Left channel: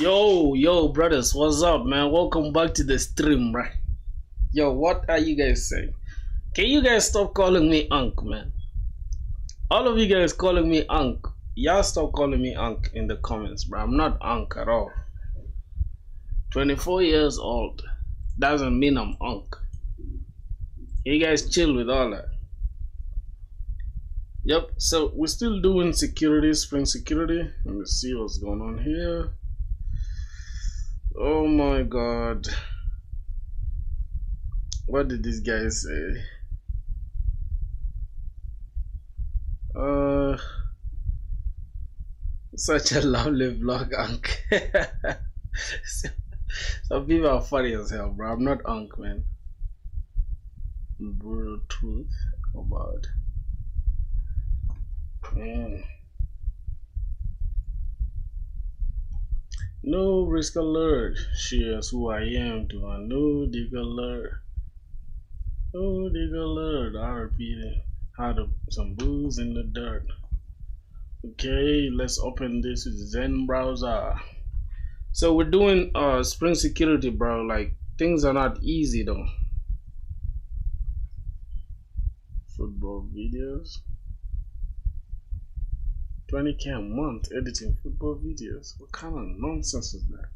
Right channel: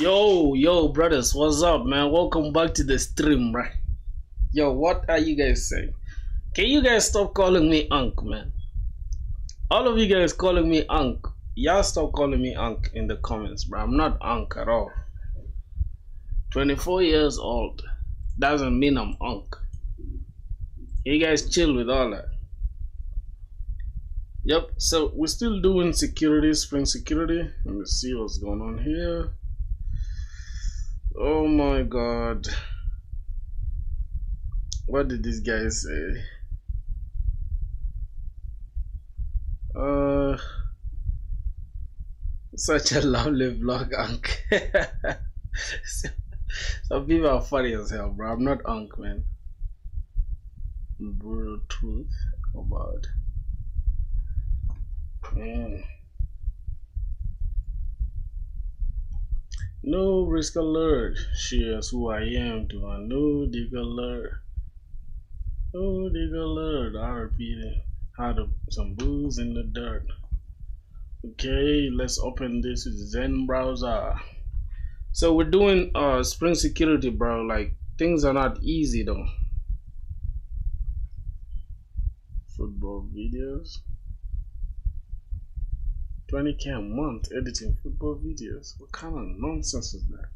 Yo, brothers, what's up, man? Welcome back to the stream, right? Yo, what are you guys saying? Can you guys stop calling me Unc, man? All of you guys calling me Unc. Y'all stop calling me Unc in the comments, bro. I'm not Unc at all. 24 years old doesn't mean I'm Unc. You guys chill with all that. Yep, so we're still doing security, spring security. Let me see what's going on here. Oh my god. What did this guy say? Such a lovely vlog, Unc. Some people are funny as hell, bro. I'm not Unc, man. Brutal truth about. No risk alert. Shares who I am to a no dig alert. No dig alert. I repeat it. Had some booze in the dirt. Okay, let's open this with Zen browser. So we're doing spring security, bro. Like, things are not easy though. Football videos. 20K a month editing football videos. What kind of nonsense is that?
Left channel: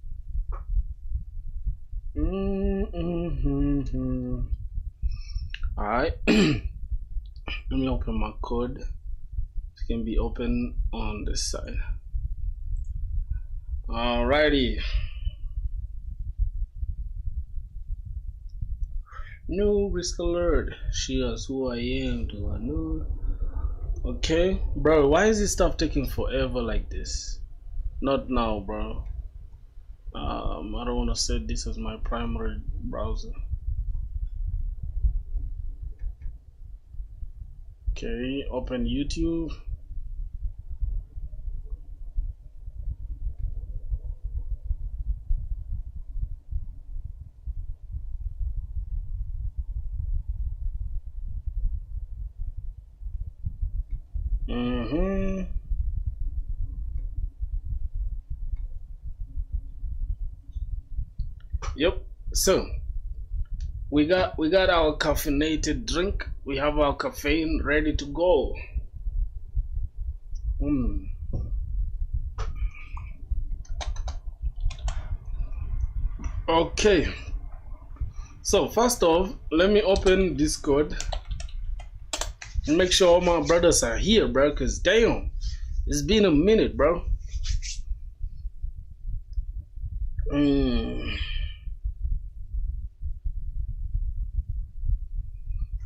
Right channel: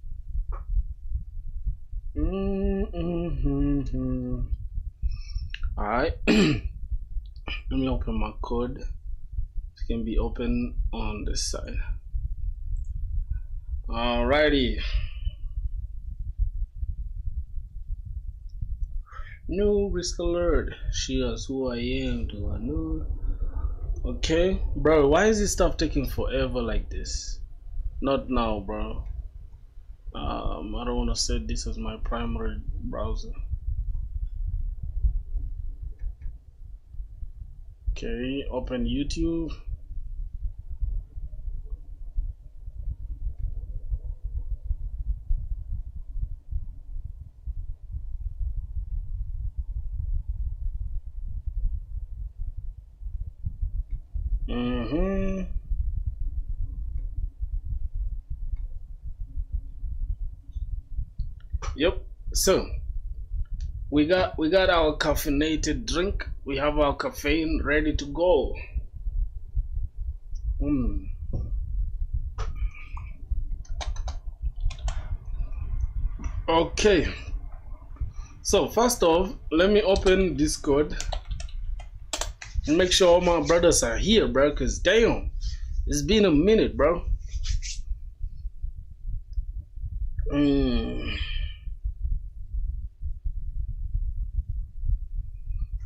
Alright. Let me open my code. It can be open on this side. Alrighty. No risk alert. Shares who I am. Do I know? Okay, bro, why is this stuff taking forever like this? Not now, bro. I don't want to set this as my primary browser. Okay, open YouTube. Yep. So we got our caffeinated drink. We have our caffeine ready to go. Okay. So first off, let me open Discord and make sure all my brothers are here, bro. Cause damn, it's been a minute, bro.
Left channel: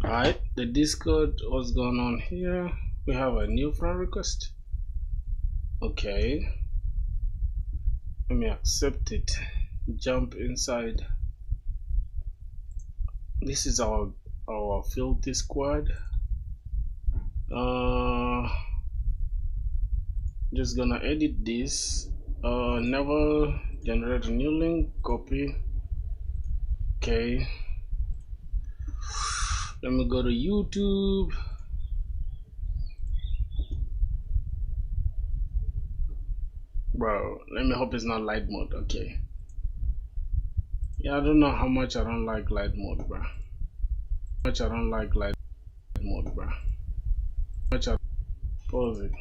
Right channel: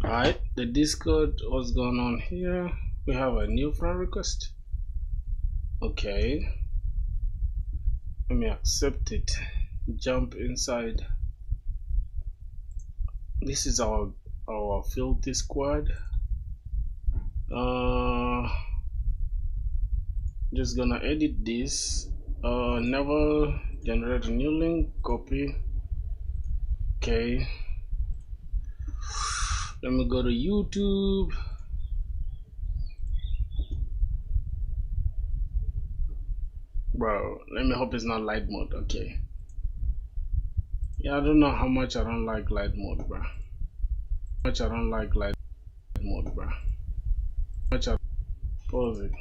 Alright, the Discord, what's going on here? We have a new friend request. Okay. Let me accept it. Jump inside. This is our filthy squad. Just gonna edit this. Never generate a new link, copy. Okay. Let me go to YouTube. Bro, let me hope it's not light mode. Okay. Yeah, I don't know how much I don't like light mode, bro. Pause it.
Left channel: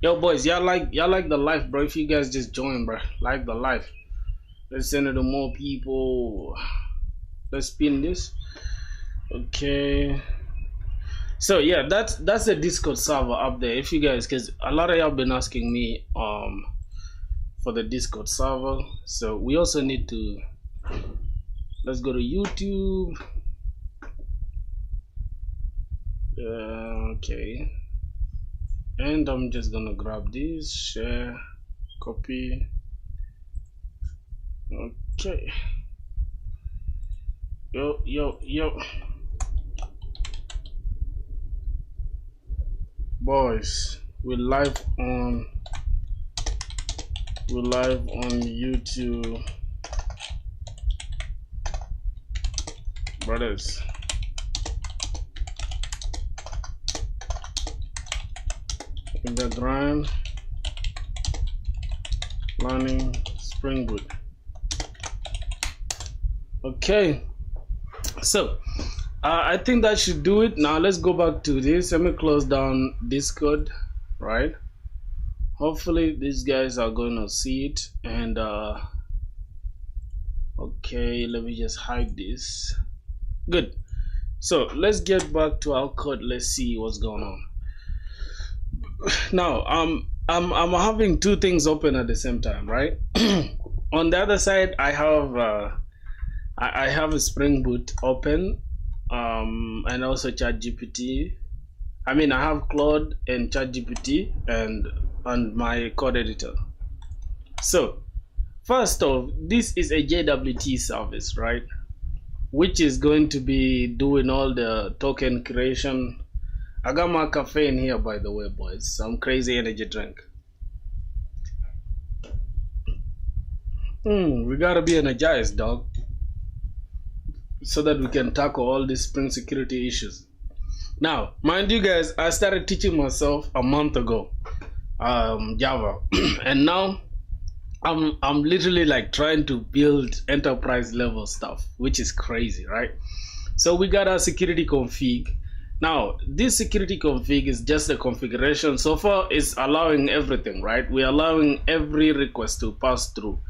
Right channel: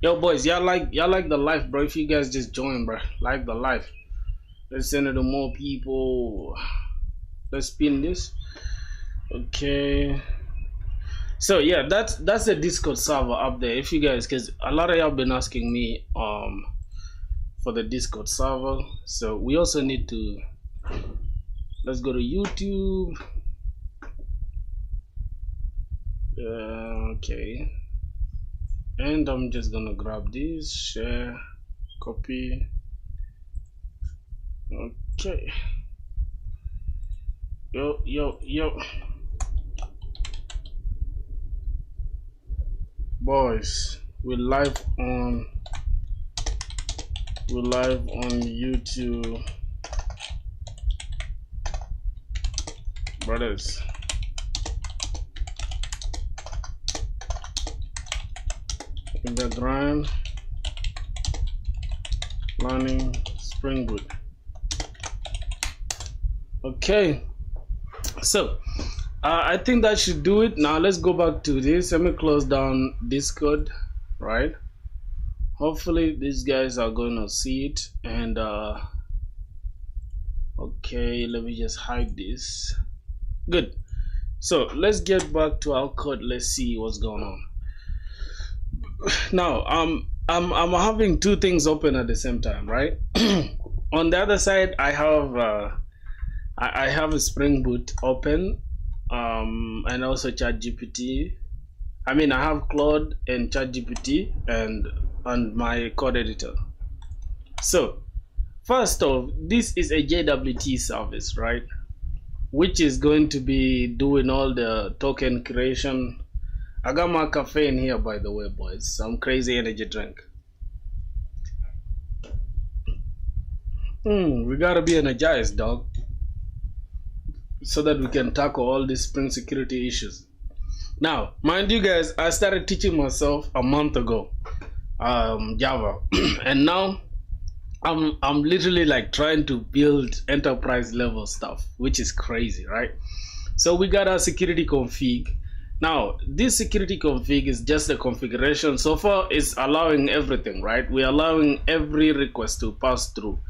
Yo, boys, y'all like the life, bro. If you guys just join, bro, like the life. Let's send it to more people. Let's spin this. Okay. So yeah, that's the Discord server up there. If you guys, because a lot of y'all been asking me for the Discord server, so we also need to. Let's go to YouTube. Okay. And I'm just gonna grab this, share, copy. Okay. Yo. Boys, we're live on YouTube. Brothers. In the grind. Learning Spring Boot. Okay, so I think that should do it. Now let's go back to this. Let me close down Discord, right? Hopefully these guys are going to see it. And okay, let me just hide this. Good. So let's get back to our code. Let's see what's going on. Now I'm having two things open at the same time, right? On the other side, I have a Spring Boot open, and also ChatGPT. I mean, I have Claude and ChatGPT and my code editor. So first off, this is a JWT service, right? Which is going to be doing all the token creation. I got my cafe in here, by the way, boys. Some crazy energy drink. We gotta be energized, dog, so that we can tackle all these Spring security issues. Now, mind you guys, I started teaching myself a month ago, Java, and now I'm literally like trying to build enterprise level stuff, which is crazy, right? So we got our security config. Now, this security config is just a configuration. So far, it's allowing everything, right? We're allowing every request to pass through.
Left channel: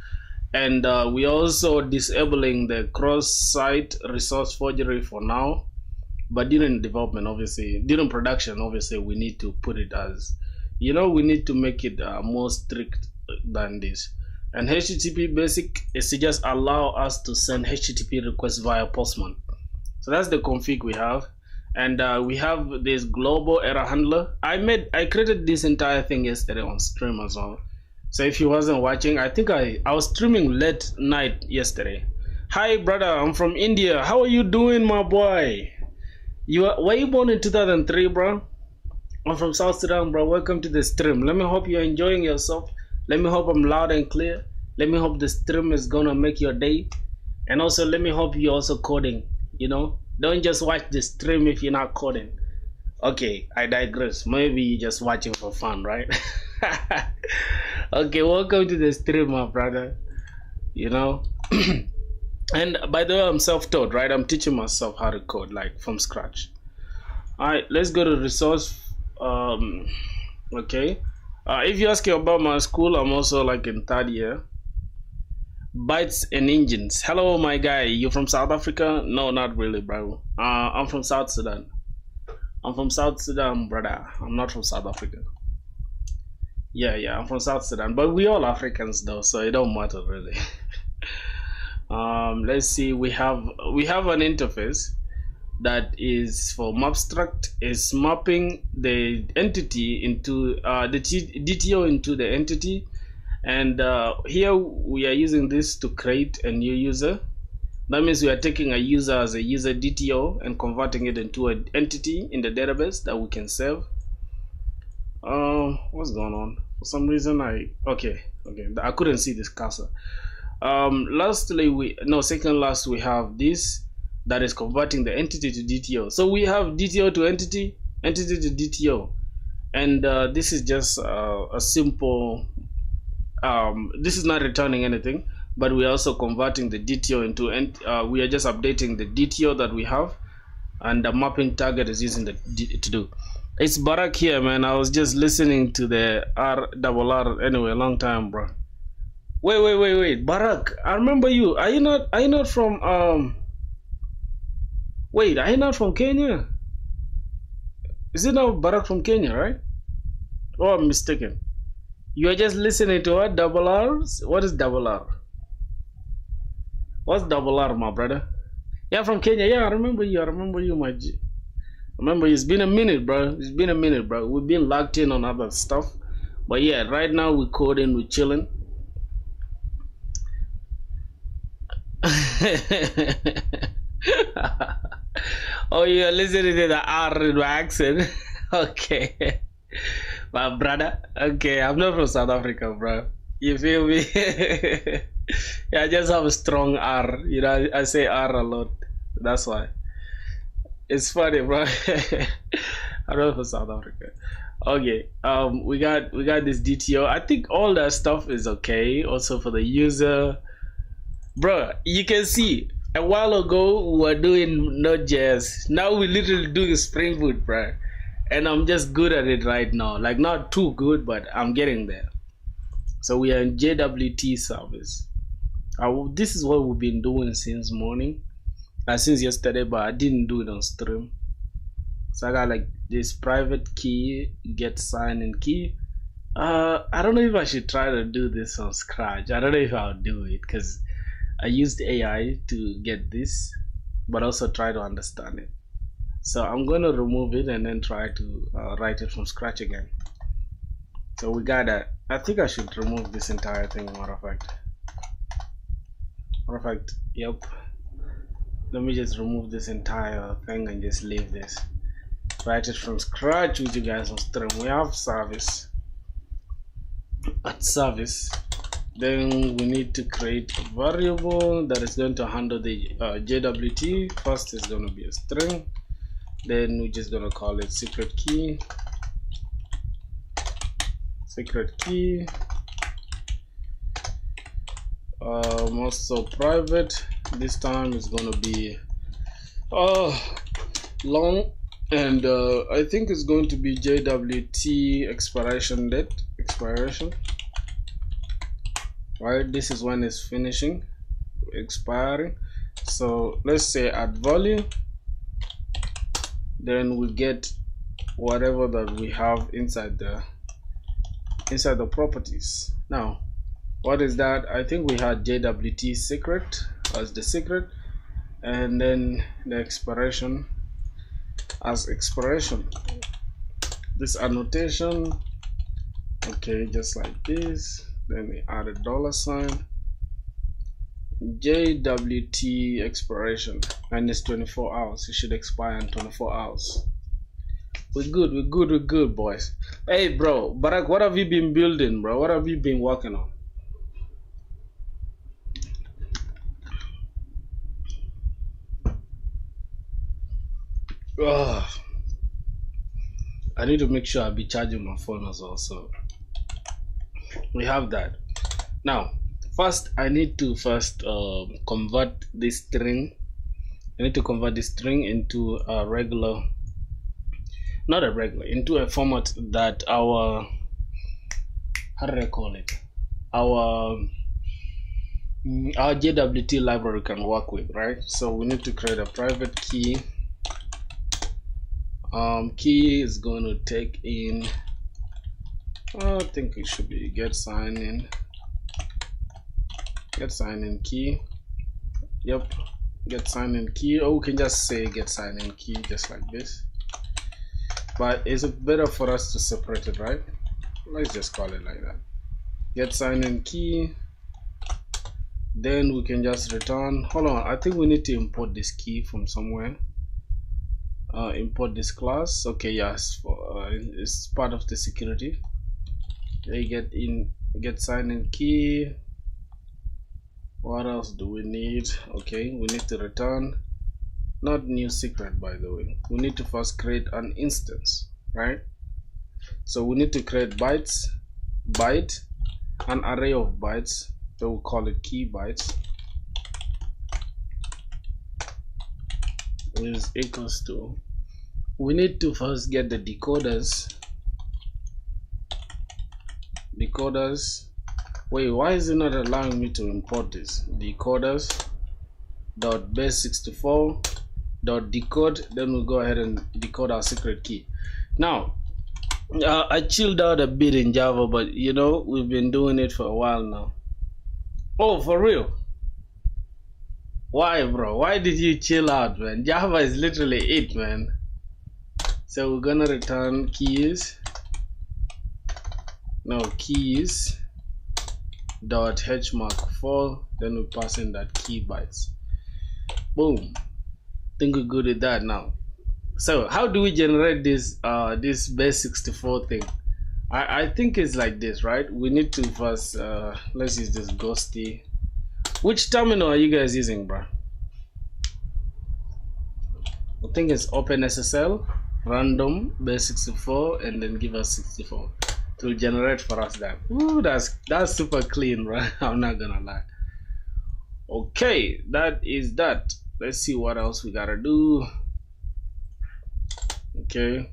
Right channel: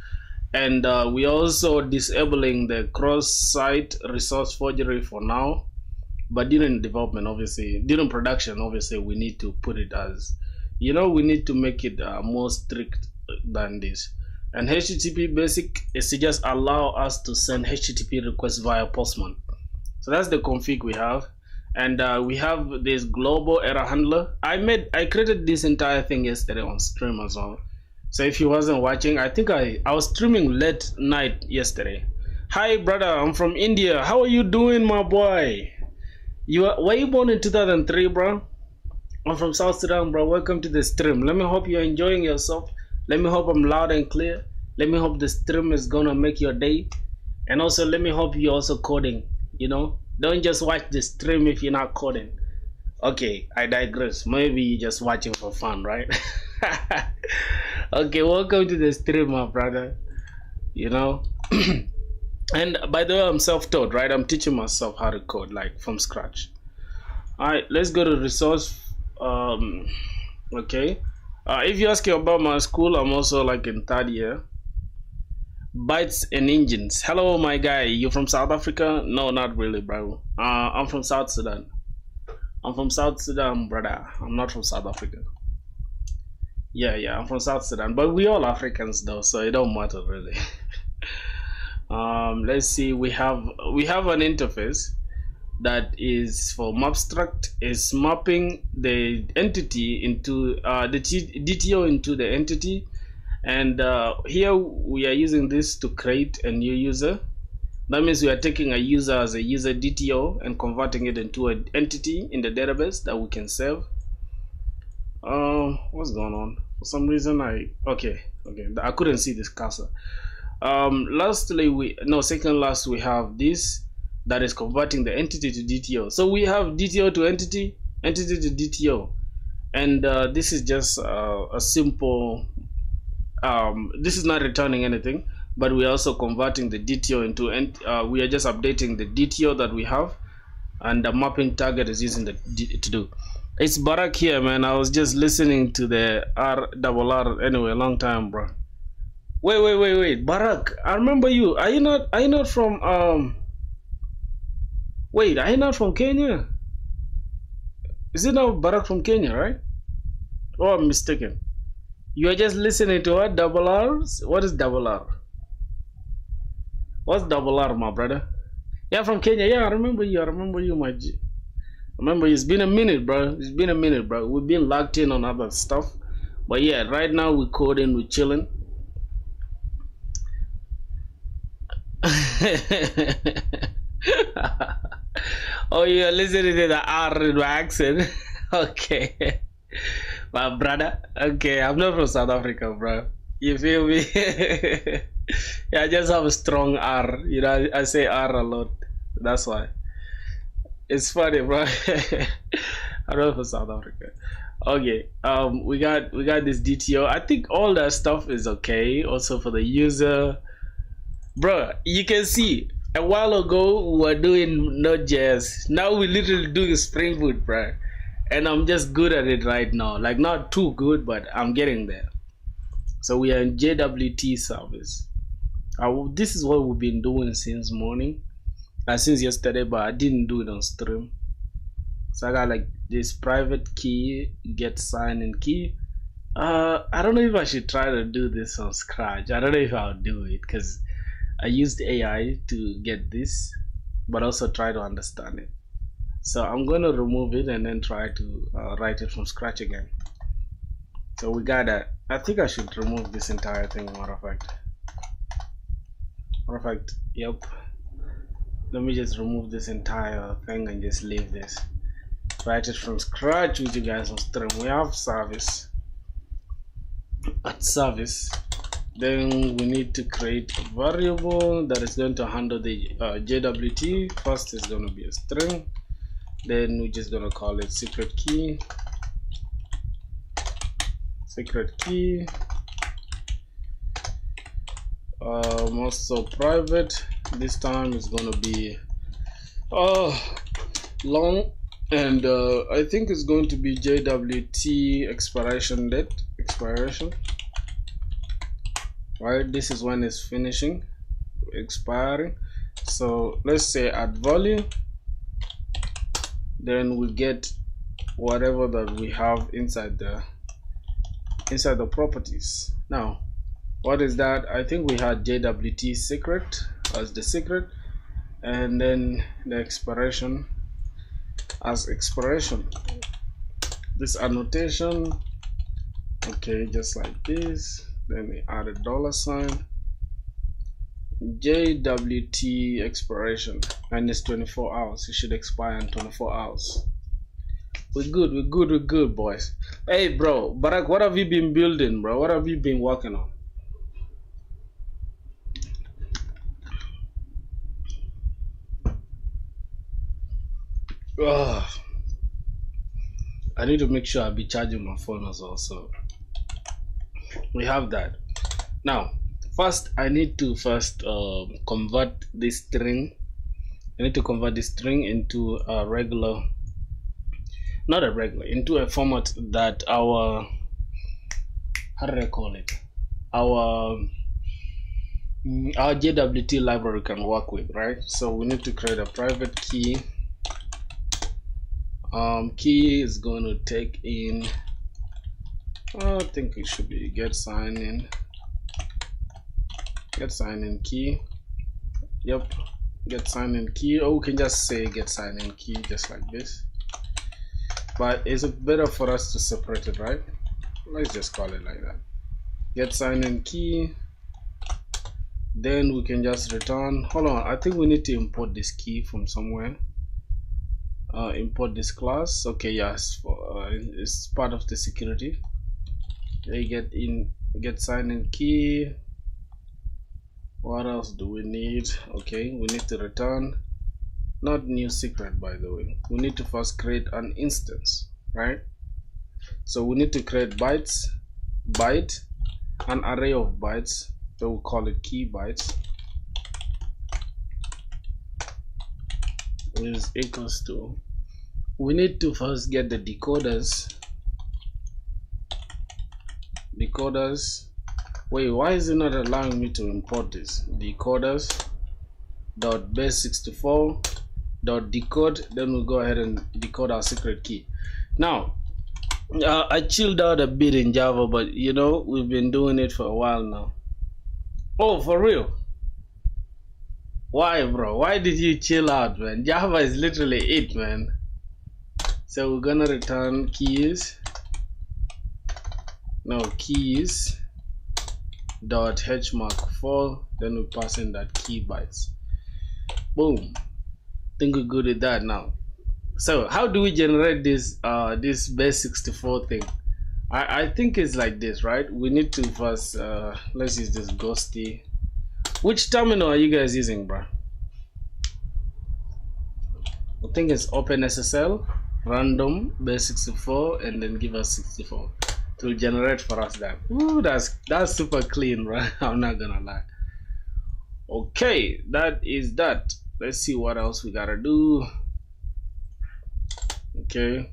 And we also disabling the cross-site resource forgery for now. But during development, obviously, during production, obviously, we need to put it as, we need to make it more strict than this. And HTTP basic is to just allow us to send HTTP requests via Postman. So that's the config we have. And we have this global error handler. I created this entire thing yesterday on stream as well. So if you wasn't watching, I think I was streaming late night yesterday. Hi brother, I'm from India. How are you doing, my boy? Were you born in 2003, bro? I'm from South Sudan, bro. Welcome to the stream. Let me hope you're enjoying yourself. Let me hope I'm loud and clear. Let me hope the stream is gonna make your day. And also let me hope you're also coding, Don't just watch the stream if you're not coding. Okay, I digress. Maybe you're just watching for fun, right? Okay, welcome to the stream, my brother. And by the way, I'm self-taught, right? I'm teaching myself how to code, like from scratch. All right, let's go to resource. Okay. If you ask about my school, I'm also like in third year. Bytes and engines. Hello, my guy. You from South Africa? No, not really, bro. I'm from South Sudan. I'm from South Sudan, brother. I'm not from South Africa. Yeah, I'm from South Sudan, but we all Africans though, so it don't matter really. Let's see. We have an interface that is for Mapstruct. Is mapping the entity into the DTO into the entity. And here we are using this to create a new user. That means we are taking a user as a user DTO and converting it into an entity in the database that we can save. What's going on? For some reason I couldn't see this cursor. Second last we have this that is converting the entity to DTO. So we have DTO to entity, entity to DTO, and this is just a simple. This is not returning anything, but we are also converting the DTO into, we are just updating the DTO that we have, and the mapping target is using the to do. It's Barak here, man. I was just listening to the RRR anyway, long time, bro. Wait, Barak, I remember you. Are you not from wait, are you not from Kenya? Is it not Barak from Kenya, right? Oh, I'm mistaken. You are just listening to what? Double R's? What is double R? What's double R, my brother? Yeah, from Kenya. Yeah, I remember you, my G. Remember, it's been a minute, bro. We've been locked in on other stuff. But yeah, right now we're coding, we're chilling. Oh, you're listening to the R in my accent? Okay. My brother, okay, I'm not from South Africa, bro. You feel me? Yeah, I just have a strong R. I say R a lot. That's why. It's funny, bro. I'm not from South Africa. Okay. We got this DTO. I think all that stuff is okay. Also for the user, bro. You can see a while ago we were doing Node.js. Now we literally doing Spring Boot, bro. And I'm just good at it right now. Like not too good, but I'm getting there. So we are in JWT service. This is what we've been doing since morning, since yesterday, but I didn't do it on stream. So I got like this private key, get sign in key. I don't know if I should try to do this on Scratch. I don't know if I'll do it because I used AI to get this, but also try to understand it. So I'm going to remove it and then try to write it from scratch again. So we got that. I think I should remove this entire thing, matter of fact. Yep. Let me just remove this entire thing and just leave this. Write it from scratch with you guys on stream. We have service. At service, then we need to create a variable that is going to handle the JWT. First is going to be a string. Then we're just going to call it secret key. Also private. This time is going to be long, and I think it's going to be JWT expiration date. Right, this is when it's finishing, expiring. So let's say add value, then we get whatever that we have inside the properties. Now what is that? I think we had JWT secret as the secret, and then the expiration as expiration. This annotation, okay, just like this. Then we add a $sign, JWT expiration, and it's 24 hours. It should expire in 24 hours. We're good, boys. Hey, bro, Barack, what have you been building, bro? What have you been working on? I need to make sure I'll be charging my phone as well. So we have that. Now, first, I need to convert this string. I need to convert this string into a regular, into a format that our, how do I call it? Our JWT library can work with, right? So we need to create a private key. Key is going to take in, I think it should be get sign in key. Yep, get sign in key, or we can just say get sign in key, just like this. But is it better for us to separate it, right? Let's just call it like that. Get sign in key. Then we can just return. Hold on, I think we need to import this key from somewhere. Import this class. Okay, yes, it's part of the security. They get sign in key. What else do we need? Okay, we need to return, not new secret, by the way. We need to first create an instance, right? So we need to create byte, an array of bytes. So we'll call it key bytes, which is equals to, we need to first get the decoders. Wait, why is it not allowing me to import this? Decoders dot base64 dot decode. Then we'll go ahead and decode our secret key. Now I chilled out a bit in Java, but you know, we've been doing it for a while now. Oh, for real? Why, bro? Why did you chill out, man? Java is literally it, man. So we're gonna return keys dot hmark4, then we pass in that key bytes. Boom. Think we're good with that now. So how do we generate this this base64 thing? I think it's like this, right? We need to first let's use this ghosty. Which terminal are you guys using, bro? I think it's OpenSSL. random base 64 and then give us 64 to generate for us that. Ooh, that's super clean, right? I'm not gonna lie. Okay, that is that. Let's see what else we gotta do. Okay,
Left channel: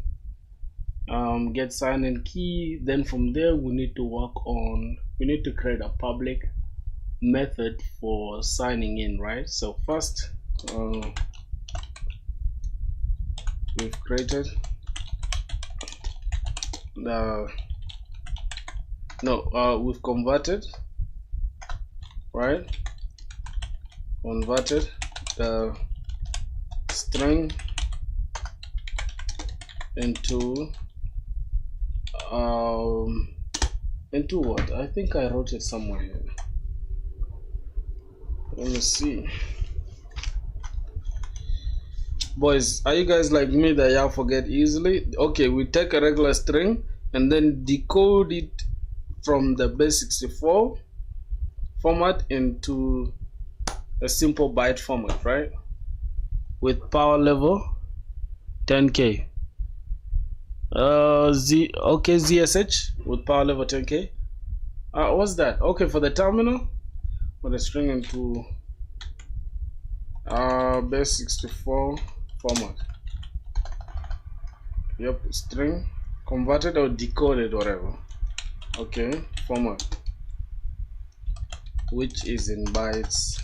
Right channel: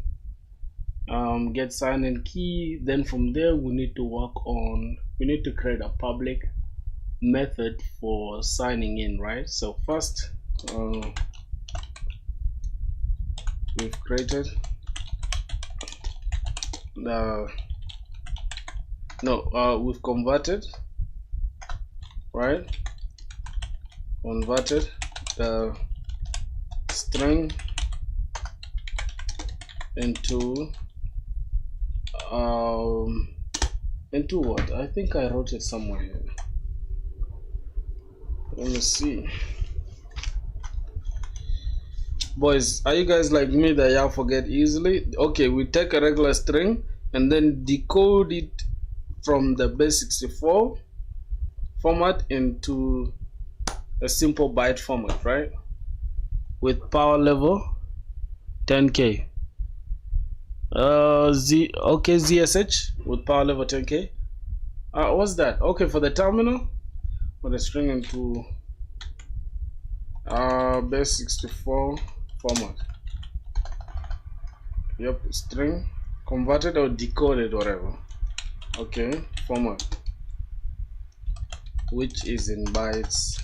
get sign in key. Then from there we need to create a public method for signing in, right? So first we've created we've converted, right? Converted the string into what? I think I wrote it somewhere here. Let me see. Boys, are you guys like me that y'all forget easily? Okay, we take a regular string and then decode it from the base 64 format into a simple byte format, right? With power level 10K. ZSH with power level 10K. What's that? Okay, for the terminal, for the string into base 64 format. Yep, string converted or decoded, whatever. Okay, format, which is in bytes.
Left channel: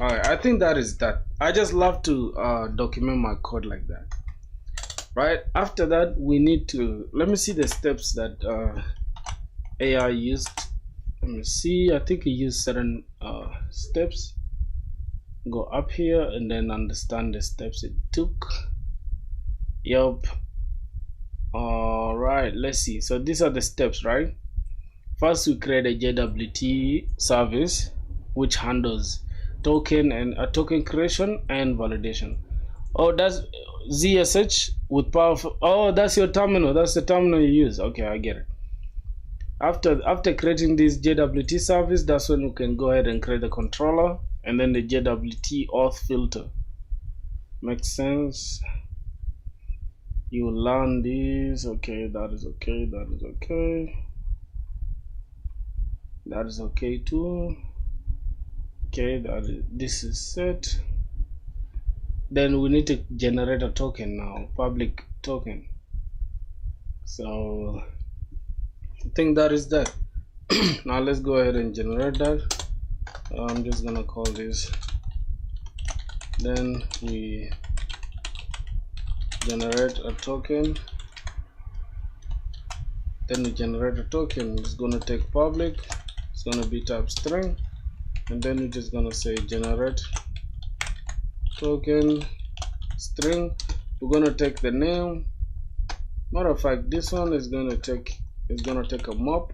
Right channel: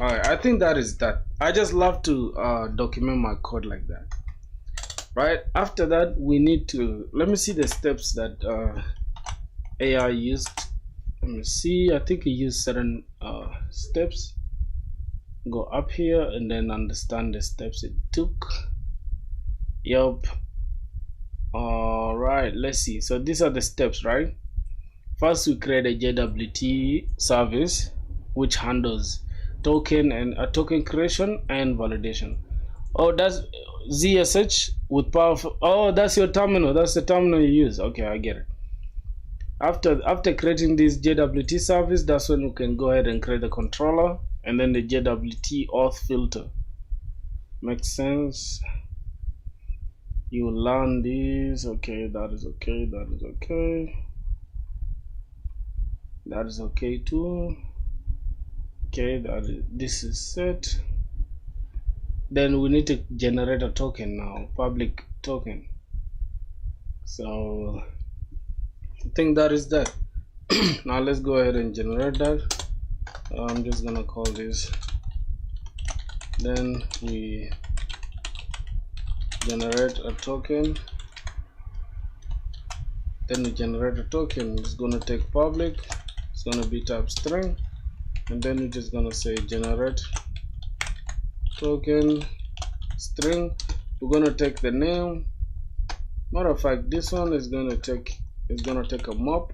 Alright, I think that is that. I just love to document my code like that. Right, after that we need to, let me see the steps that AI used. Let me see, I think he used certain steps. Go up here and then understand the steps it took. Yup. Alright, let's see. So these are the steps, right? First we create a JWT service which handles token and token creation and validation. Oh, that's ZSH with powerful. Oh, that's your terminal. That's the terminal you use. Okay, I get it. After creating this JWT service, that's when we can go ahead and create the controller and then the JWT auth filter. Makes sense. You will learn this. Okay, that is okay. That is okay. That is okay too. Okay, this is set. Then we need to generate a token now, public token. So I think that is that. Now let's go ahead and generate that. I'm just gonna call this. Then we generate a token. Then we generate a token. It's gonna take public. It's gonna be type string. And then we're just gonna say generate token string. We're gonna take the name. Matter of fact, this one is gonna take a map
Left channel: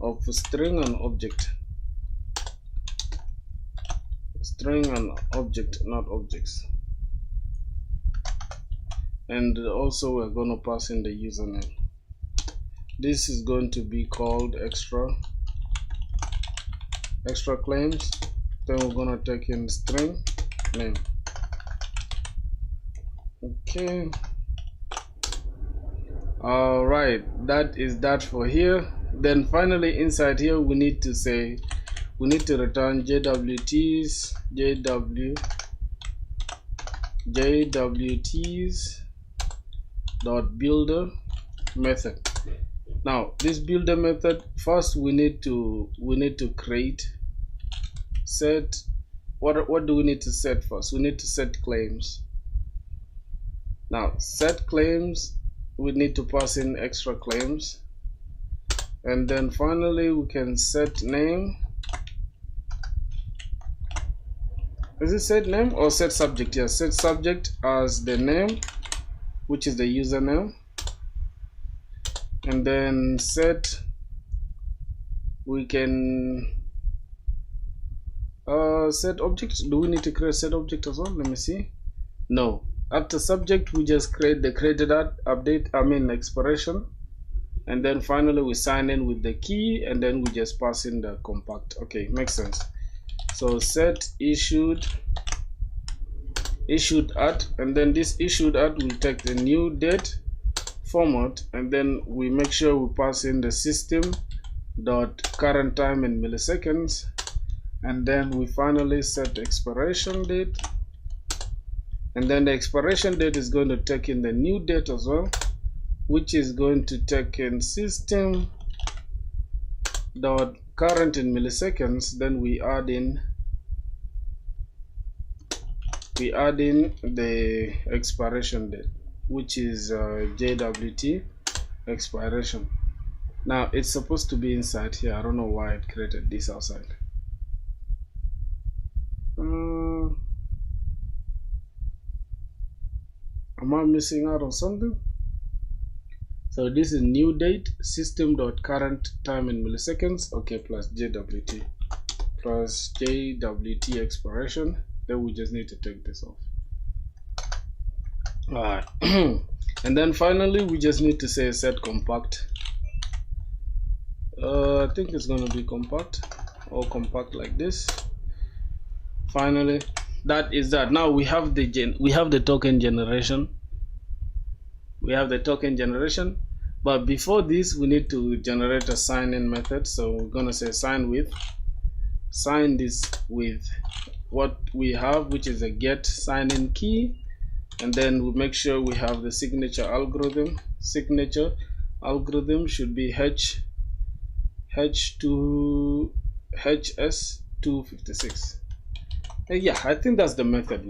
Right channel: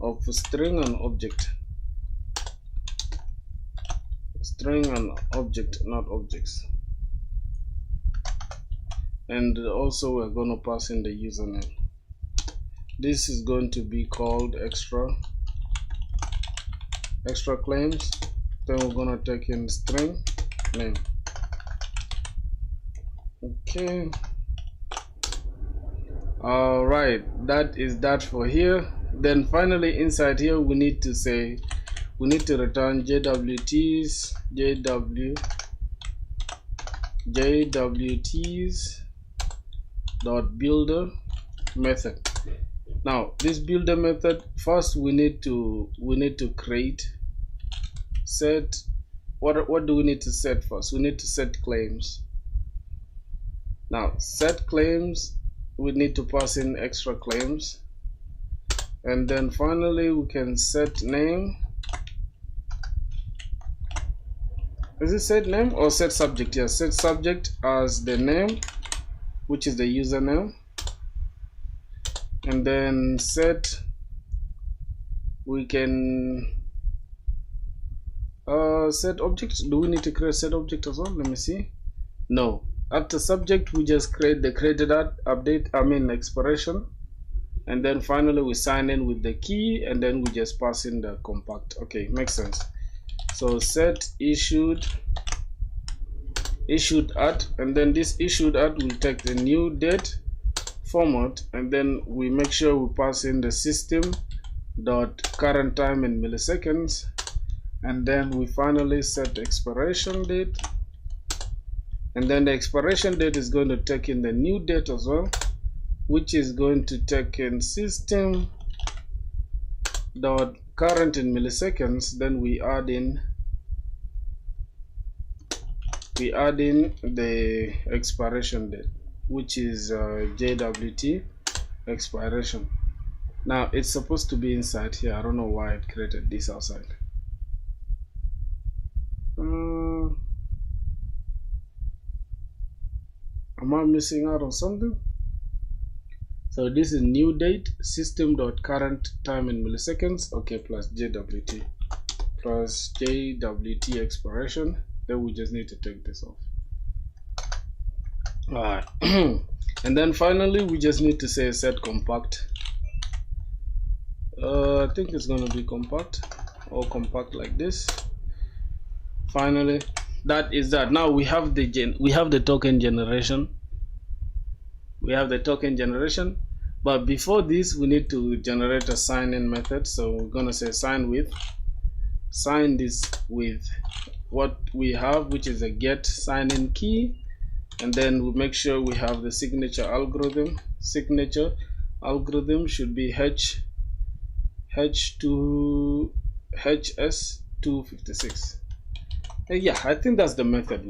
of string and object. String and object, not objects. And also we're gonna pass in the username. This is going to be called extra claims. Then we're gonna take in string name. Okay, all right, that is that for here. Then finally inside here we need to return JWTs dot builder method. Now this builder method, first we need to create set. What do we need to set first? We need to set claims. Now set claims, we need to pass in extra claims, and then finally we can set name. Is it set name or set subject? Yes, set subject as the name, which is the username, and then we can set object. Do we need to create set object as well? Let me see. No. After subject, we just create the created update, expiration, and then finally we sign in with the key, and then we just pass in the compact. Okay, makes sense. So set issued issued at, and then this issued at will take the new date format, and then we make sure we pass in the system dot current time in milliseconds, and then we finally set expiration date, and then the expiration date is going to take in the new date as well, which is going to take in system dot current in milliseconds. Then we add in the expiration date, which is JWT expiration. Now it's supposed to be inside here. I don't know why it created this outside. Am I missing out on something? So this is new date, system dot current time in milliseconds, okay, plus JWT expiration. Then we just need to take this off. Alright. And then finally we just need to say set compact. I think it's gonna be compact, or compact like this. Finally, that is that. Now we have the token generation. But before this we need to generate a sign-in method. So we're gonna say sign this with what we have, which is a get sign-in key, and then we make sure we have the signature algorithm. Signature algorithm should be HS256. Yeah, I think that's the method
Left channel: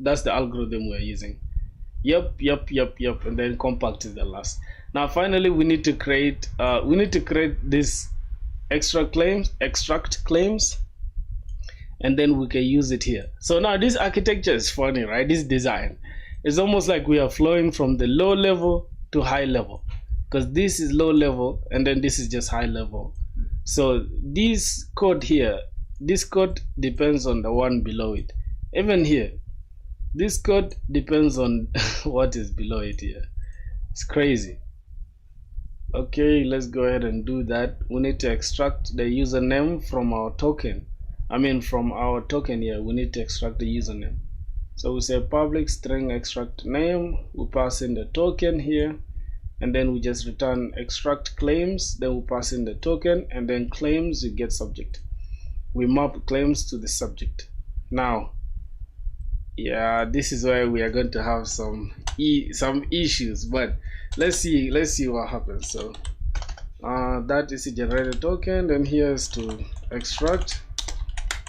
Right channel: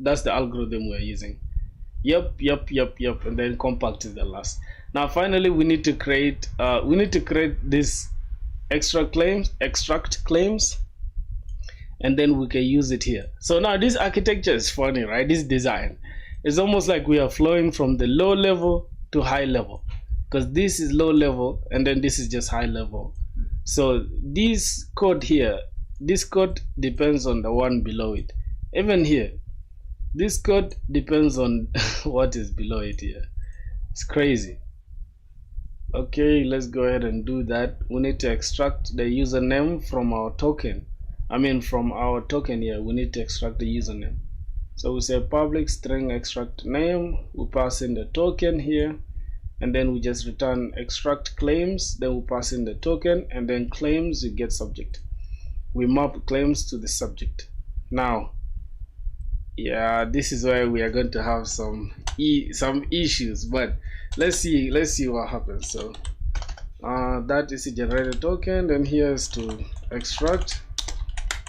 that's the algorithm we're using. Yep, and then compact is the last. Now finally we need to create this extract claims, and then we can use it here. So now this architecture is funny, right? This design is almost like we are flowing from the low level to high level, because this is low level and then this is just high level. So this code here, this code depends on the one below it. Even here, this code depends on what is below it here. It's crazy. Okay, let's go ahead and do that. We need to extract the username from our token. From our token here, we need to extract the username. So we say public string extract name, we pass in the token here, and then we just return extract claims, then we pass in the token, and then claims you get subject. We map claims to the subject. Now, yeah, this is where we are going to have some issues, but let's see what happens. So that is a generated token. Then here is to extract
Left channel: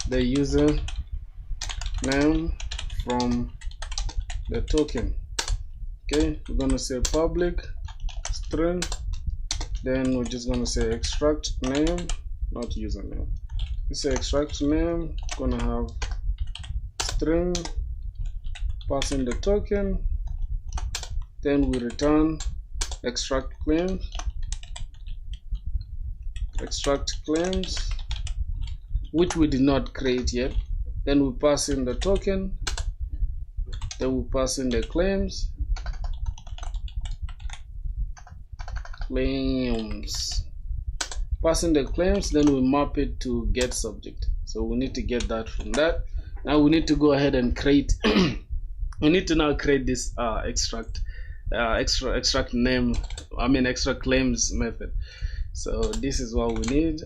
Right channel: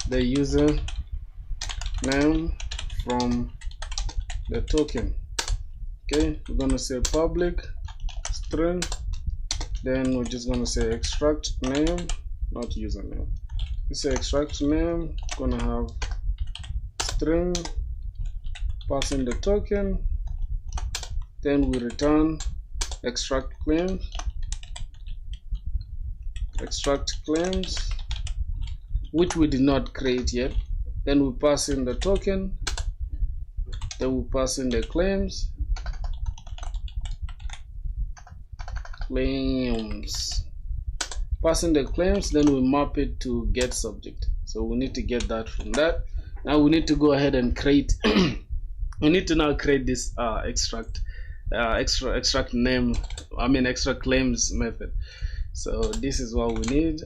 the user name from the token. Okay, we're gonna say public string, then we're just gonna say extract name, not username. We say extract name, gonna have string, pass in the token, then we return extract claims, which we did not create yet. Then we pass in the token, then we pass in the claims, pass in the claims, then we map it to get subject. So we need to get that from that. Now we need to go ahead and create we need to now create this extract name, extract claims method. So this is what we need.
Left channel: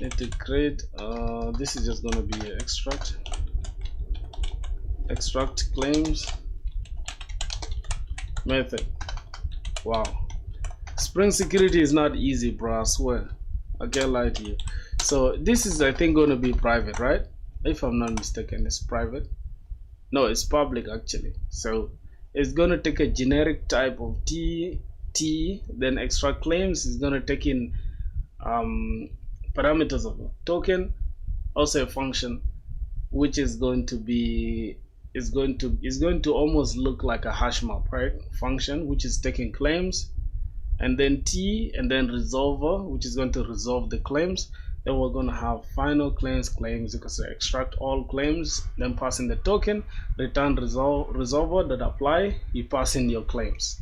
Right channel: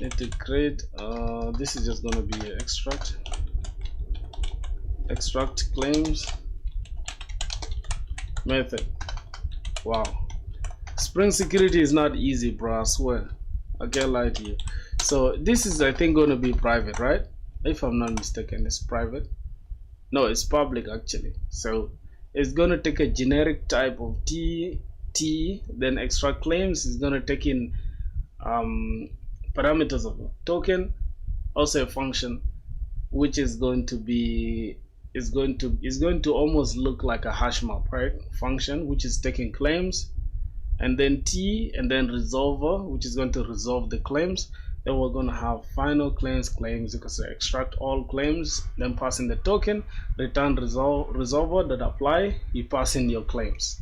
Need to create this is just going to be extract claims method. Wow, Spring Security is not easy, bro, I swear. I can't lie to you. So this is, I think, going to be private, right? If I'm not mistaken, it's private. No, it's public actually. So it's going to take a generic type of T, then extract claims is going to take in parameters of a token, also a function, which is going to be is going to almost look like a hash map, right? Function which is taking claims, and then T, and then resolver, which is going to resolve the claims. Then we're going to have final claims. You can say extract all claims, then pass in the token, return resolver that apply, you pass in your claims.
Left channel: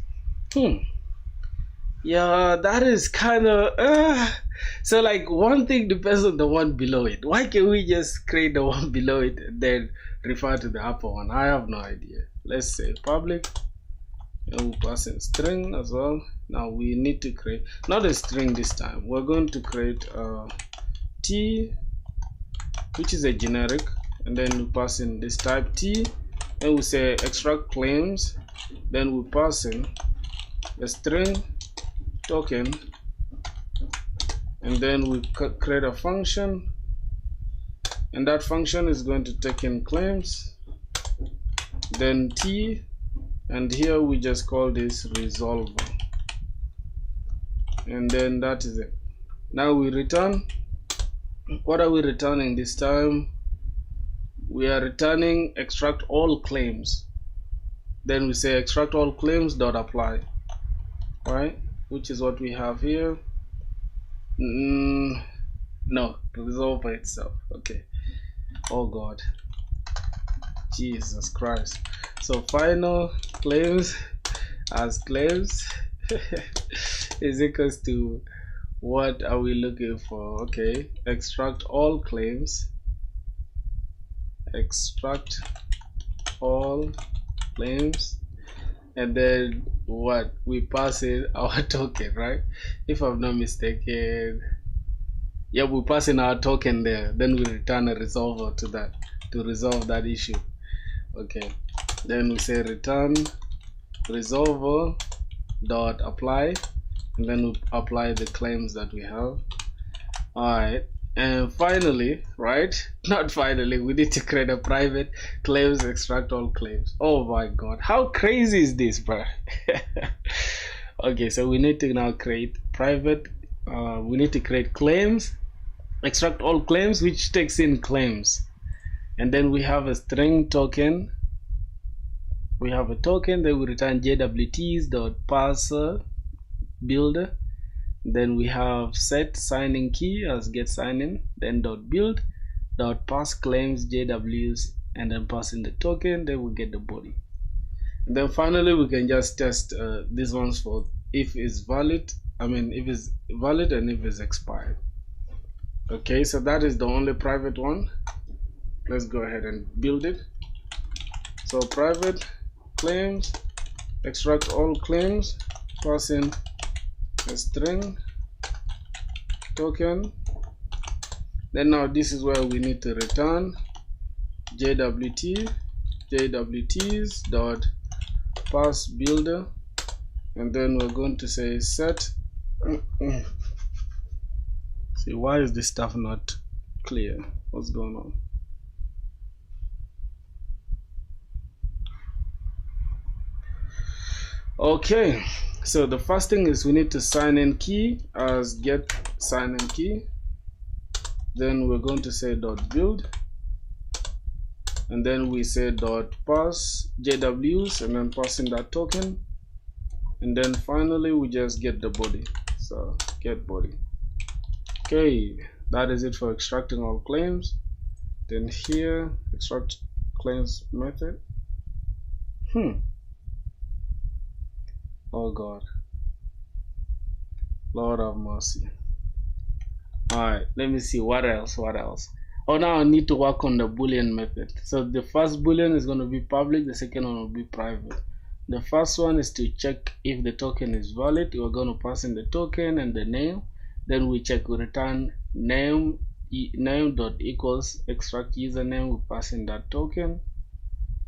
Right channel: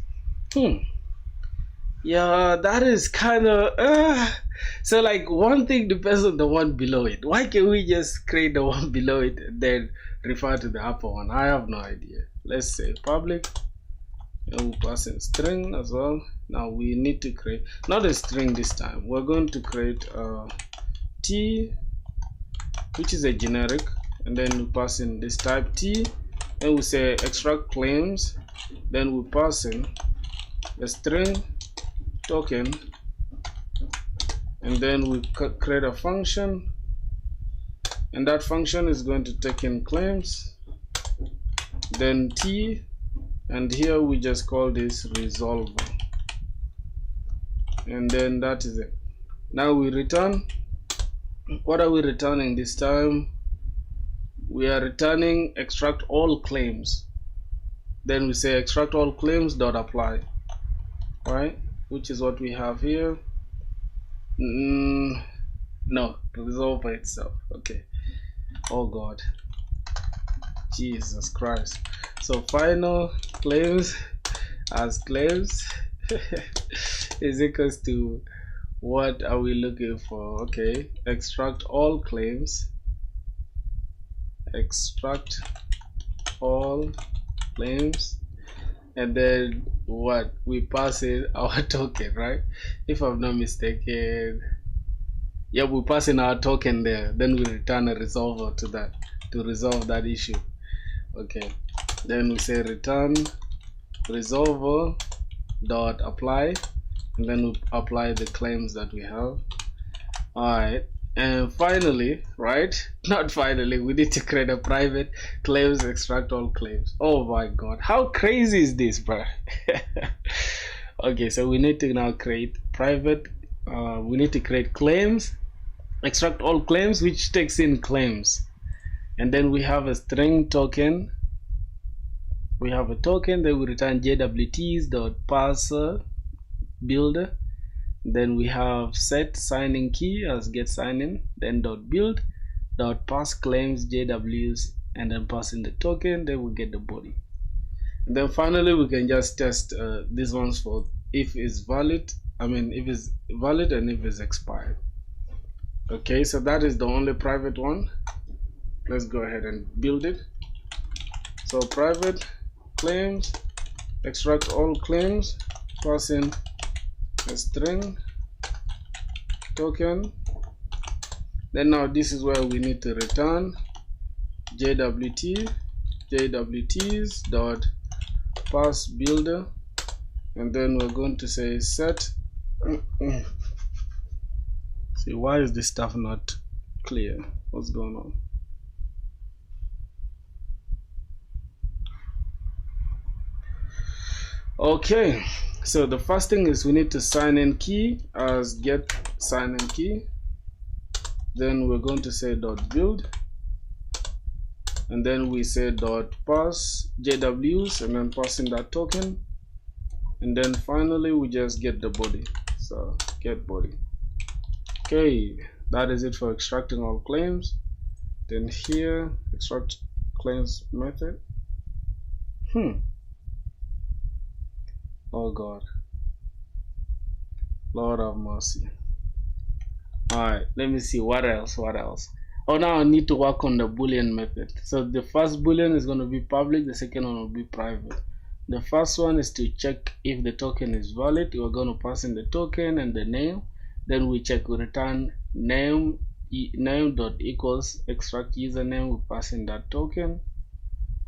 Yeah, that is kind of so like one thing depends on the one below it. Why can't we just create the one below it and then refer to the upper one. I have no idea. Let's say public, and we'll pass in string as well. Now we need to create not a string this time. We're going to create t, which is a generic, and then we pass in this type t, and we say extract claims, then we pass in the string token, and then we create a function, and that function is going to take in claims, then t, and here we just call this resolver, and then that is it. Now we return. What are we returning this time? We are returning extract all claims. Then we say extract all claims dot apply, right? Which is what we have here. No, resolver itself. Okay. Oh God, Jesus Christ. So final claims as claims is equals to, what are we looking for? Okay, extract all claims, extract all claims, and then what? We pass in our token, right? If I'm not mistaken, yeah, we pass in our token there, then we return a resolver to that to resolve that issue. Okay, then we say return resolver dot apply, and then we apply the claims that we have. All right, and finally, right, not finally, we need to create a private claims extract all claims. Oh my God, how crazy is this, bro? Okay, so we need to now create private, we need to create claims extract all claims, which takes in claims, and then we have a string token. We have a token, then we return jwts.parser builder. Then we have set signing key as get signing, then dot build dot pass claims jws, and then pass in the token, then we get the body. And then finally we can just test these ones for if it's valid, if it's valid and if it's expired. Okay, so that is the only private one. Let's go ahead and build it. So private claims, extract all claims, pass in a string token. Then now this is where we need to return jwts dot pass builder, and then we're going to say set. See, why is this stuff not clear? What's going on? Okay, so the first thing is we need to sign in key as get sign in key. Then we're going to say dot build, and then we say dot pass jws, and then pass in that token, and then finally we just get the body. So get body. Okay, that is it for extracting all claims. Then here extract claims method. Oh God, Lord have mercy. Alright, let me see what else. Oh, now I need to work on the boolean method. So the first boolean is going to be public, the second one will be private. The first one is to check if the token is valid. We're going to pass in the token and the name. Then we check, we return name dot equals extract username, we pass in that token.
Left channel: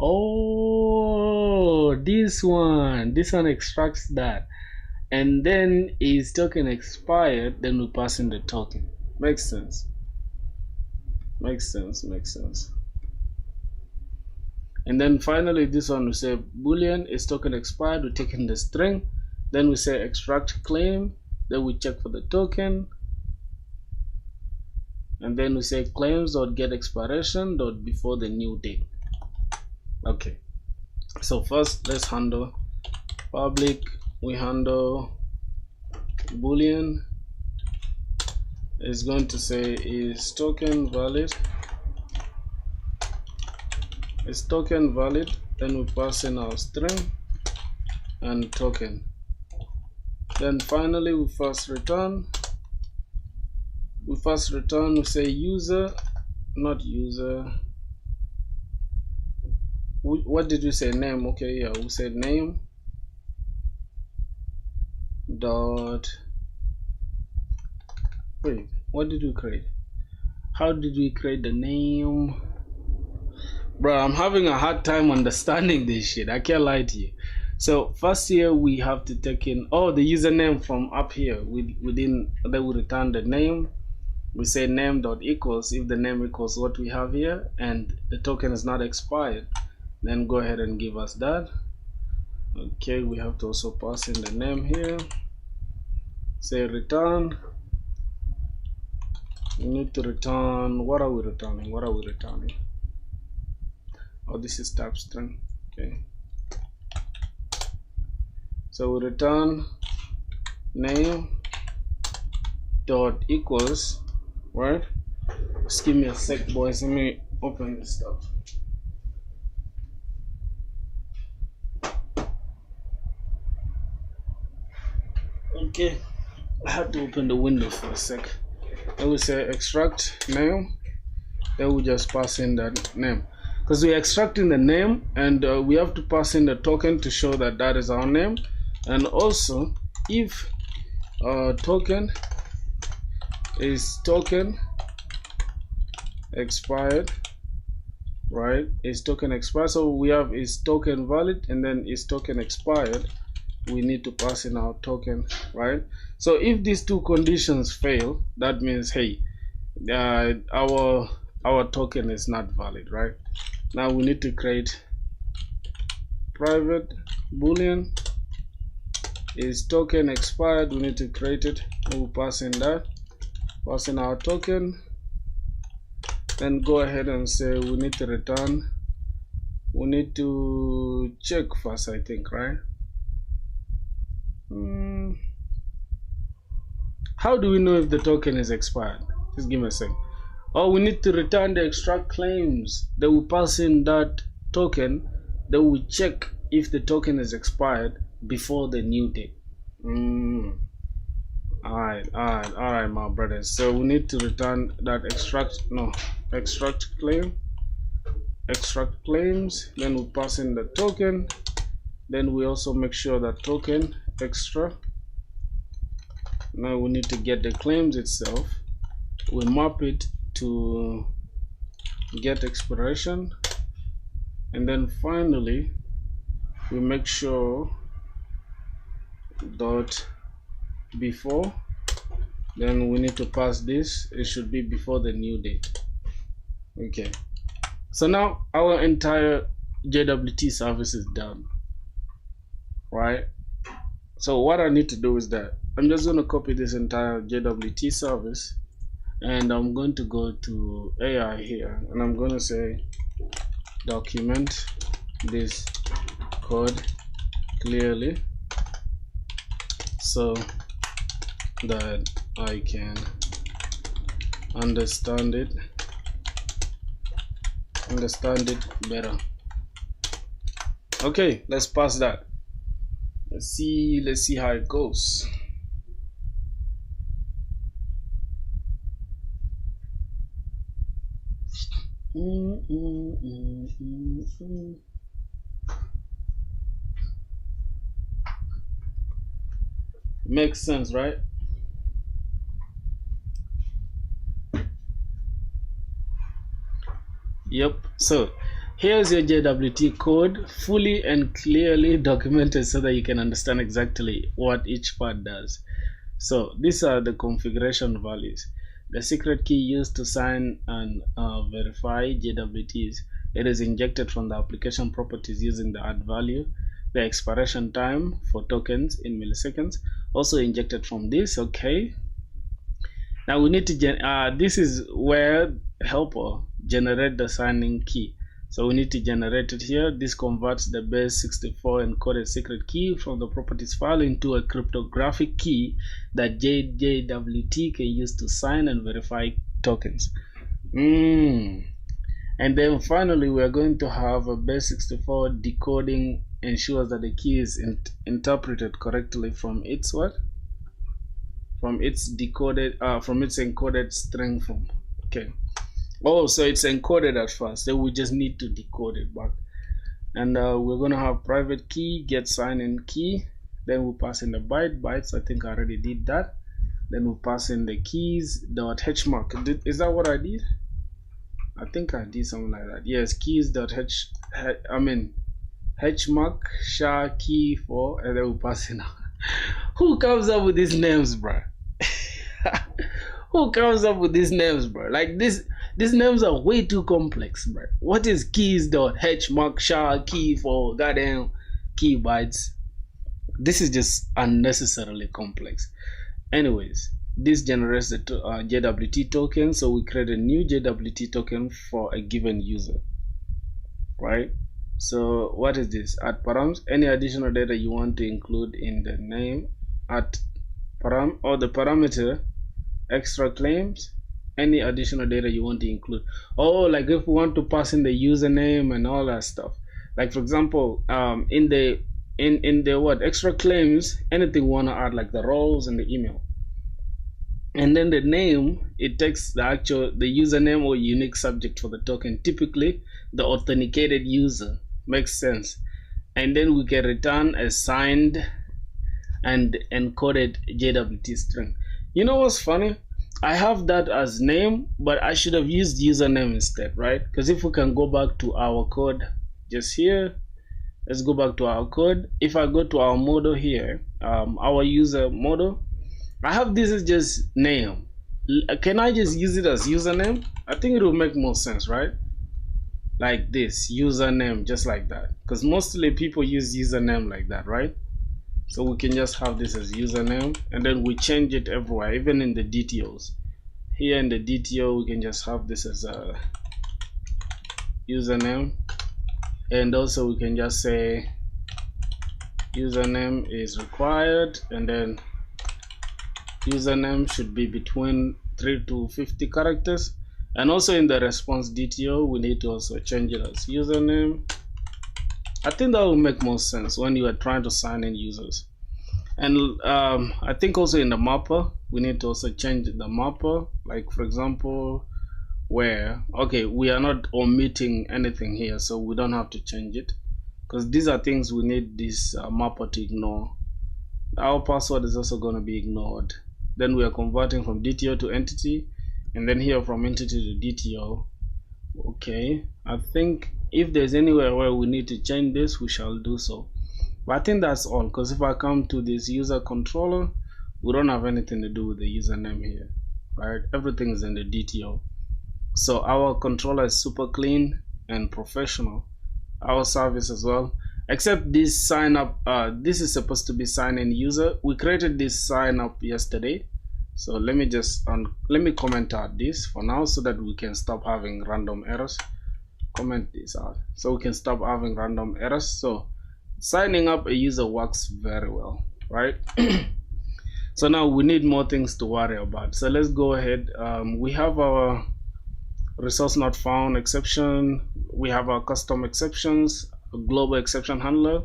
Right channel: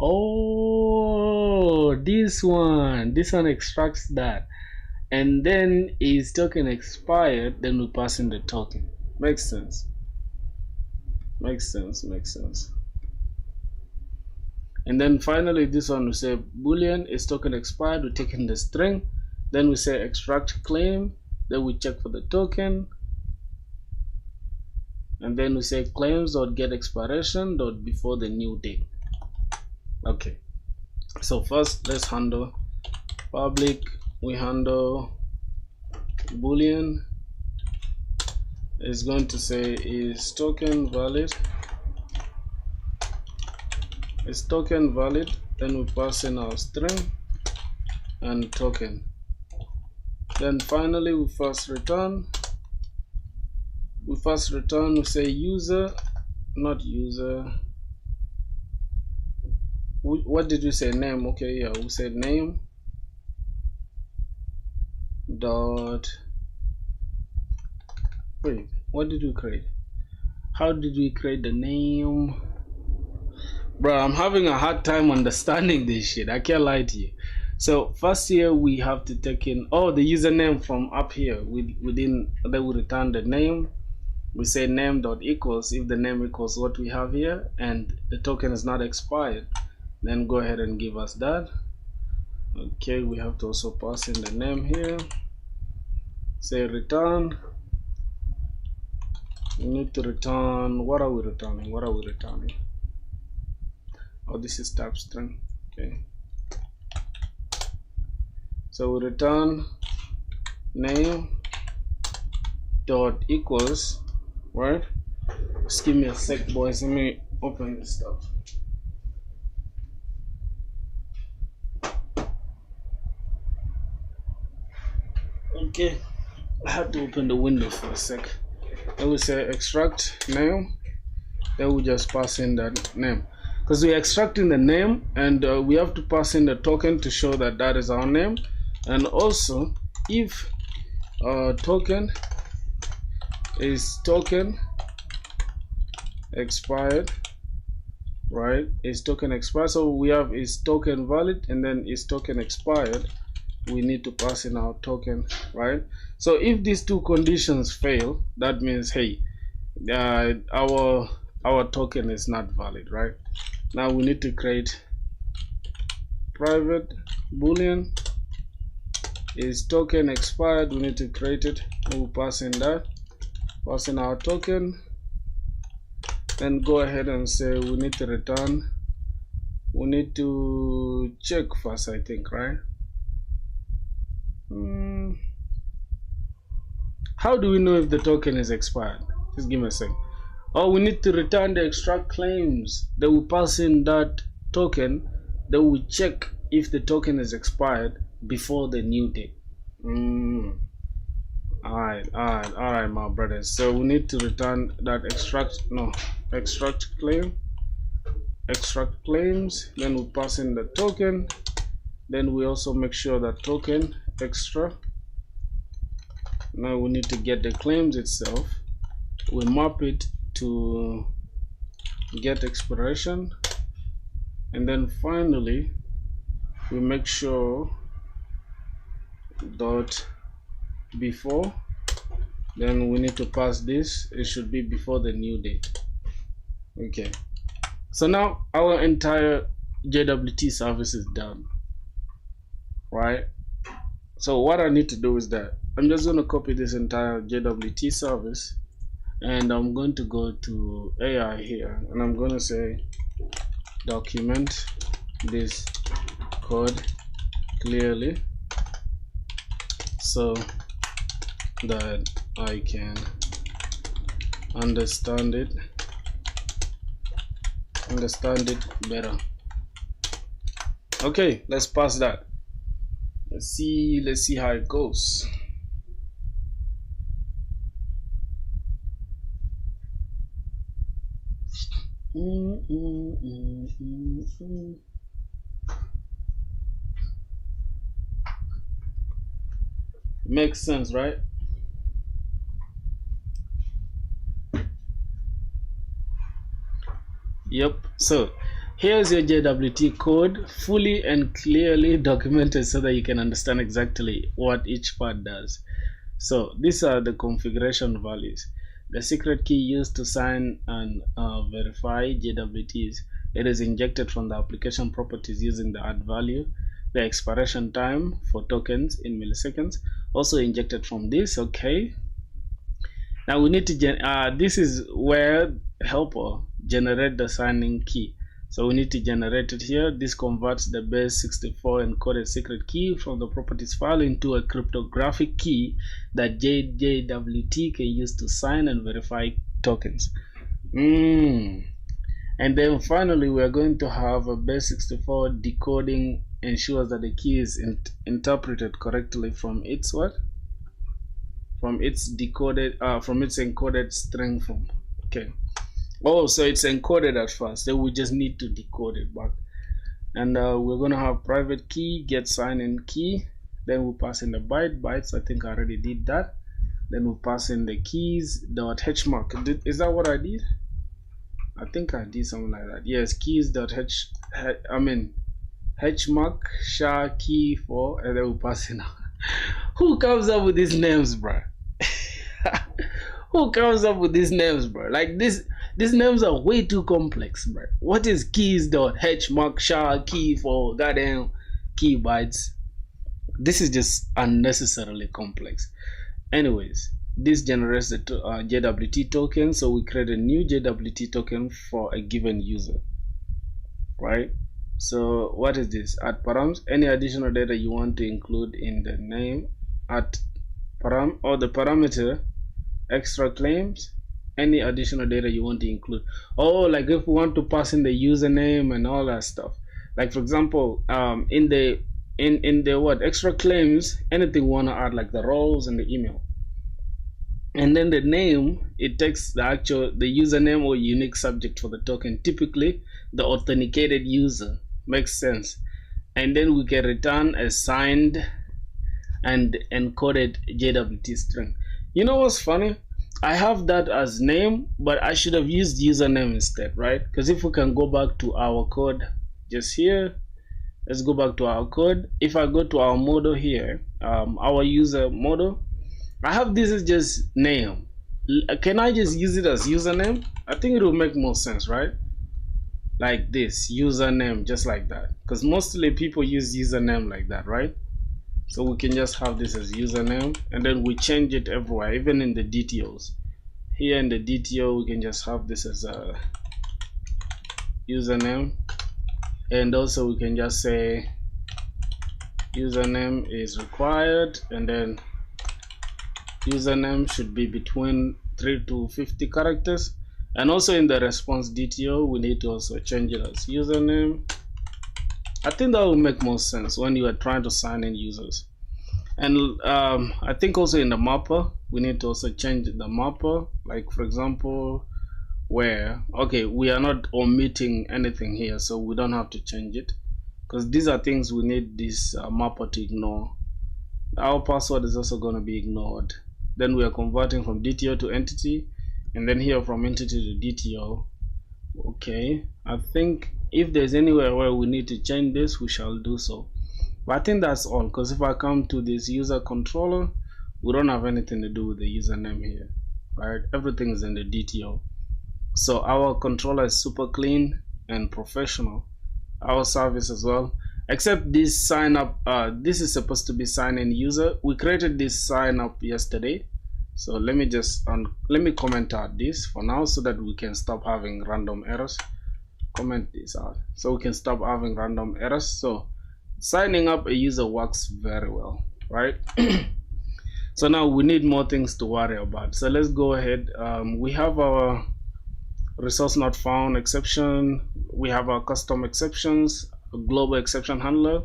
Oh, this one extracts that, and then is token expired, then we pass in the token. Makes sense. And then finally this one we say boolean is token expired, we take in the string, then we say extract claim, then we check for the token, and then we say claims dot get expiration dot before the new date. Okay, so first let's handle public. We handle boolean is going to say is token valid, then we pass in our string and token. Then finally we first return, we say user, not user, what did you say? Name. Okay, yeah, we said name dot. Wait, what did we create? How did we create the name? Bro, I'm having a hard time understanding this shit. I can't lie to you. So first here we have to take in the username from up here. Then we return the name. We say name dot equals if the name equals what we have here and the token is not expired. Then go ahead and give us that. Okay, we have to also pass in the name here. Say return. We need to return. What are we returning? What are we returning? Oh, this is type string. Okay. So we return name dot equals, right? Just give me a sec, boys. Let me open this stuff. Okay, I have to open the window for a sec. I will say extract name. Then we just pass in that name because we're extracting the name, and we have to pass in the token to show that that is our name. And also, if token is token expired, right? Is token expired? So we have is token valid, and then is token expired. We need to pass in our token, right? So if these two conditions fail, that means hey, our token is not valid, right? Now we need to create private boolean is token expired. We need to create it. We'll pass in that, pass in our token, then go ahead and say we need to return. We need to check first, I think, right? How do we know if the token is expired? Just give me a sec. Oh, we need to return the extract claims. They will pass in that token. They will check if the token is expired before the new date. All right, my brothers. So we need to return that extract claims. Then we pass in the token. Then we also make sure that token extra. Now we need to get the claims itself. We map it to get expiration, and then finally we make sure dot before. Then we need to pass this. It should be before the new date. Okay, so now our entire JWT service is done, right? So what I need to do is that I'm just going to copy this entire JWT service, and I'm going to go to AI here, and I'm going to say document this code clearly so that I can understand it better. Okay, let's pass that. Let's see how it goes. Makes sense, right? Yep. So here's your JWT code, fully and clearly documented so that you can understand exactly what each part does. So these are the configuration values. The secret key used to sign and verify JWTs. It is injected from the application properties using the add value. The expiration time for tokens in milliseconds also injected from this. Okay. Now we need to this is where helper generate the signing key. So we need to generate it here. This converts the base 64 encoded secret key from the properties file into a cryptographic key that JWT can use to sign and verify tokens. And then finally, we are going to have a base 64 decoding ensures that the key is interpreted correctly from its what? From its decoded, from its encoded string form. Okay. Oh, so it's encoded at first. Then we just need to decode it back. And we're going to have private key get sign in key. Then we pass in the bytes. I think I already did that. Then we pass in the keys dot hmark. Is that what I did? I think I did something like that. Yes, keys dot hmark sha key for, and then we pass in. Who comes up with these names, bro? Who comes up with these names, bro? Like these names are way too complex, bro. What is keys dot hmark sha key for goddamn key bytes? This is just unnecessarily complex. Anyways, this generates the JWT token, so we create a new JWT token for a given user, right? So what is this? At params, any additional data you want to include in the name at param or the parameter extra claims, any additional data you want to include. Oh, like if we want to pass in the username and all that stuff. Like for example, in the what extra claims, anything we want to add, like the roles and the email. And then the name, it takes the username or unique subject for the token, typically the authenticated user. Makes sense. And then we can return a signed and encoded JWT string. You know what's funny? I have that as name, but I should have used username instead, right? Because if we can go back to our code just here, let's go back to our code. If I go to our model here, our user model, I have this is just name. Can I just use it as username? I think it will make more sense, right? Like this, username, just like that. Because mostly people use username like that, right? So we can just have this as username, and then we change it everywhere, even in the DTOs. Here in the DTO, we can just have this as a username. And also we can just say username is required, and then username should be between 3 to 50 characters. And also in the response DTO, we need to also change it as username. I think that will make more sense when you are trying to sign in users. And I think also in the mapper, we need to also change the mapper. Like for example, where, okay, we are not omitting anything here, so we don't have to change it. Because these are things we need this mapper to ignore. Our password is also going to be ignored. Then we are converting from DTO to entity, and then here from entity to DTO. Okay, I think if there's anywhere where we need to change this, we shall do so. But I think that's all, because if I come to this user controller, we don't have anything to do with the username here, right? Everything is in the DTO. So our controller is super clean and professional. Our service as well, except this sign up, this is supposed to be sign in user. We created this sign up yesterday. So let me just let me comment out this for now so that we can stop having random errors. Comment this out so we can stop having random errors. So signing up a user works very well, right? So now we need more things to worry about. So let's go ahead. We have our resource not found exception. We have our custom exceptions, a global exception handler.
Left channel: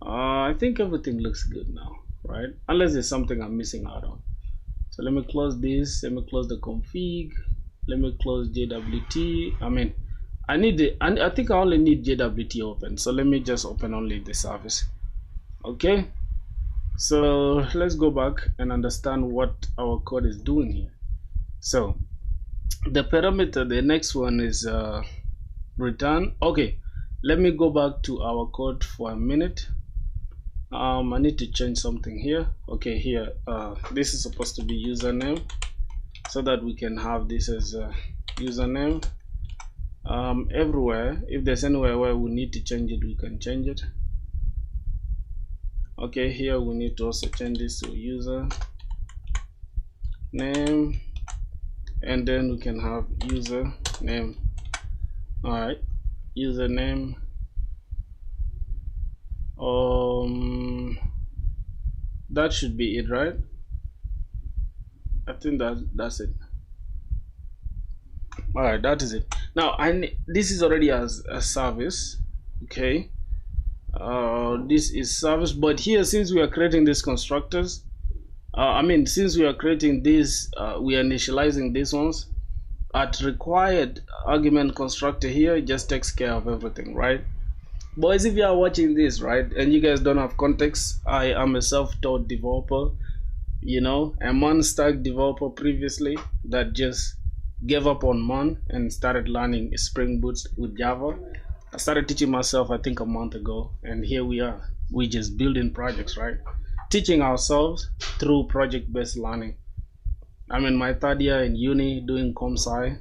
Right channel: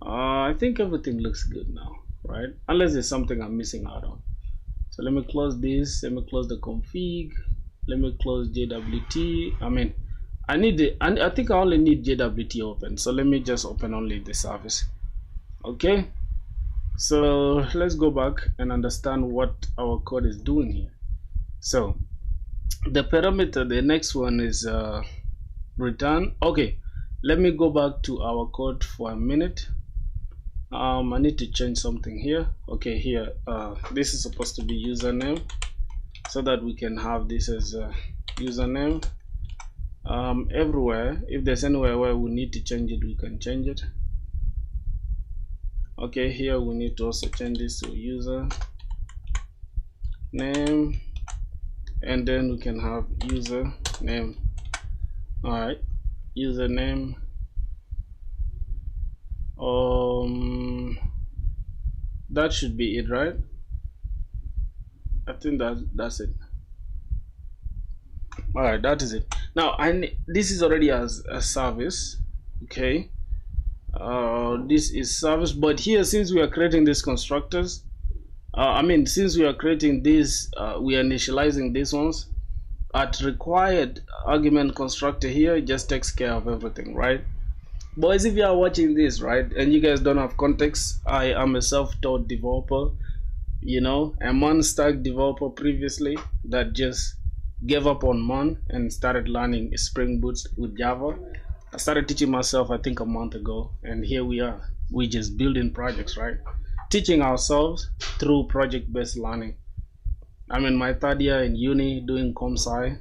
I think everything looks good now, right? Unless there's something I'm missing out on. So let me close this. Let me close the config. Let me close JWT. I think I only need JWT open. So let me just open only the service. Okay. So let's go back and understand what our code is doing here. So the parameter, the next one is return. Okay. Let me go back to our code for a minute. I need to change something here. Okay, here this is supposed to be username, so that we can have this as a username. Everywhere, if there's anywhere where we need to change it, we can change it. Okay, here we need to also change this to user name, and then we can have user name. All right, username. That should be it, right? I think that's it. All right, that is it. Now this is already as a service. Okay, this is service, but here, since we are creating these constructors, since we are creating this, we are initializing these ones at required argument constructor here. It just takes care of everything, right? Boys, if you are watching this, right, and you guys don't have context, I am a self-taught developer, a Mon stack developer previously that just gave up on Mon and started learning Spring Boot with Java. I started teaching myself, I think, a month ago, and here we are. We just building projects, right? Teaching ourselves through project-based learning. I'm in my third year in uni doing comp sci,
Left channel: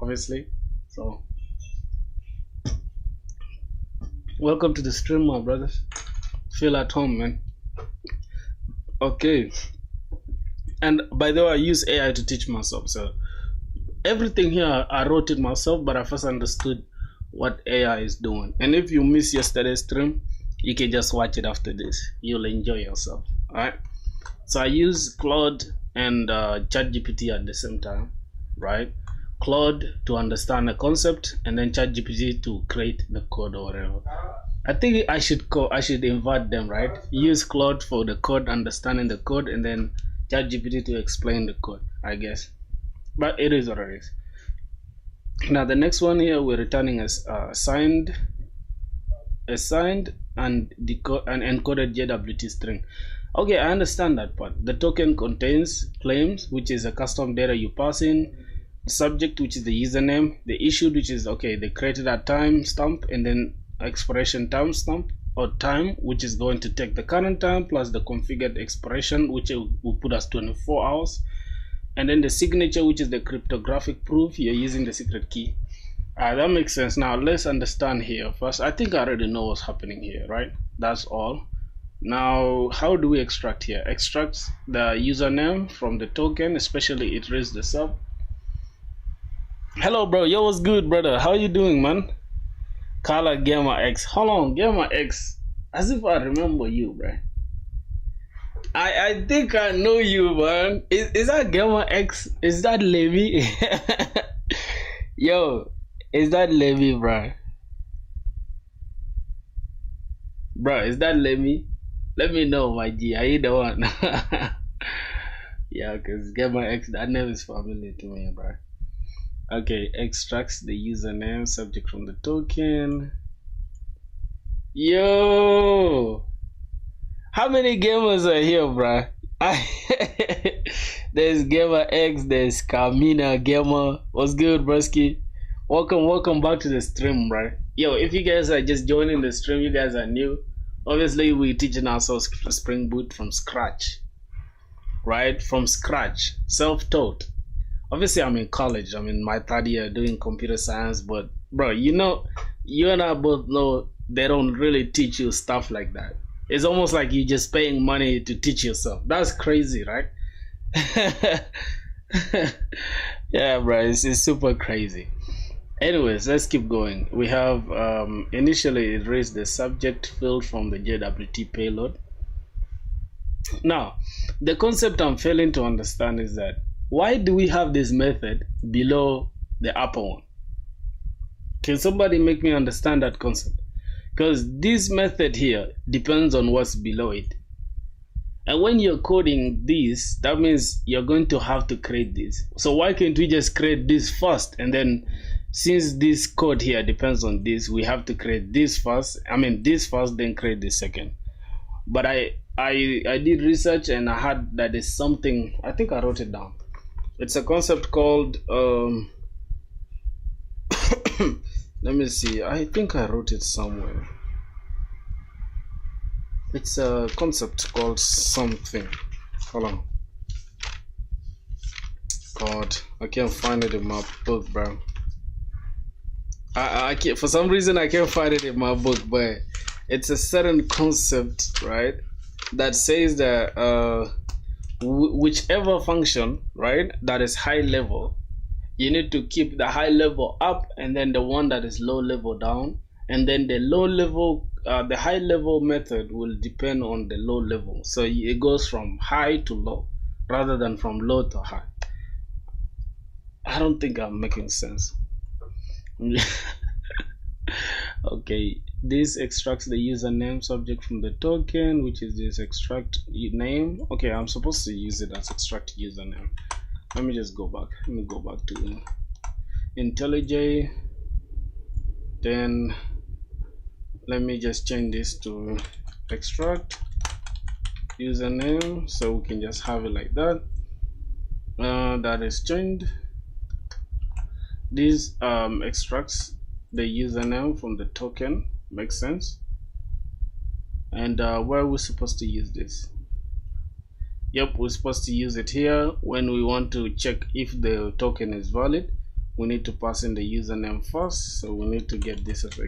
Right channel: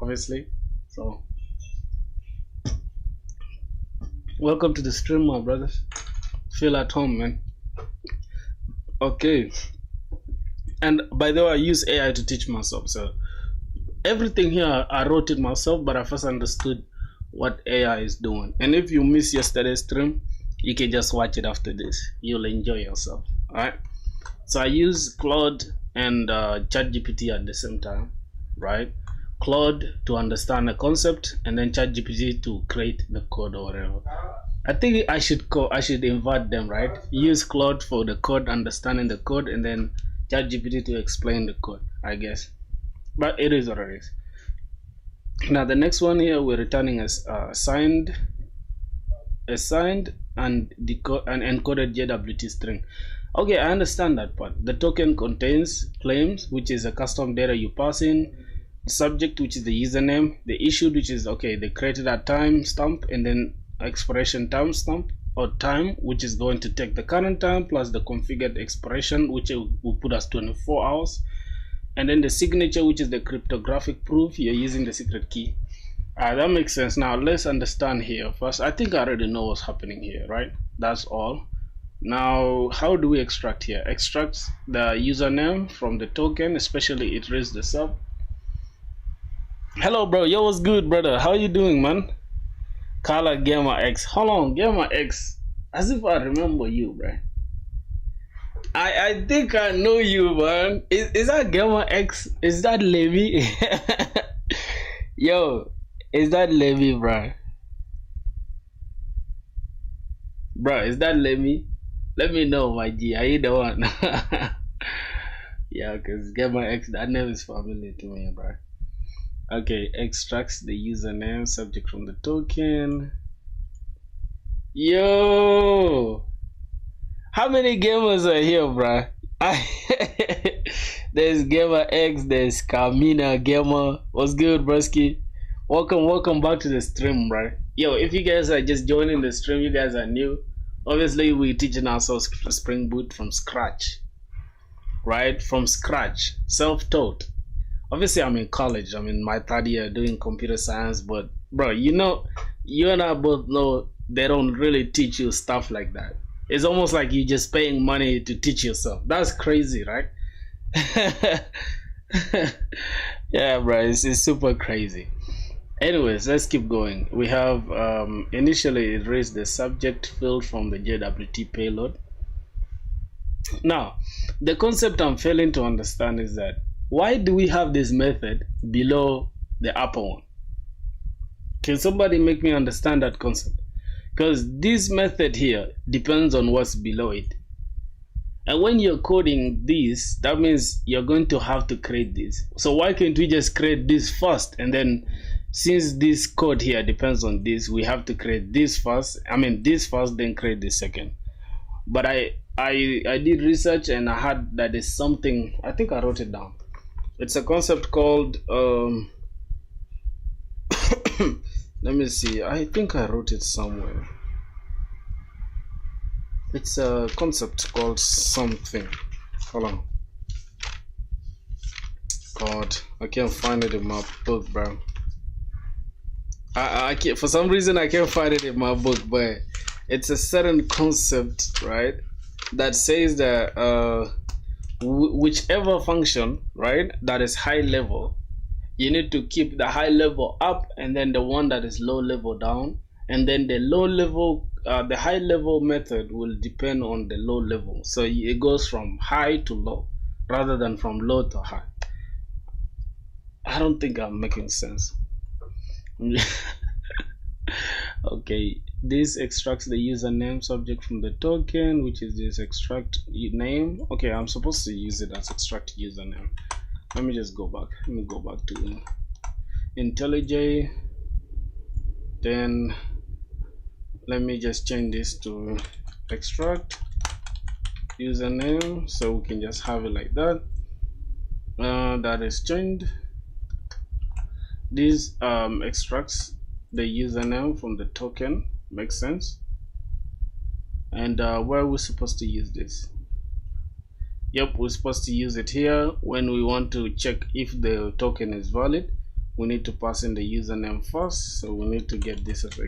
obviously. So, welcome to the stream, my brothers. Feel at home, man. Okay. And by the way, I use AI to teach myself. So everything here I wrote it myself, but I first understood what AI is doing. And if you miss yesterday's stream, you can just watch it after this. You'll enjoy yourself. Alright. So I use Claude and ChatGPT at the same time, right? Claude to understand the concept, and then ChatGPT to create the code or whatever. I think I should invert them, right? Use Claude for the code, understanding the code, and then ChatGPT to explain the code, I guess. But it is what it is. Now the next one here, we're returning as signed and encoded JWT string. Okay, I understand that part. The token contains claims, which is a custom data you pass in, the subject, which is the username, the issued, which is okay, they created a timestamp, and then expiration timestamp or time, which is going to take the current time plus the configured expiration, which will put us 24 hours, and then the signature, which is the cryptographic proof you're using the secret key. That makes sense. Now let's understand here first. I think I already know what's happening here, right? That's all. Now, how do we extract here? Extract the username from the token, especially it reads the sub. Hello, bro. Yo, what's good, brother? How you doing, man? Carla Gamer X. Hold on, Gamer X. As if I remember you, bro. I think I know you, man. Is that Gamer X? Is that Levi? Yo, is that Levi, bro? Bro, is that Levi? Let me know, my G. Are you the one? Yeah, because Gamer X, that name is familiar to me, bro. Okay, extracts the username subject from the token. Yo, how many gamers are here, bro? There's Gamer X, there's Carmina Gamer. What's good, broski? Welcome back to the stream, bro. Yo, if you guys are just joining the stream, you guys are new. Obviously, we're teaching ourselves Spring Boot from scratch, right? From scratch, self-taught. Obviously, I'm in college. I'm in my third year doing computer science. But, bro, you and I both know they don't really teach you stuff like that. It's almost like you're just paying money to teach yourself. That's crazy, right? Yeah, bro, it's super crazy. Anyways, let's keep going. We have initially it raised the subject field from the JWT payload. Now, the concept I'm failing to understand is that why do we have this method below the upper one? Can somebody make me understand that concept? Because this method here depends on what's below it. And when you're coding this, that means you're going to have to create this. So why can't we just create this first, and then since this code here depends on this, we have to create this first. This first, then create the second. But I did research and I had that is something, I think I wrote it down. It's a concept called let me see, I think I wrote it somewhere. It's a concept called something. Hold on. God, I can't find it in my book, bro. I can't, for some reason I can't find it in my book, but it's a certain concept, right, that says that whichever function, right, that is high level, you need to keep the high level up, and then the one that is low level down, and then the low level, the high level method will depend on the low level. So it goes from high to low rather than from low to high. I don't think I'm making sense. Okay, this extracts the username subject from the token, which is this extract name. Okay, I'm supposed to use it as extract username. Let me just go back. Let me go back to IntelliJ. Then let me just change this to extract username, so we can just have it like that. That is changed. This extracts the username from the token, makes sense. And where are we supposed to use this? Yep, we're supposed to use it here when we want to check if the token is valid. We need to pass in the username first, so we need to get this as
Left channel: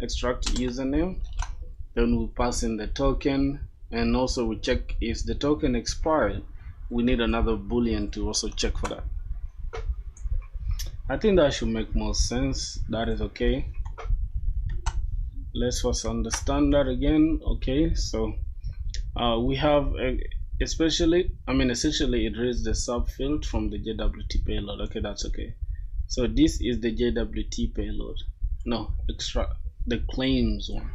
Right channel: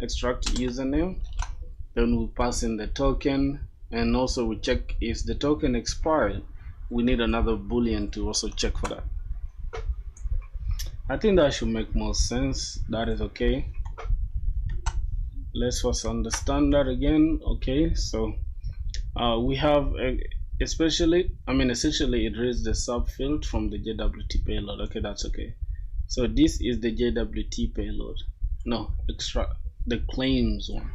extract username. Then we pass in the token, and also we check if the token expired. We need another boolean to also check for that. I think that should make more sense. That is okay. Let's first understand that again. Okay, so we have essentially it reads the subfield from the JWT payload. Okay, that's okay. So this is the JWT payload. No, the claims one.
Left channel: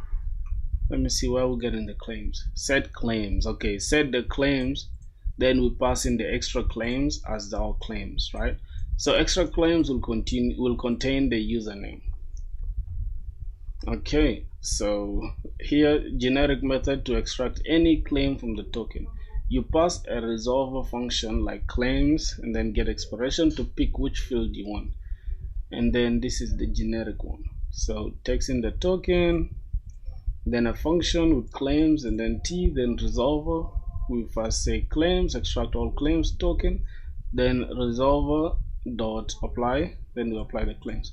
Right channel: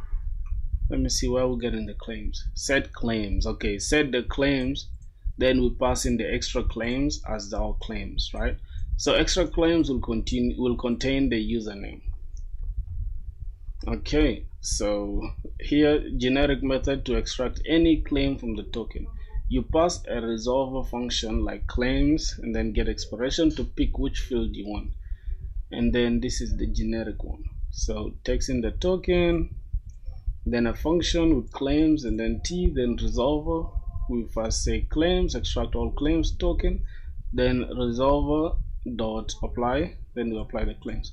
Let me see where we're getting the claims. Set claims. Okay, set the claims. Then we pass in the extra claims as our claims, right? So extra claims will contain the username. Okay, so here, generic method to extract any claim from the token. You pass a resolver function like claims and then get expiration to pick which field you want. And then this is the generic one. So takes in the token, then a function with claims, and then T, then resolver. We first say claims, extract all claims token, then resolver dot apply, then we apply the claims.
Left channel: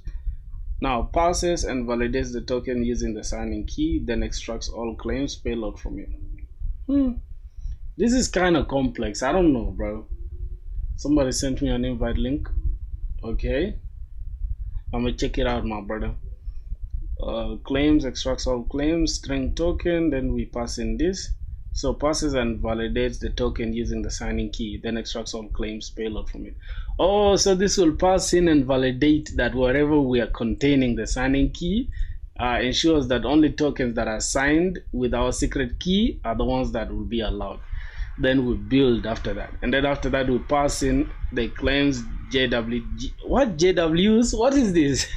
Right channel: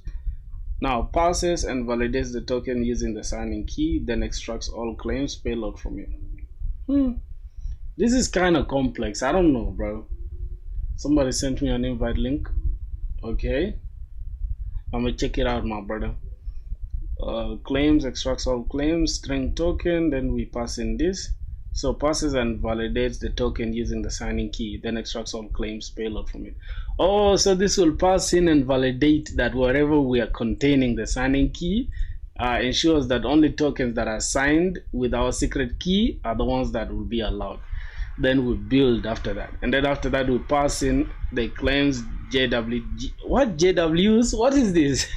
Now passes and validates the token using the signing key, then extracts all claims payload from it. This is kind of complex. I don't know, bro. Somebody sent me an invite link. Okay, I'm gonna check it out, my brother. Claims, extracts all claims, string token, then we pass in this. So passes and validates the token using the signing key, then extracts all claims payload from it. Oh, so this will pass in and validate that wherever we are containing the signing key ensures that only tokens that are signed with our secret key are the ones that will be allowed. Then we build after that, and then after that we pass in the claims JWG. What JWs? What is this?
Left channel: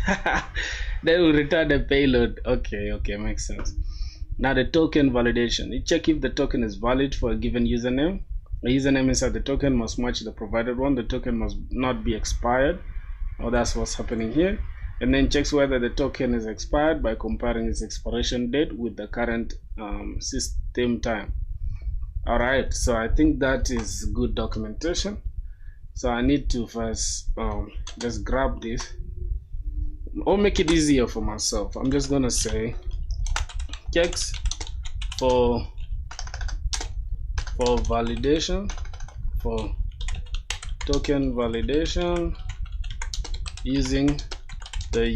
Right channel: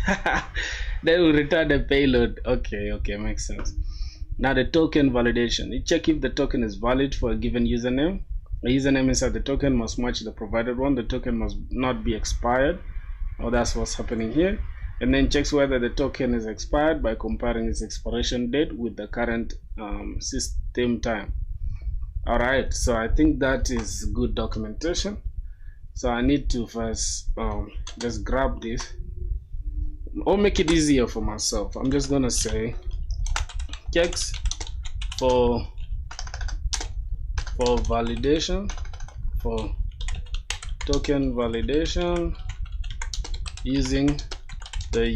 Then we return the payload. Okay, makes sense. Now the token validation. You check if the token is valid for a given username. The username inside the token must match the provided one. The token must not be expired. Oh, that's what's happening here. And then checks whether the token is expired by comparing its expiration date with the current system time. Alright, so I think that is good documentation. So I need to first just grab this or make it easier for myself. I'm just gonna say checks for validation, for token validation using the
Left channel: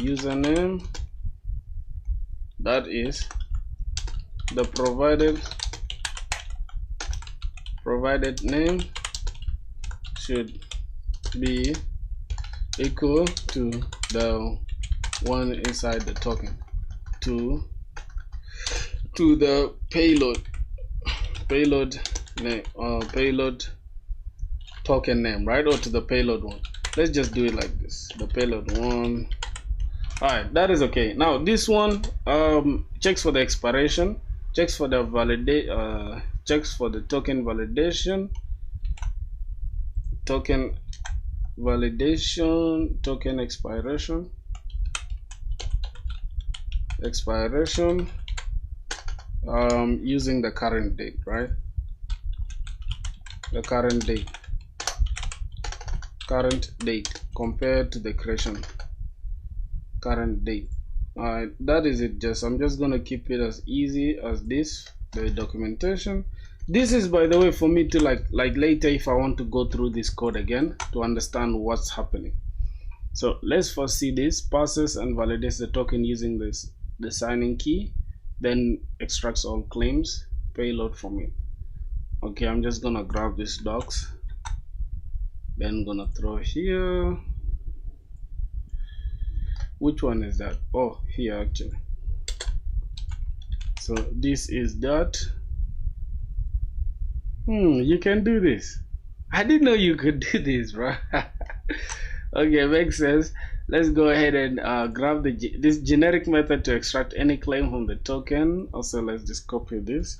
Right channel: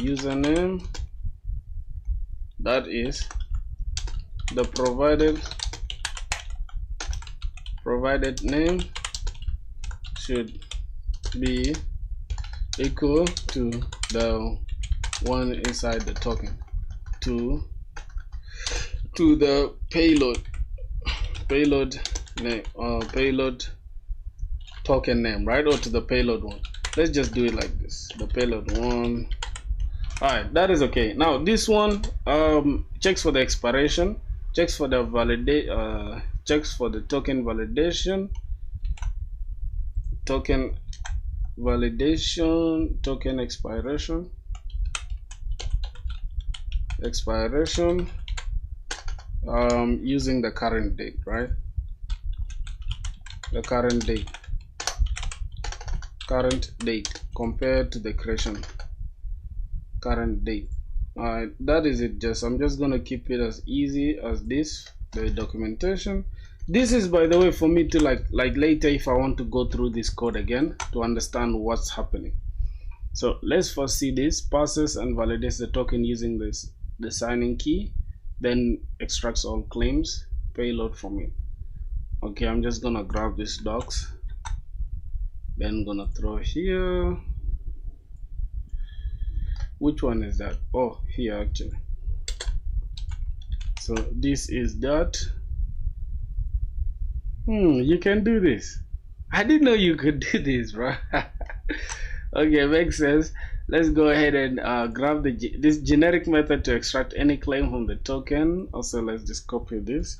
username that is the provided name should be equal to the one inside the token to the payload name, payload token name, right? Or to the payload one. Let's just do it like this, the payload one. Alright, that is okay. Now this one checks for the expiration, checks for the checks for the token validation, token expiration using the current date, right? The current date compared to the creation current date. Alright, that is it. I'm just gonna keep it as easy as this, the documentation. This is, by the way, for me to like later if I want to go through this code again to understand what's happening. So let's first see this. Passes and validates the token using the signing key, then extracts all claims payload from it. Okay, I'm just gonna grab this docs, then gonna throw here. Which one is that? Oh, here actually. So this is that. You can do this. I didn't know you could do this, bro. Okay, makes sense. Let's go ahead and grab this generic method to extract any claim from the token. Also, let's just copy this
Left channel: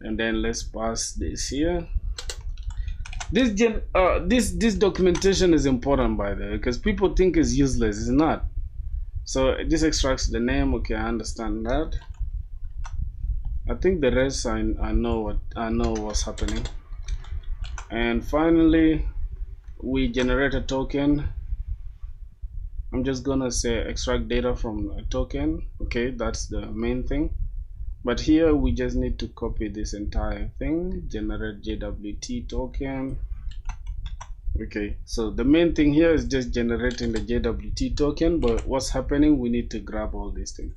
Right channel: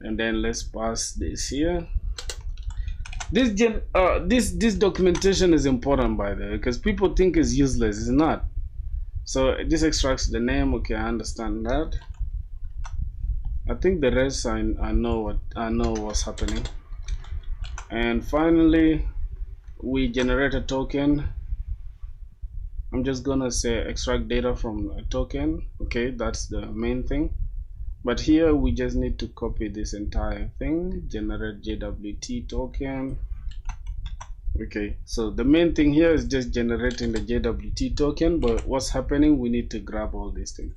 and then let's pass this here. This documentation is important, by the way, because people think it's useless. It's not. So this extracts the name. Okay, I understand that. I think the rest I know what's happening. And finally, we generate a token. I'm just gonna say extract data from a token. Okay, that's the main thing. But here we just need to copy this entire thing, generate JWT token. Okay, so the main thing here is just generating the JWT token, but what's happening, we need to grab all these things.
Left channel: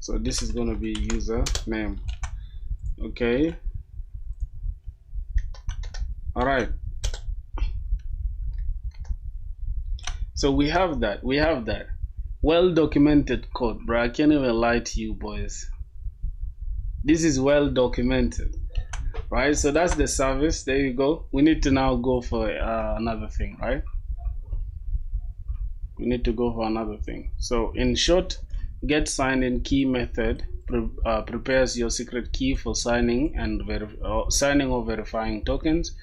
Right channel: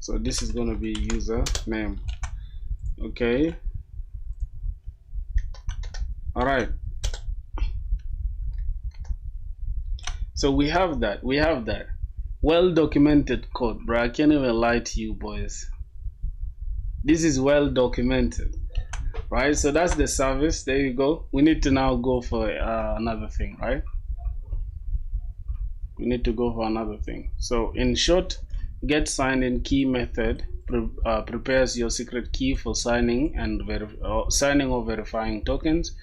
So this is gonna be user name. Okay. All right. So we have that. Well documented code, bro. I can't even lie to you boys. This is well documented, right? So that's the service. There you go. We need to now go for another thing, right? We need to go for another thing. So in short, get sign in key method prepares your secret key for signing or verifying tokens.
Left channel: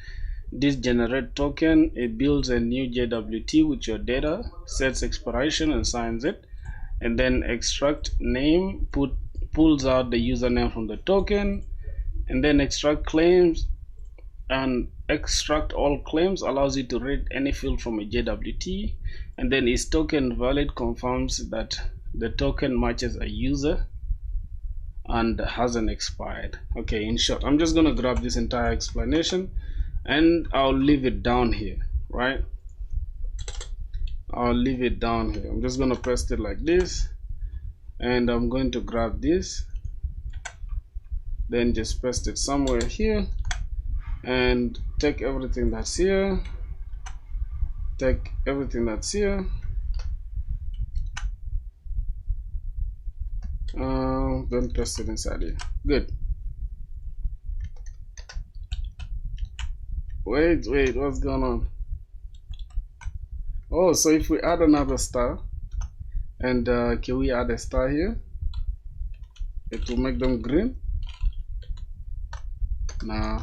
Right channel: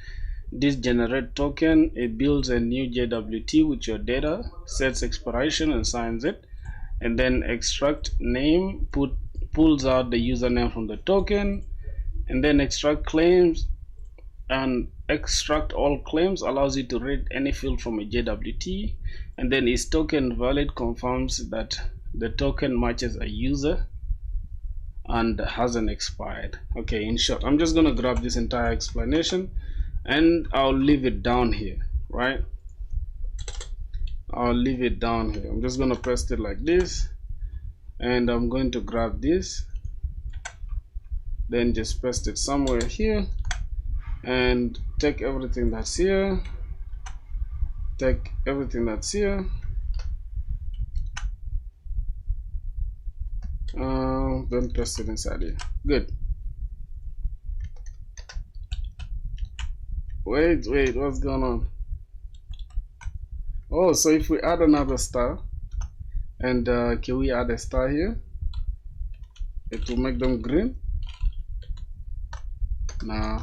This generate token, it builds a new JWT with your data, sets expiration and signs it, and then extract name, pulls out the username from the token, and then extract claims, and extract all claims allows you to read any field from a JWT, and then is token valid confirms that the token matches a user and hasn't expired. Okay, in short, I'm just gonna grab this entire explanation and I'll leave it down here, right? I'll leave it down here. I'm just gonna paste it like this, and I'm going to grab this, then just paste it somewhere here, and take everything that's here, then paste it inside here. Good. Wait, what's going on? Oh, so if we add another star, and can we add a star here? It will make them green. Nah.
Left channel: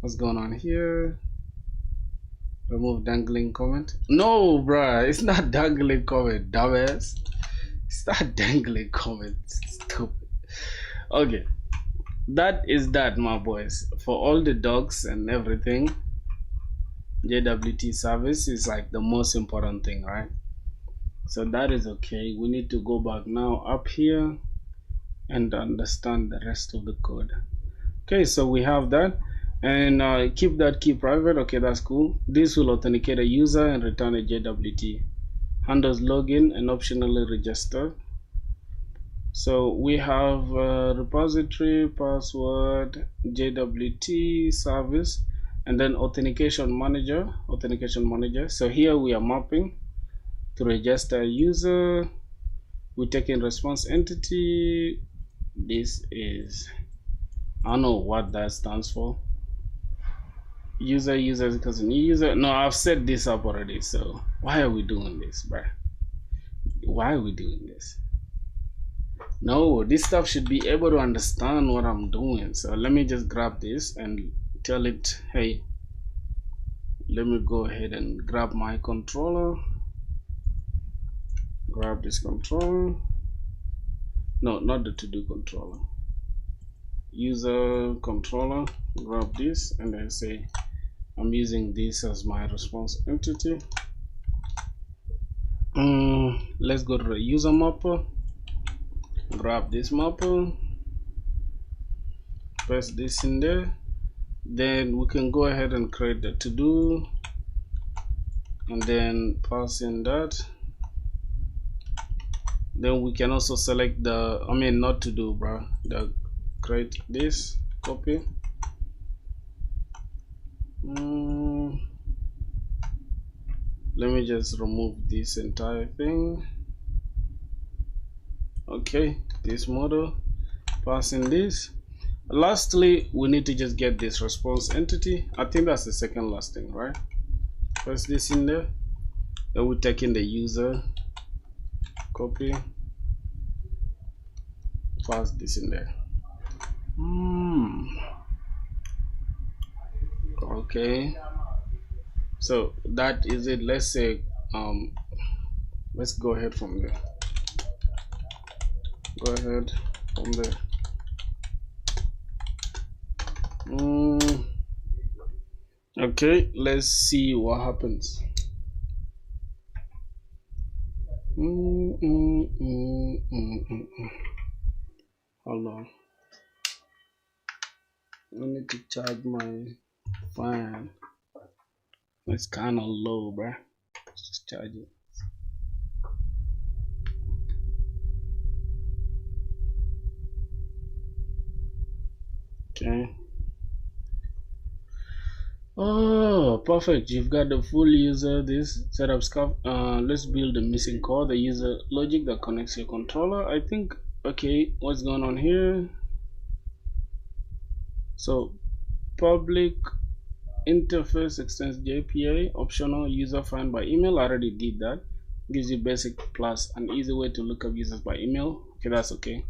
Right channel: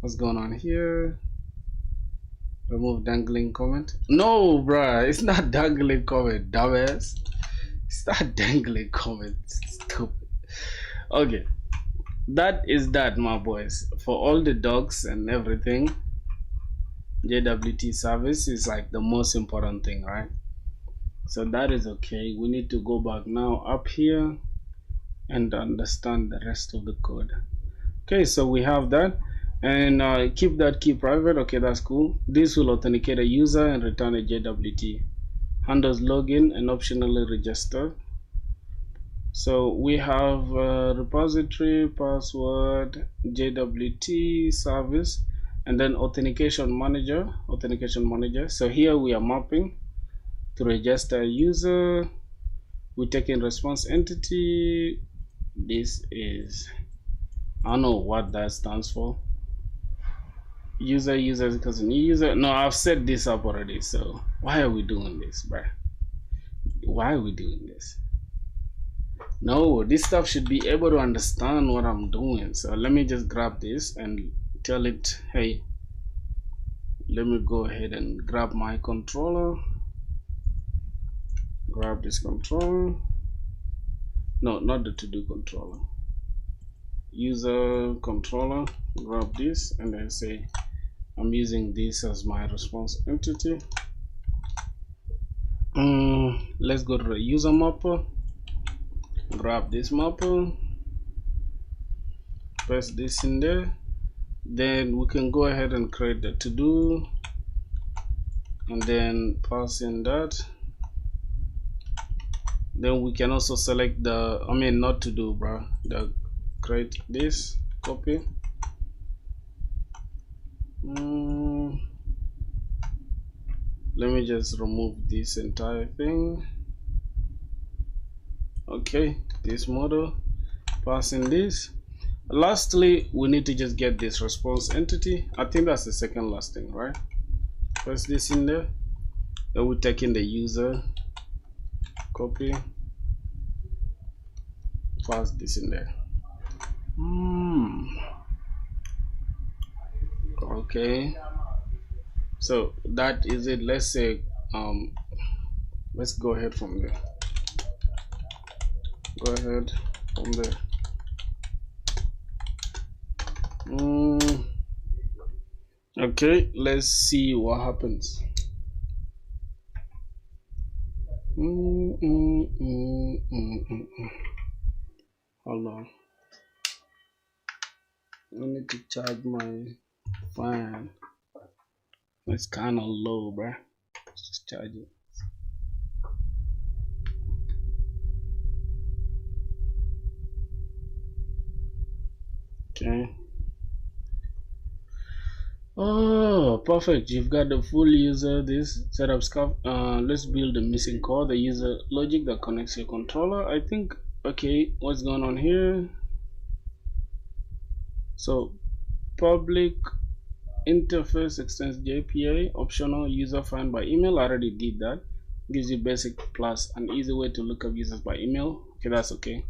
What's going on here? Remove dangling comment. No, bruh, it's not dangling comment, dumbass. It's not dangling comment. Stupid. Okay. That is that, my boys. For all the dogs and everything, JWT service is like the most important thing, right? So that is okay. We need to go back now up here and understand the rest of the code. Okay, so we have that, and keep that key private. Okay, that's cool. This will authenticate a user and return a JWT. Handles login and optionally register. So we have repository, password, JWT service, and then authentication manager. So here we are mapping to register a user. We take in response entity. This is, I don't know what that stands for. User because a new user. No, I've set this up already. So why are we doing this, bruh? Why are we doing this? No, this stuff should be able to understand what I'm doing. So let me just grab this and tell it, hey, let me go ahead and grab my controller. Grab this controller. No, not the to-do controller. User controller. Grab this and then say, I'm using this as my response entity. Let's go to the user mapper. Grab this mapper, paste this in there, then we can go ahead and create the to-do and then pass in that. Then we can also select the, not to do, bro, the create this, copy. Let me just remove this entire thing. Okay, this model, passing this. Lastly, we need to just get this response entity. I think that's the second last thing, right? Press this in there, Then we take in the user, copy, pass this in there. Okay, so that is it. Let's say let's go ahead from there. Go ahead from there. Okay, let's see what happens. Hold on. I need to charge my fan. It's kind of low, bruh. Let's just charge it. Okay. Oh, perfect. You've got the full user, this setup scarf. Let's build the missing core, the user logic that connects your controller. I think, okay, what's going on here? So, public interface extends JPA, optional user find by email. I already did that. Gives you basic plus an easy way to look up users by email. Okay, that's okay.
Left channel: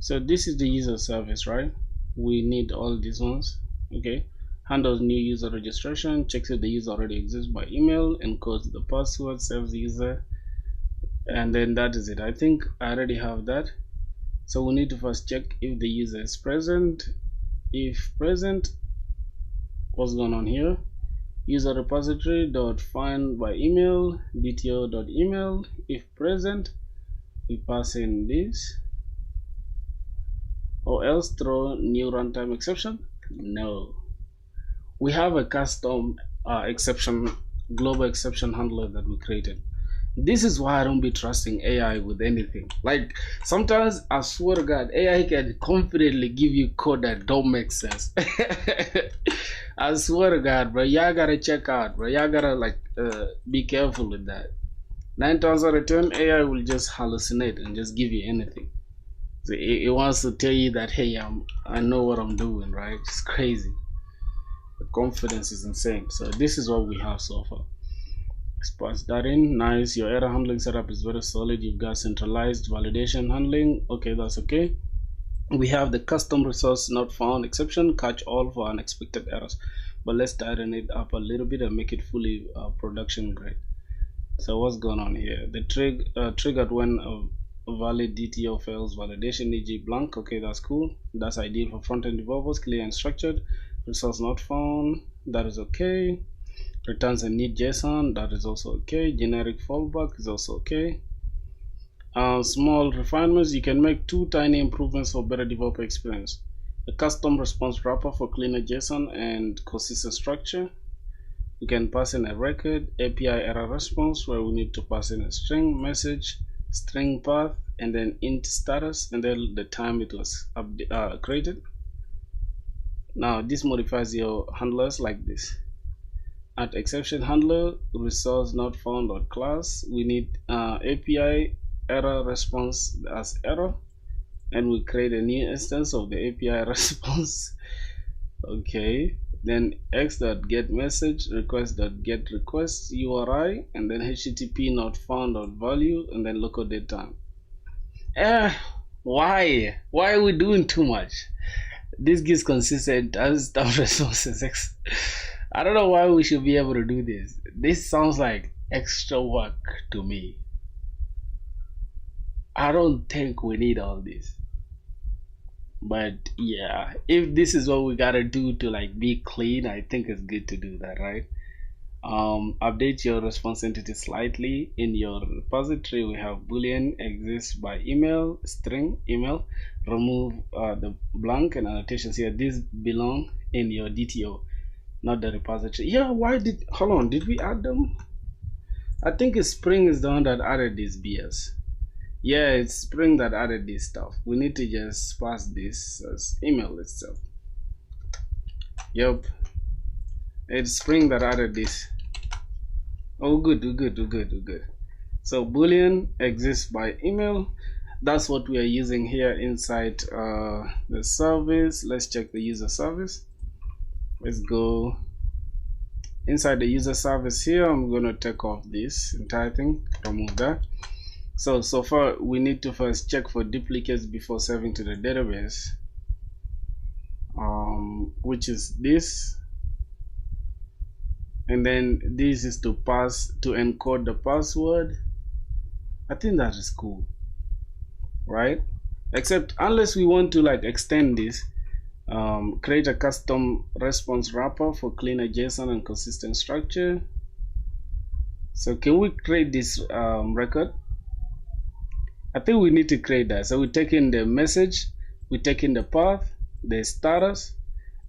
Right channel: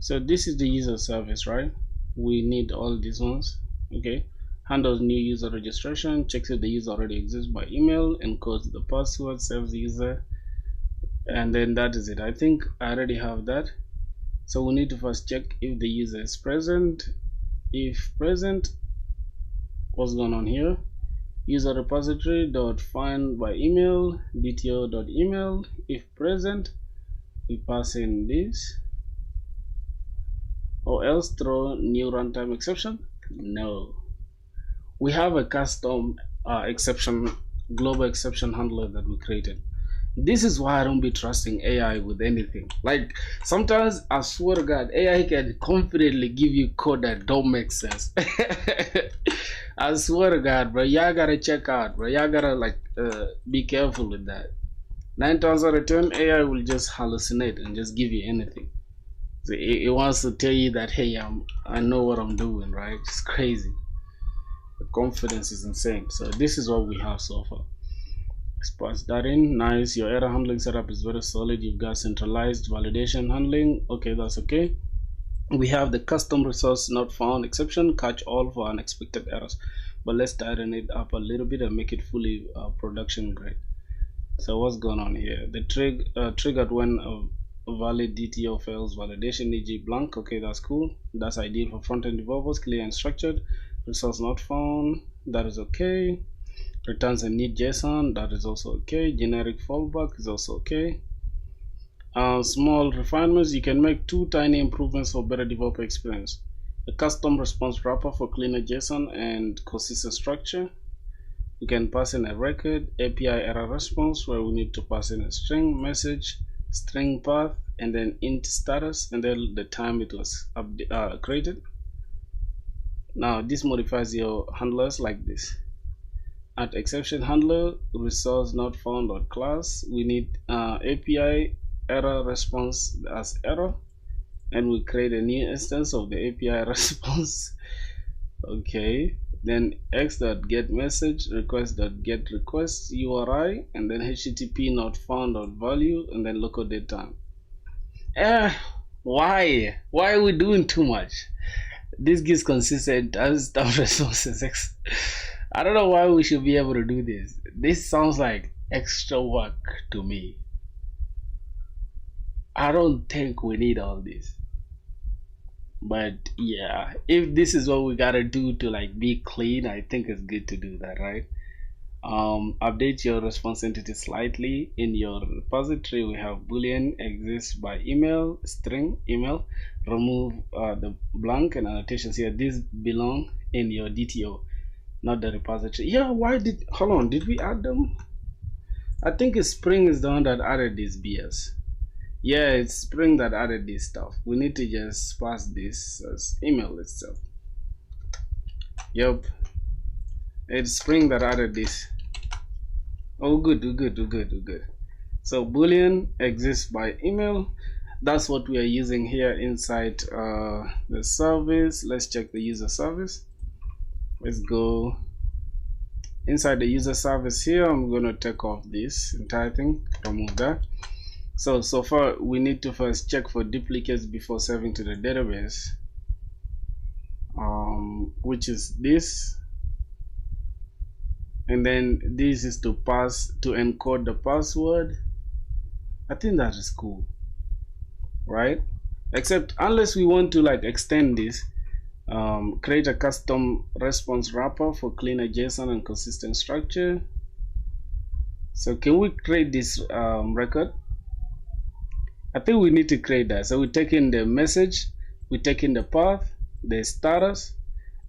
So this is the user service, right? We need all these ones. Okay, handles new user registration, checks if the user already exists by email, encodes the password, saves the user, and then that is it. I think I already have that. So we need to first check if the user is present. If present, what's going on here? User repository dot find by email, dto dot email. If present, we pass in this, or else throw new runtime exception. No, we have a custom exception, global exception handler that we created. This is why I don't be trusting AI with anything. Like, sometimes I swear to God, AI can confidently give you code that don't make sense. I swear to God, bro, y'all gotta check out, bro. Y'all gotta be careful with that. 9 times out of 10, AI will just hallucinate and just give you anything. So it wants to tell you that, hey, I know what I'm doing, right? It's crazy. The confidence is insane. So this is what we have so far. Let's pass that in. Nice. Your error handling setup is very solid. You've got centralized validation handling. Okay, that's okay. We have the custom resource not found exception, catch all for unexpected errors. But let's tighten it up a little bit and make it fully production grade. So what's going on here? The triggered when a valid DTO fails validation, e.g. blank. Okay, that's cool. That's ideal for front-end developers, clear and structured. Resource not found. That is okay. Returns a neat JSON. That is also okay. Generic fallback is also okay. Small refinements. You can make 2 tiny improvements for better developer experience. A custom response wrapper for cleaner JSON and consistent structure. We can pass in a record, API error response, where we need to pass in a string message, string path, and then int status, and then the time it was created. Now this modifies your handlers like this. At exception handler, resource not found or class, we need API error response as error, and we create a new instance of the API response. Okay, then x.get message request.get request URI, and then http not found or value, and then local date time. Why are we doing too much? This gives consistent stuff responses. I don't know why we should be able to do this. This sounds like extra work to me. I don't think we need all this. But yeah, if this is what we gotta do to be clean, I think it's good to do that, right? Update your response entity slightly. In your repository, we have boolean exists by email, string email. Remove the blank and annotations here. These belong in your DTO, not the repository. Yeah, hold on, did we add them? I think Spring is the one that added this BS. Yeah, it's Spring that added this stuff. We need to just pass this as email itself. Yep, it's Spring that added this. Oh, good. So boolean exists by email. That's what we are using here inside the service. Let's check the user service. Let's go inside the user service here. I'm going to take off this entire thing, remove that. So far we need to first check for duplicates before saving to the database, which is this, and then this is to encode the password. I think that is cool, right? Except unless we want to like extend this, create a custom response wrapper for cleaner JSON and consistent structure. So can we create this record? I think we need to create that. So we take in the message, we take in the path, the status,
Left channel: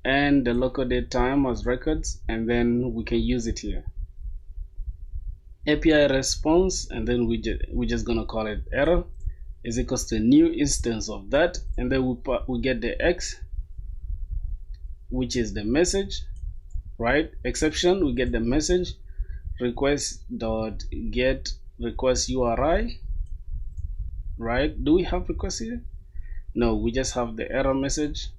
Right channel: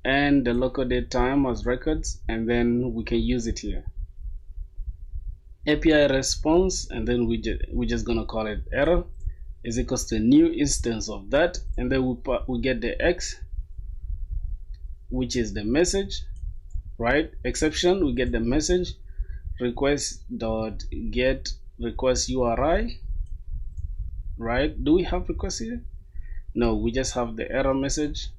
and the local date time as records, and then we can use it here. API response, and then we're just gonna call it error is equals to new instance of that, and then we get the X, which is the message, right? Exception, we get the message, request dot get request URI, right? Do we have request here? No, we just have the error message,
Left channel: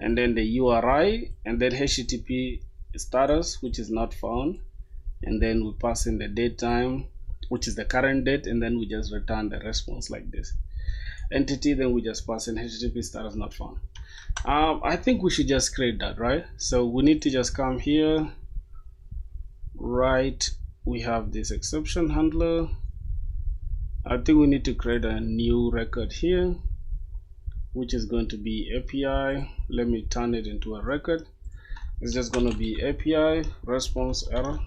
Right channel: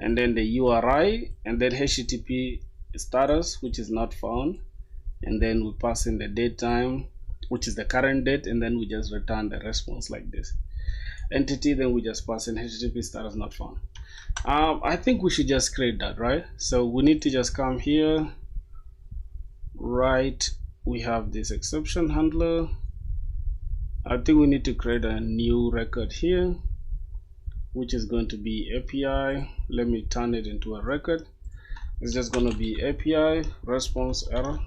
and then the URI, and then HTTP status, which is not found, and then we pass in the date time, which is the current date, and then we just return the response like this. Entity, then we just pass in HTTP status not found. I think we should just create that, right? So we need to just come here, right? We have this exception handler. I think we need to create a new record here, which is going to be API. Let me turn it into a record. It's just going to be API response error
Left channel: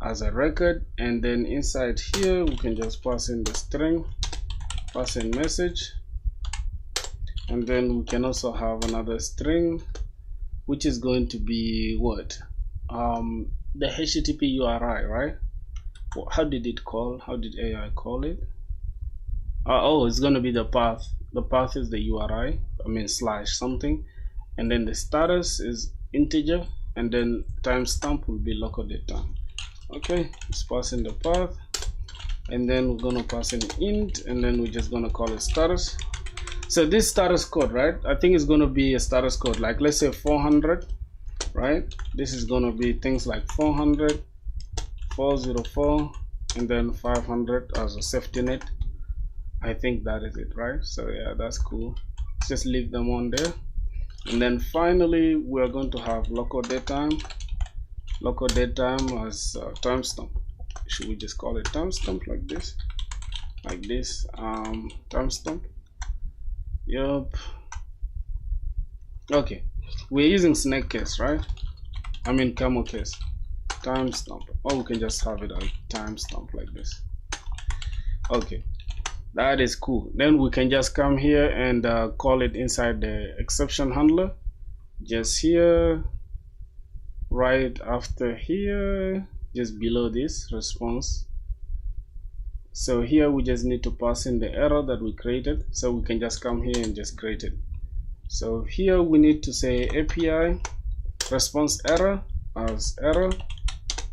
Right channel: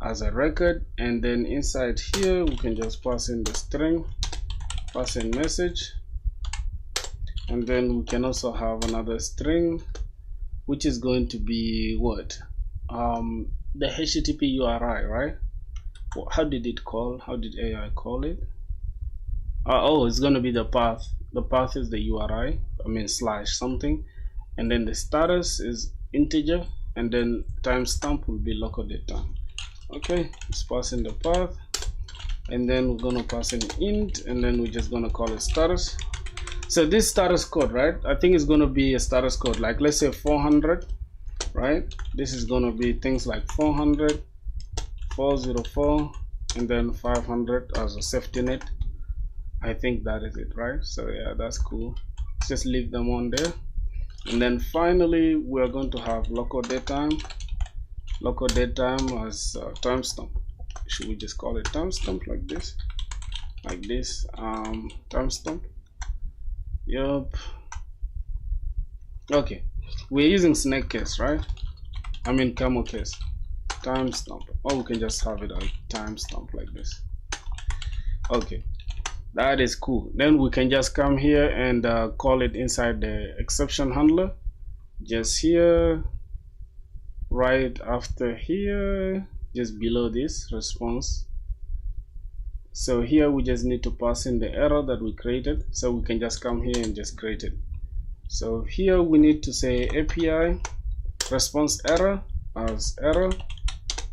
as a record, and then inside here we can just pass in the string, pass in message, and then we can also have another string, which is going to be what, the HTTP URI, right? How did AI call it? Oh, it's going to be the path. The path is the URI, slash something, and then the status is integer, and then timestamp will be local date time. Okay, let's pass in the path, and then we're going to pass in int, and then we're just going to call it status. So this status code, right? I think it's going to be a status code, like let's say 400, right? This is going to be things like 400, 404, and then 500 as a safety net. I think that is it, right? So yeah, that's cool. Just leave them on there. And then finally, we're going to have local date time as timestamp. Should we just call it timestamp like this? Timestamp. Yep. Okay. We're using snake case, right? Camel case. Timestamp. Or we can just have it as timestamp like this. Okay. That is cool. Then we can just come here and call it inside the exception handler. Just here, right after here, just below this response. So here we just need to pass in the error that we created. So we can just come here and just create it. So here we need to say API response error as error.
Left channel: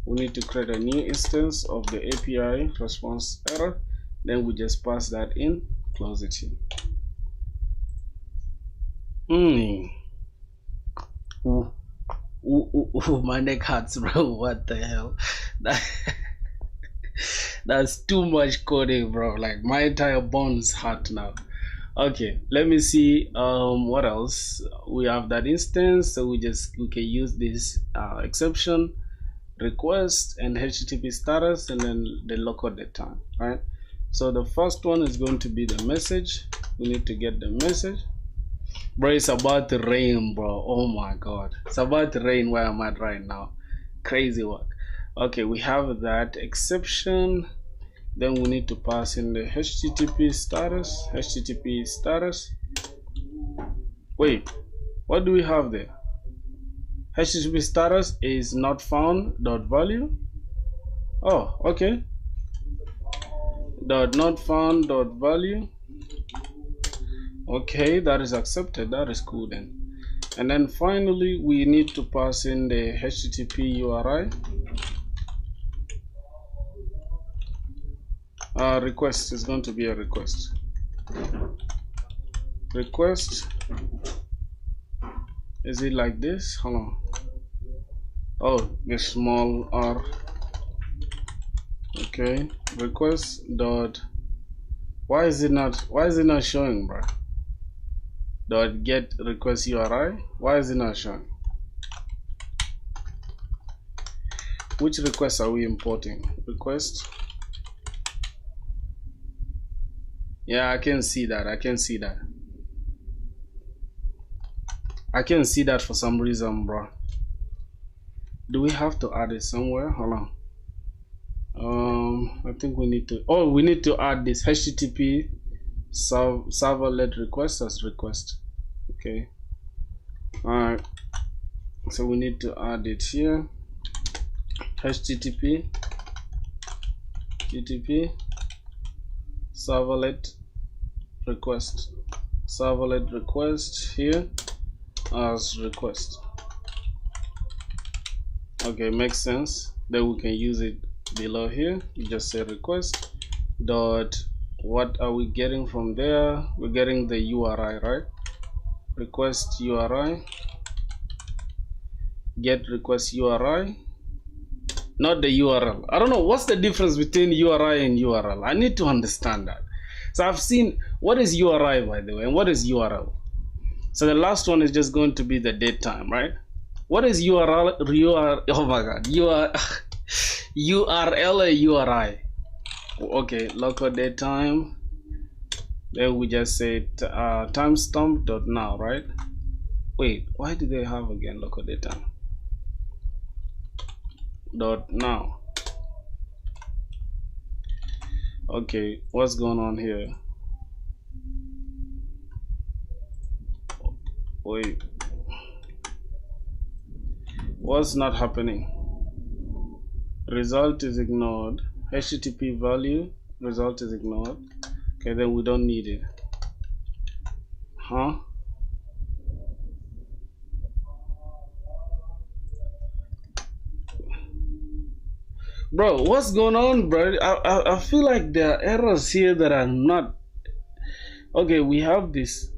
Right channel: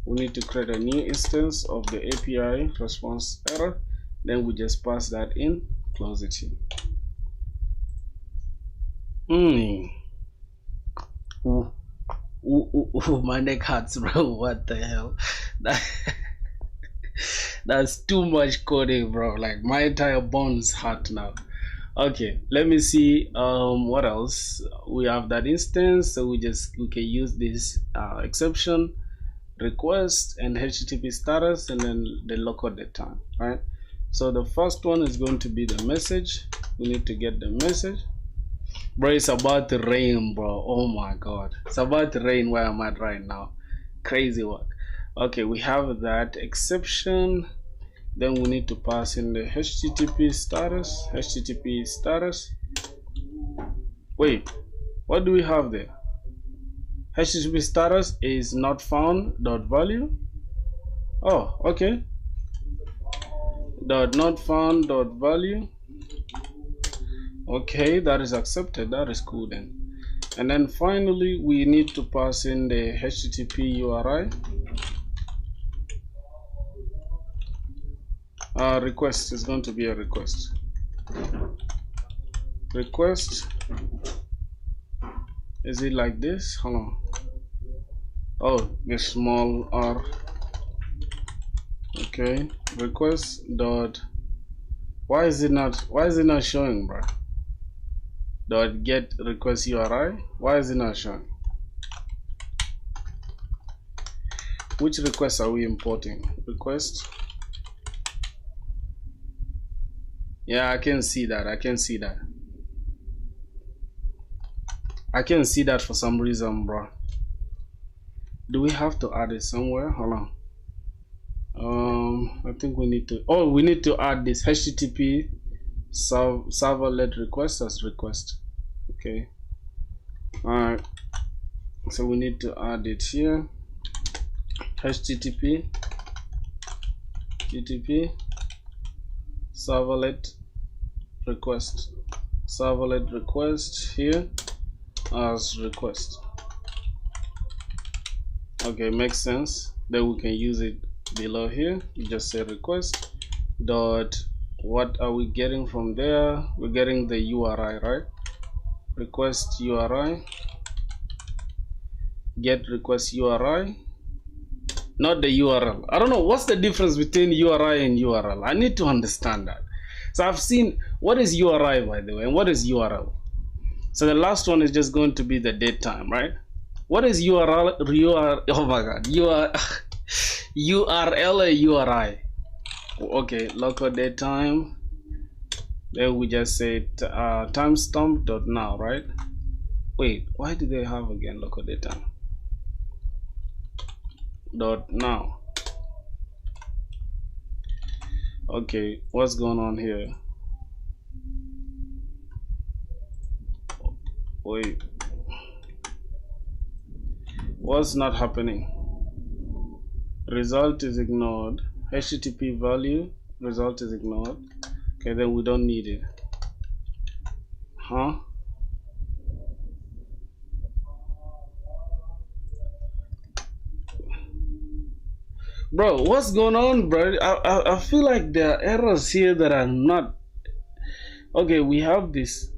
We need to create a new instance of the API response error. Then we just pass that in, close it in. My neck hurts, bro. What the hell? That's too much coding, bro. Like my entire bones hurt now. Okay, let me see what else. We have that instance, so we can use this exception, request, and HTTP status, and then the local date time, right? So the first one is going to be the message. We need to get the message. Bro, it's about to rain, bro. Oh my god. It's about to rain where I'm at right now. Crazy work. Okay, we have that exception. Then we need to pass in the HTTP status. Wait, what do we have there? HTTP status is not found dot value. Oh, okay. Dot not found dot value. Okay, that is accepted. That is cool then. And then finally we need to pass in the HTTP URI. Request is going to be a request. request, is it like this? Hold on. Oh, the small r. Okay, request dot, why is it not showing, bro? Dot get request URI, why is it not showing? Which requests are we importing? Request, yeah, I can see that. I can see that for some reason, bro. Do we have to add it somewhere? Hold on. I think we need to, oh, we need to add this HTTP servlet request as request. Okay. Alright. So we need to add it here. HTTP servlet request here as request. Okay, makes sense. Then we can use it below here. You just say request dot, what are we getting from there? We're getting the URI, right? Request URI, get request URI, not the URL. I don't know what's the difference between URI and URL. I need to understand that. So I've seen, what is URI, by the way, and what is URL? So the last one is just going to be the date time, right? What is URL? Oh my god, URL or URI? Okay, local date time. Then we just say timestamp dot now, right? Wait, why do they have again local date time dot now? Okay, what's going on here? Wait, what's not happening? Result is ignored. HTTP value, result is ignored. Okay, then we don't need it. Huh? Bro, what's going on, bro? I feel like there are errors here that are not. Okay, we have this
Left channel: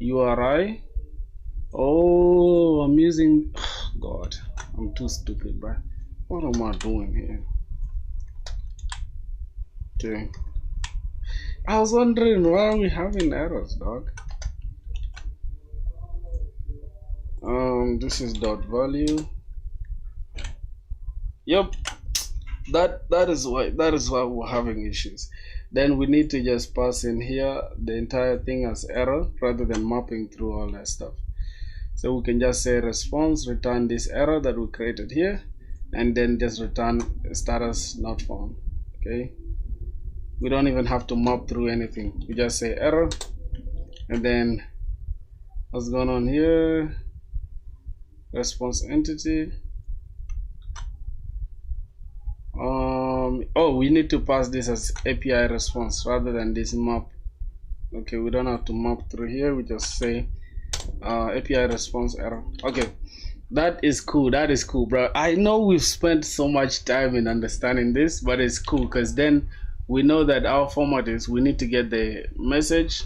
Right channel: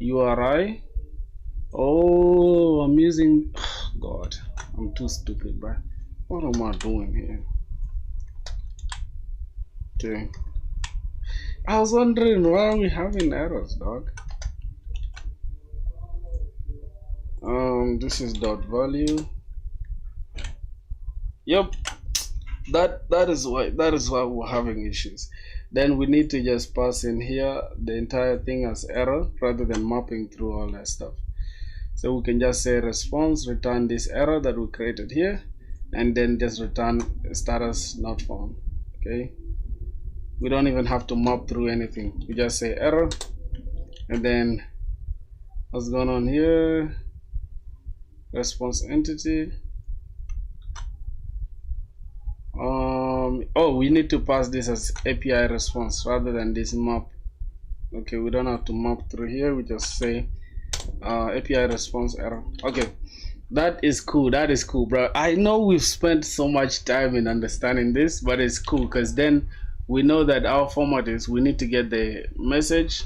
URI. Oh, I'm using, God, I'm too stupid, bro. What am I doing here? Okay, I was wondering why are we having errors, dog. This is dot value. Yep, that is why we're having issues. Then we need to just pass in here the entire thing as error rather than mapping through all that stuff. So we can just say response, return this error that we created here, and then just return status not found. Okay, we don't even have to map through anything. We just say error, and then what's going on here? Response entity. Oh, we need to pass this as API response rather than this map. Okay, we don't have to map through here. We just say API response error. Okay, that is cool. That is cool, bro. I know we've spent so much time in understanding this, but it's cool because then we know that our format is, we need to get the message,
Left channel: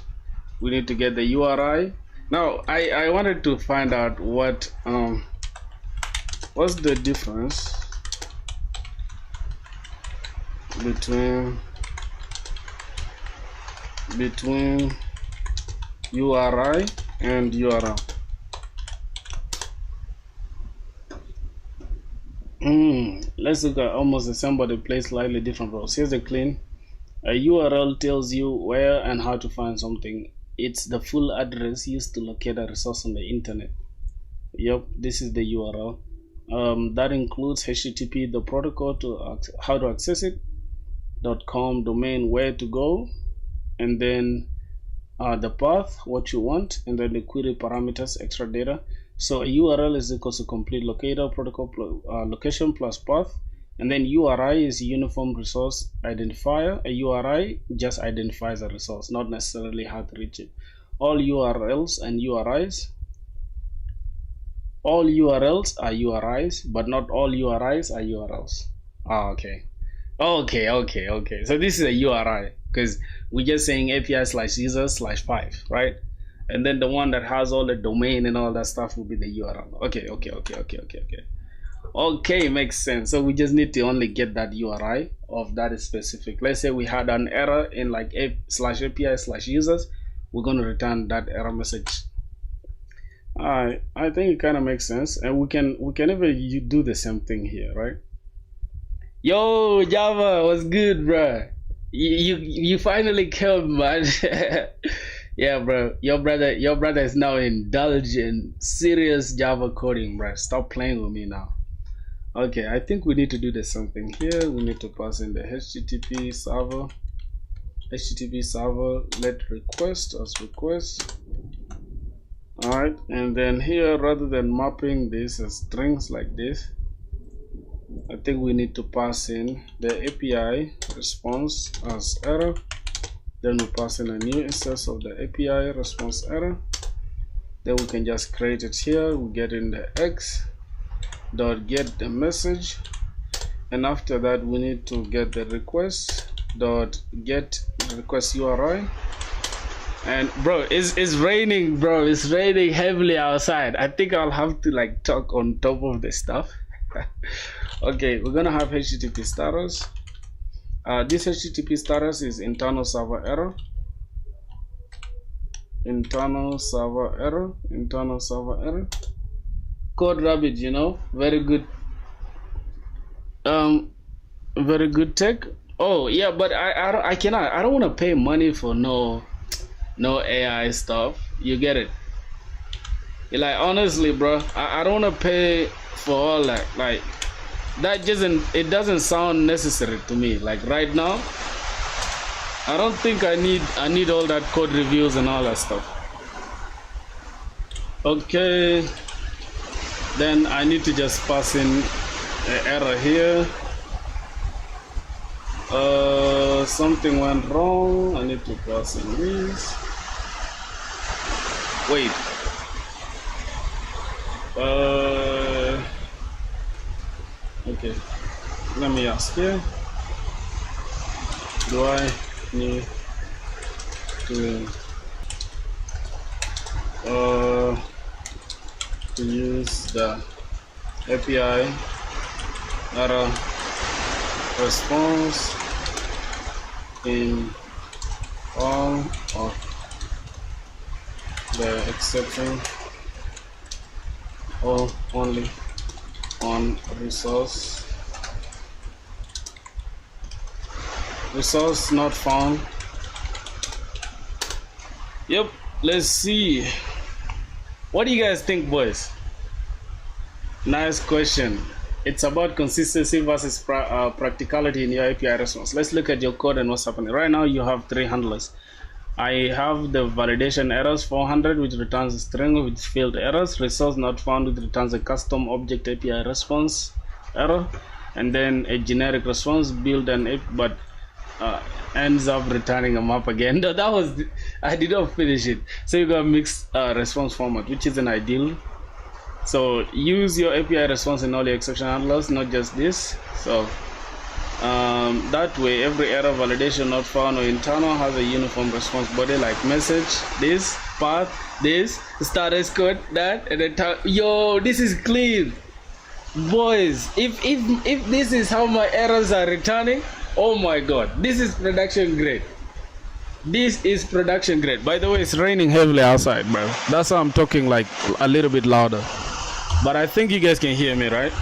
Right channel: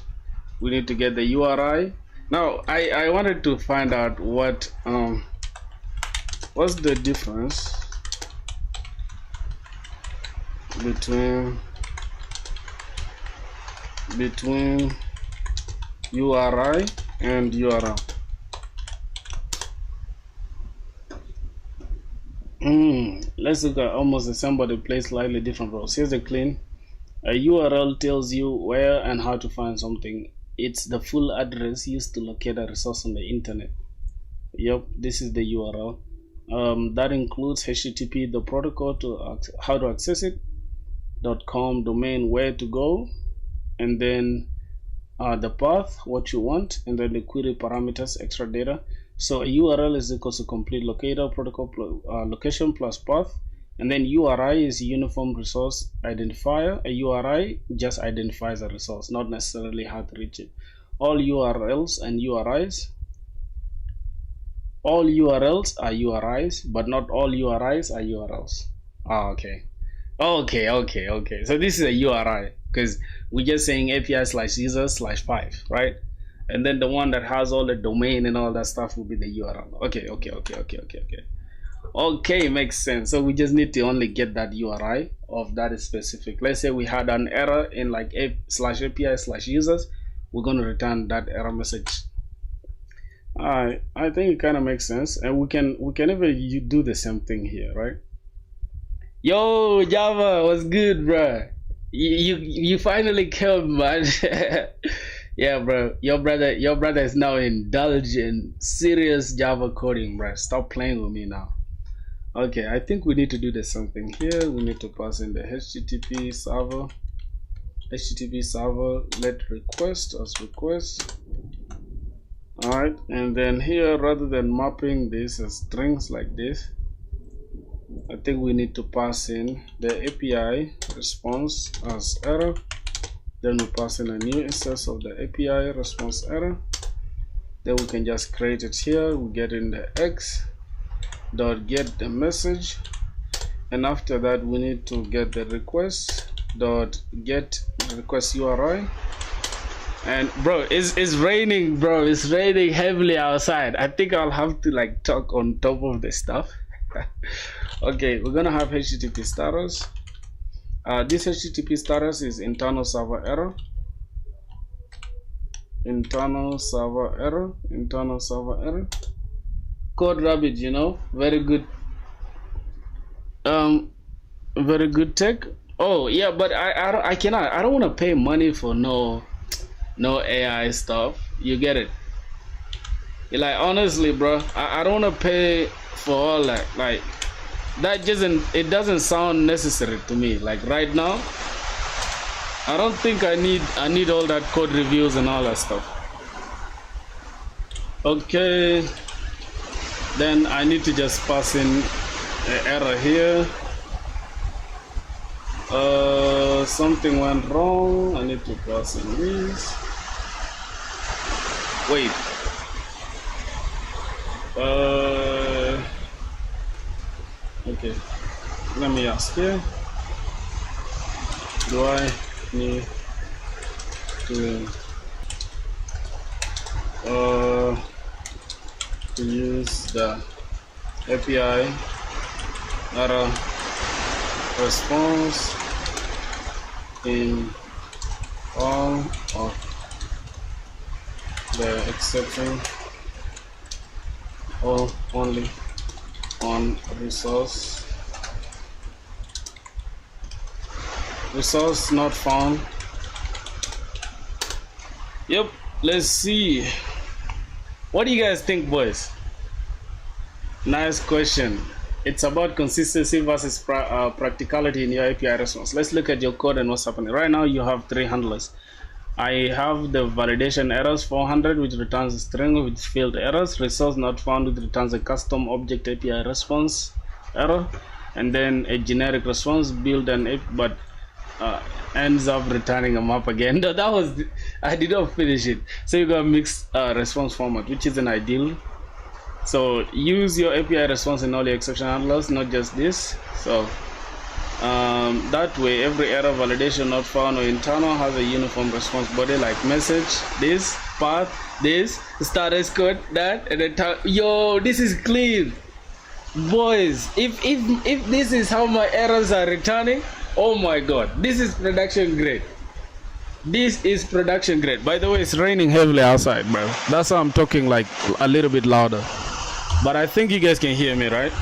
we need to get the URI. Now I wanted to find out what's the difference between URI and URL. Let's look at almost the same but they play slightly different roles. Here's a clean. A URL tells you where and how to find something. It's the full address used to locate a resource on the internet. Yep, this is the URL. That includes HTTP, the protocol to how to access it, .com domain, where to go, and then the path, what you want, and then the query parameters, extra data. So a URL is equal to complete locator protocol location plus path, and then URI is uniform resource identifier. A URI just identifies a resource, not necessarily how to reach it. All URLs and URIs, all URLs are URIs, but not all URIs are URLs. Okay. Okay, okay, okay. So this is a URI because we're just saying API/user/5, right? And then the one that has all the domain and all that stuff will be the URL. Okay, okay, okay, okay, okay, okay. Okay, makes sense. So we just need to only get that URI of that specific. Let's say we had an error in like /API/users, we're going to return that error message. All right, I think it kind of makes sense, and we can even do the same thing here, right? Yo, Java, what's good, bro? You finally came, man. Yeah, bro. Your brother is now indulging serious Java coding, bro. Stop playing with me now. Okay, I think we need to do the same thing here. We need to pass in the HTTP server. HTTP server let request as request. Alright, and then here, rather than mapping this as strings like this, I think we need to pass in the API response as error. Then we pass in a new instance of the API response error. Then we can just create it here. We get in the X dot get the message, and after that we need to get the request dot get request URI. And bro, it's raining, bro. It's raining heavily outside. I think I'll have to like talk on top of the stuff. Okay, we're gonna have HTTP status. This HTTP status is internal server error. Internal server error. Internal server error. Code Rabbit, you know, very good. Very good tech. Oh yeah, but I cannot. I don't want to pay money for no AI stuff. You get it? You're like, honestly, bro, I don't want to pay for all that. Like that doesn't sound necessary to me. Like right now, I don't think I need all that code reviews and all that stuff. Okay, then I need to just pass in an error here. Something went wrong. I need to pass in this. Wait. Okay. Let me ask here. Do I need to use the API error response in all of the exception or only on resource not found? Yep, let's see. What do you guys think, boys? Nice question. It's about consistency versus practicality in your API response. Let's look at your code and what's happening. Right now you have 3 handlers. I have the validation errors 400, which returns a string with field errors, resource not found, which returns a custom object API response error, and then a generic response build but ends up returning a map again. No, that was, I did not finish it. So you got a mixed response format, which isn't ideal. So use your API response in all your exception handlers, not just this. So that way every error, validation not found, or internal has a uniform response body, like message, this, path, this, status code, that, and then yo, this is clean, boys. If this is how my errors are returning, oh my god, this is production grade. This is production grade. By the way, it's raining heavily outside, bro. That's why I'm talking like a little bit louder. But I think you guys can hear me, right?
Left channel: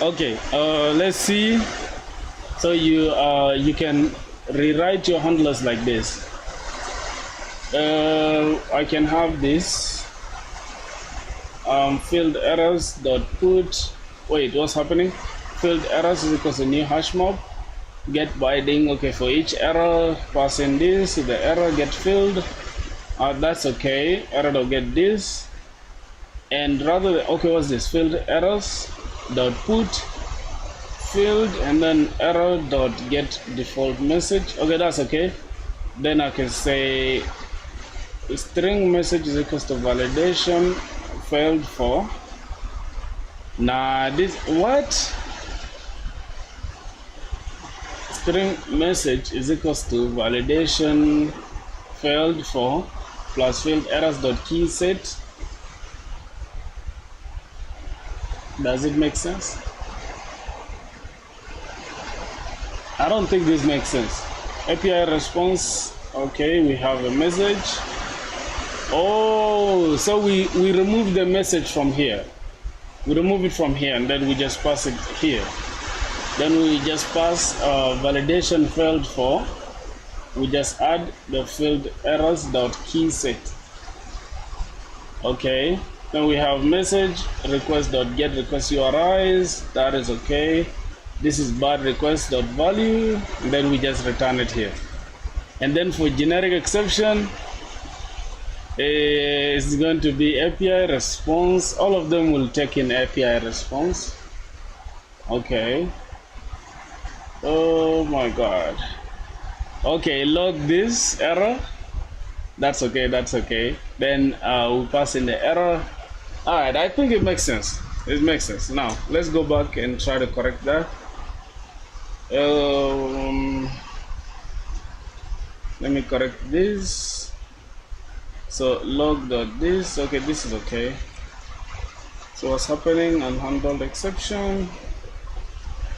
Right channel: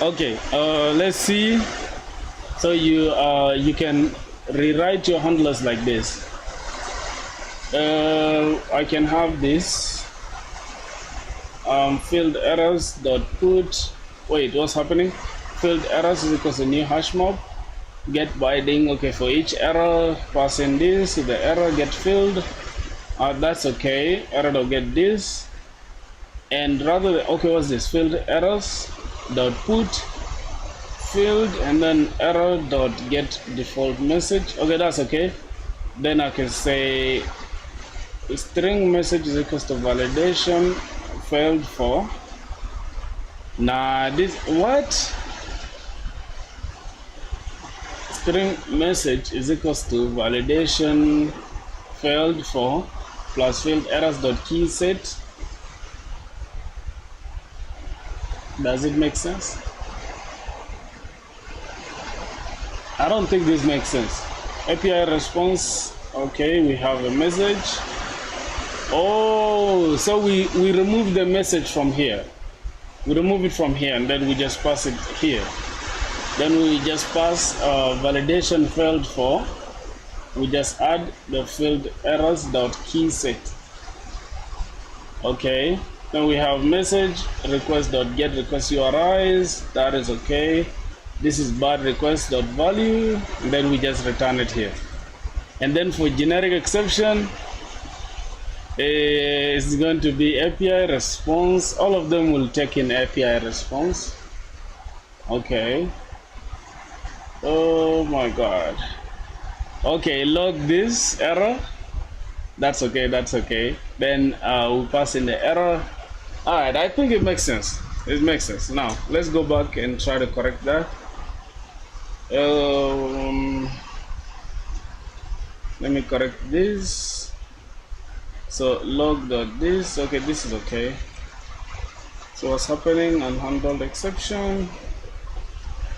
Okay, let's see. So you can rewrite your handlers like this. I can have this field errors dot put. Wait, what's happening? Field errors is equals to new hash mob. Get binding. Okay, for each error, pass in this. The error get filled. That's okay. Error dot get this. And rather than, okay, what's this? Field errors dot put field, and then error dot get default message. Okay, that's okay. Then I can say string message is equals to validation failed for Nah, this what? String message is equals to validation failed for plus field errors dot key set. Does it make sense? I don't think this makes sense. API response. Okay, we have a message. Oh, so we remove the message from here. We remove it from here and then we just pass it here. Then we just pass validation failed for. We just add the field errors dot key set. Okay. Then we have message request dot get request URIs. That is okay. This is bad request dot value. And then we just return it here. And then for generic exception, it's going to be API response. All of them will take in API response. Okay. Oh my god. Okay, log this error. That's okay, that's okay. Then we'll pass in the error. Alright, I think it makes sense. It makes sense. Now, let's go back and try to correct that. Let me correct this. So log.this, okay, this is okay. So what's happening? Unhandled exception.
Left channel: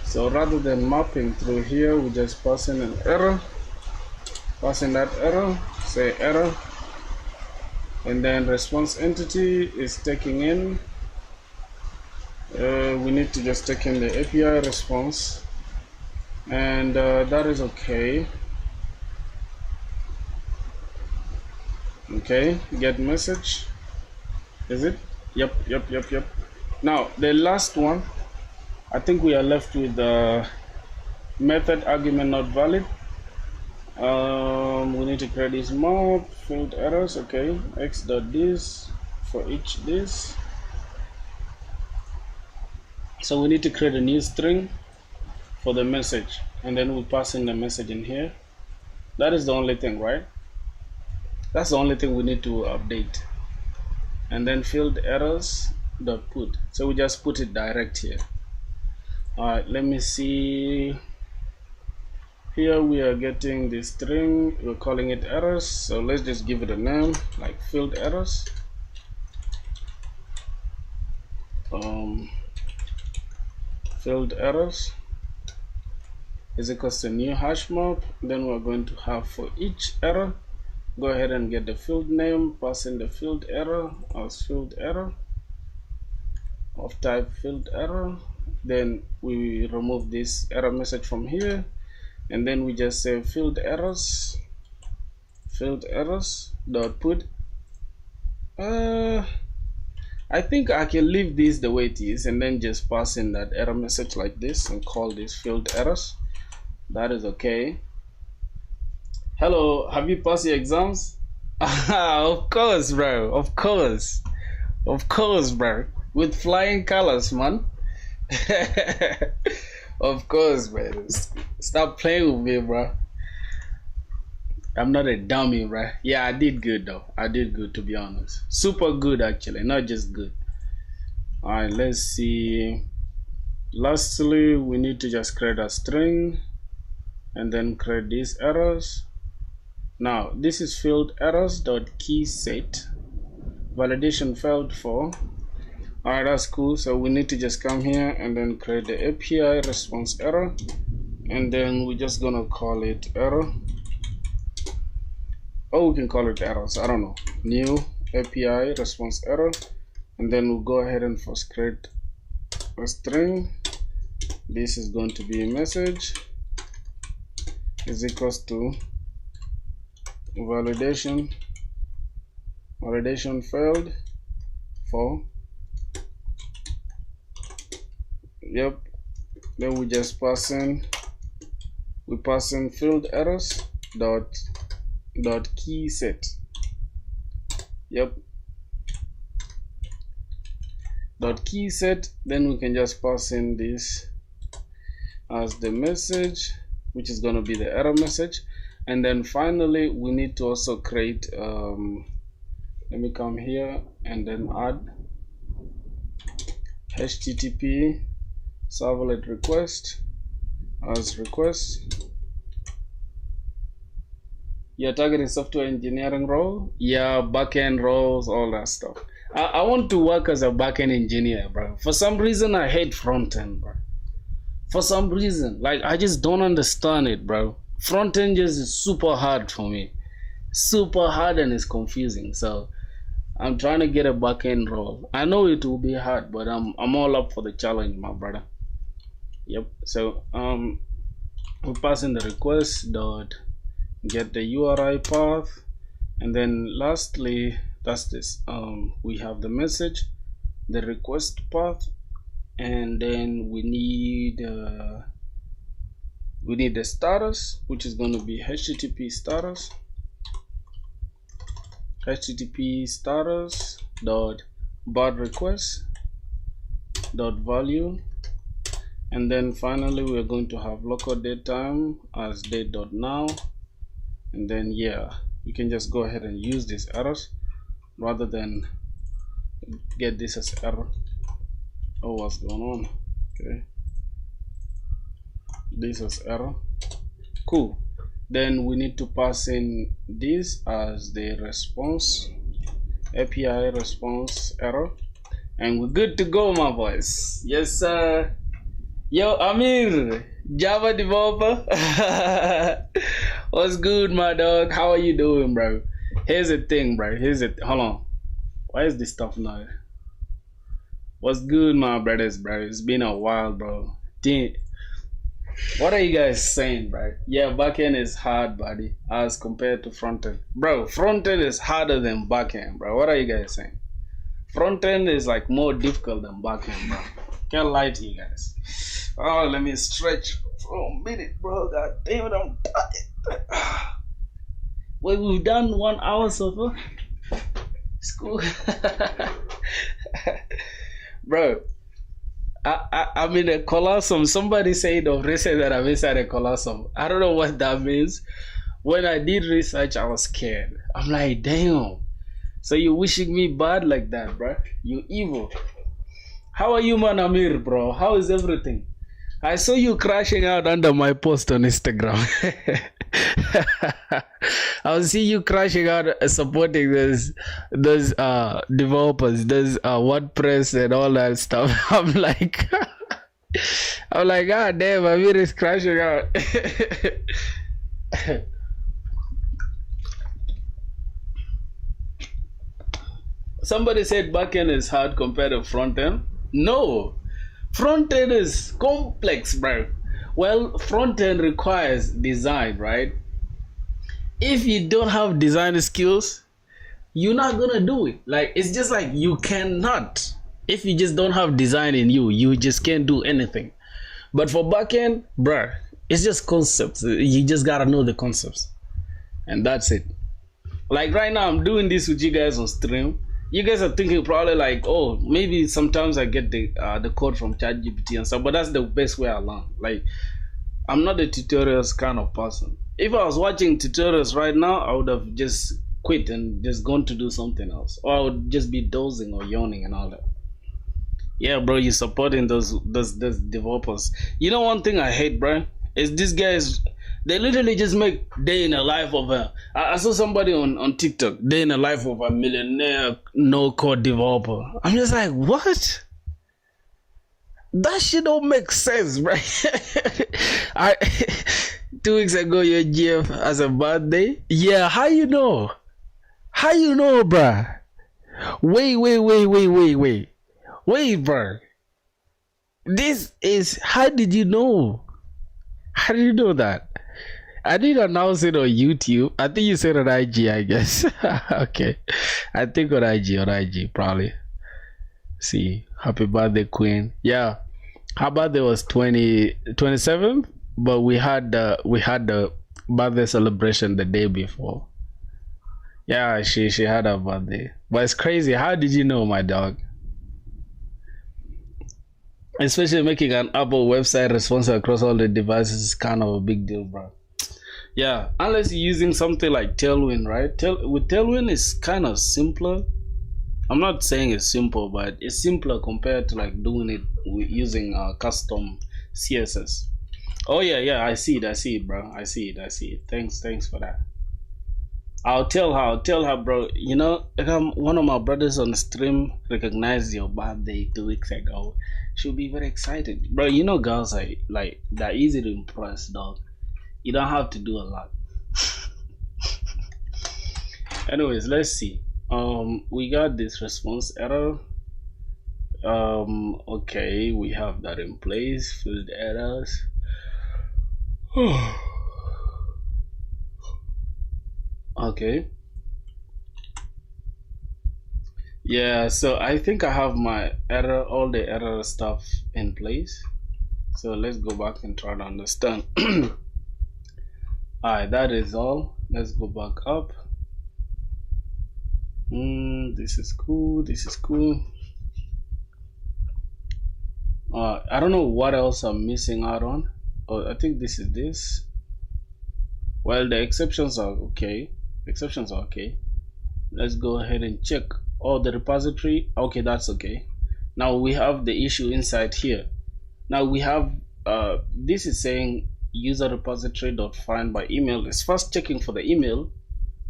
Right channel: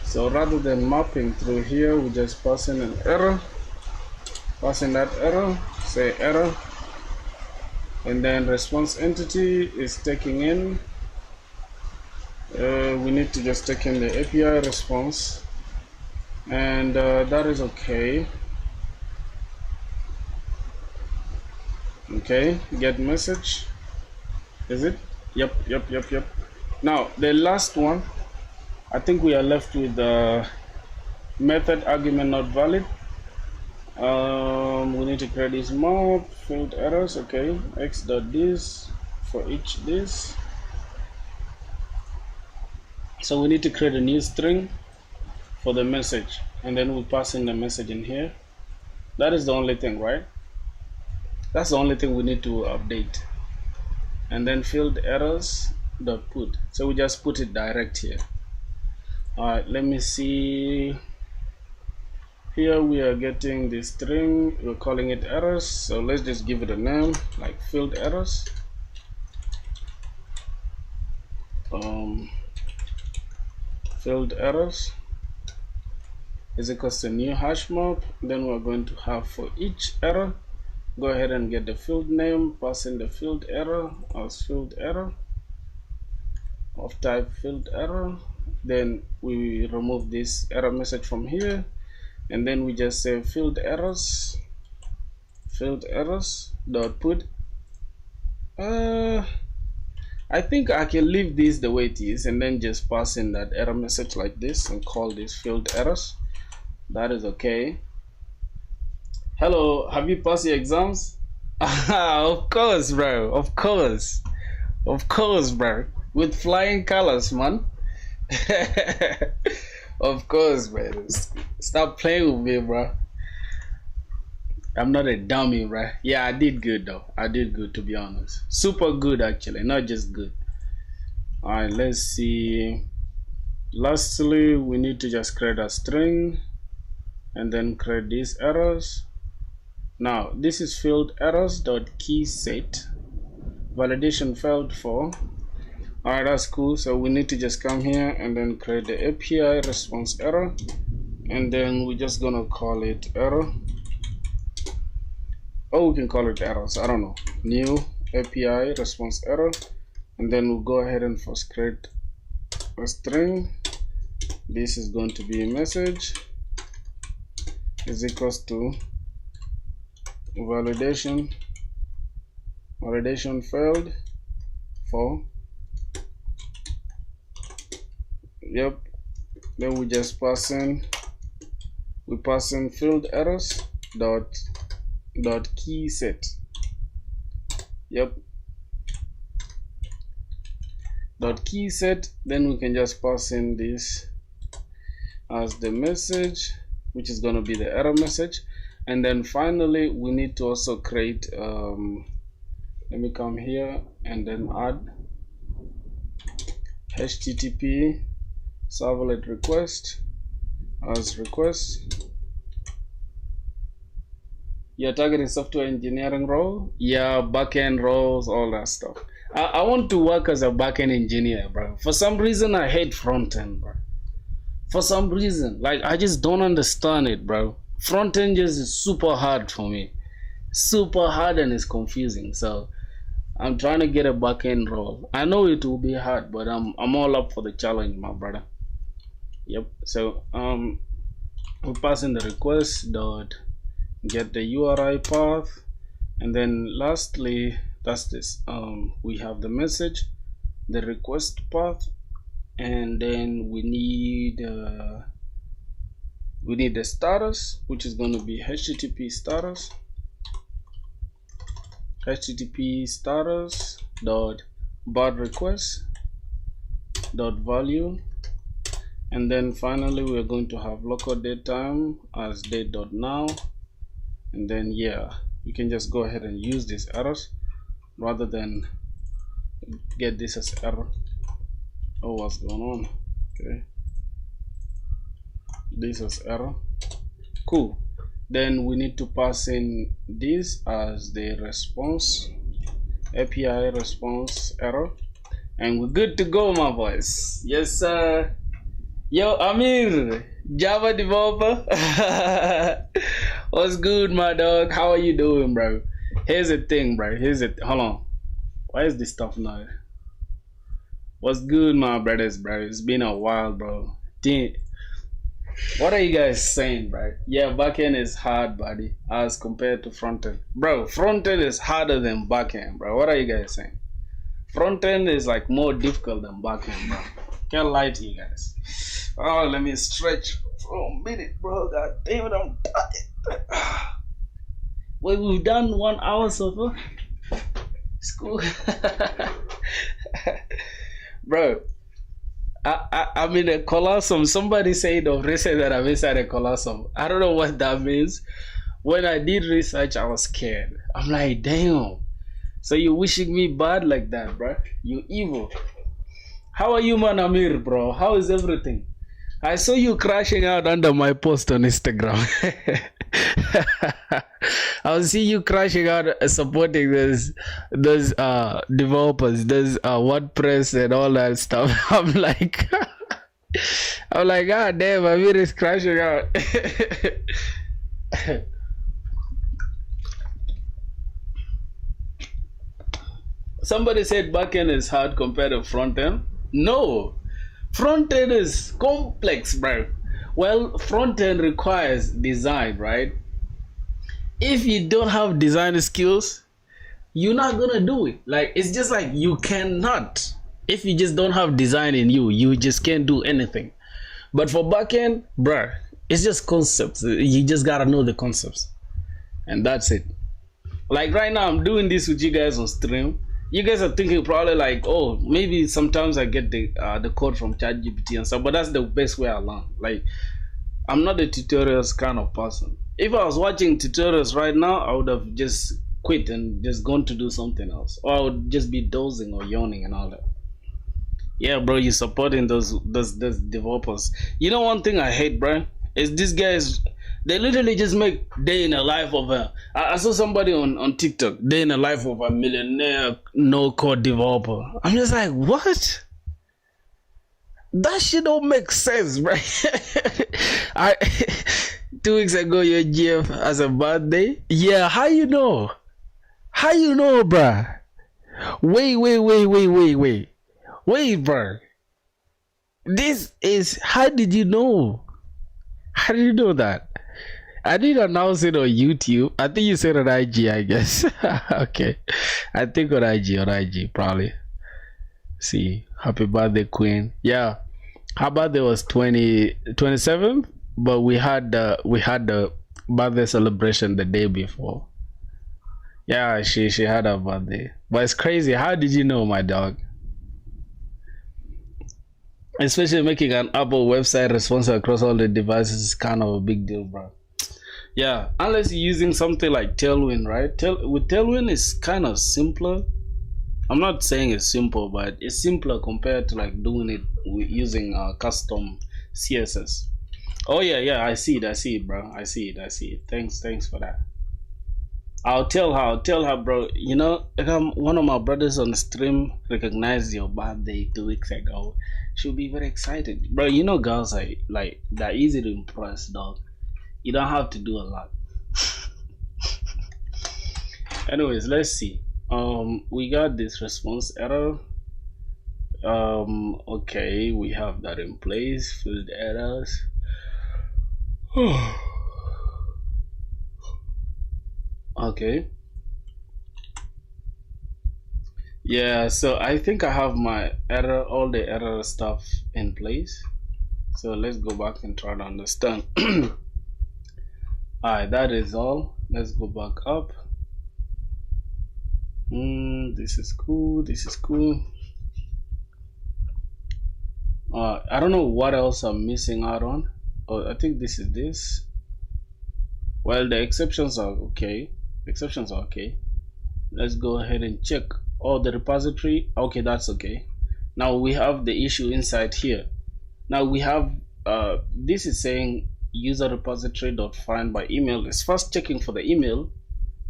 So rather than mapping through here, we just pass in an error. Pass in that error, say error. And then response entity is taking in. We need to just take in the API response. And that is okay. Okay, get message. Is it? Yep. Now the last one, I think we are left with the method argument not valid. We need to create this map, field errors. Okay, x.this for each this. So we need to create a new string for the message, and then we pass in the message in here. That is the only thing, right? That's the only thing we need to update. And then field errors dot put. So we just put it direct here. Alright, let me see. Here we are getting the string, we're calling it errors. So let's just give it a name like field errors. Field errors is equals to new hash map. Then we're going to have for each error, go ahead and get the field name, pass in the field error as field error of type field error. Then we remove this error message from here, and then we just say field errors dot put. I think I can leave this the way it is and then just pass in that error message like this and call this field errors. That is okay. Hello, have you passed your exams? Of course, bro. Of course, bro. With flying colors, man. Of course, man. Stop playing with me, bro. I'm not a dummy, bro. Yeah, I did good though. I did good, to be honest. Super good, actually, not just good. All right, let's see. Lastly, we need to just create a string and then create these errors. Now, this is field errors dot key set. Validation failed for. Alright, that's cool. So we need to just come here and then create the API response error, and then we're just gonna call it error. Oh, we can call it errors. I don't know. New API response error, and then we'll go ahead and first create a string. This is going to be a message is equals to validation failed for. Yep. Then we just pass in field errors dot key set. Yep. Dot key set. Then we can just pass in this as the message, which is going to be the error message. And then finally we need to also create let me come here and then HTTP servlet request as request. You're targeting software engineering role? Yeah, backend roles, all that stuff. I want to work as a backend engineer, bro. For some reason, I hate front end, bro. For some reason, like I just don't understand it, bro. Front end just is super hard for me, super hard, and it's confusing. So I'm trying to get a backend role. I know it will be hard, but I'm all up for the challenge, my brother. Yep. So we pass in the request dot get the URI path, and then lastly, that's this. We have the message, the request path, and then we need the status, which is going to be HTTP status dot bad request dot value, and then finally we're going to have local datetime as date.now, and then yeah, you can just go ahead and use these errors rather than get this as error. Oh, what's going on? Okay, this is error. Cool. Then we need to pass in this as the response, API response error, and we're good to go, my boys. Yes, sir. Yo, Amir, Java developer. What's good, my dog? How are you doing, bro? Here's the thing, bro. Hold on. Why is this stuff now? What's good, my brothers, bro? It's been a while, bro. Damn. What are you guys saying, bro? Yeah, backend is hard, buddy, as compared to frontend. Bro, frontend is harder than backend, bro. What are you guys saying? Frontend is like more difficult than backend, bro. Can't lie to you guys. Oh, let me stretch for a minute, bro. God damn it, I'm tired. Wait, we've done 1 hour so far? It's cool. Bro, I'm in a colossum. Somebody said of research that I'm inside a colossum. I don't know what that means. When I did research, I was scared. I'm like, damn. So you wishing me bad like that, bro? You evil. How are you, man, Amir, bro? How is everything? I saw you crashing out under my post on Instagram. I was seeing you crashing out supporting those developers, those WordPress and all that stuff. I'm like, ah, damn, Amir is crashing out. Somebody said backend is hard compared to frontend. No, frontend is complex, bro. Well, frontend requires design, right? If you don't have design skills, you're not gonna do it. Like, it's just like you cannot. If you just don't have design in you, you just can't do anything. But for backend, bruh, it's just concepts. You just gotta know the concepts, and that's it. Like right now, I'm doing this with you guys on stream. You guys are thinking probably like, oh, maybe sometimes I get the code from ChatGPT and stuff, but that's the best way I learn. Like, I'm not a tutorials kind of person. If I was watching tutorials right now, I would have just quit and just gone to do something else, or I would just be dozing or yawning and all that. Yeah, bro, you're supporting those developers. You know, one thing I hate, bro, is these guys. They literally just make day in the life of a. I saw somebody on TikTok, day in the life of a millionaire no-code developer. I'm just like, what? That shit don't make sense, bro. 2 weeks ago, your GF has a birthday. Yeah, how you know? How you know, bro? Wait, bro. This is. How did you know? How did you know that? I didn't announce it on YouTube. I think you said on IG, I guess. Okay. I think on IG, probably. See, happy birthday, Queen. Yeah. Her birthday was 27th, but we had the birthday celebration the day before. Yeah, she had her birthday. But it's crazy. How did you know, my dog? Especially making an Apple website responsive across all the devices is kind of a big deal, bro. Yeah, unless you're using something like Tailwind, right? With Tailwind, it's kind of simpler. I'm not saying it's simple, but it's simpler compared to like doing it using custom CSS. Oh yeah, yeah, I see it, bro. I see it. Thanks for that. I'll tell her, bro. You know, one of my brothers on the stream recognized your birthday 2 weeks ago. She'll be very excited, bro. You know, girls are like they're easy to impress, dog. You don't have to do a lot. Anyways, let's see. We got this response error. Okay, we have that in place. Field errors. Okay. Yeah, so I think I have my all the error stuff in place. So let's go back and try to understand. Alright, that is all. Let's go back up. This is cool. This is cool. I don't know what else I'm missing out on. Oh, I think this is this. Well, the exceptions are okay. Exceptions are okay. Let's go ahead and check. Oh, the repository. Okay, that's okay. Now we have the issue inside here. Now we have this is saying user repository.find by email. It's first checking for the email,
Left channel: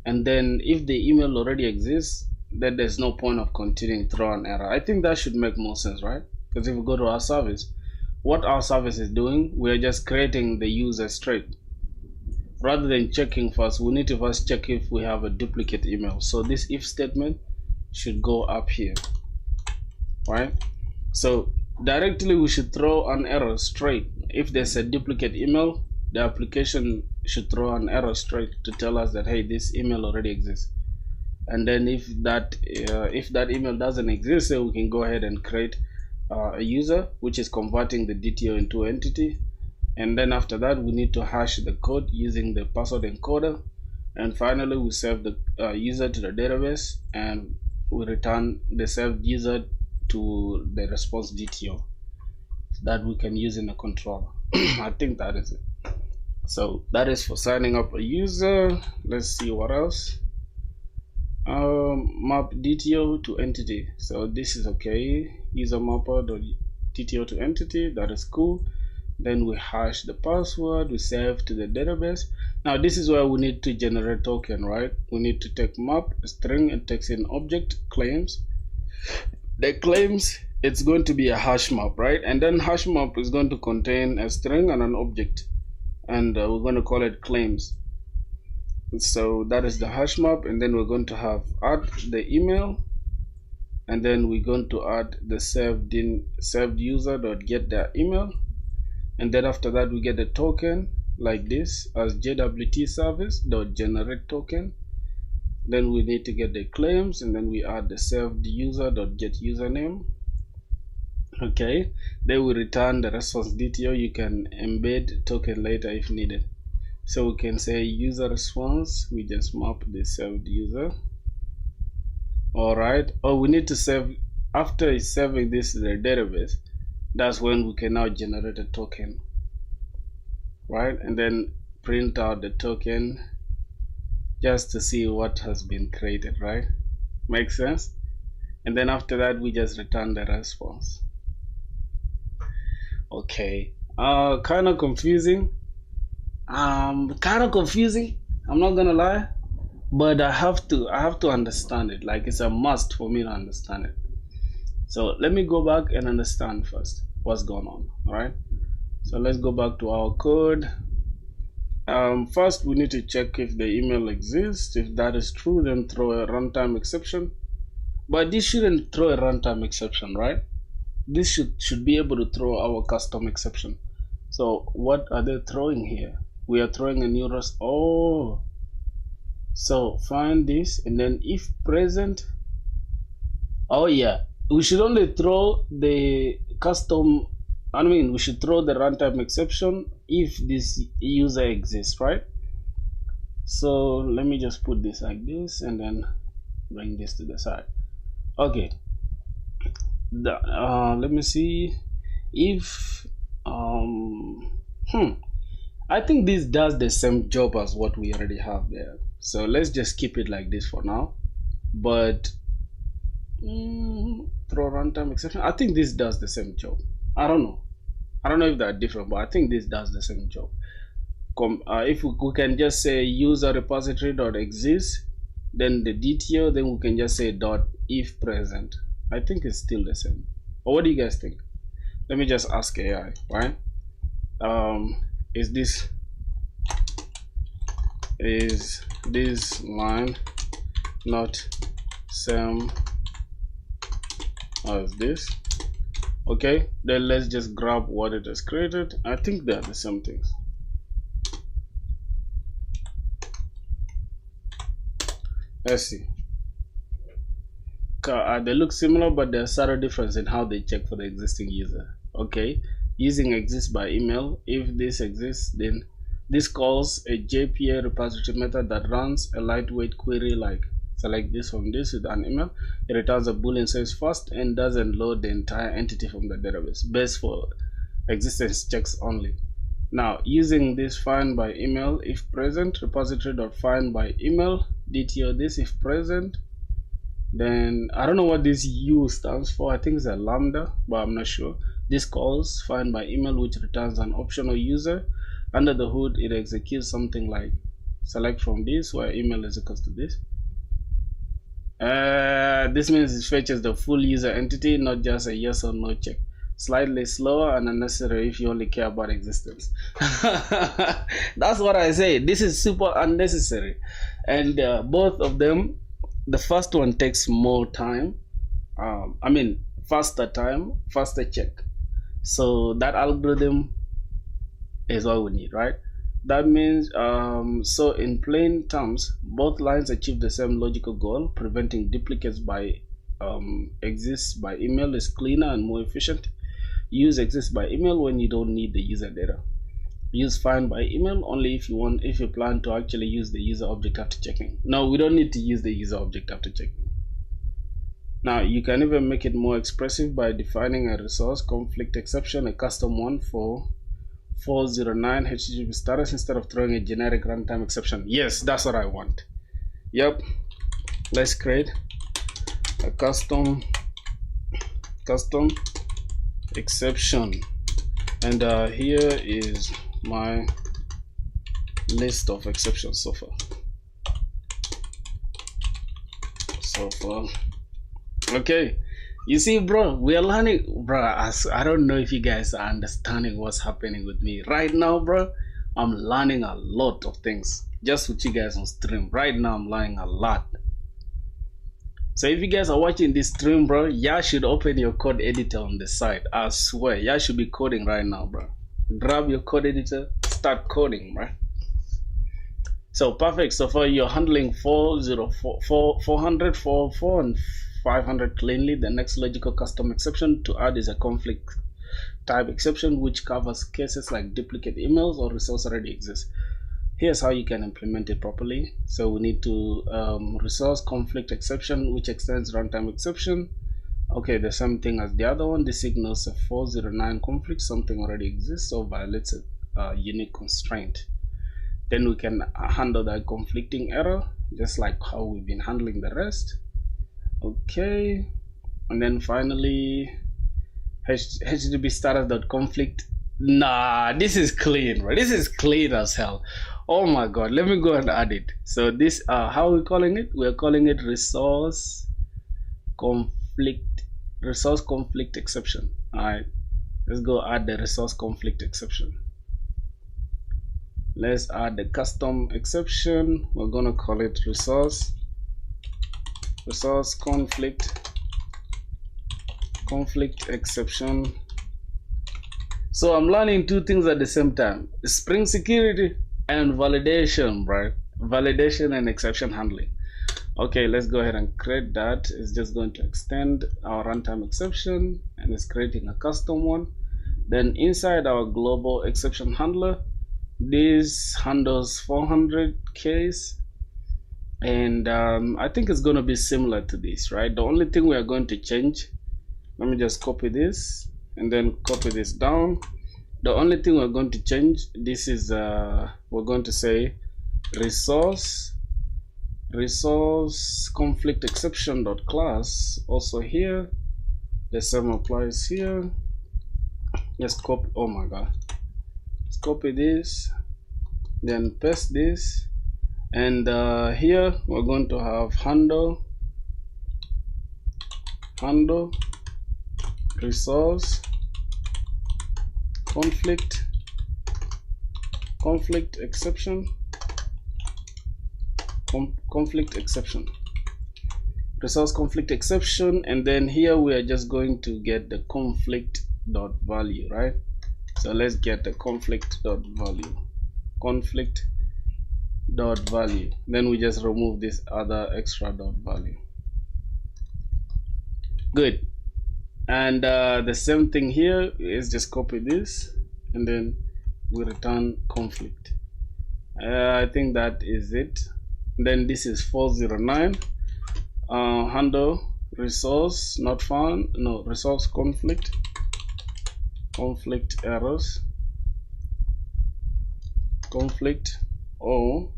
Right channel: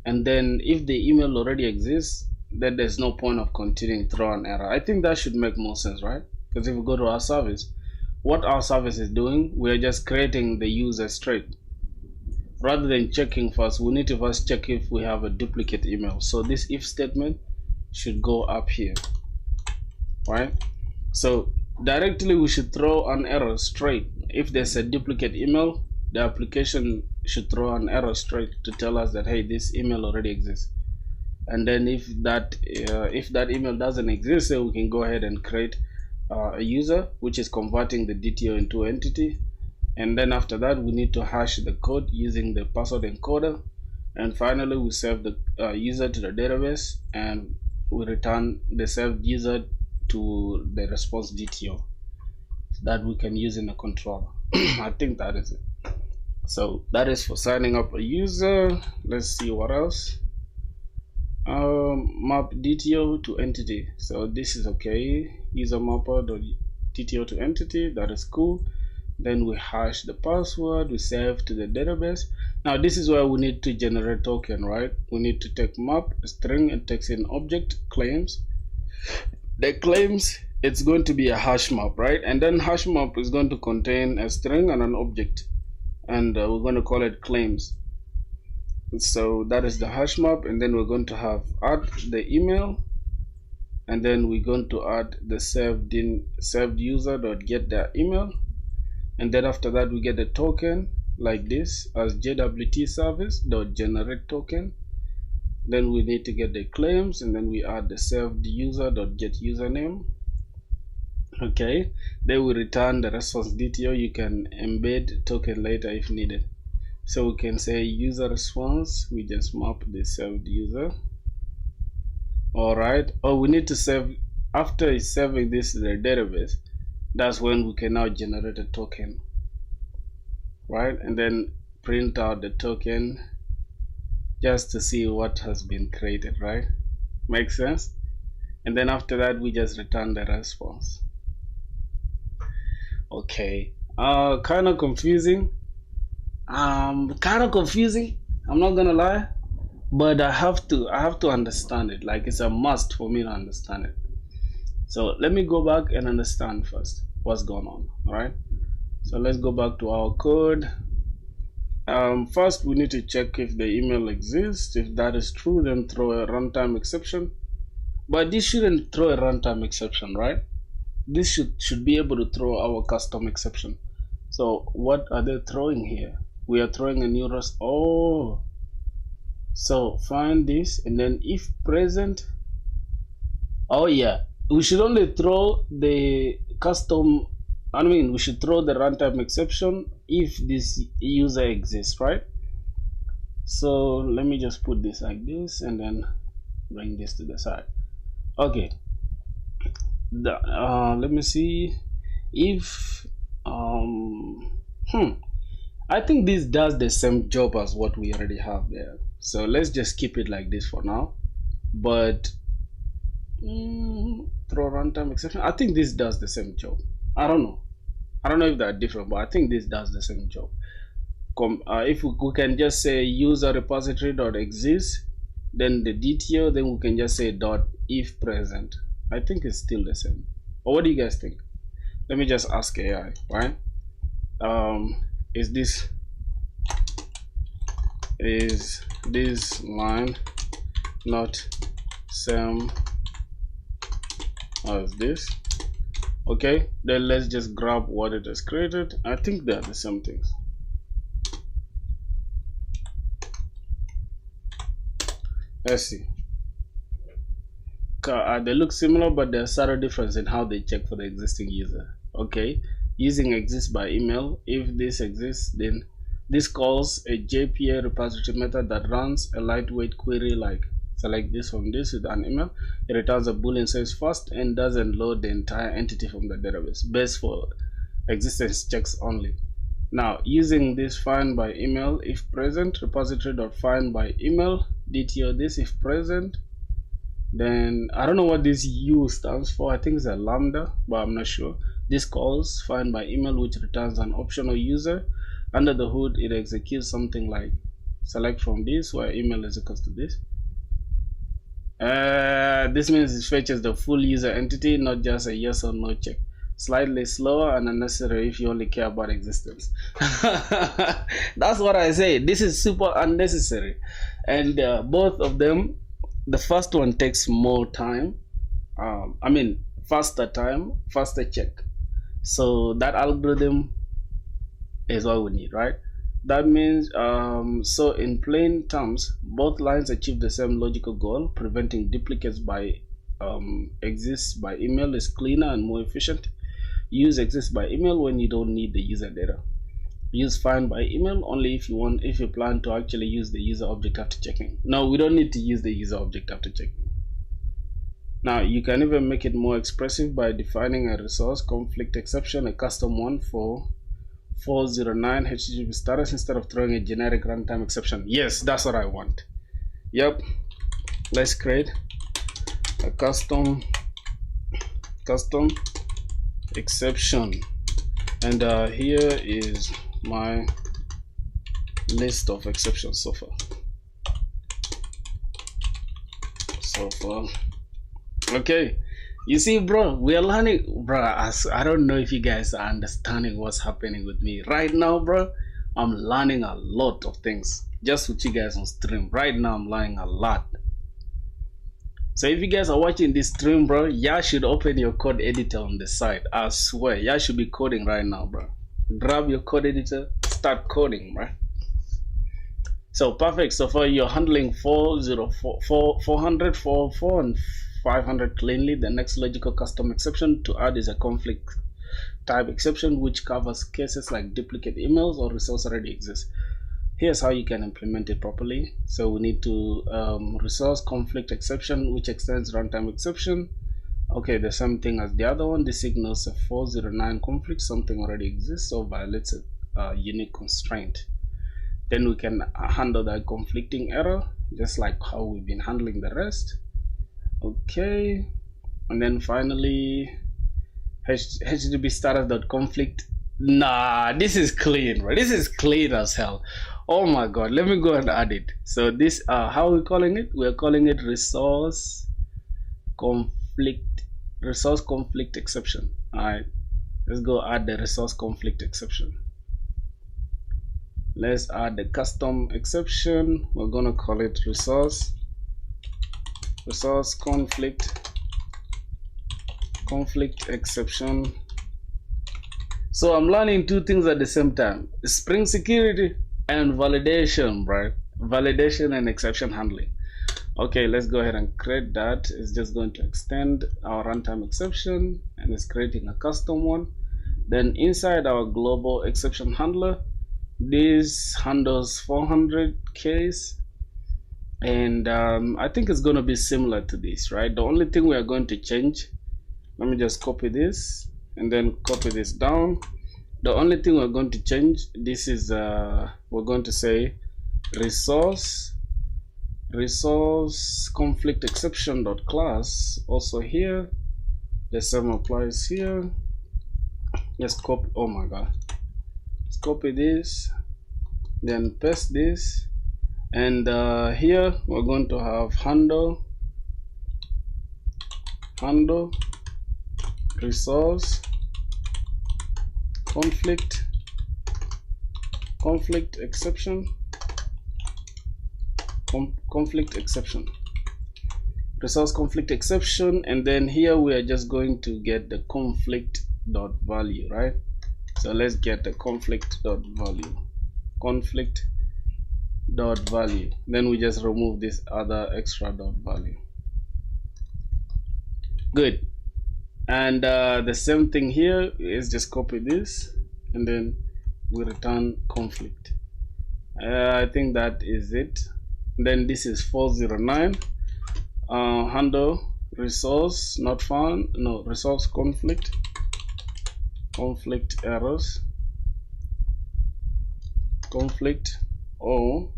and then if the email already exists, then there's no point of continuing through an error. I think that should make more sense, right? Because if we go to our service, what our service is doing, we're just creating the user straight. Rather than checking first, we need to first check if we have a duplicate email. So this if statement should go up here, right? So directly we should throw an error straight. If there's a duplicate email, the application should throw an error straight to tell us that, hey, this email already exists. And then if that email doesn't exist, then we can go ahead and create a user which is converting the DTO into entity. And then after that, we need to hash the code using the password encoder. And finally, we save the user to the database, and we return the saved user to the response DTO that we can use in a controller. I think that is it. So that is for signing up a user. Let's see what else. Map DTO to entity. So this is okay. User mapper.dto to entity. That is cool. Then we hash the password, we save to the database. Now this is where we need to generate token, right? We need to take map string and takes in object claims. The claims, it's going to be a hash map, right? And then hash map is going to contain a string and an object, and we're going to call it claims. So that is the hash map, and then we're going to have add the email, and then we're going to add the saved user.get their email. And then after that, we get the token like this as JWT service.generate token. Then we need to get the claims, and then we add the saved user.get username. Okay, then we return the response DTO. You can embed token later if needed. So we can say user response. We just map the saved user. All right. Oh, we need to save after saving this to the database. That's when we can now generate a token, right? And then print out the token just to see what has been created, right? Makes sense? And then after that, we just return the response. Okay, kind of confusing. I'm not gonna lie, but I have to understand it. Like, it's a must for me to understand it. So let me go back and understand first what's going on. All right, so let's go back to our code. First we need to check if the email exists. If that is true, then throw a runtime exception. But this shouldn't throw a runtime exception, right? This should be able to throw our custom exception. So what are they throwing here? We are throwing a new rest. Oh, so find this, and then if present. Oh yeah, we should only throw the custom, we should throw the runtime exception if this user exists, right? So let me just put this like this and then bring this to the side. Okay, let me see if I think this does the same job as what we already have there. So let's just keep it like this for now. But Throw runtime exception. I think this does the same job. I don't know if they're different, but I think this does the same job. If we can just say user repository dot exists, then the DTO, then we can just say dot if present. I think it's still the same. Or what do you guys think? Let me just ask AI, right? Is this line not same as this? Okay, then let's just grab what it has created. I think they're the same things. Let's see. They look similar, but there's a subtle difference in how they check for the existing user. Okay, using exists by email. If this exists, then this calls a JPA repository method that runs a lightweight query like select this from this with an email. It returns a boolean says first and doesn't load the entire entity from the database. Best for existence checks only. Now, using this find by email if present, repository.find by email, DTO this if present. Then I don't know what this U stands for. I think it's a lambda, but I'm not sure. This calls find by email, which returns an optional user. Under the hood, it executes something like select from this, where email is equals to this. This means it fetches the full user entity, not just a yes or no check. Slightly slower and unnecessary if you only care about existence. That's what I say. This is super unnecessary. And both of them, the first one takes more time. Faster time, faster check. So that algorithm is all we need, right? That means, so in plain terms, both lines achieve the same logical goal. Preventing duplicates by exists by email is cleaner and more efficient. Use exists by email when you don't need the user data. Use find by email only if you plan to actually use the user object after checking. No, we don't need to use the user object after checking. Now you can even make it more expressive by defining a resource conflict exception, a custom one for 409 HTTP status instead of throwing a generic runtime exception. Yes, that's what I want. Yep. Let's create a custom exception, and here is my list of exceptions so far. Okay, you see, bro, we are learning, bro. I don't know if you guys are understanding what's happening with me right now, bro. I'm learning a lot of things just with you guys on stream right now. I'm learning a lot. So if you guys are watching this stream, bro, y'all should open your code editor on the side. I swear, y'all should be coding right now, bro. Grab your code editor, start coding, bro. So perfect. So far you're handling 400, 404, and 500 cleanly. The next logical custom exception to add is a conflict type exception, which covers cases like duplicate emails or resource already exists. Here's how you can implement it properly. So we need to resource conflict exception, which extends runtime exception. Okay, the same thing as the other one. This signals a 409 conflict, something already exists or violates a unique constraint. Then we can handle that conflicting error just like how we've been handling the rest. Okay, and then finally http status.conflict. Nah, this is clean, right? This is clean as hell. Oh my god, let me go and add it. So this how are we calling it? We're calling it resource conflict exception. Alright, let's go add the resource conflict exception. Let's add the custom exception. We're gonna call it resource conflict exception. So I'm learning two things at the same time: Spring security and validation, right? Validation and exception handling. Okay, let's go ahead and create that. It's just going to extend our runtime exception, and it's creating a custom one. Then inside our global exception handler, this handles 400 case, and I think it's going to be similar to this, right? The only thing we are going to change, let me just copy this and then copy this down. The only thing we're going to change, this is we're going to say resource resource conflict exception dot class also here. The same applies here. Let's copy. Oh my god, let's copy this, then paste this, and here we're going to have handle resource conflict exception resource conflict exception, and then here we are just going to get the conflict dot value, right? So let's get the conflict dot value, then we just remove this other extra dot value. Good. And the same thing here is just copy this and then we return conflict. I think that is it. Then this is 409 handle resource not found, no, resource conflict errors, conflict or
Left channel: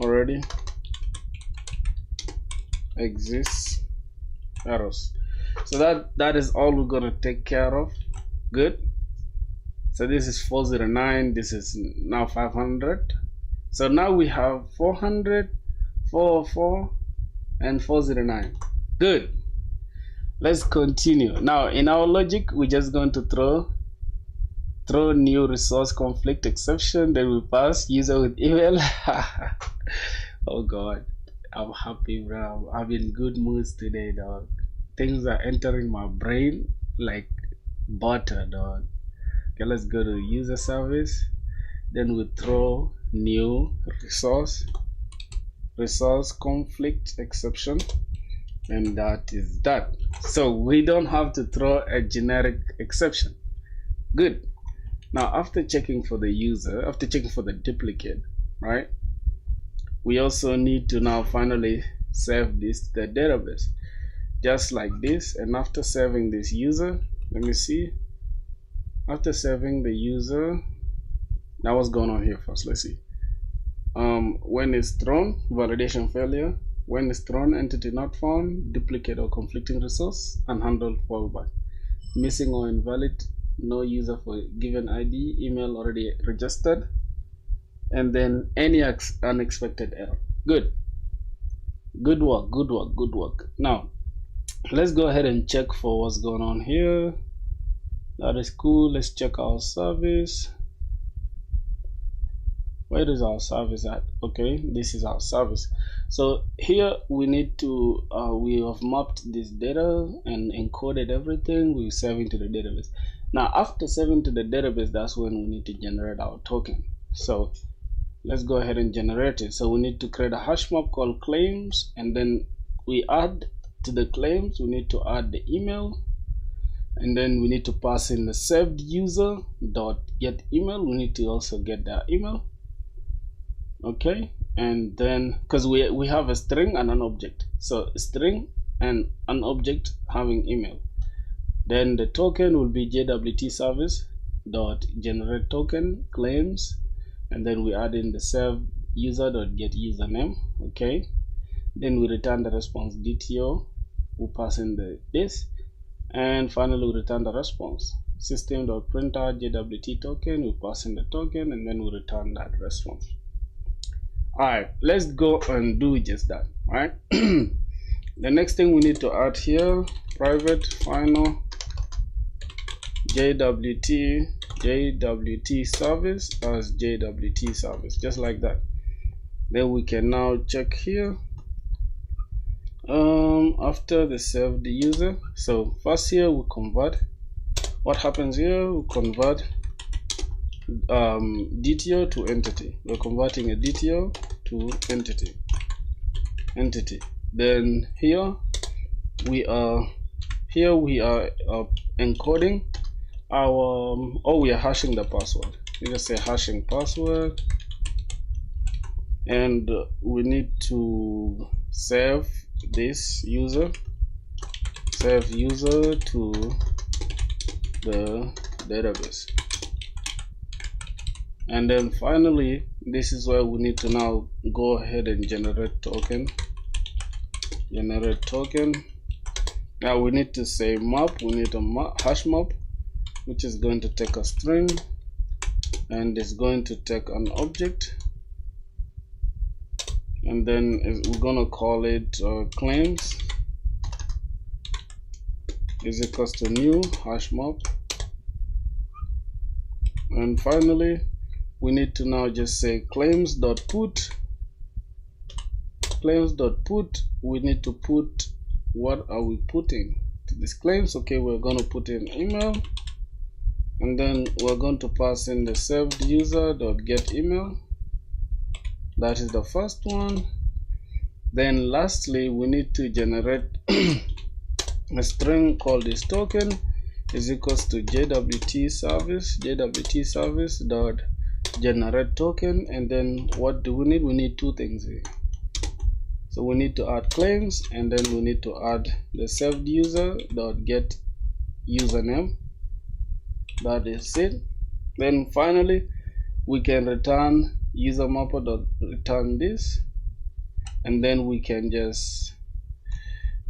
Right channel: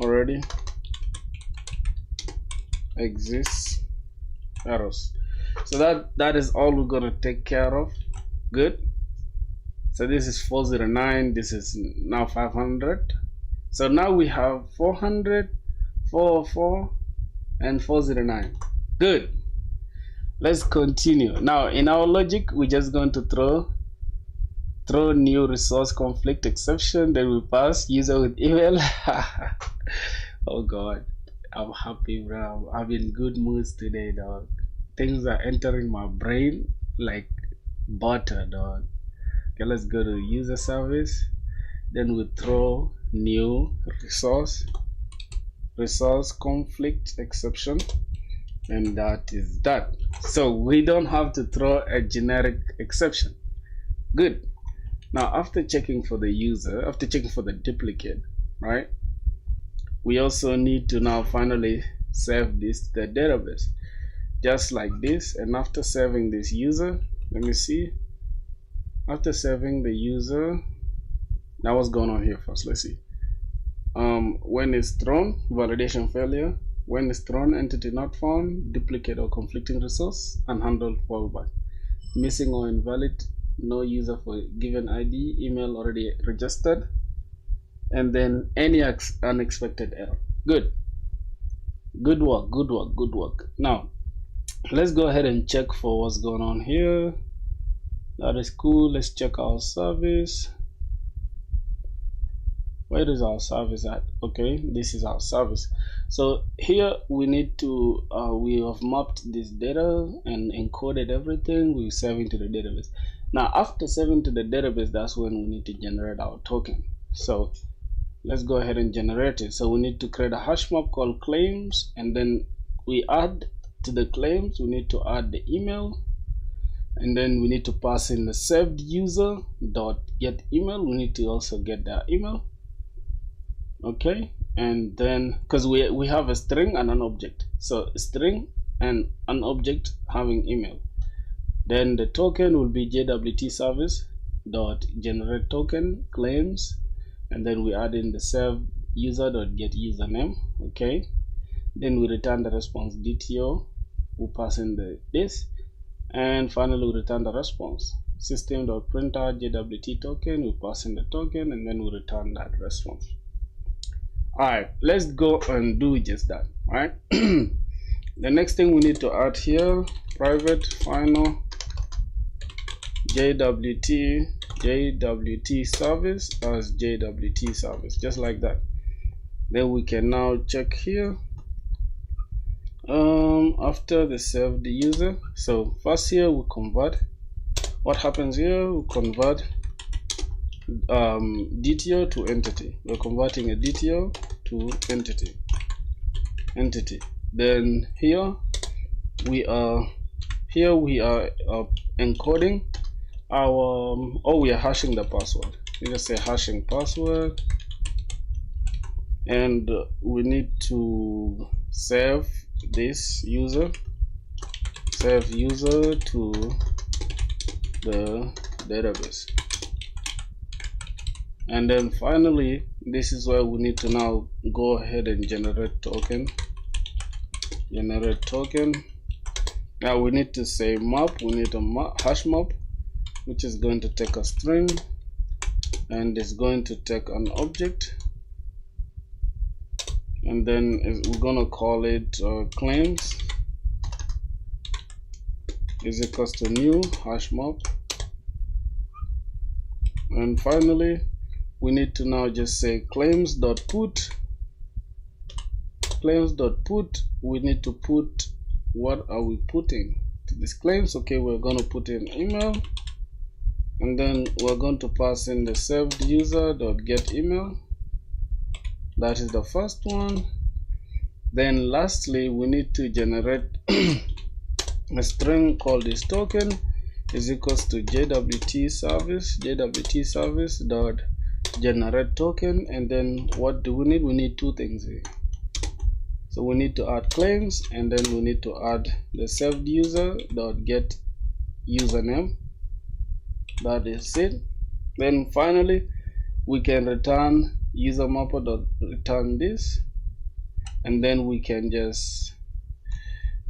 already exists errors. So that is all we're gonna take care of. Good. So this is 409, this is now 500. So now we have 400, 404, and 409. Good. Let's continue. Now in our logic, we're just going to throw new resource conflict exception, then we pass user with email. Oh god, I'm happy, bro. I'm in good moods today, dog. Things are entering my brain like butter, dog. Okay, let's go to user service, then we throw new resource conflict exception, and that is that. So we don't have to throw a generic exception. Good. Now after checking for the user, after checking for the duplicate, right, we also need to now finally save this to the database just like this. And after saving this user, let me see, after saving the user, now what's going on here first? Let's see. When it's thrown, validation failure. When it's thrown, entity not found, duplicate or conflicting resource, unhandled fallback, missing or invalid, no user for given ID, email already registered, and then any unexpected error. Good work. Now let's go ahead and check for what's going on here. That is cool. Let's check our service. Where is our service at? Okay, this is our service. So here we need to we have mapped this data and encoded everything. We save into the database. Now after saving to the database, that's when we need to generate our token. So let's go ahead and generate it. So we need to create a hash map called claims, and then we add to the claims, we need to add the email, and then we need to pass in the saved user dot get email. We need to also get their email. Okay, and then because we have a string and an object, so a string and an object having email, then the token will be JWT service dot generate token claims, and then we add in the save user dot get username. Okay, then we return the response DTO, we pass in this, and finally we return the response system dot printer JWT token, we pass in the token, and then we return that response. Alright, let's go and do just that. Right. The next thing we need to add here, private final JWT service as JWT service, just like that. Then we can now check here after the saved user. So first here we convert. What happens here? We convert DTO to entity. We're converting a DTO to entity. Then here we are encoding our we are hashing the password. You just say hashing password, and we need to save this user, to the database. And then finally, this is where we need to now go ahead and generate token. Now we need to say map. We need a hash map, which is going to take a string and is going to take an object, and then we're gonna call it claims is equals to new hash map. And finally, we need to now just say claims.put. We need to put, what are we putting to this claims? Okay, we're going to put in email, and then we're going to pass in the served user.get email. That is the first one. Then lastly, we need to generate a string called this token is equals to jwt service dot generate token. And then what do we need? We need two things here. So we need to add claims, and then we need to add the served user dot get username. That is it. Then finally, we can return user mapper dot return this, and then we can just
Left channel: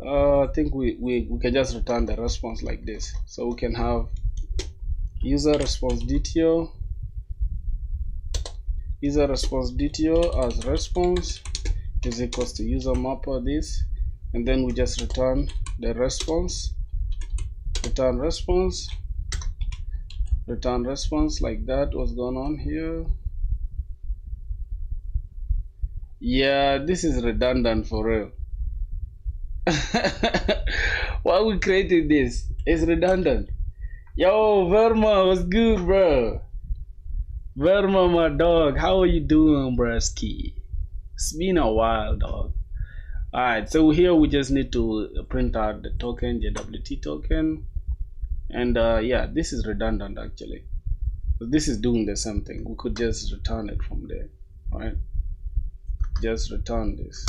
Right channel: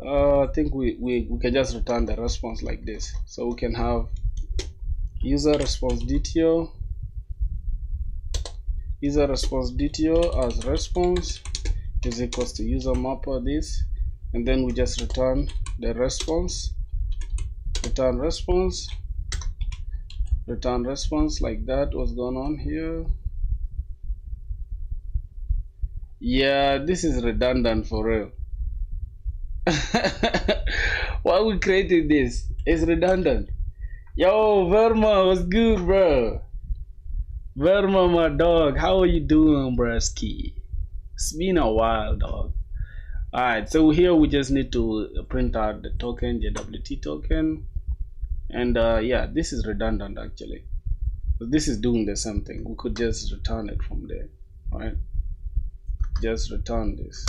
I think we can just return the response like this. So we can have user response DTO as response is equals to user mapper this, and then we just return the response, return response like that. What's going on here? Yeah, this is redundant for real. Why we created this? It's redundant. Yo, Verma, what's good, bro? Verma, my dog, how are you doing, bruski? It's been a while, dog. Alright, so here we just need to print out the token, JWT token. And yeah, this is redundant actually. But this is doing the same thing. We could just return it from there, right? Just return this.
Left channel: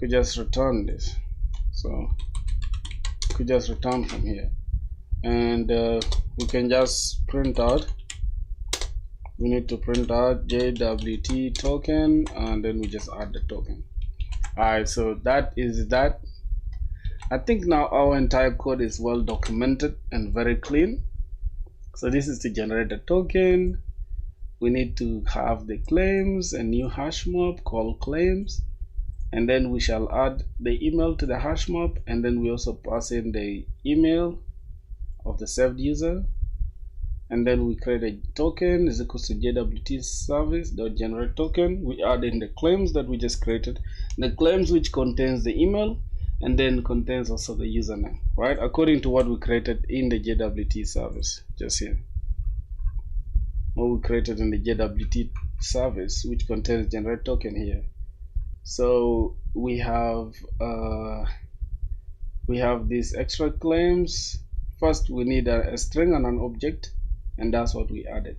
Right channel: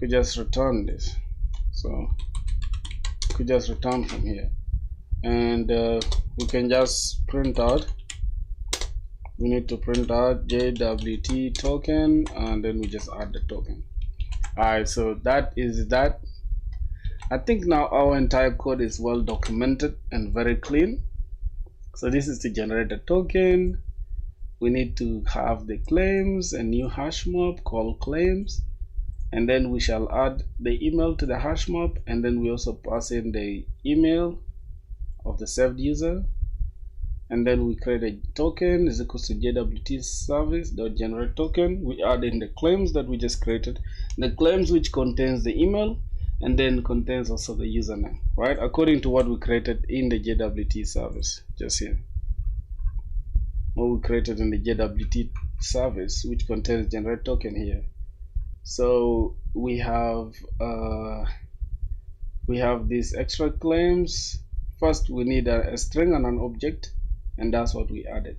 Could just return this. So could just return from here, and we can just print out. We need to print out JWT token, and then we just add the token. Alright, so that is that. I think now our entire code is well documented and very clean. So this is to generate a token. We need to have the claims, a new hash map called claims, and then we shall add the email to the hash map, and then we also pass in the email of the served user, and then we create a token is equals to jwt service.generate token. We add in the claims that we just created, the claims which contains the email and then contains also the username, right, according to what we created in the JWT service just here. What we created in the JWT service, which contains generate token here. So we have these extra claims. First, we need a string and an object, and that's what we added,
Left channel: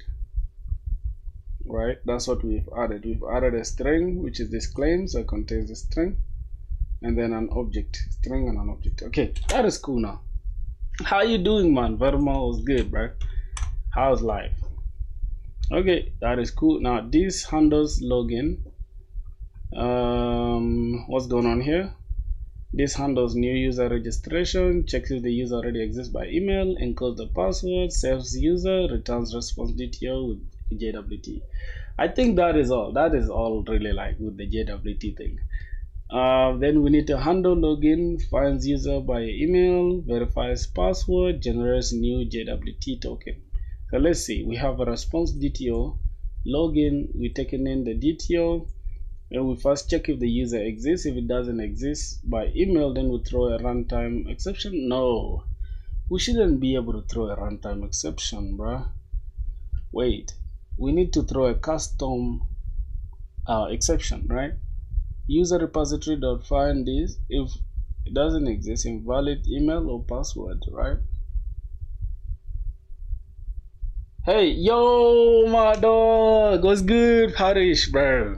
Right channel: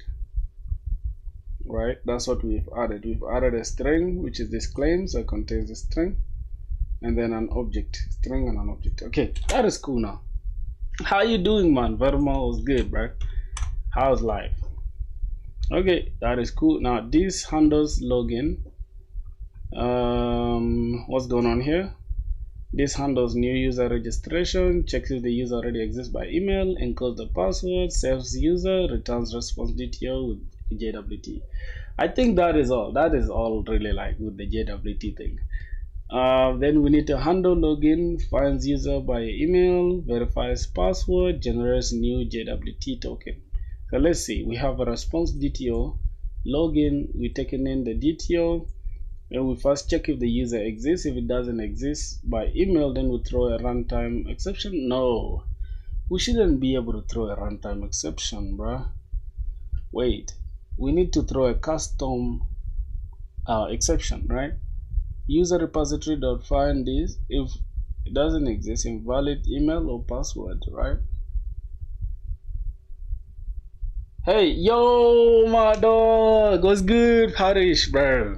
right? That's what we've added. We've added a string, which is this claims that contains a string, and then an object, string and an object. Okay, that is cool now. How you doing, man? Verma was good, bro. How's life? Okay, that is cool. Now this handles login. What's going on here? This handles new user registration, checks if the user already exists by email, encodes the password, saves user, returns response DTO with JWT. I think that is all. That is all really like with the JWT thing. Then we need to handle login, finds user by email, verifies password, generates new JWT token. So let's see, we have a response DTO, login, we're taking in the DTO, and we first check if the user exists. If it doesn't exist by email, then we throw a runtime exception. No, we shouldn't be able to throw a runtime exception, bruh. Wait, we need to throw a custom exception, right? User repository dot find this if it doesn't exist, invalid email or password, right? Hey, yo, my dog, what's good, Harish, bro?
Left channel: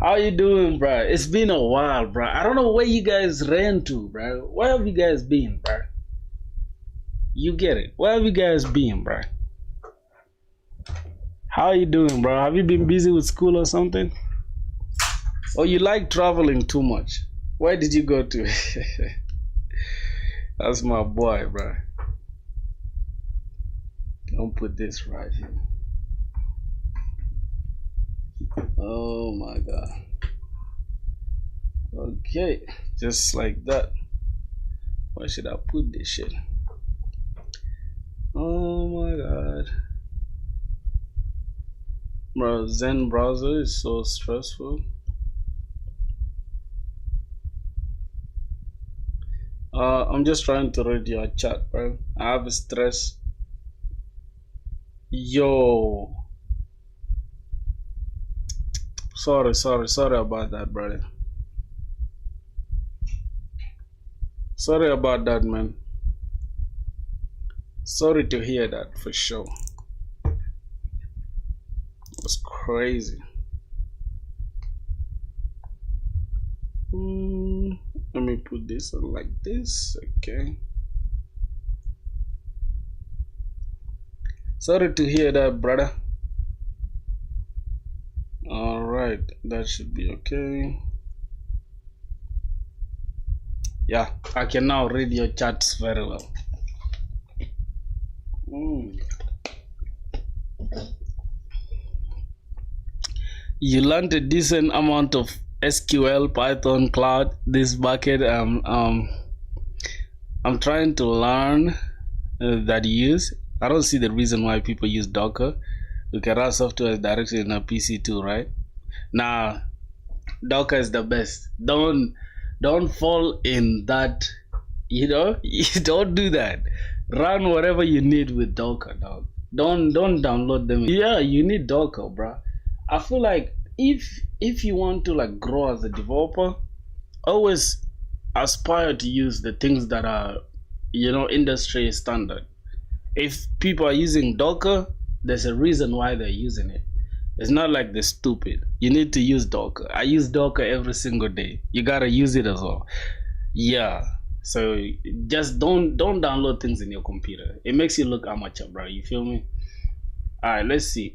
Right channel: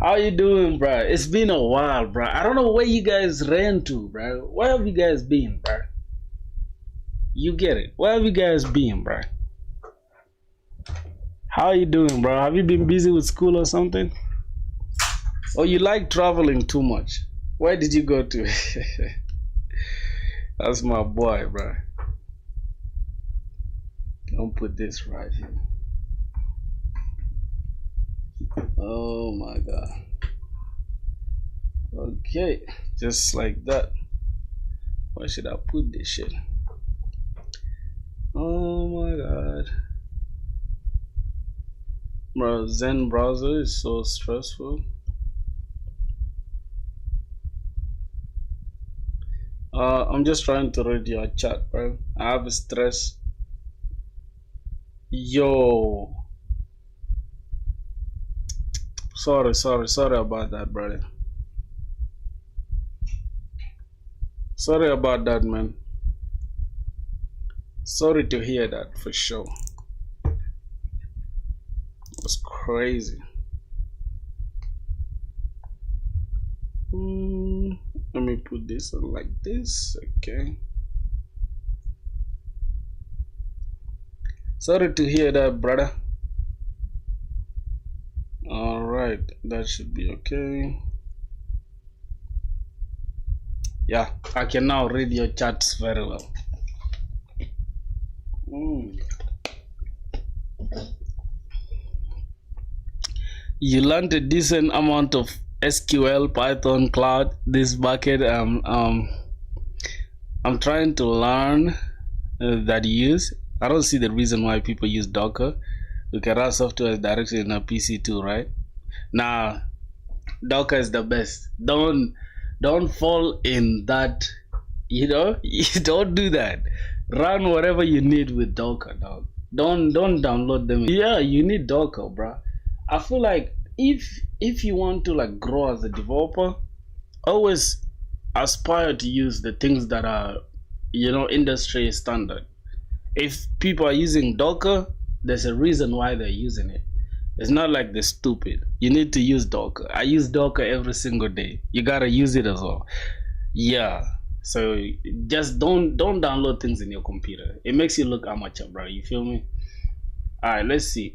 How you doing, bro? It's been a while, bro. I don't know where you guys ran to, bro. Where have you guys been, bro? You get it. Where have you guys been, bro? How you doing, bro? Have you been busy with school or something? Or you like traveling too much? Why did you go to? That's my boy, bro. Don't put this right here. Oh my god. Okay, just like that. Where should I put this shit? Oh my god. Bro, Zen browser is so stressful. I'm just trying to read your chat, bro. I have stress. Yo. Sorry about that, brother. Sorry about that, man. Sorry to hear that, for sure. It was crazy. Let me put this on like this, okay. Sorry to hear that, brother. Alright, that should be okay. Yeah, I can now read your chats very well. You learned a decent amount of SQL, Python, Cloud, this bucket. I'm trying to learn that use. I don't see the reason why people use Docker, because that software is directly in a PC too, right? Now, Docker is the best. Don't fall in that. You know, you don't do that. Run whatever you need with Docker, dog. Don't download them. Yeah, you need Docker, bro. I feel like if you want to like grow as a developer, always aspire to use the things that are, you know, industry standard. If people are using Docker, there's a reason why they're using it. It's not like they're stupid. You need to use Docker. I use Docker every single day. You gotta use it as well. Yeah. So just don't download things in your computer. It makes you look amateur, bro. You feel me? Alright, let's see.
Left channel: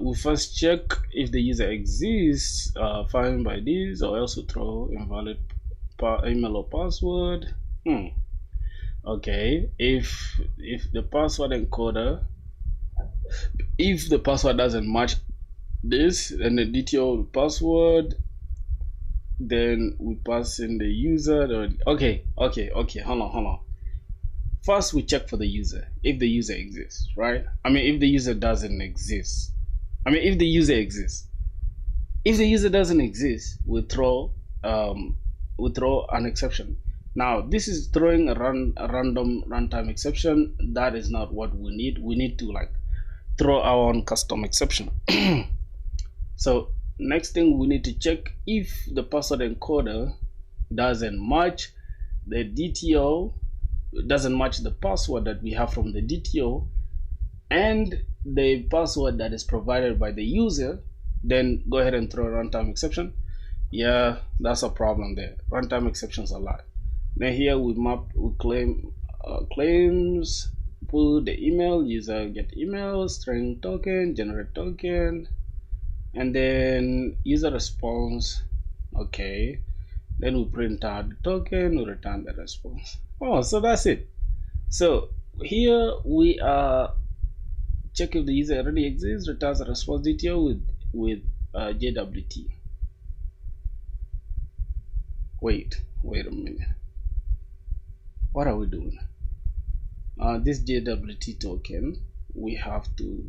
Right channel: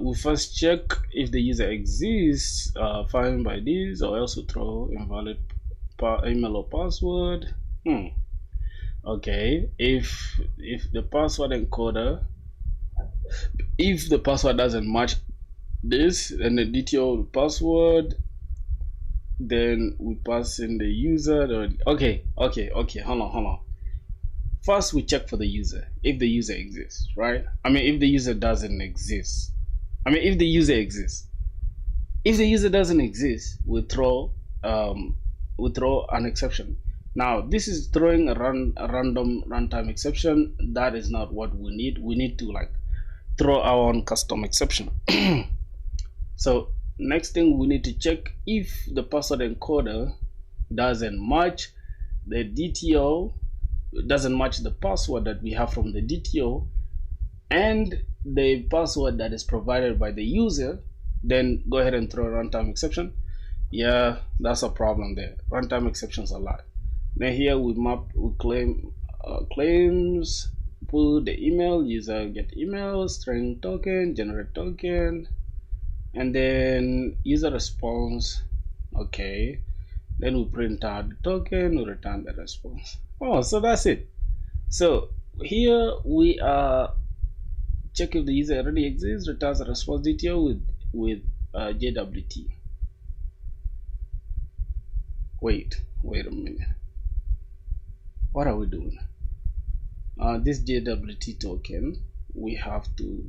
We first check if the user exists, fine by this, or else we throw invalid email or password. Okay, if the password encoder, if the password doesn't match this and the DTO password, then we pass in the user. Okay, hold on. First we check for the user, if the user exists, right? I mean, if the user doesn't exist. I mean, if the user exists. If the user doesn't exist, we throw an exception. Now, this is throwing a random runtime exception. That is not what we need. We need to like throw our own custom exception. So next thing, we need to check if the password encoder doesn't match the DTO, doesn't match the password that we have from the DTO and the password that is provided by the user, then go ahead and throw a runtime exception. Yeah, that's a problem there. Runtime exceptions a lot. Then here we claim claims, put the email, user get email, string token, generate token, and then user response. Okay, then we print out the token, we return the response. Oh, so that's it. So here we are check if the user already exists, returns a response DTO with JWT. Wait a minute. What are we doing? This JWT token, we have to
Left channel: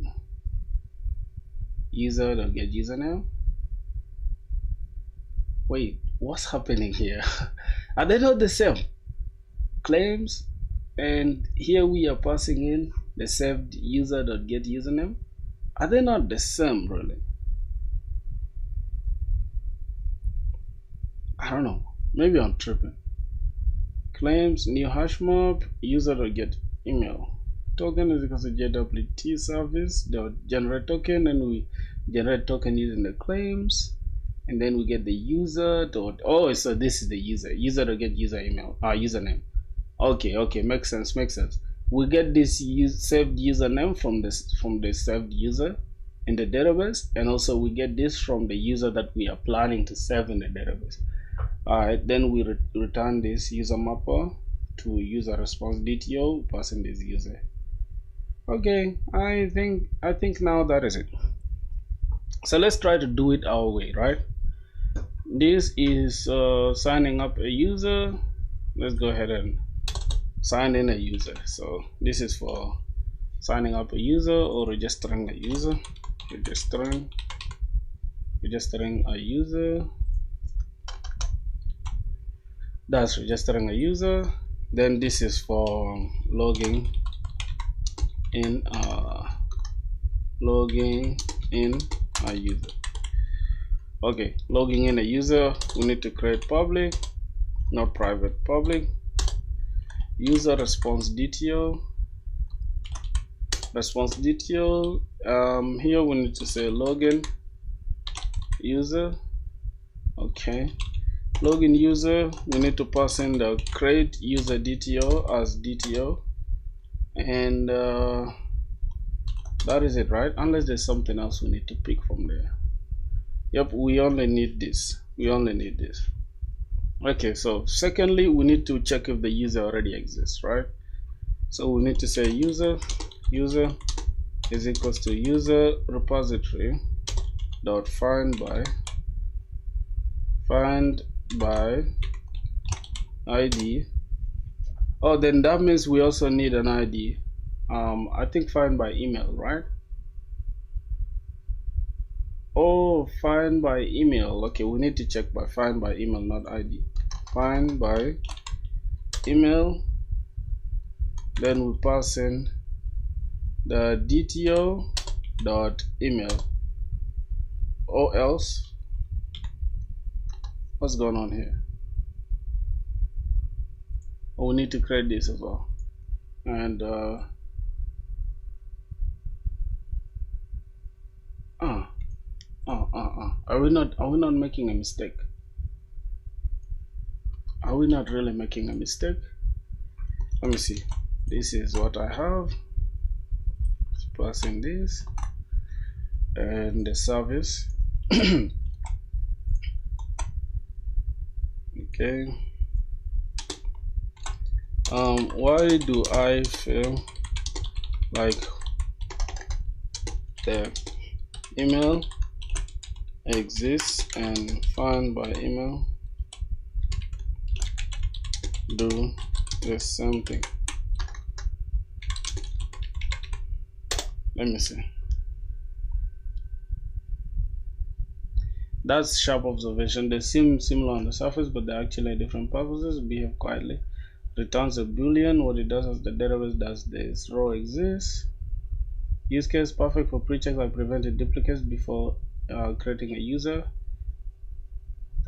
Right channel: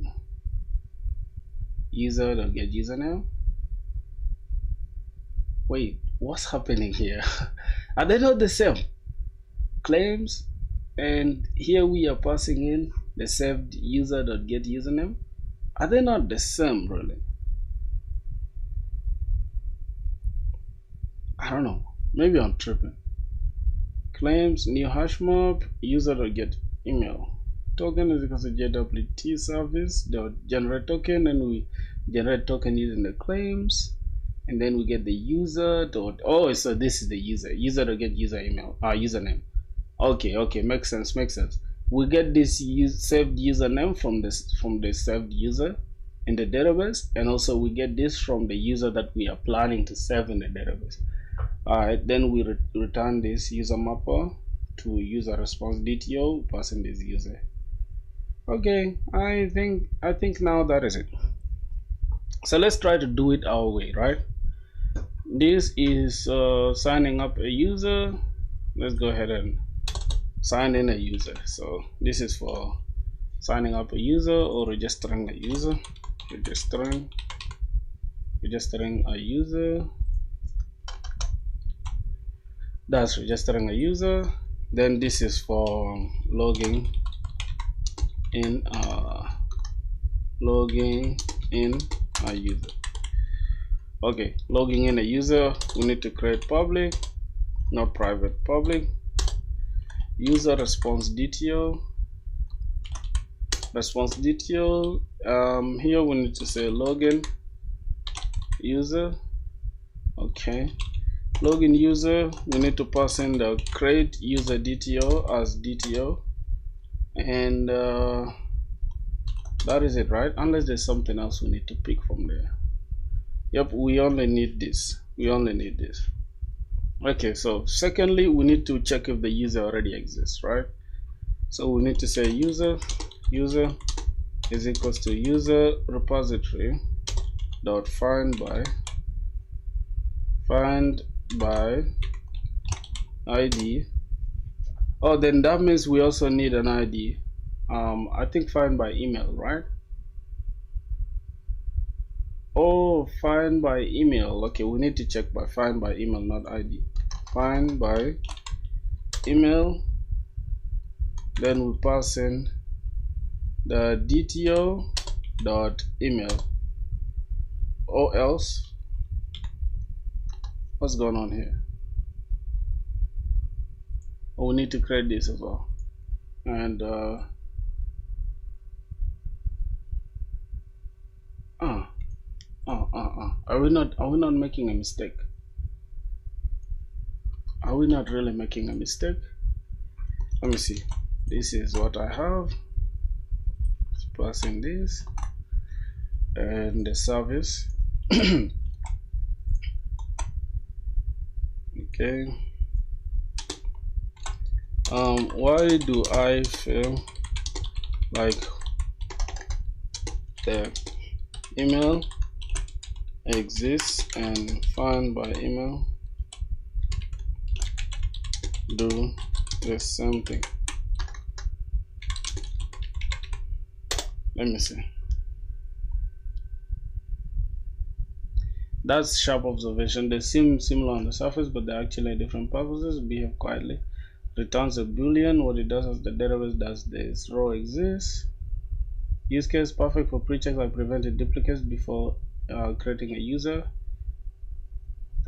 user.get username. Wait, what's happening here? Are they not the same? Claims, and here we are passing in the saved user.get username. Are they not the same, really? I don't know. Maybe I'm tripping. Claims, new hash map, user.get email. Token is equal to JWT service dot generate token, and we generate token using the claims, and then we get the user dot. Oh, so this is the user. User.get user email. Username. Okay, makes sense. we get this saved username from the saved user in the database, and also we get this from the user that we are planning to save in the database. Alright, then we return this user mapper to user response DTO passing this user. Okay, I think now that is it. So let's try to do it our way, right? This is signing up a user. Let's go ahead and sign in a user. So this is for signing up a user or registering a user. Registering a user. That's registering a user. Then this is for logging in a user. Okay, logging in a user, we need to create public, not private, public. User response DTO. Here we need to say login user. Okay, login user, we need to pass in the create user DTO as DTO, and that is it, right? Unless there's something else we need to pick from there. Yep, we only need this. Okay, so secondly, we need to check if the user already exists, right? So we need to say user is equals to user repository dot find by ID. Oh, then that means we also need an ID. I think find by email, right? Oh, find by email. Okay, we need to check by find by email, not ID. Find by email. Then we pass in the DTO dot email. Or else, what's going on here? Oh, we need to create this as well. And are we not making a mistake? Are we not really making a mistake? Let me see. This is what I have. Let's pass in this and the service. Okay. Why do I feel like the email exists and find by email do the same thing? Let me see. That's sharp observation. They seem similar on the surface, but they're actually different purposes. Behave quietly. Returns a boolean. What it does is the database does this. Row exists. Use case perfect for pre-check by preventing duplicates before creating a user.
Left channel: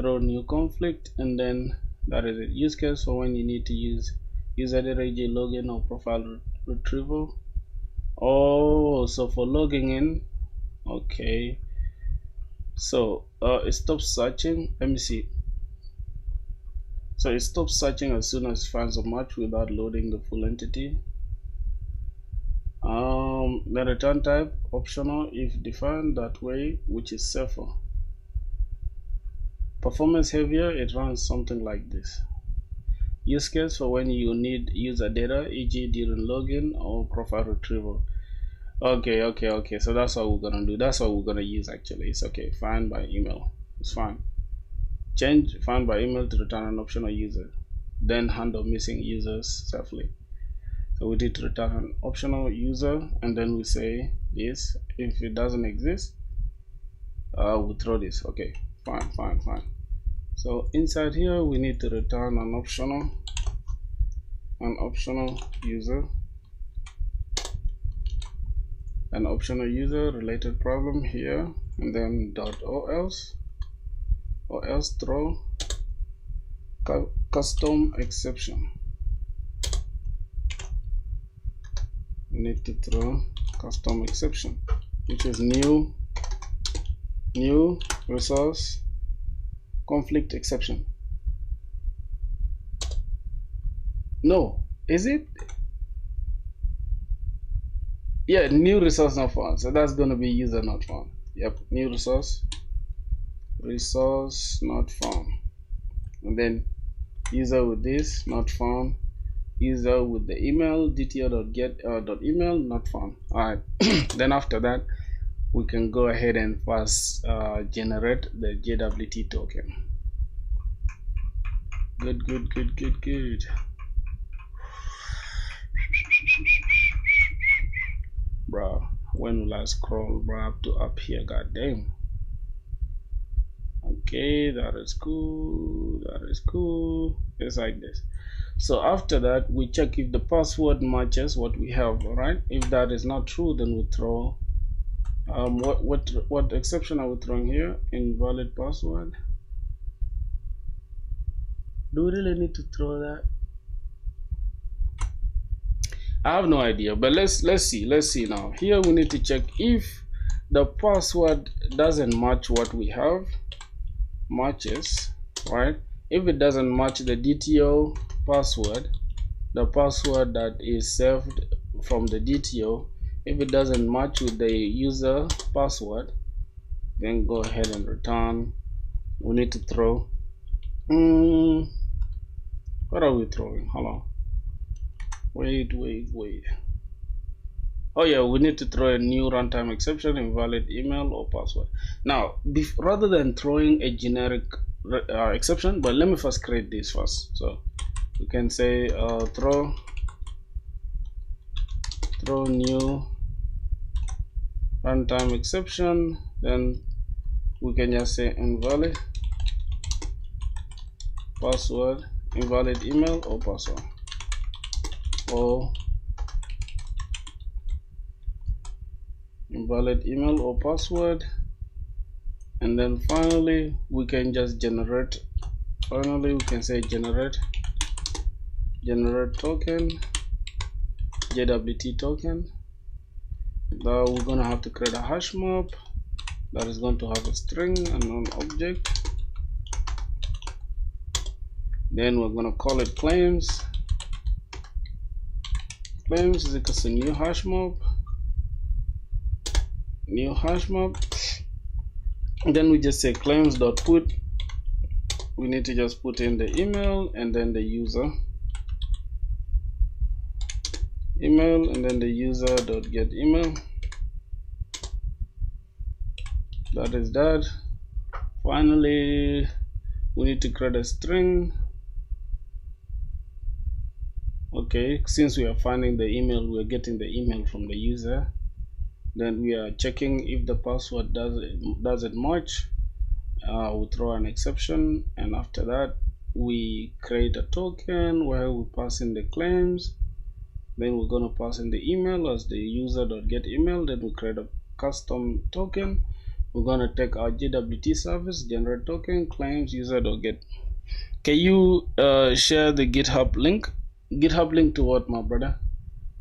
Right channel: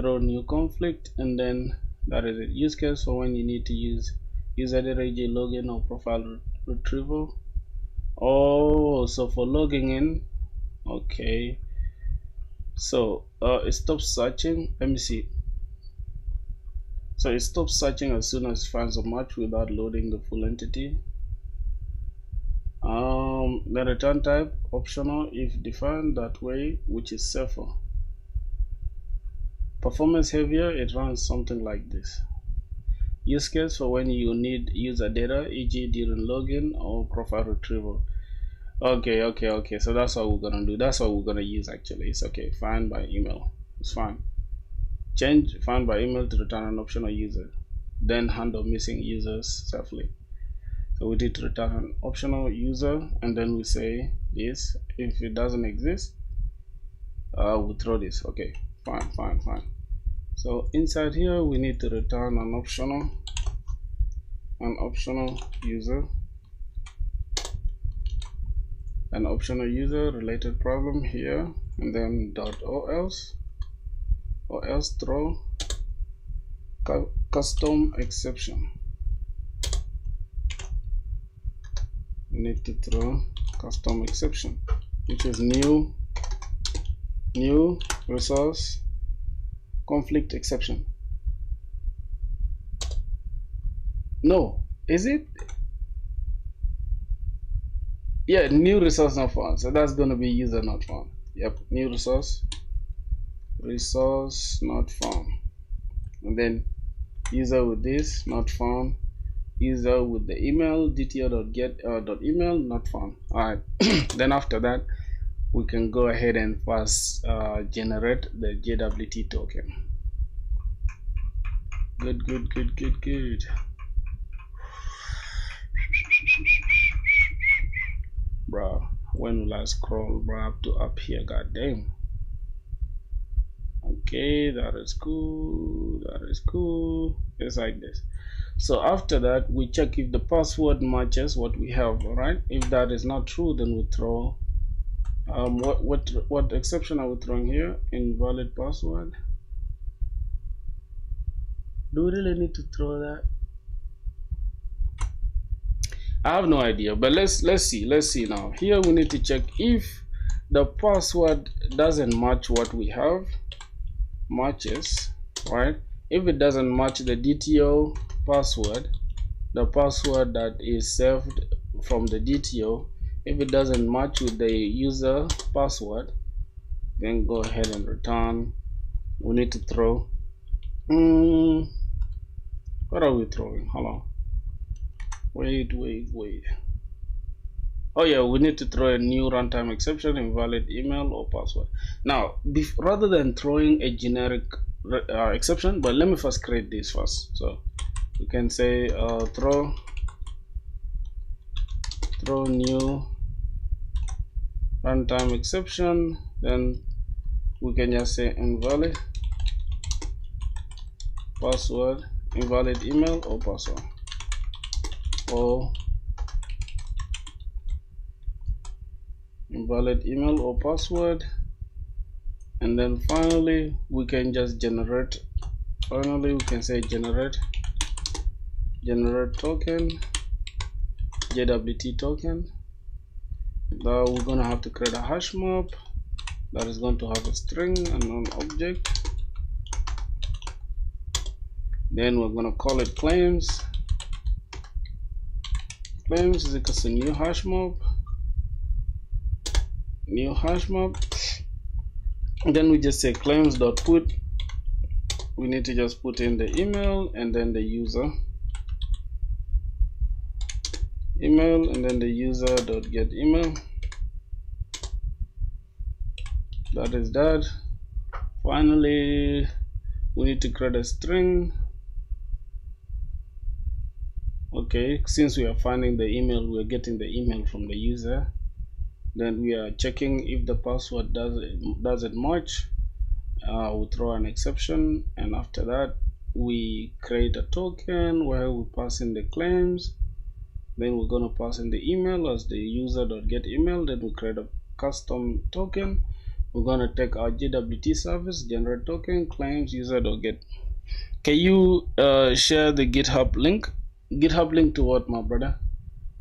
Throw new conflict, and then that is it. Use case for when you need to use user data, e.g. login or profile retrieval. Oh, so for logging in. Okay. So it stops searching. Let me see. So it stops searching as soon as it finds a match without loading the full entity. The return type optional if defined that way, which is safer. Performance heavier, it runs something like this. Use case for when you need user data, e.g. during login or profile retrieval. Okay, so that's what we're gonna do. That's what we're gonna use actually. It's okay. Find by email. It's fine. Change find by email to return an optional user. Then handle missing users safely. So we did return an optional user, and then we say this. If it doesn't exist, we throw this. Okay, fine. So inside here we need to return an optional user. An optional user related problem here, and then dot or else throw custom exception. We need to throw custom exception, which is new resource conflict exception. No, is it? Yeah, new resource not found. So that's going to be user not found. Yep, new resource not found. And then user with this not found. User with the email dto.get.email not found. All right. Then after that, we can go ahead and first generate the JWT token. Good. Bro, when will I scroll bro up to up here? God damn. Okay, that is cool. It's like this. So after that, we check if the password matches what we have. All right, if that is not true, then we throw what exception are we throwing here? Invalid password. Do we really need to throw that? I have no idea, but let's see now. Here we need to check if the password doesn't match what we have. Matches, right? If it doesn't match the DTO password, the password that is saved from the DTO, if it doesn't match with the user password, then go ahead and return. We need to throw what are we throwing? Hold on. Wait. Oh yeah, we need to throw a new runtime exception, invalid email or password. Now, rather than throwing a generic exception, but let me first create this first. So you can say throw new runtime exception. Then we can just say invalid password, invalid email or password, or invalid email or password. And then finally we can just generate, we can say generate token, JWT token. Now we're gonna have to create a hash map that is going to have a string and an object. Then we're gonna call it claims is equal to new hash map. And then we just say claims.put. We need to just put in the email and then the user email, and then the user.get email. That is that. Finally, we need to create a string. Okay, since we are finding the email, we're getting the email from the user. Then we are checking if the password doesn't match. We'll throw an exception, and after that we create a token where we pass in the claims. Then we're going to pass in the email as the user.get email. Then we create a custom token. We're going to take our JWT service, generate token, claims, user.get. Can you share the GitHub link? GitHub link to what, my brother?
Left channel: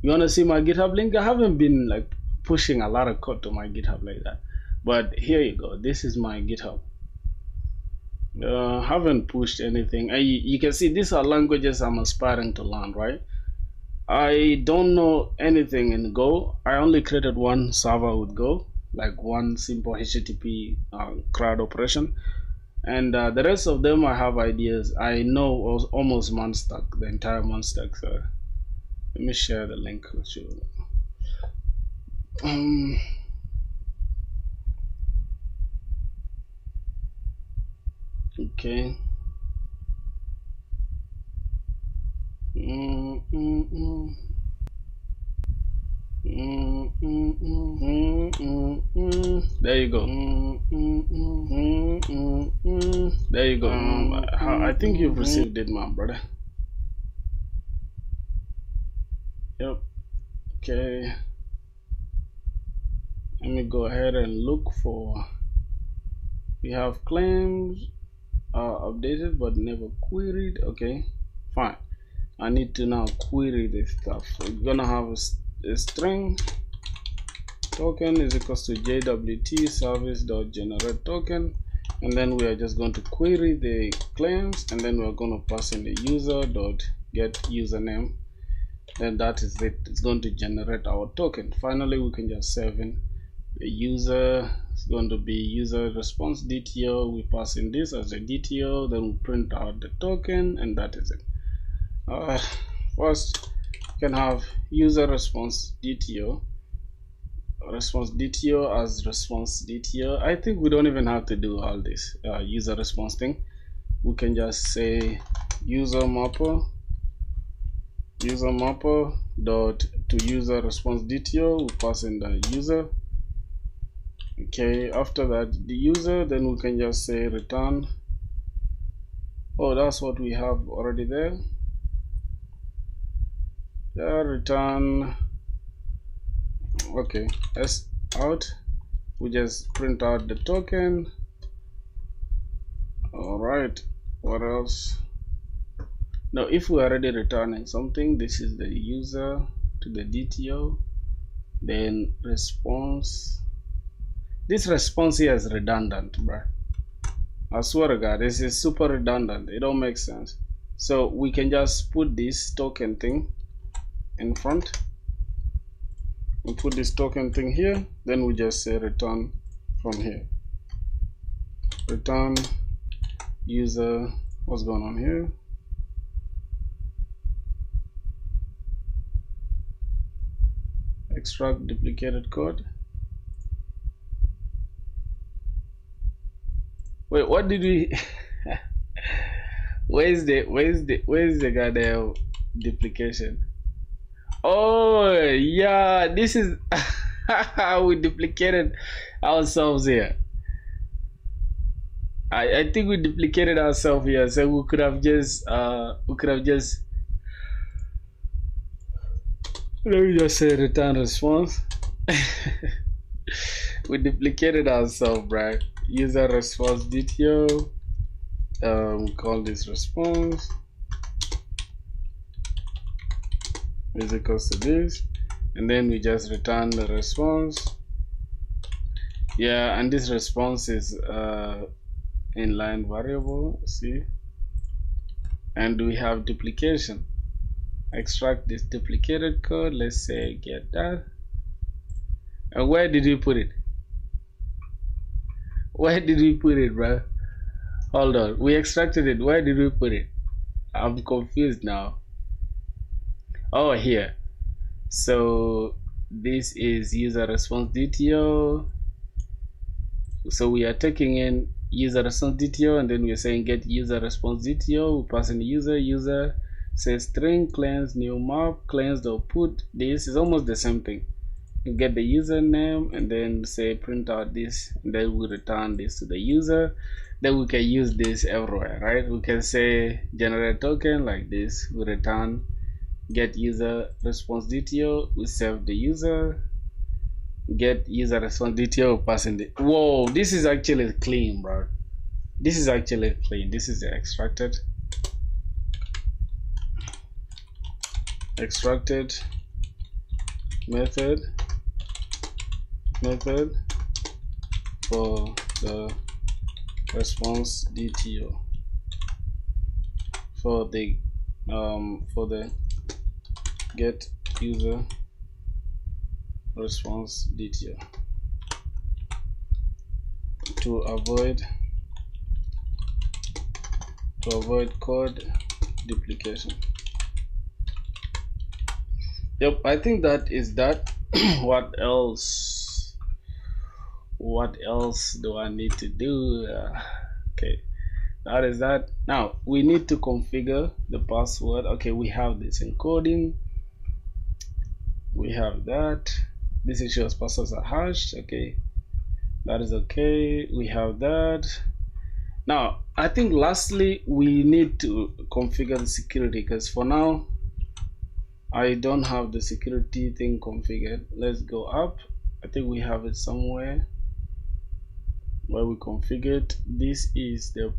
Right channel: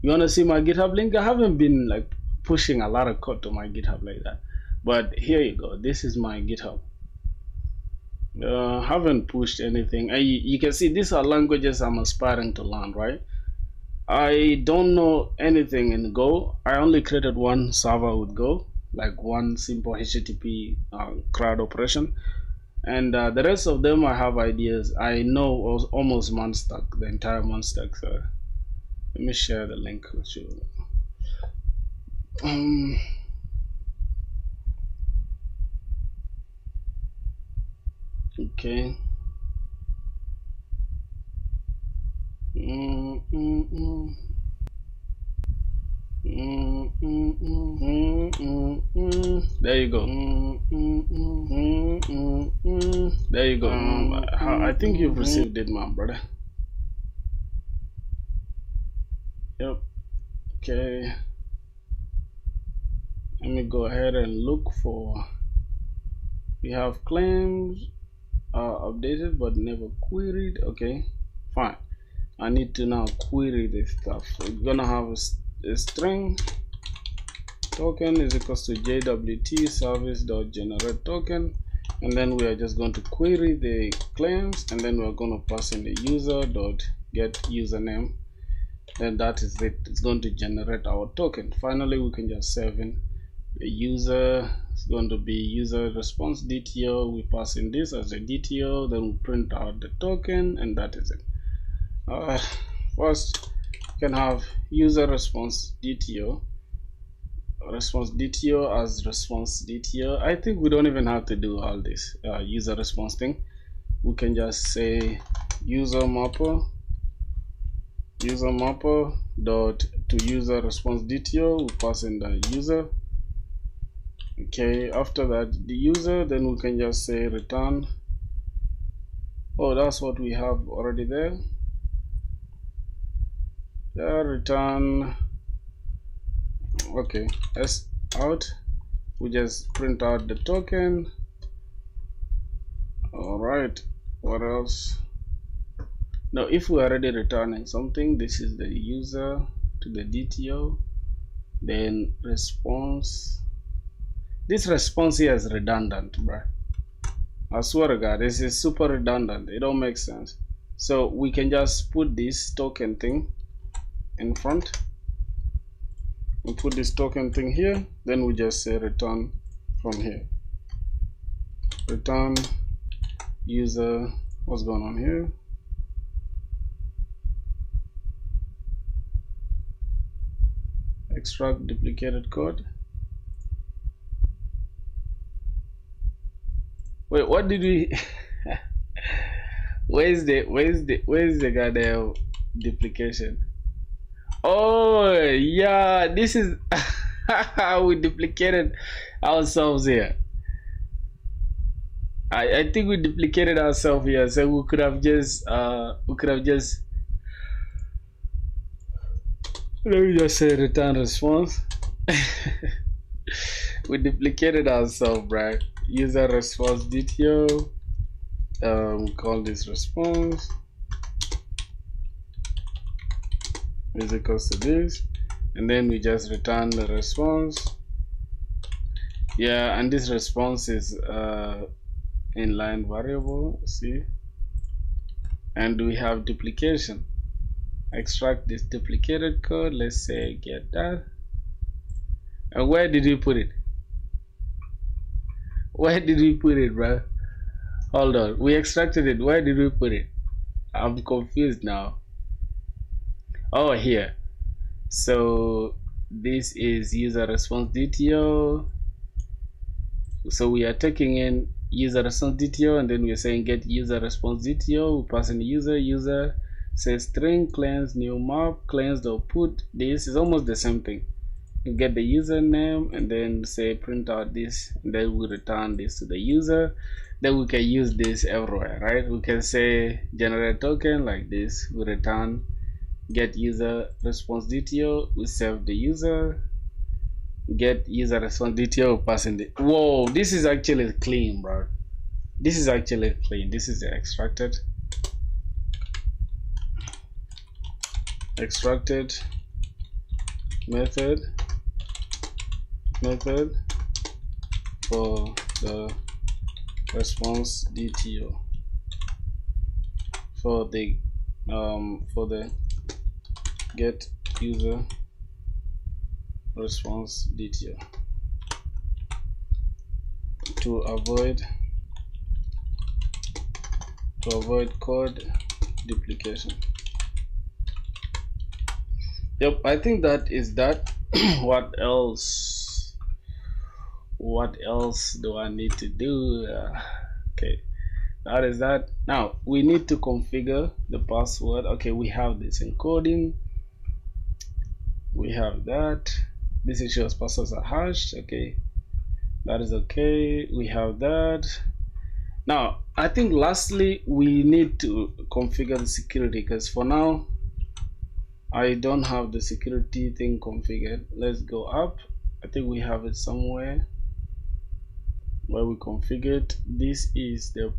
You want to see my GitHub link? I haven't been like pushing a lot of code to my GitHub like that, but here you go. This is my GitHub. Haven't pushed anything. You can see these are languages I'm aspiring to learn, right? I don't know anything in Go. I only created one server with Go, like one simple HTTP CRUD operation, and the rest of them I have ideas. I know almost Monstack, the entire Monstack. So let me share the link with you. Okay. There you go. There you go. I think you've received it, my brother. Yep. Okay. Let me go ahead and look for. We have claims updated but never queried. Okay, fine. I need to now query this stuff. We're gonna have a string token is equals to JWT service.generate token, and then we are just going to query the claims, and then we're going to pass in the user.get username, then that is it. It's going to generate our token. Finally, we can just save in the user. It's going to be user response DTO. We pass in this as a DTO, then we print out the token, and that is it. First, you can have user response DTO as response DTO. I think we don't even have to do all this user response thing. We can just say user mapper dot to user response DTO. We pass in the user. Okay, after that the user, then we can just say return. Oh, that's what we have already there. Yeah, return. Okay, s out. We just print out the token. All right, what else? Now if we are already returning something, this is the user to the DTO, then response. This response here is redundant, bro. I swear to God, this is super redundant. It don't make sense. So we can just put this token thing in front. We put this token thing here, then we just say return from here. Return user. What's going on here? Extract duplicated code. Wait, what did we where's the goddamn duplication? Oh yeah, this is how we duplicated ourselves here. I think we duplicated ourselves here, so we could have just let me just say return response. We duplicated ourselves, right? User response DTO. Call this response is equals to this, and then we just return the response. Yeah, and this response is inline variable. See, and we have duplication. Extract this duplicated code. Let's say get that. And where did we put it? Where did we put it, bro? Hold on, we extracted it. Where did we put it? I'm confused now. Oh, here. So this is user response DTO. So we are taking in user response DTO, and then we're saying get user response DTO. We pass in user says string cleanse new map cleanse or put. This is almost the same thing. You get the username, and then say print out this, and then we return this to the user. Then we can use this everywhere, right? We can say generate token like this. We return get user response DTO. We save the user. Get user response DTO, pass in the. Whoa, this is actually clean, bro. This is actually clean. This is the extracted method for the response DTO for the get user response DTO to avoid code duplication. Yep, I think that is that. What else do I need to do? Okay, that is that. Now we need to configure the password. Okay, we have this encoding, we have that. This ensures passwords are hashed. Okay, that is okay. We have that. Now I think lastly we need to configure the security, because for now I don't have the security thing configured. Let's go up. I think we have it somewhere where we configured. This is the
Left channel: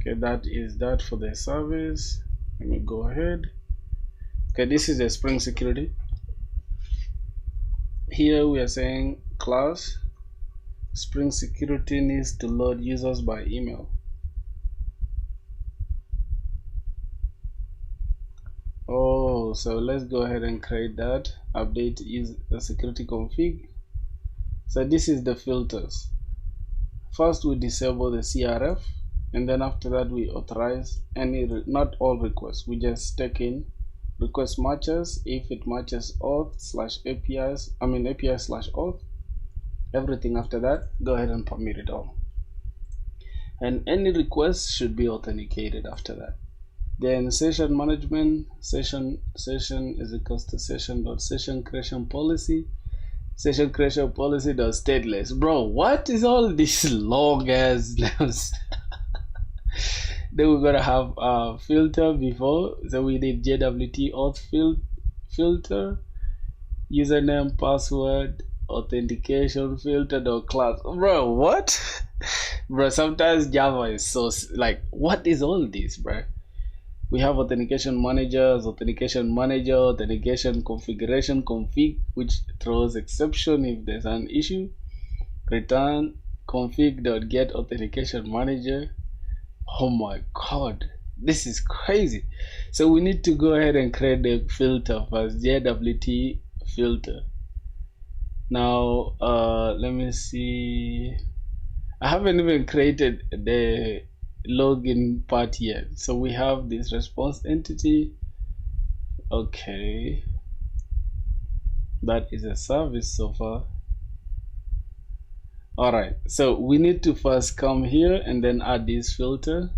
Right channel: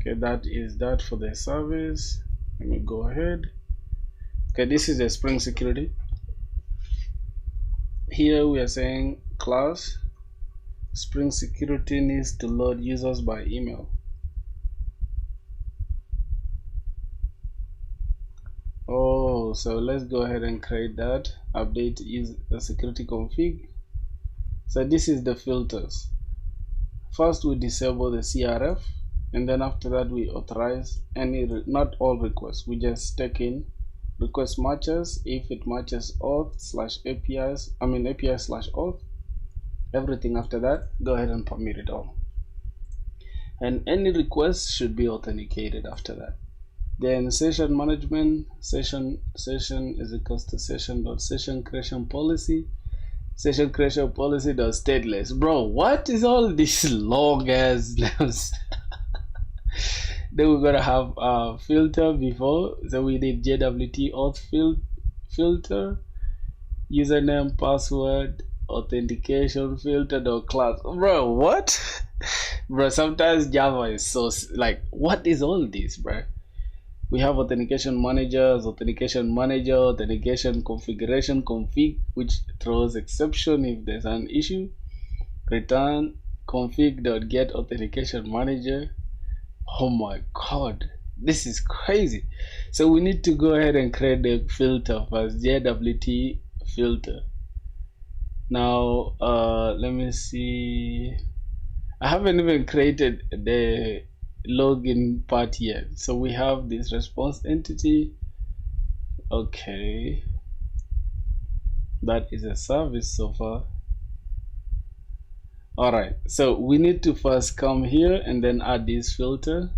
okay, that is that for the service. Let me go ahead. Okay, this is the Spring security. Here we are saying class Spring security needs to load users by email. So let's go ahead and create that. Update is the security config. So this is the filters. First we disable the CRF, and then after that we authorize any, not all requests. We just take in request matches if it matches auth slash APIs, API slash auth. Everything after that, go ahead and permit it all. And any request should be authenticated after that. Then session management, session is equals to session creation policy. Session creation policy does stateless. Bro, what is all this long ass names? Then we're gonna have a filter before, so we need JWT auth filter, username, password, authentication filter dot class. Bro, what? Bro, sometimes Java is so like, what is all this, bro? We have authentication managers, authentication manager, authentication configuration config, which throws exception if there's an issue. Return config.get authentication manager. Oh my god, this is crazy. So we need to go ahead and create the filter first, JWT filter. Now let me see, I haven't even created the login part yet. So we have this response entity. Okay, that is a service so far. Alright, so we need to first come here and then add this filter.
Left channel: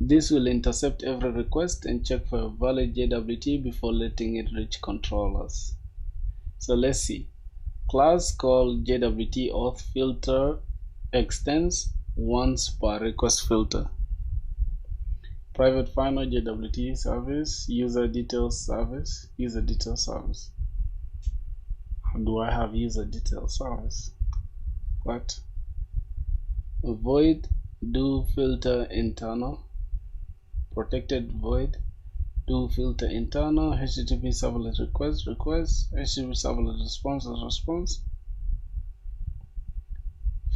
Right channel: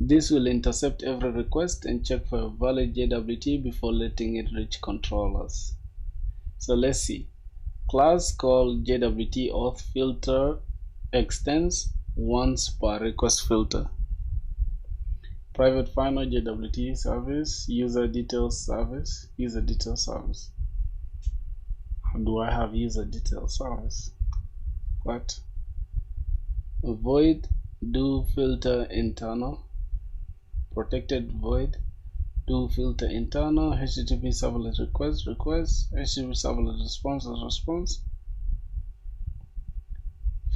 This will intercept every request and check for a valid JWT before letting it reach controllers. So let's see. Class called JWT auth filter extends once per request filter. Private final JWT service, user details service. How do I have user details service? What? Void do filter internal. Protected void do filter internal. HTTP servlet request, HTTP servlet response.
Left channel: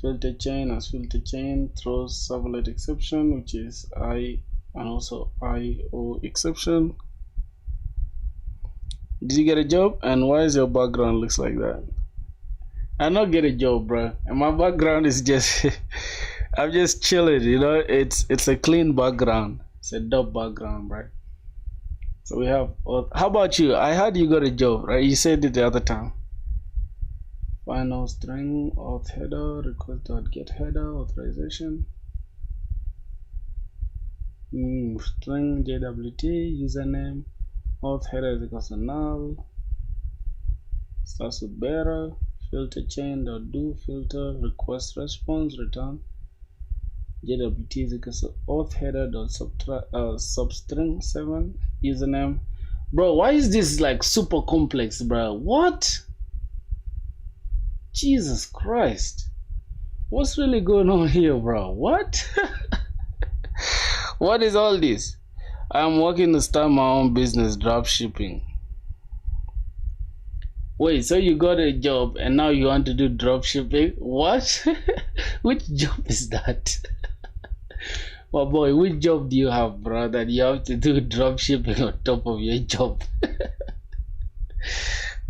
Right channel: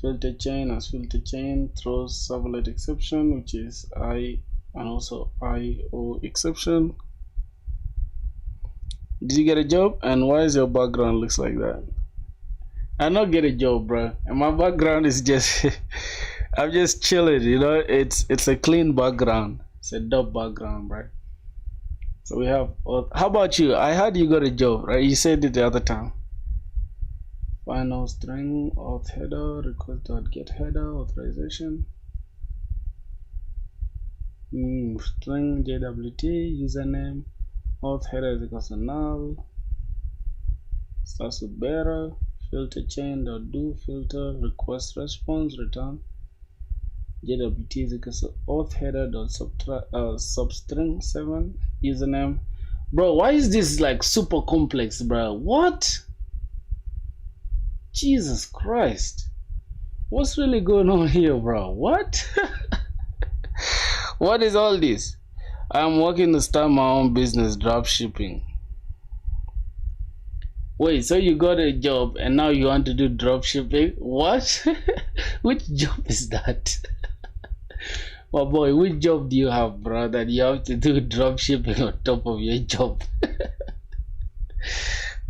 Filter chain as filter chain throws servlet exception, which is I and also IO exception. Did you get a job? And why is your background looks like that? I not get a job, bro. And my background is just I'm just chilling, you know. It's a clean background. It's a dope background, bro. So we have. How about you? I heard you got a job, right? You said it the other time. Final string auth header request.get header authorization. String JWT username auth header is equals to null. Starts with bearer. Filter chain dot do filter request response return. JWT is equals to auth header dot substring 7 username. Bro, why is this like super complex, bro? What? Jesus Christ, what's really going on here, bro? What? What is all this? I'm working to start my own business, drop shipping. Wait, so you got a job and now you want to do drop shipping? What? Which job is that? Well, boy, which job do you have, bro, that you have to do drop shipping on top of your job?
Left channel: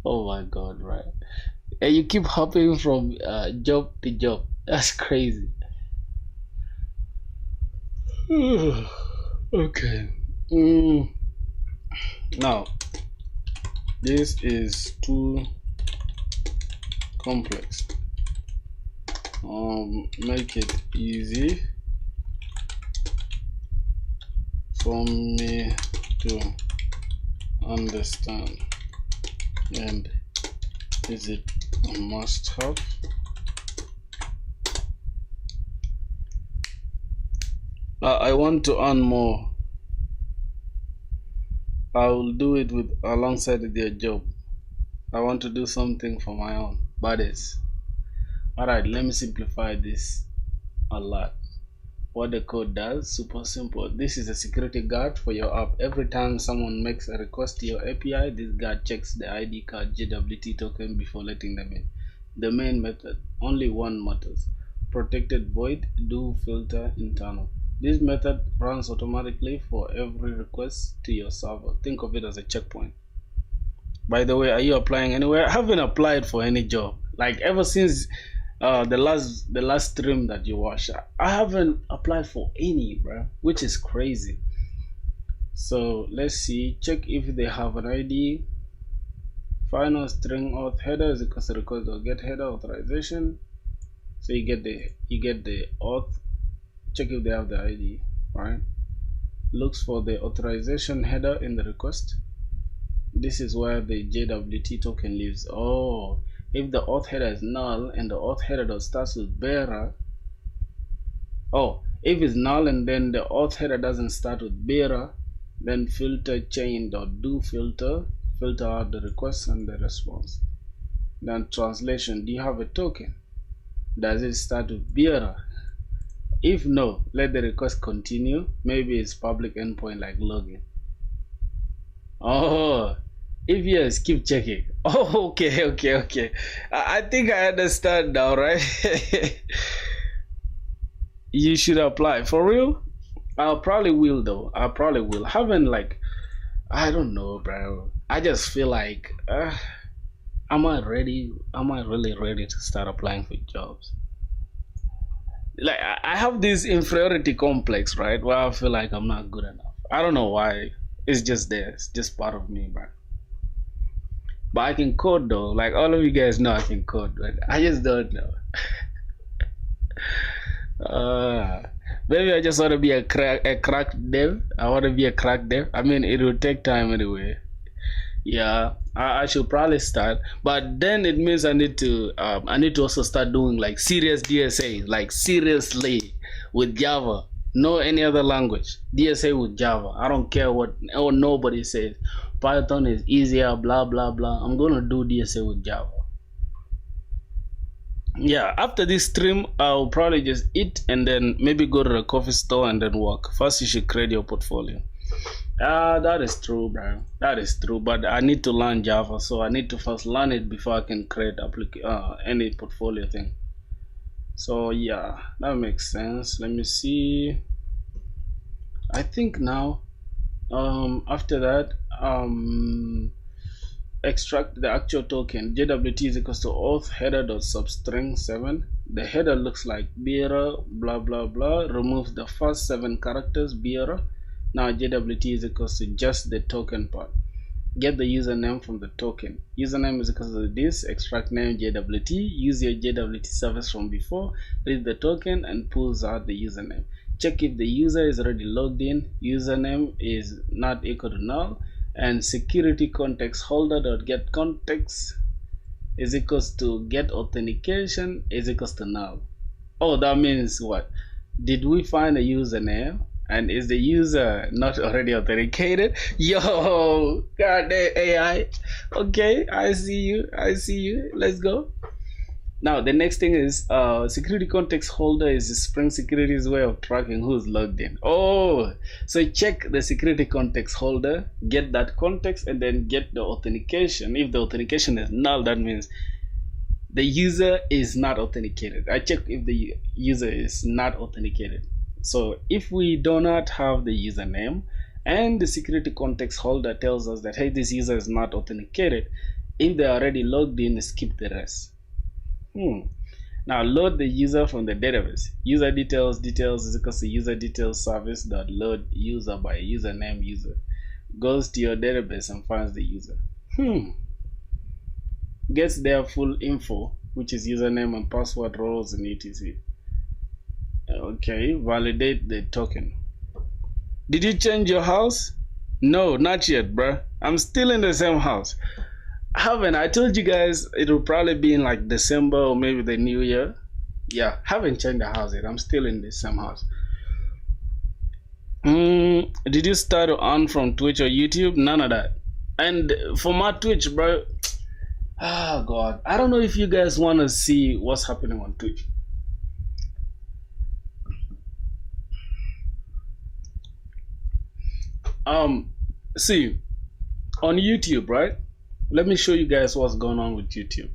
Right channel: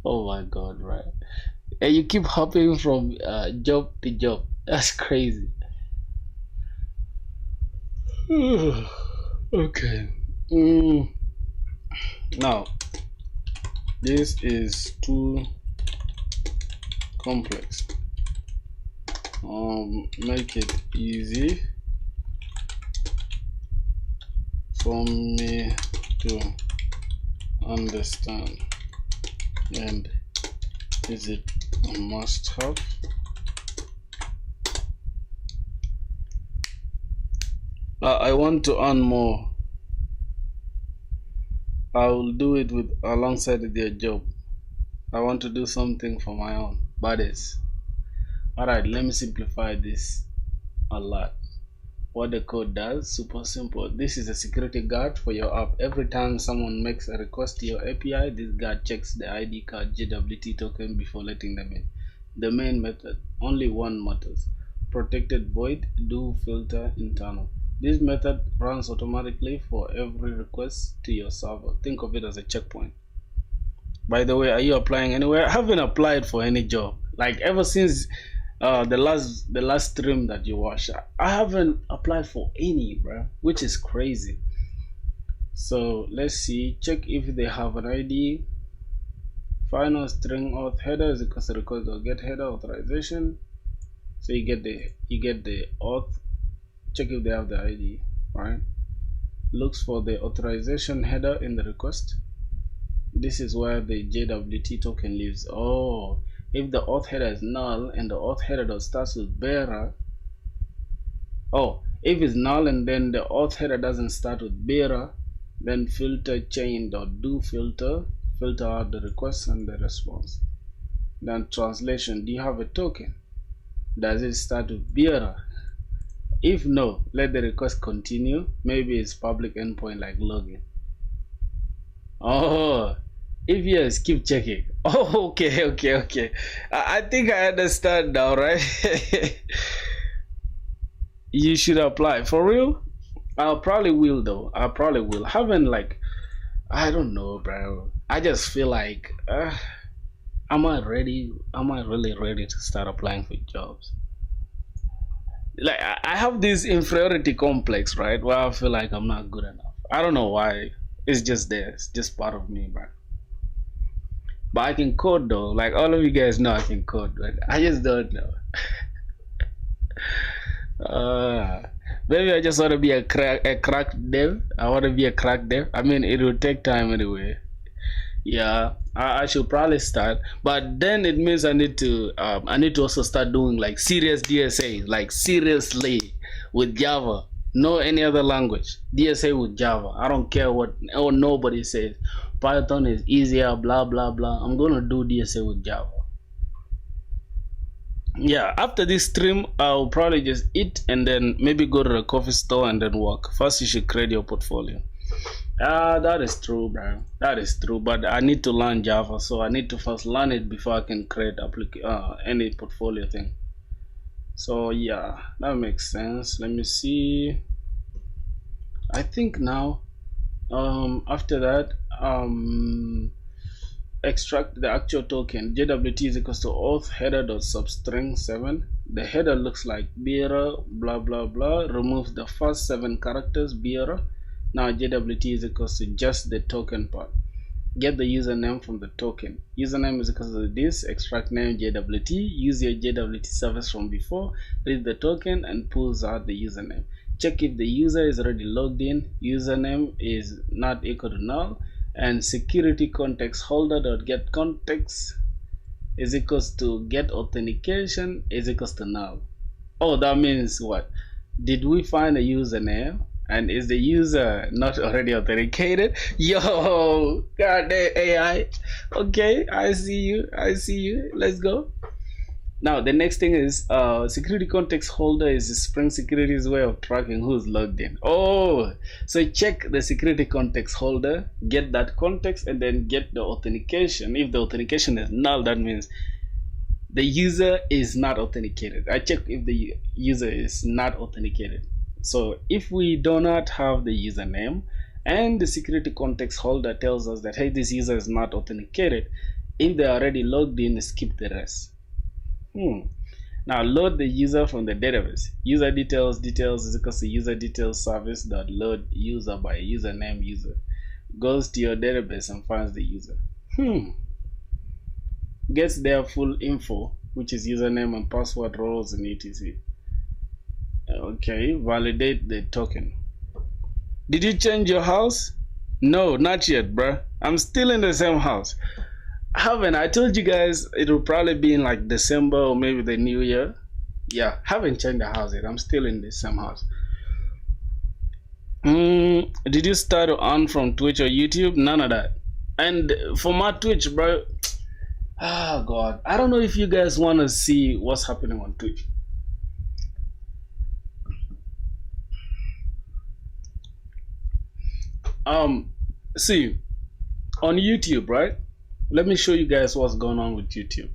Oh my god, right? And you keep hopping from job to job. That's crazy. Okay. Now, this is too complex. Make it easy for me to understand, and is it a must-have? I want to earn more. I will do it with alongside their job. I want to do something for my own bodies. Alright, let me simplify this a lot. What the code does, super simple. This is a security guard for your app. Every time someone makes a request to your API, this guard checks the ID card JWT token before letting them in. The main method, only one matters. Protected void do filter internal. This method runs automatically for every request to your server. Think of it as a checkpoint. By the way, are you applying anywhere? I haven't applied for any job. Like ever since the last stream that you watched, I haven't applied for any, bro, which is crazy. So let's see. Check if they have an ID. Final string auth header is equals to request or get header authorization. So you get the auth. Check if they have the ID, right? Looks for the authorization header in the request. This is where the JWT token lives. Oh, if the auth header is null and the auth header starts with bearer. Oh, if it's null and then the auth header doesn't start with bearer, then filter chain.do filter out the request and the response. Then translation, do you have a token? Does it start with bearer? If no, let the request continue. Maybe it's public endpoint like login. Oh, if yes, keep checking. Oh, okay. I think I understand now, right? You should apply. For real? I probably will though. I probably will. Haven't like, I don't know, bro. I just feel like, am I ready? Am I really ready to start applying for jobs? Like I have this inferiority complex, right? Where I feel like I'm not good enough. I don't know why. It's just there. It's just part of me, bro. But I can code though. Like all of you guys know I can code, but I just don't know. Maybe I just want to be a crack dev. I want to be a crack dev. I mean, it will take time anyway. Yeah, I should probably start, but then it means I need to also start doing like serious DSA, like seriously with Java, no any other language. DSA with Java. I don't care what nobody says. Python is easier, blah blah blah. I'm gonna do DSA with Java. Yeah, after this stream, I'll probably just eat and then maybe go to the coffee store and then work. First, you should create your portfolio. That is true, bro. That is true, but I need to learn Java, so I need to first learn it before I can create any portfolio thing. So yeah, that makes sense. Let me see. I think now, after that, extract the actual token. JWT is equals to auth header.substring 7. The header looks like bearer, blah blah blah. Remove the first 7 characters, bearer. Now JWT is equals to just the token part. Get the username from the token. Username is equals to this, extract name JWT. Use your JWT service from before, read the token and pulls out the username. Check if the user is already logged in. Username is not equal to null. And security context holder.get context is equals to get authentication is equals to null. Oh, that means what? Did we find a username? And is the user not already authenticated? Yo, goddamn AI. Okay, I see you. Let's go. Now the next thing is security context holder is Spring Security's way of tracking who's logged in. Oh, so check the security context holder, get that context, and then get the authentication. If the authentication is null, that means the user is not authenticated. I checked if the user is not authenticated. So if we do not have the username and the security context holder tells us that hey, this user is not authenticated, if they're already logged in, skip the rest. Now load the user from the database. User details is equals to user details service dot load user by username user. Goes to your database and finds the user. Gets their full info, which is username and password, roles and etc. Okay, validate the token. Did you change your house? No, not yet, bruh. I'm still in the same house. I told you guys it will probably be in like December or maybe the new year. Yeah, haven't changed the house yet. I'm still in the same house. Did you start to earn from Twitch or YouTube? None of that. And for my Twitch, bro, God, I don't know if you guys want to see what's happening on Twitch. See, on YouTube, right? Let me show you guys what's going on with YouTube.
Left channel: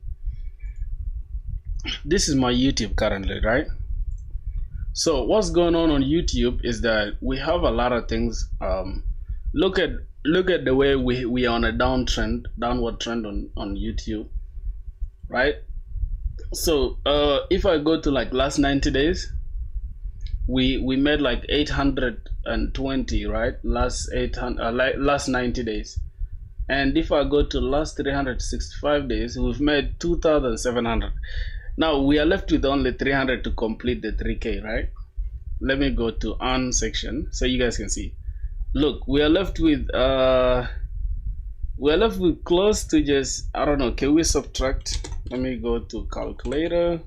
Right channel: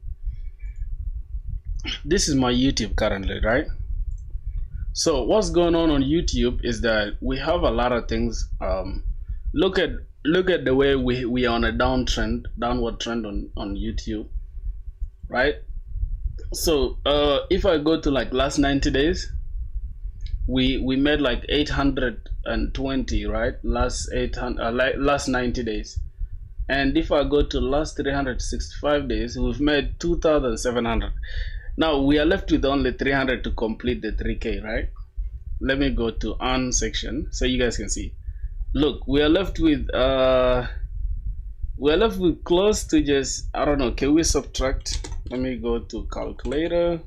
This is my YouTube currently, right? So what's going on YouTube is that we have a lot of things. Look at the way we are on a downward trend on YouTube, right? So if I go to like last 90 days, we made like 820, right? Last 800 last 90 days. And if I go to last 365 days, we've made 2,700. Now we are left with only 300 to complete the 3K, right? Let me go to earn section so you guys can see. Look, we are left with close to just, I don't know, can we subtract? Let me go to calculator.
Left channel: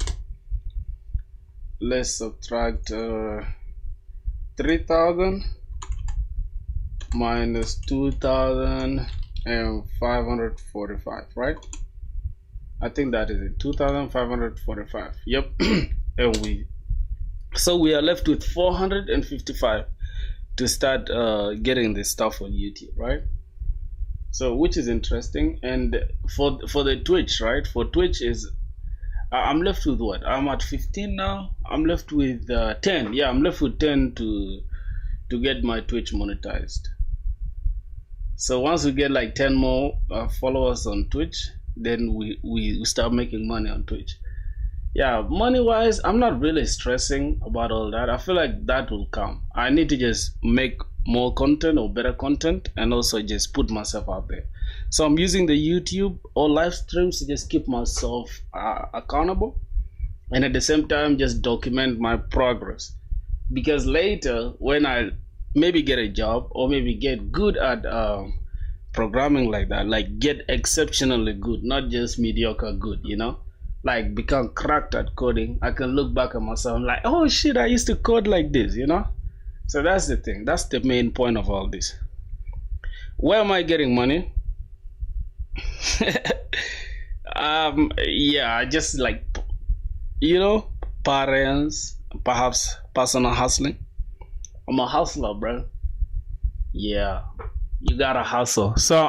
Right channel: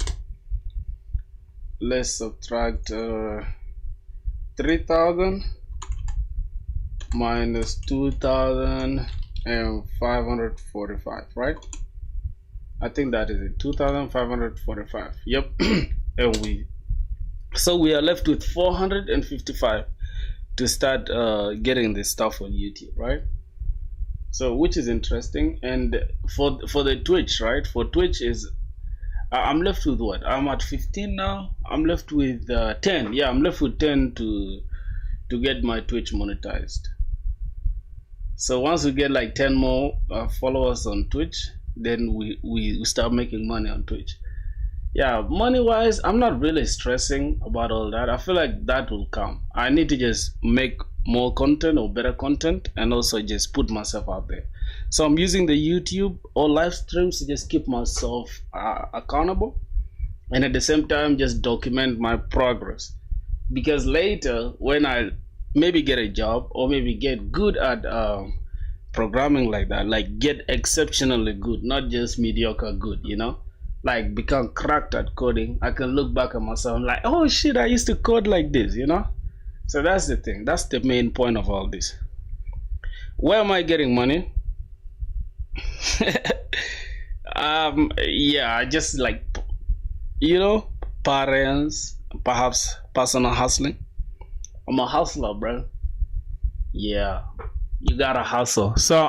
Let's subtract 3,000 minus 2,545, right? I think that is it, 2,545. Yep. And we are left with 455 to start getting this stuff on YouTube, right? So which is interesting. And for the Twitch, right? For Twitch is I'm left with what? I'm at 15 now. I'm left with 10. Yeah, I'm left with 10 to get my Twitch monetized. So once we get like 10 more followers on Twitch, then we start making money on Twitch. Yeah, money wise, I'm not really stressing about all that. I feel like that will come. I need to just make more content or better content, and also just put myself out there. So I'm using the YouTube or live streams to just keep myself accountable, and at the same time just document my progress, because later when I maybe get a job or maybe get good at programming like that, like get exceptionally good, not just mediocre good, you know, like become cracked at coding, I can look back at myself like, oh shit, I used to code like this, you know. So that's the thing, that's the main point of all this. Where am I getting money? Yeah, just like, you know, parents, perhaps personal hustling. I'm a hustler, bro. Yeah, you gotta hustle. So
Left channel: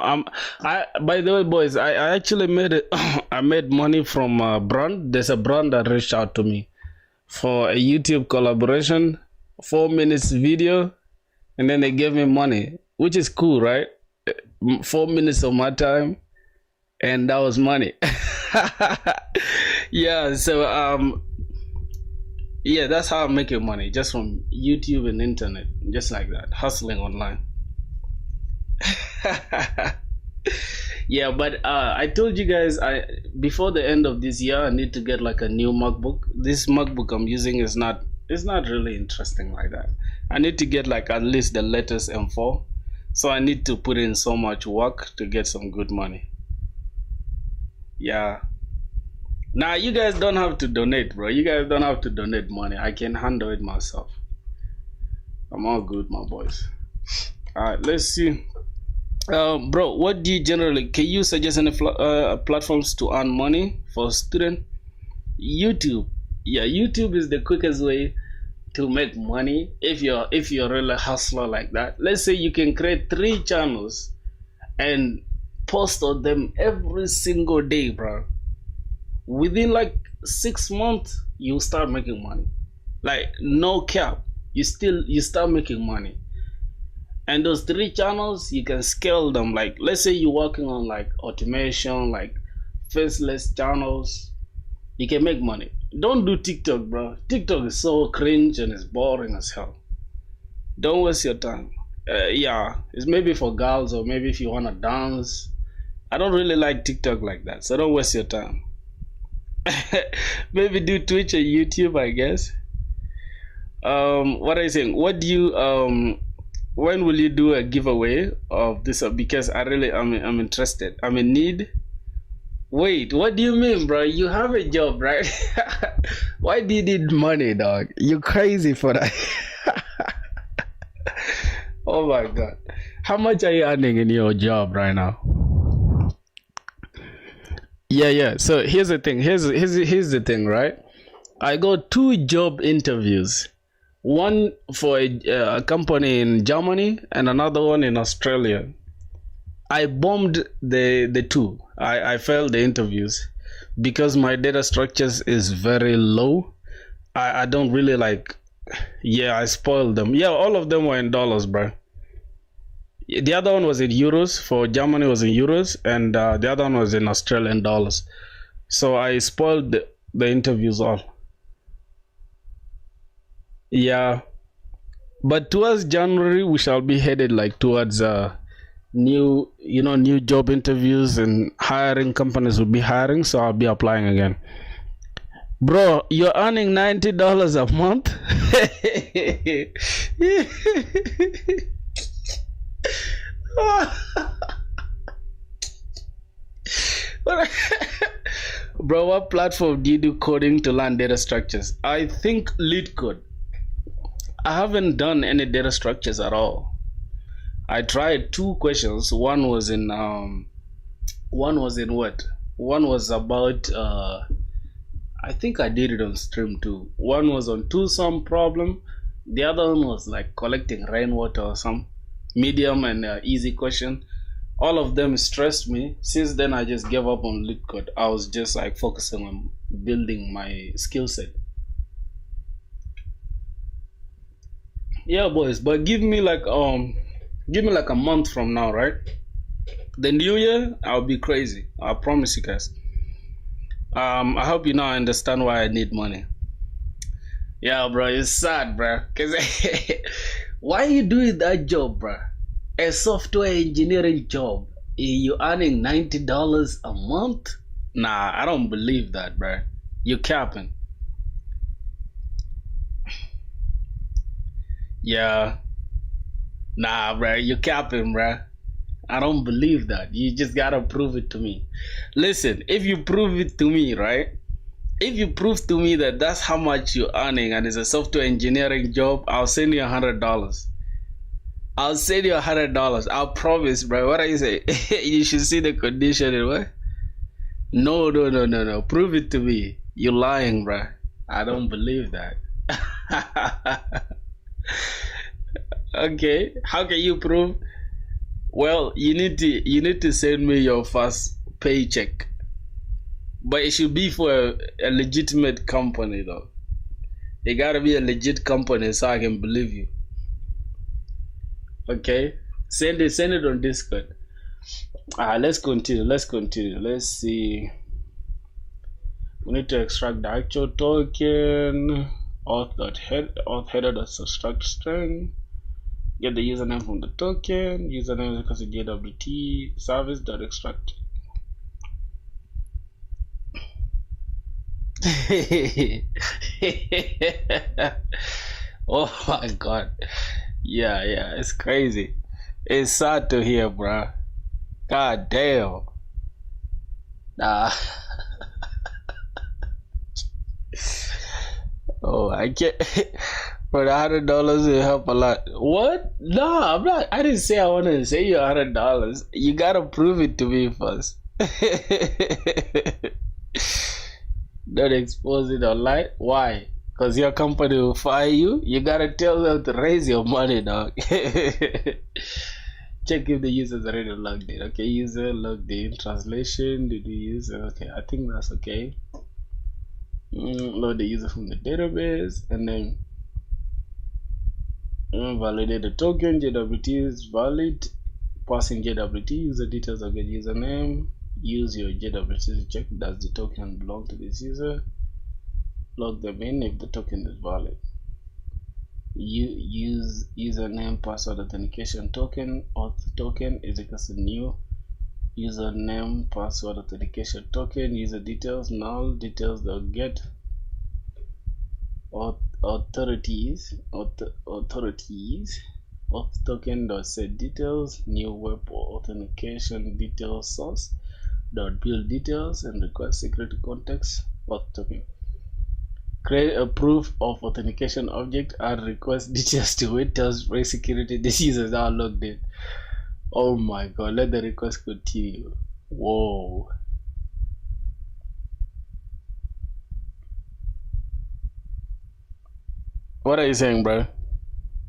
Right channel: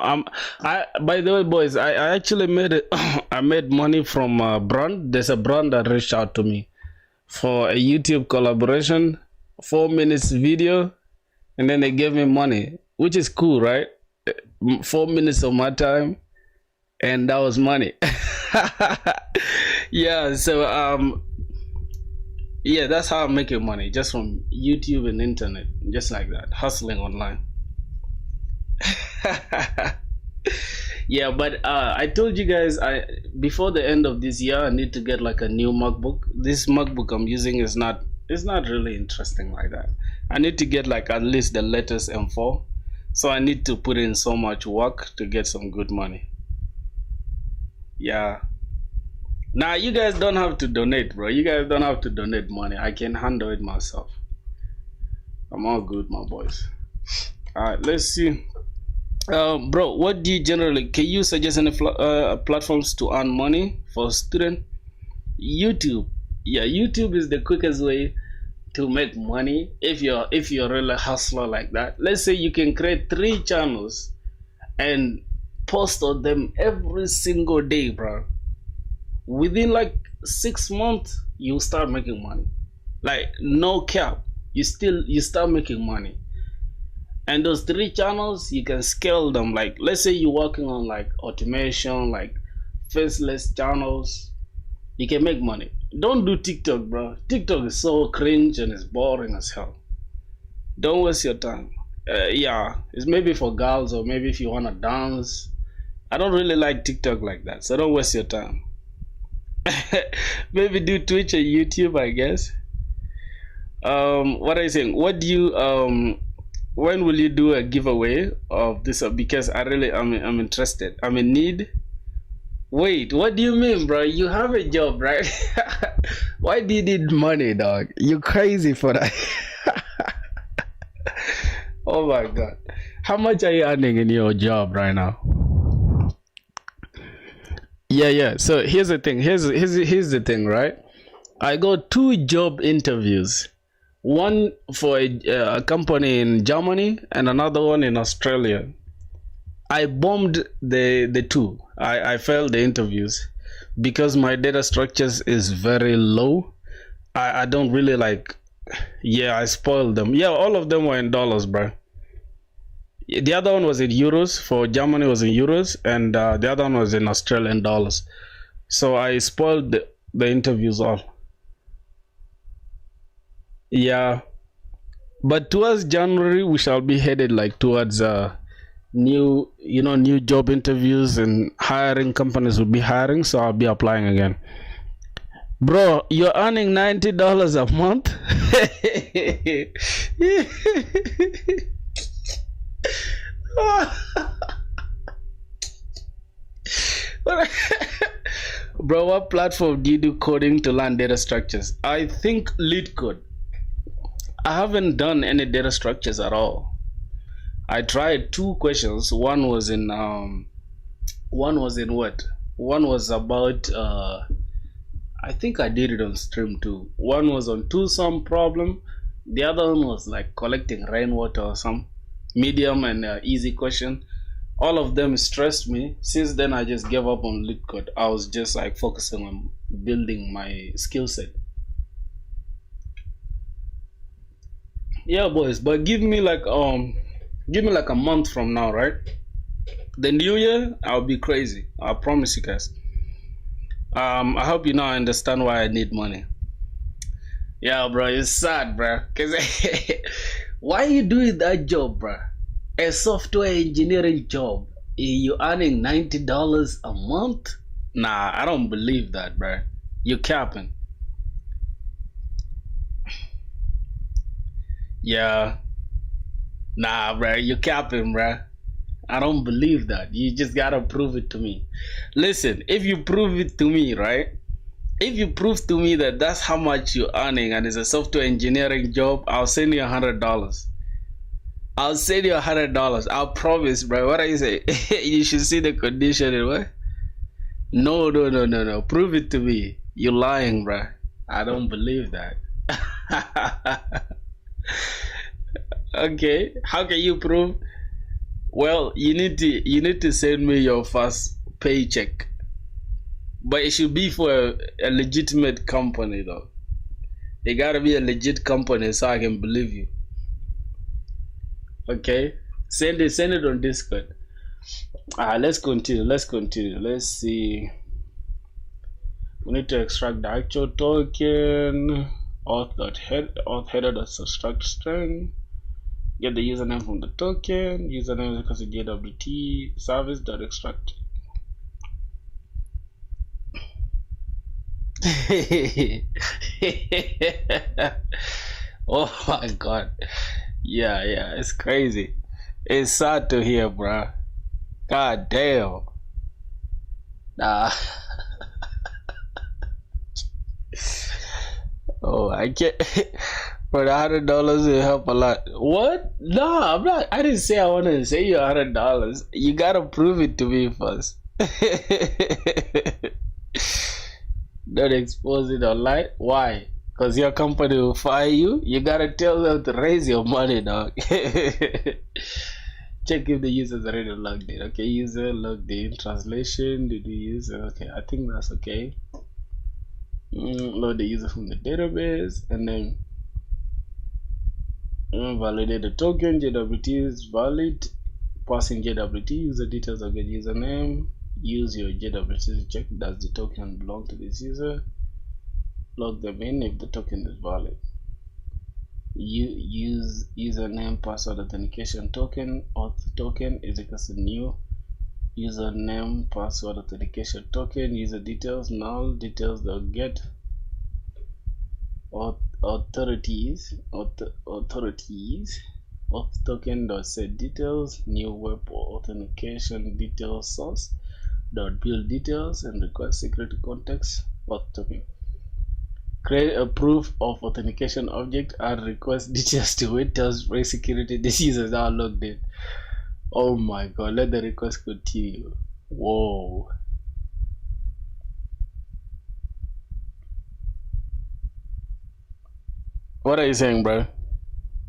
by the way, boys, I actually made it. I made money from a brand. There's a brand that reached out to me for a YouTube collaboration, 4 minutes video, and then they gave me money, which is cool, right? 4 minutes of my time, and that was money. Yeah, so yeah, that's how I'm making money, just from YouTube and internet, just like that, hustling online. Yeah, but I told you guys, before the end of this year I need to get like a new MacBook. This MacBook I'm using is not really interesting like that. I need to get like at least the latest M4, so I need to put in so much work to get some good money. Yeah, now you guys don't have to donate, bro. You guys don't have to donate money. I can handle it myself. I'm all good, my boys. All right, let's see. Bro, what do you generally, can you suggest any platforms to earn money for a student? YouTube. Yeah, YouTube is the quickest way to make money if you're really a hustler like that. Let's say you can create 3 channels and post on them every single day, bro. Within like 6 months you start making money, like no cap. You start making money. And those 3 channels, you can scale them. Like, let's say you're working on like automation, like faceless channels, you can make money. Don't do TikTok, bro. TikTok is so cringe and it's boring as hell. Don't waste your time. Yeah, it's maybe for girls, or maybe if you want to dance. I don't really like TikTok like that, so don't waste your time. Maybe do Twitch or YouTube, I guess. What are you saying? What do you when will you do a giveaway of this? Because I'm interested. I'm in need. Wait, what do you mean, bro? You have a job, right? Why do you need money, dog? You crazy for that? Oh my god. How much are you earning in your job right now? Yeah. So here's the thing. Here's the thing, right? I got 2 job interviews. One for a company in Germany and another one in Australia. I bombed the 2. I failed the interviews because my data structures is very low. I don't really like Yeah, I spoiled them. Yeah, all of them were in dollars, bro. The other one was in euros. For Germany was in euros, and the other one was in Australian dollars. So I spoiled the interviews all. Yeah, but towards January we shall be headed like towards new job interviews and hiring. Companies will be hiring, so I'll be applying again. Bro, you're earning $90 a month. Bro, what platform do you do coding to learn data structures? I think lead code. I haven't done any data structures at all. I tried two questions. One was in what? One was about I think I did it on stream too. One was on two sum problem. The other one was like collecting rainwater or some medium and easy question. All of them stressed me. Since then I just gave up on lead code. I was just like focusing on building my skill set. Yeah, boys, but give me like a month from now, right? The new year I'll be crazy. I promise you guys. I hope you now understand why I need money. Yeah, bro, it's sad, bro. Cause why you doing that job, bro? A software engineering job. You earning $90 a month? Nah, I don't believe that, bro. You capping. Yeah. Nah, bro, you capping, bro. I don't believe that. You just gotta prove it to me. Listen, if you prove it to me, right? If you prove to me that that's how much you're earning and it's a software engineering job, I'll send you $100. I'll send you $100. I'll promise, bro. What I say? You should see the condition, what? No. Prove it to me. You're lying, bro. I don't believe that. Okay, how can you prove? Well, you need to send me your first paycheck, but it should be for a legitimate company though. It gotta be a legit company so I can believe you. Okay, send it on Discord. Let's continue. Let's see. We need to extract the actual token. Auth.header.subtract string. Get the username from the token. Username is equals to JWT service.extract. Oh my god. Yeah, it's crazy. It's sad to hear, bro. God damn. Nah. Oh, I can't. For the $100 will help a lot. What? No, I'm not. I didn't say I wanted to say you $100. You gotta prove it to me first. Don't expose it online. Why? Because your company will fire you. You gotta tell them to raise your money, dog. Check if the user's already logged in. Okay, user logged in. Translation. Did we use? Okay, I think that's okay. Load the user from the database and then validate the token. JWT is valid. Passing JWT user details again. Username. Use your JWT to check does the token belong to this user. Log them in if the token is valid. Use username password authentication token. Auth token is equals to new username password authentication token. User details null details dot get authorities auth token dot set details new web authentication details source dot build details and request security context auth token. Create a proof of authentication object and request details to wait tells break security. This users are logged in. Oh my god, let the request continue. Whoa. What are you saying, bro?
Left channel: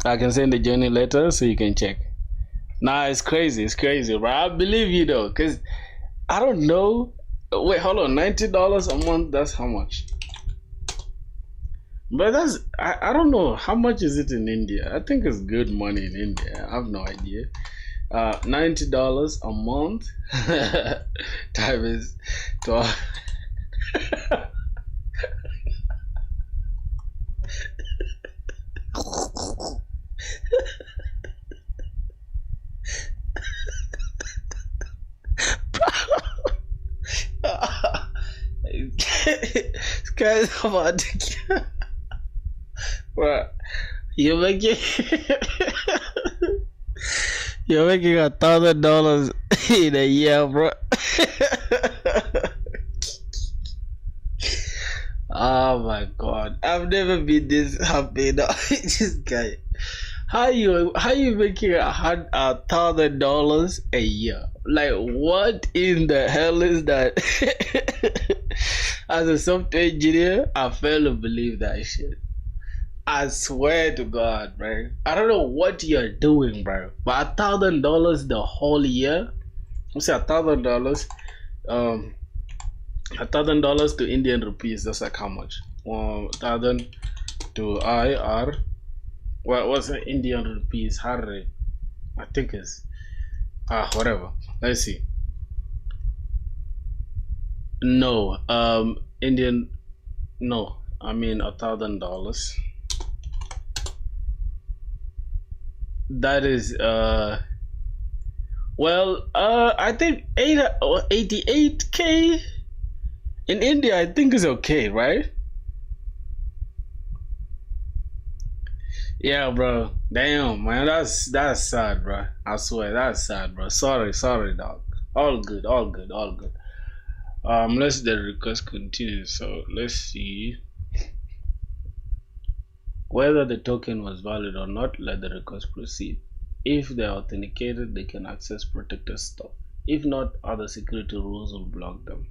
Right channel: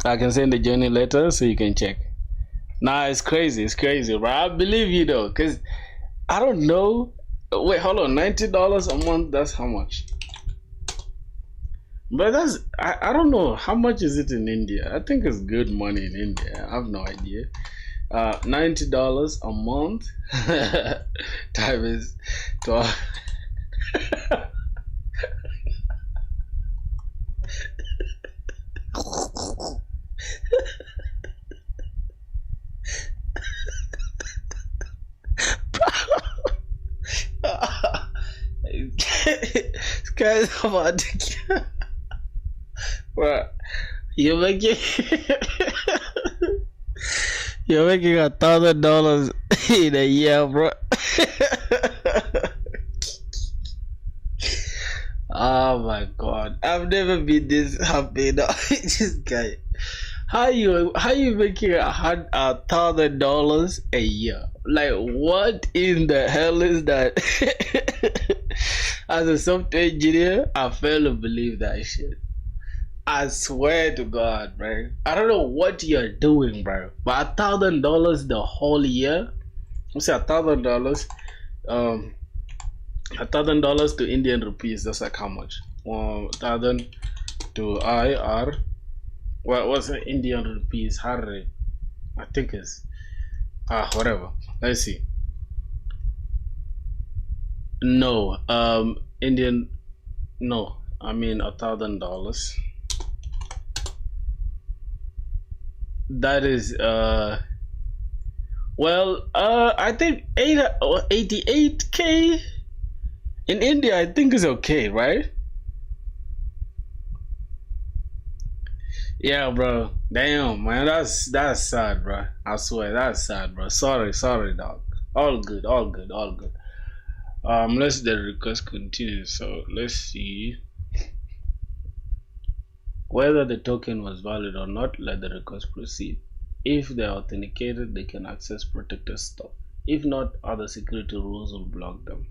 I can send the journey letter so you can check. Nah, it's crazy, bro. I believe you though, cause I don't know. Wait, hold on, $90 a month. That's how much? But I don't know how much is it in India. I think it's good money in India. I have no idea. $90 a month times 12. This guy's about to bro, you're making you're making $1,000 in a year, bro. Oh my god, I've never been this happy. No, this guy. How you making $1,000 a year? Like what in the hell is that? As a software engineer, I fail to believe that shit. I swear to God, bro. I don't know what you're doing, bro. But $1,000 the whole year? What's $1,000? $1,000 to Indian rupees. That's like how much? 1,000 to IR. What's the Indian rupees? Harry, I think it's whatever. Let's see. No, Indian. No, I mean $1,000. That is well, I think 88K in India. I think is okay, right? Yeah, bro. Damn, man, that's sad, bro. I swear, that's sad, bro. Sorry, dog. All good, all good, all good. Let's the request continue. So let's see whether the token was valid or not. Let the request proceed. If they are authenticated, they can access protected stuff. If not, other security rules will block them.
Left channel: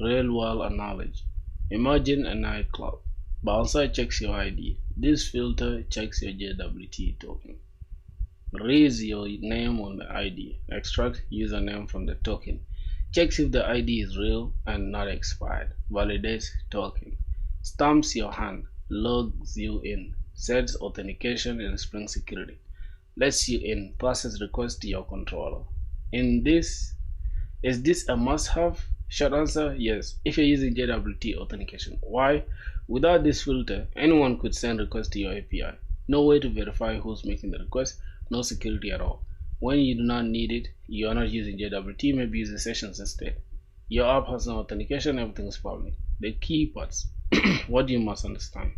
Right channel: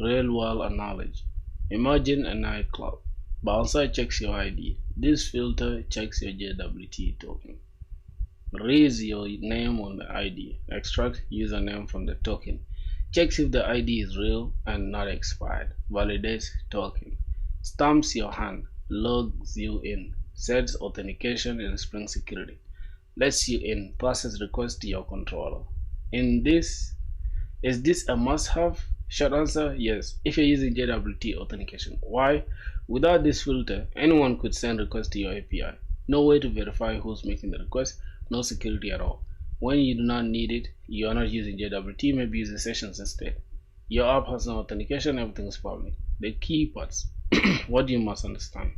Real world analogy. Imagine a nightclub. Bouncer checks your ID. This filter checks your JWT token. Raise your name on the ID. Extract username from the token. Checks if the ID is real and not expired. Validates token. Stamps your hand. Logs you in. Sets authentication in Spring Security. Lets you in. Passes request to your controller. Is this a must-have? Short answer, yes, if you're using JWT authentication. Why? Without this filter, anyone could send requests to your API. No way to verify who's making the request, no security at all. When you do not need it, you are not using JWT, maybe using sessions instead. Your app has no authentication, everything is public. The key parts, what you must understand.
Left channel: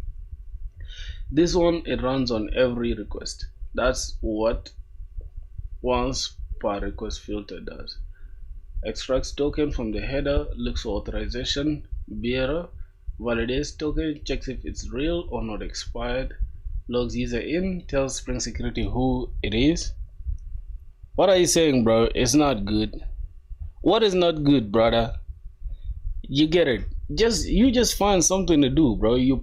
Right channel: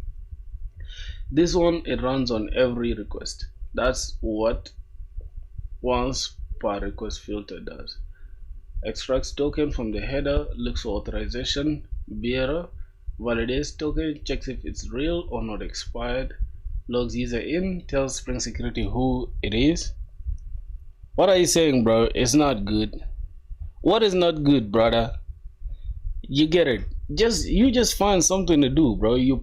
This one, it runs on every request. That's what once per request filter does. Extracts token from the header, looks for authorization, bearer, validates token, checks if it's real or not expired, logs user in, tells Spring Security who it is. What are you saying, bro? It's not good. What is not good, brother? You get it. You just find something to do, bro. You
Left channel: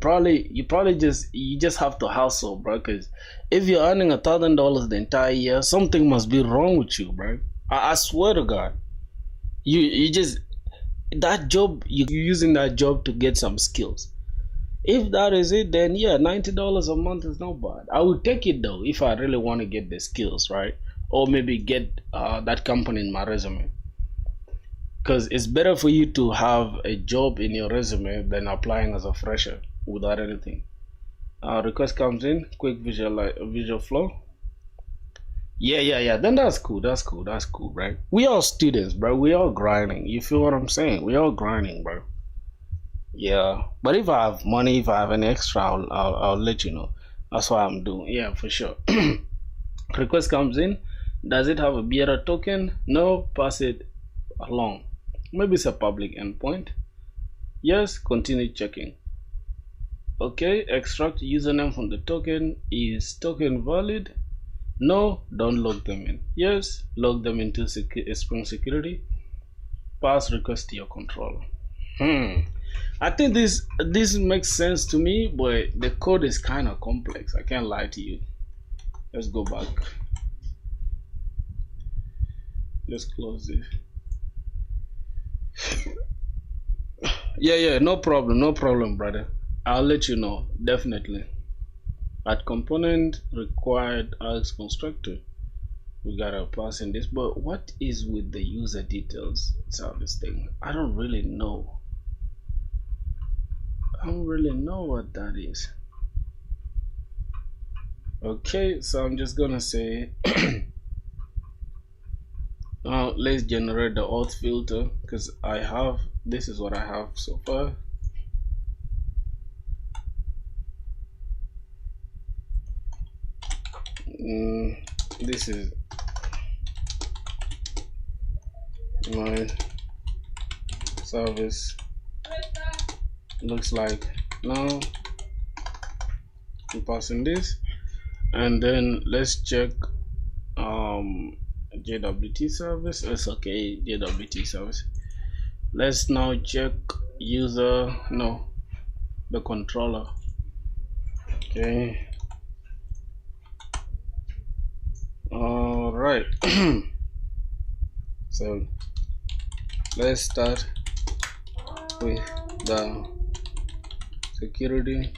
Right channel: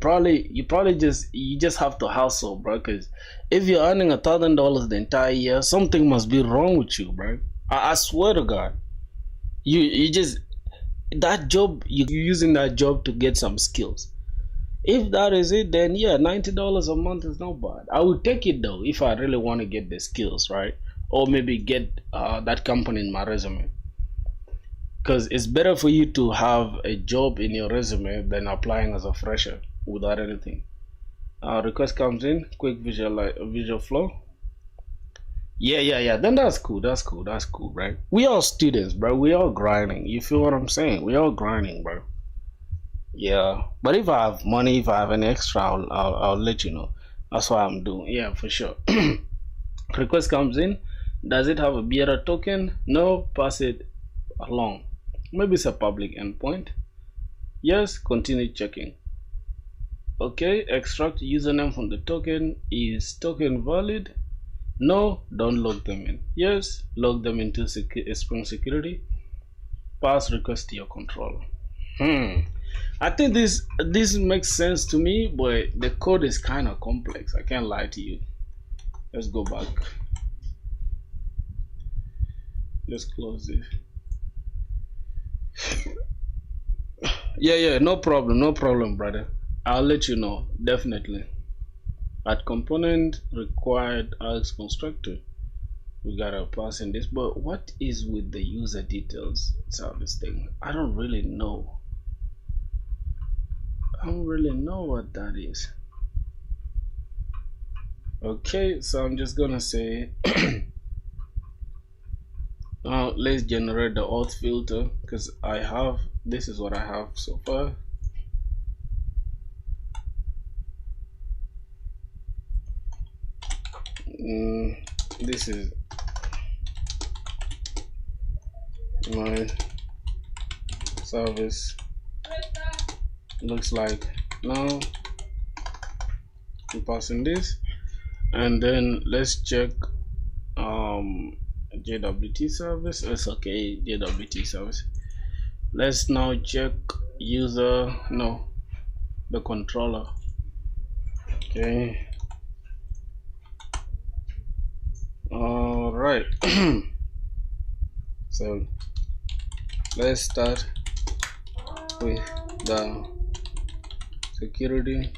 just have to hustle, bro. Cause if you're earning $1,000 the entire year, something must be wrong with you, bro. I swear to God. You just that job, you're using that job to get some skills. If that is it, then yeah, $90 a month is not bad. I would take it though if I really want to get the skills, right? Or maybe get that company in my resume. Because it's better for you to have a job in your resume than applying as a fresher without anything. Request comes in, quick visual flow. Yeah. Then that's cool, right? We all students, bro. We all grinding. You feel what I'm saying? We all grinding, bro. Yeah. But if I have money, if I have any extra, I'll let you know. That's what I'm doing. Yeah, for sure. Request comes in. Does it have a bearer token? No. Pass it along. Maybe it's a public endpoint. Yes. Continue checking. Okay. Extract username from the token. Is token valid? No, don't log them in. Yes, log them into Spring Security. Pass request to your controller. I think this makes sense to me, but the code is kind of complex. I can't lie to you. Let's go back. Let's close it. Yeah, no problem, brother. I'll let you know, definitely. At component required as constructor, we gotta pass in this. But what is with the user details service thing? I don't really know. I don't really know what that is. Okay, so I'm just gonna say let's generate the auth filter, because I have, this is what I have so far. This is my service looks like now. I'm passing this, and then let's check JWT service. That's okay, JWT service. Let's now check user, no, the controller. Okay, all right. So let's start with the security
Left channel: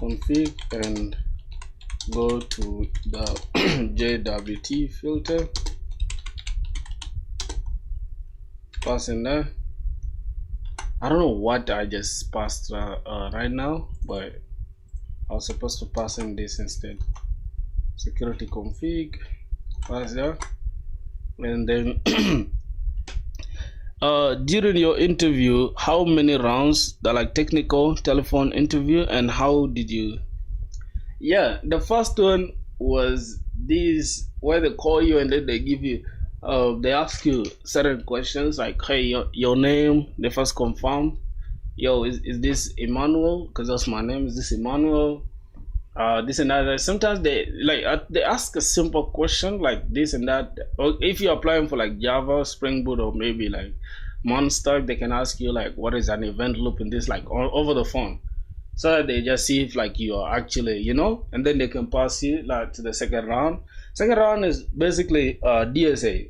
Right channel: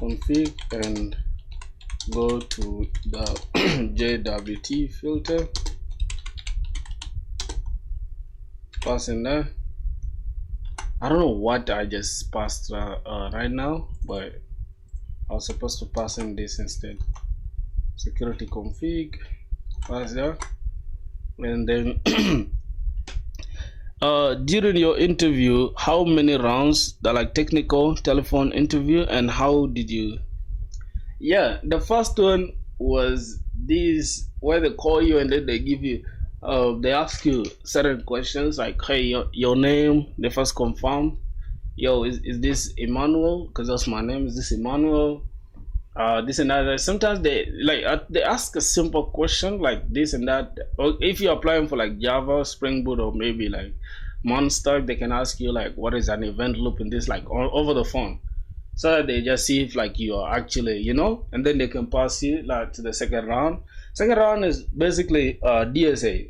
config and go to the JWT filter, pass in there. I don't know what I just passed right now, but I was supposed to pass in this instead. Security config, pass there, and then during your interview, how many rounds, the like technical telephone interview, and how did you? Yeah, the first one was this, where they call you and then they give you they ask you certain questions like, hey, your name, they first confirm, yo, is this Emmanuel, because that's my name, is this Emmanuel, this and that. Sometimes they like they ask a simple question like this and that, or if you're applying for like Java, Spring Boot, or maybe like Monster, they can ask you like, what is an event loop in this, like over the phone, so that they just see if like you are actually, you know, and then they can pass you like to the second round. Second round is basically DSA.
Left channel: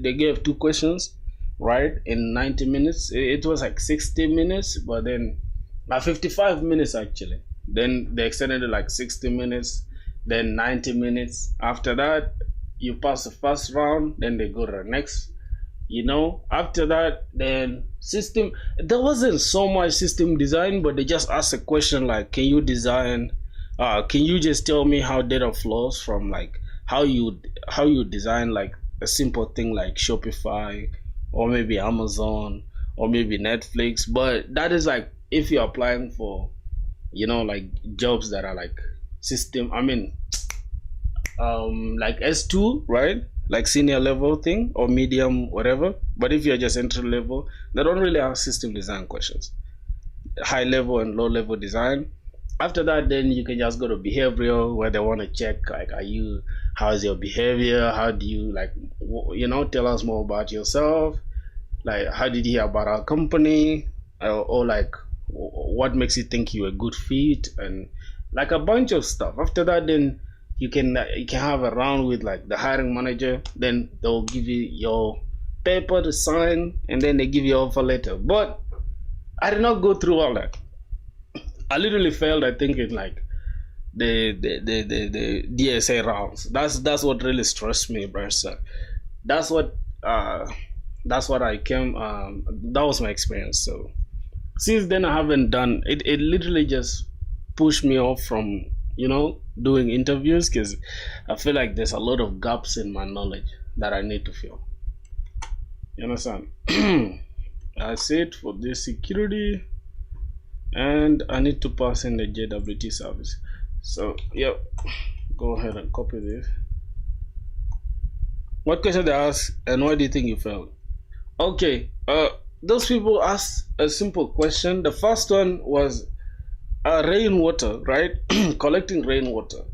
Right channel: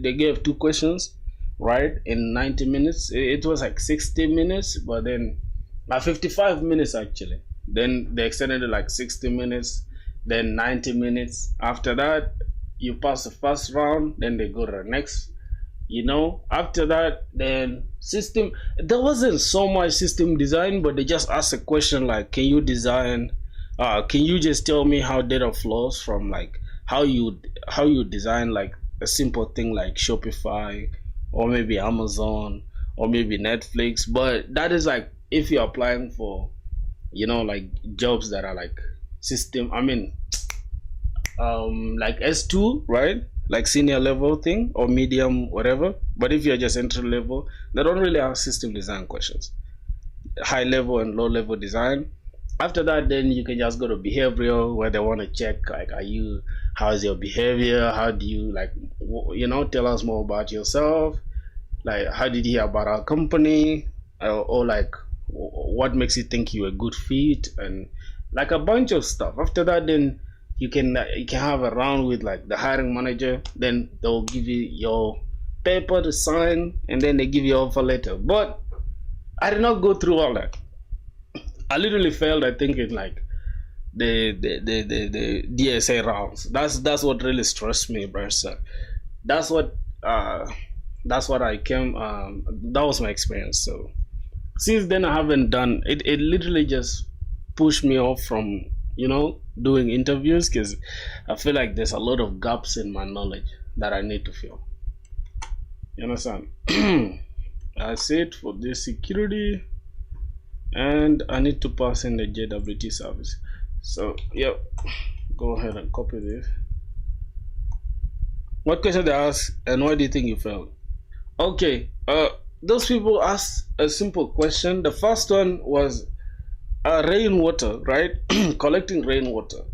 They gave 2 questions, right, in 90 minutes. It was like 60 minutes, but then 55 minutes actually. Then they extended it like 60 minutes, then 90 minutes. After that, you pass the first round, then they go to the next. You know, after that, then system, there wasn't so much system design, but they just asked a question like, can you design, can you just tell me how data flows from like how you design like a simple thing like Shopify, or maybe Amazon, or maybe Netflix. But that is like if you're applying for, you know, like jobs that are like system, I mean like S2, right, like senior level thing, or medium, whatever. But if you're just entry level, they don't really have system design questions. High level and low level design. After that, then you can just go to behavioral, where they want to check like, how's your behavior, how do you like, you know, tell us more about yourself, like how did you hear about our company, or like what makes you think you're a good fit, and like a bunch of stuff. After that, then you can have a round with like the hiring manager. Then they'll give you your paper to sign, and then they give you offer letter. But I did not go through all that. I literally failed, I think, in like the DSA rounds. That's what really stressed me, bro. So that's what I came. That was my experience. So since then, I haven't done it. It literally just pushed me off from, you know, doing interviews, because I feel like there's a lot of gaps in my knowledge that I need to fill. You understand? That's it for this security, and I need to pass in the JWT service. So yeah, go ahead and copy this. What question they ask, and why do you think you failed? Okay, those people asked a simple question. The first one was rainwater, right? Collecting rainwater.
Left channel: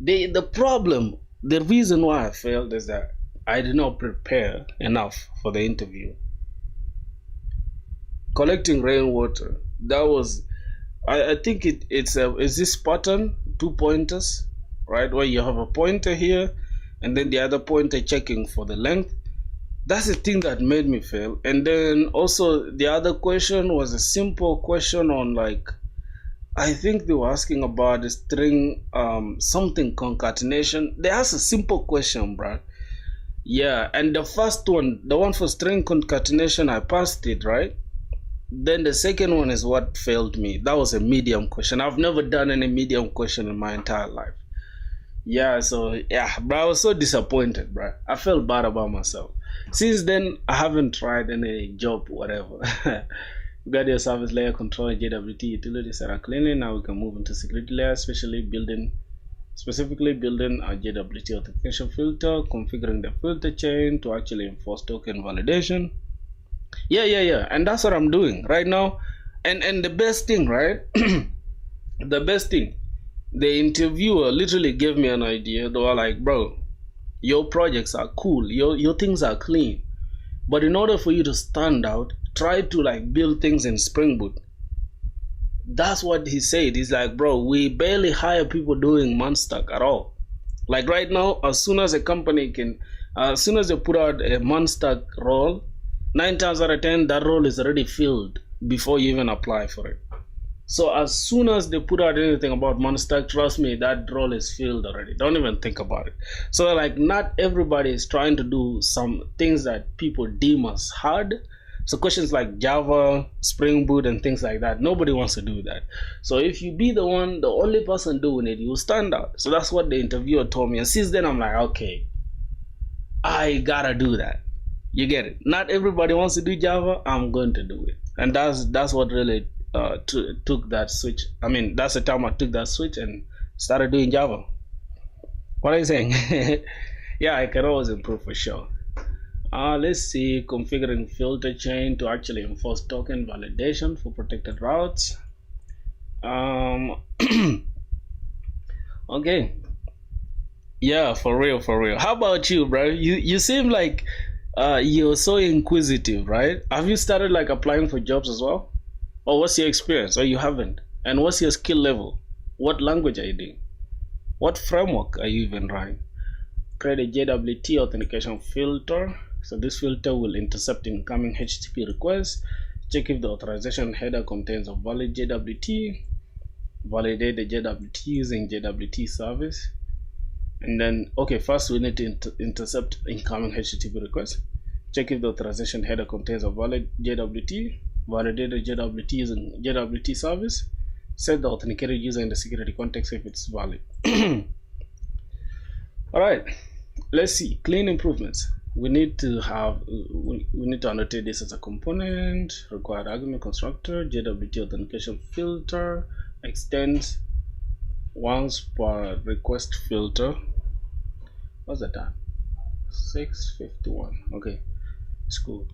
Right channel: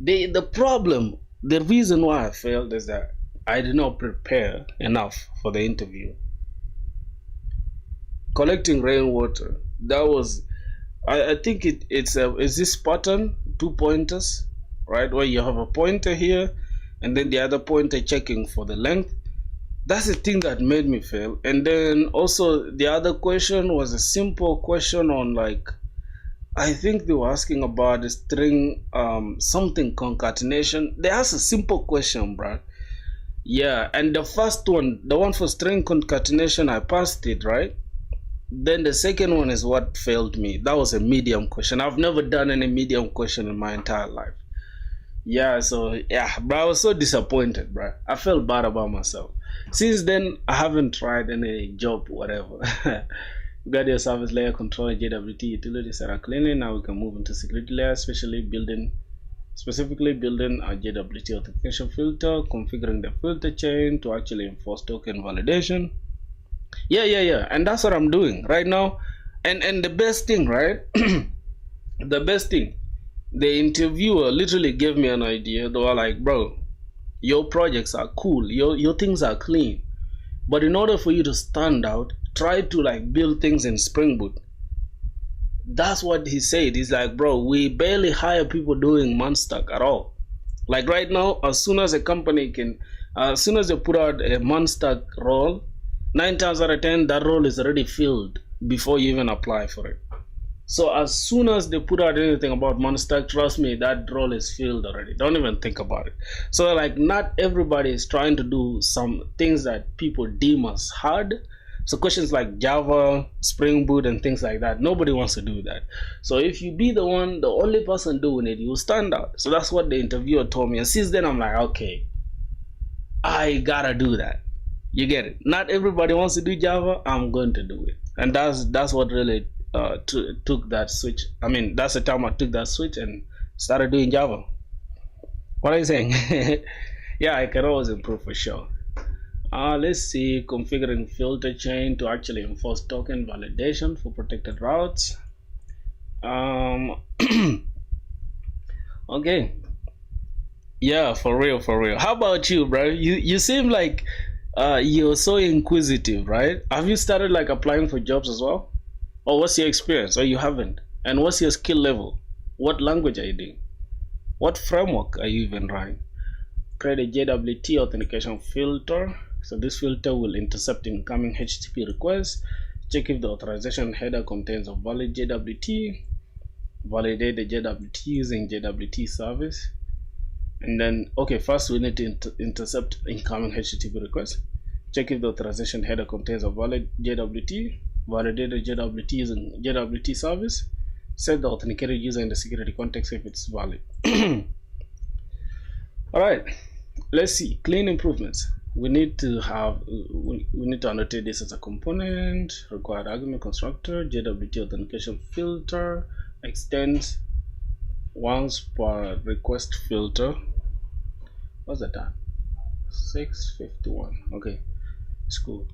The problem, the reason why I failed is that I did not prepare enough for the interview. Collecting rainwater, that was, I think it's this pattern, 2 pointers, right, where you have a pointer here and then the other pointer checking for the length. That's the thing that made me fail. And then also the other question was a simple question on like, I think they were asking about the string something concatenation. They asked a simple question, bruh. Yeah, and the first one, the one for string concatenation, I passed it, right? Then the second one is what failed me. That was a medium question. I've never done any medium question in my entire life. Yeah, so yeah, but I was so disappointed, bro. I felt bad about myself. Since then, I haven't tried any job, whatever. We got your service layer control, JWT utilities that are cleaning. Now we can move into security layer, specifically building a JWT authentication filter, configuring the filter chain to actually enforce token validation. Yeah, and that's what I'm doing right now. And the best thing, right? The best thing, the interviewer literally gave me an idea. They were like, bro, your projects are cool, your things are clean, but in order for you to stand out, try to like build things in Spring Boot. That's what he said. He's like, bro, we barely hire people doing Munstack at all. Like right now, as soon as a company can, as soon as they put out a Munstack role, 9 times out of 10 that role is already filled before you even apply for it. So as soon as they put out anything about Munstack, trust me, that role is filled already. Don't even think about it. So like, not everybody is trying to do some things that people deem as hard. So questions like Java, Spring Boot, and things like that, nobody wants to do that. So if you be the only person doing it, you stand out. So that's what the interviewer told me. And since then, I'm like, okay, I gotta do that. You get it? Not everybody wants to do Java. I'm going to do it, and that's what really took that switch. I mean, that's the time I took that switch and started doing Java. What are you saying? Yeah, I can always improve for sure. Let's see, configuring filter chain to actually enforce token validation for protected routes. Okay. Yeah, for real. How about you, bro? You seem like you're so inquisitive, right? Have you started like applying for jobs as well? Or what's your experience? Or you haven't? And what's your skill level? What language are you doing? What framework are you even running? Create a JWT authentication filter. So this filter will intercept incoming HTTP requests, check if the authorization header contains a valid JWT, validate the JWT using JWT service. And then, okay, first we need to intercept incoming HTTP requests, check if the authorization header contains a valid JWT, validate the JWT using JWT service, set the authenticated user in the security context if it's valid. All right, let's see, clean improvements. We need to annotate this as a component, required argument constructor, JWT authentication filter, extends once per request filter. What's the time? 6:51. Okay, it's cool.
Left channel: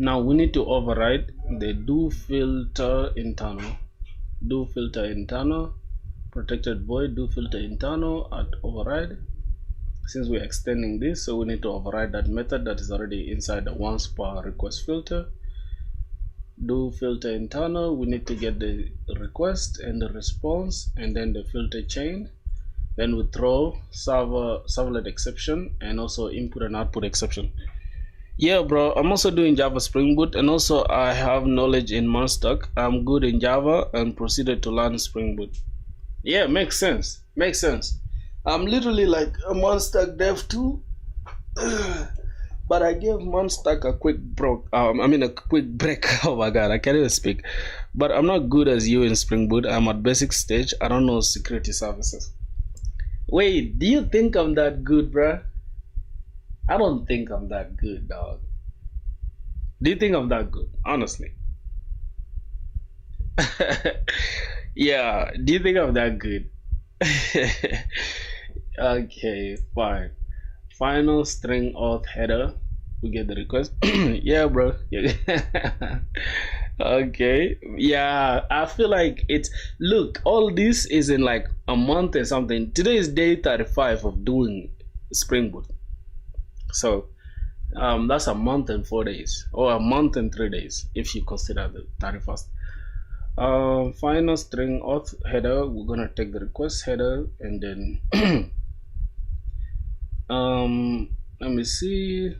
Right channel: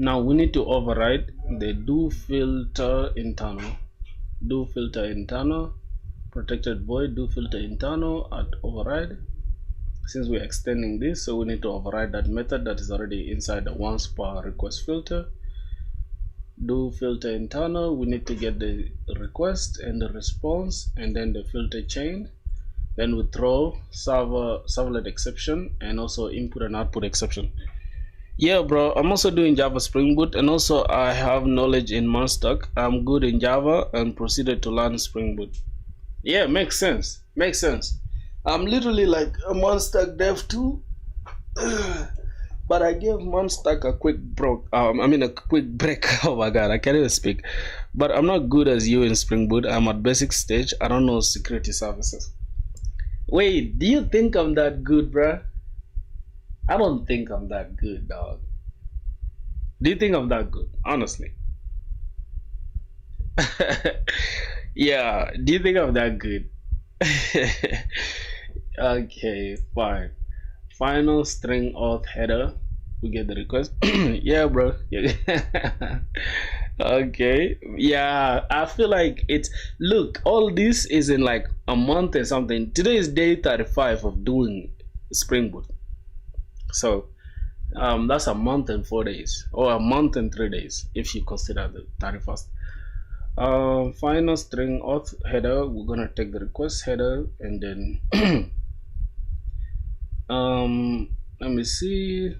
Now we need to override the do filter internal, protected void do filter internal at override. Since we're extending this, so we need to override that method that is already inside the once per request filter. Do filter internal, we need to get the request and the response and then the filter chain. Then we throw servlet exception and also input and output exception. Yeah, bro, I'm also doing Java Spring Boot, and also I have knowledge in Munstack. I'm good in Java and proceeded to learn Spring Boot. Yeah, makes sense. I'm literally like a Munstack dev too, but I gave Munstack a quick break. Oh my god, I can't even speak. But I'm not good as you in Spring Boot. I'm at basic stage. I don't know security services. Wait, do you think I'm that good, bruh? I don't think I'm that good, dog. Do you think I'm that good? Honestly. Yeah, do you think I'm that good? Okay, fine. Final string auth header. We get the request. Yeah, bro. Yeah. Okay. Yeah, I feel like it's, look, all this is in like a month or something. Today is day 35 of doing Spring Boot. So that's a month and 4 days, or a month and 3 days if you consider the 31st. Final string auth header, we're gonna take the request header and then let me see.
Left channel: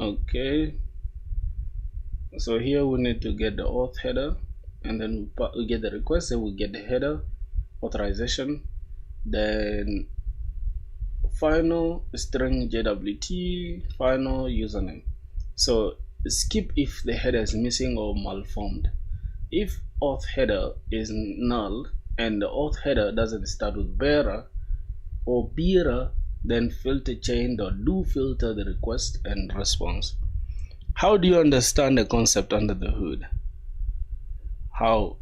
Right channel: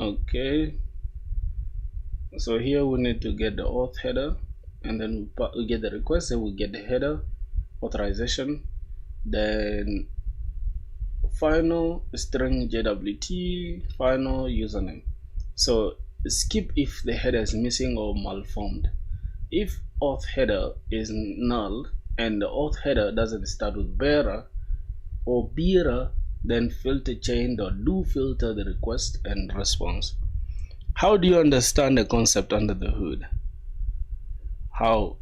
Okay, so here we need to get the auth header, and then we get the request, and we get the header authorization, then final string JWT, final username. So skip if the header is missing or malformed. If auth header is null and the auth header doesn't start with bearer or bearer, then filter chain or do filter the request and response. How do you understand the concept under the hood? How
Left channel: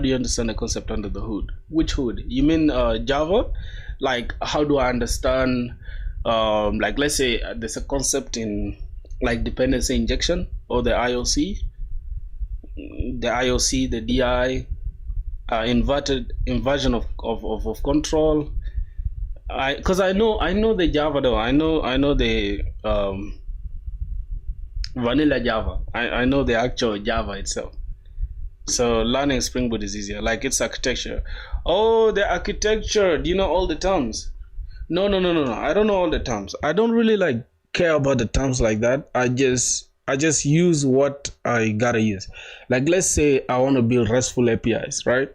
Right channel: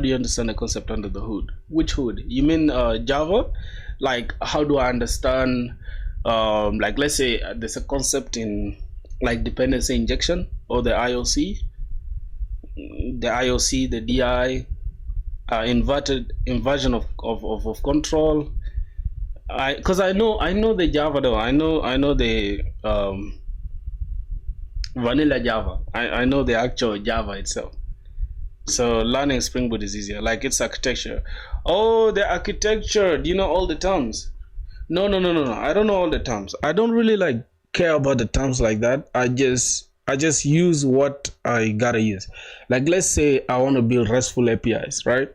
do you understand the concept under the hood? Which hood? You mean Java? Like, how do I understand, like, let's say there's a concept in like dependency injection or the IOC, the DI, inversion of control. Because I know the Java though. I know the vanilla Java. I know the actual Java itself. So learning Spring Boot is easier. Like, it's architecture. Oh, the architecture. Do you know all the terms? No. I don't know all the terms. I don't really like care about the terms like that. I just use what I gotta use. Like, let's say I want to build RESTful APIs, right?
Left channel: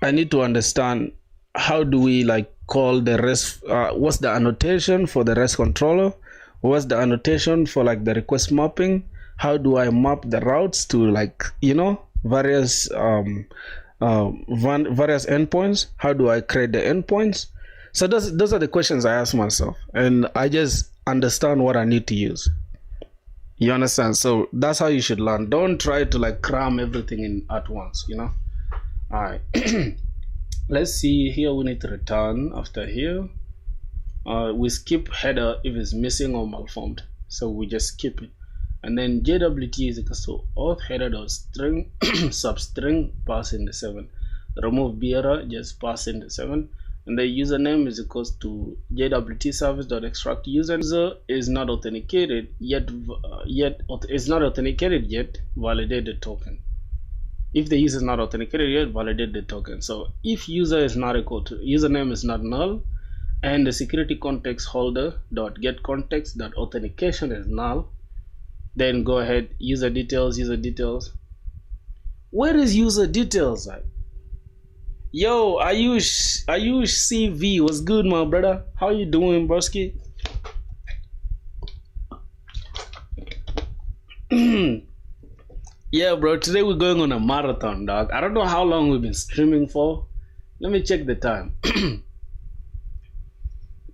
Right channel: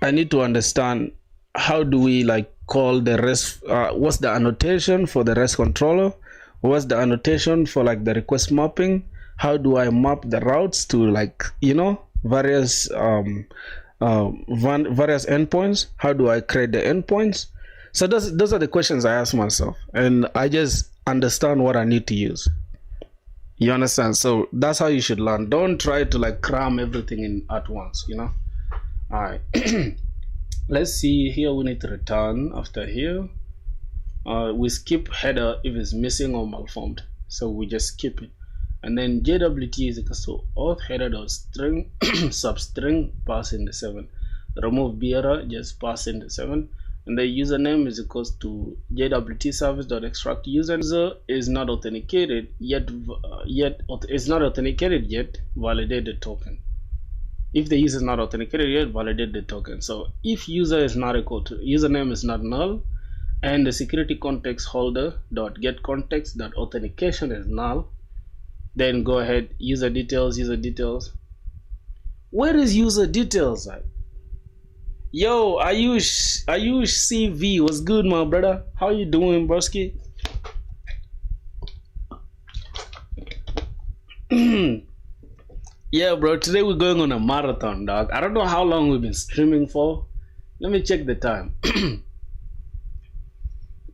I need to understand how do we like call the REST. What's the annotation for the REST controller? What's the annotation for like the request mapping? How do I map the routes to, like, you know, various various endpoints? How do I create the endpoints? So those are the questions I ask myself, and I just understand what I need to use. You understand? So that's how you should learn. Don't try to like cram everything in at once, you know. All right. Let's see here. We need to return after here. We skip header if it's missing or malformed, so we just skip it. And then JWT is equals to auth header dot string substring pass in the 7. Remove bearer, just pass in the 7. And the username is equals to JWT service dot extract user is not authenticated yet. It's not authenticated yet. Validate the token. If the user is not authenticated yet, validate the token. So if user is not equal to username is not null, and the security context holder dot get context dot authentication is null, then go ahead, user details. Where is user details at? Yo, Ayush CV, what's good, my brother? How you doing, broski? Yeah, bro, today we're going on a marathon, dog. I don't know how long we've been streaming for. Let me check the time.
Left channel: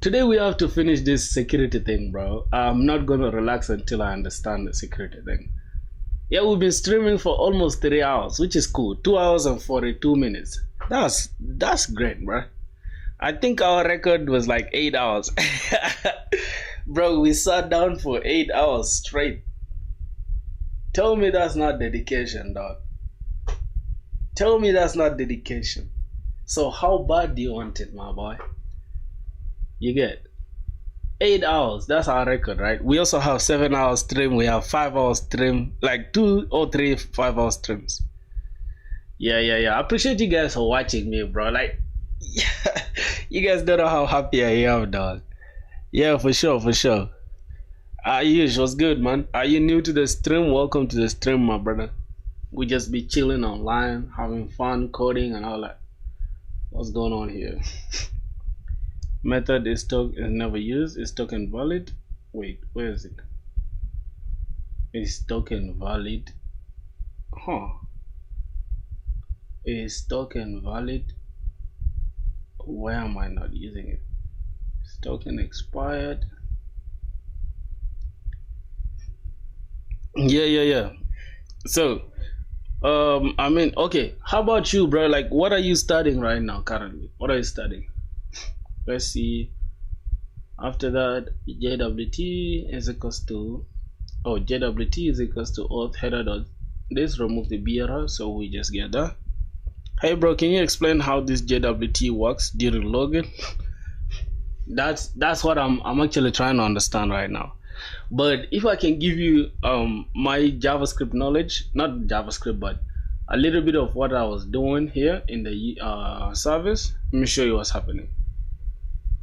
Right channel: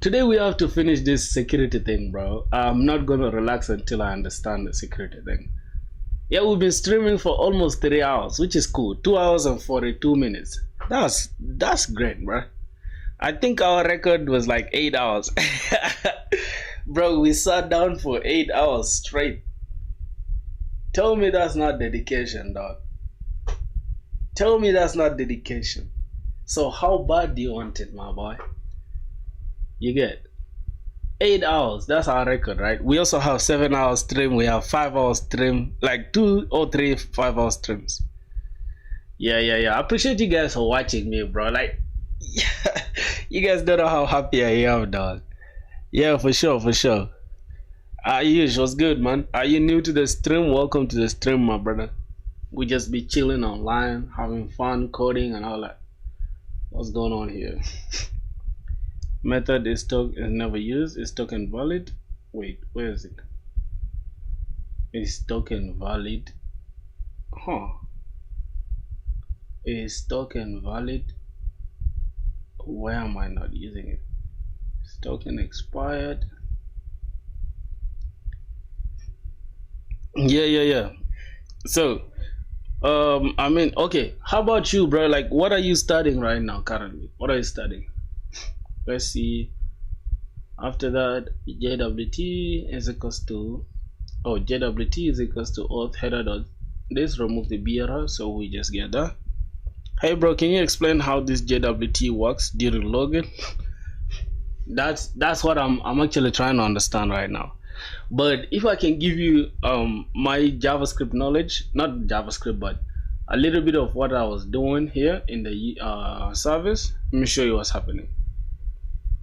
Today we have to finish this security thing, bro. I'm not gonna relax until I understand the security thing. Yeah, we've been streaming for almost 3 hours, which is cool. 2 hours and 42 minutes. That's great, bro. I think our record was like 8 hours. Bro, we sat down for 8 hours straight. Tell me that's not dedication, dog. Tell me that's not dedication. So how bad do you want it, my boy? You get 8 hours. That's our record, right? We also have 7 hours stream. We have 5 hours stream, like 2 or 3 5-hour streams. Yeah. I appreciate you guys for watching me, bro. Like, you guys don't know how happy I am, dog. Yeah, for sure. Ayush, what's good, man? Are you new to the stream? Welcome to the stream, my brother. We just be chilling online, having fun, coding and all that. What's going on here? Method is never used. Is token valid? Wait, where is it? Is token valid? Huh. Is token valid? Why am I not using it? Is token expired? Yeah. So, I mean, okay. How about you, bro? Like, what are you studying right now currently? What are you studying? Let's see. After that, JWT is equals to auth header dot this, remove the BRR, so we just get that. Hey bro, can you explain how this JWT works during login? That's what I'm actually trying to understand right now. But if I can give you my JavaScript knowledge, not JavaScript, but a little bit of what I was doing here in the service, let me show you what's happening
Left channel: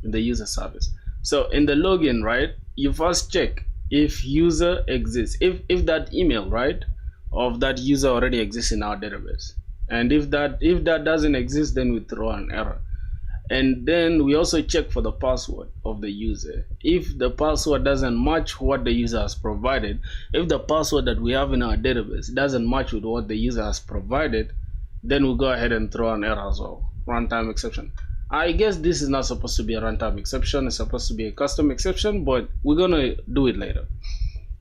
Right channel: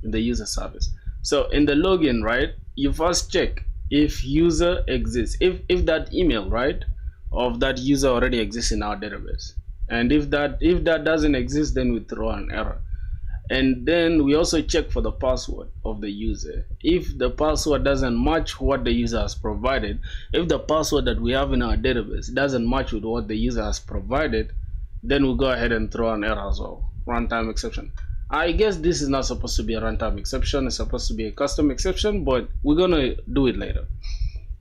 in the user service. So in the login, right, you first check if user exists, if that email, right, of that user already exists in our database. And if that doesn't exist, then we throw an error. And then we also check for the password of the user. If the password doesn't match what the user has provided, if the password that we have in our database doesn't match with what the user has provided, then we'll go ahead and throw an error as well, runtime exception. I guess this is not supposed to be a runtime exception, it's supposed to be a custom exception, but we're gonna do it later.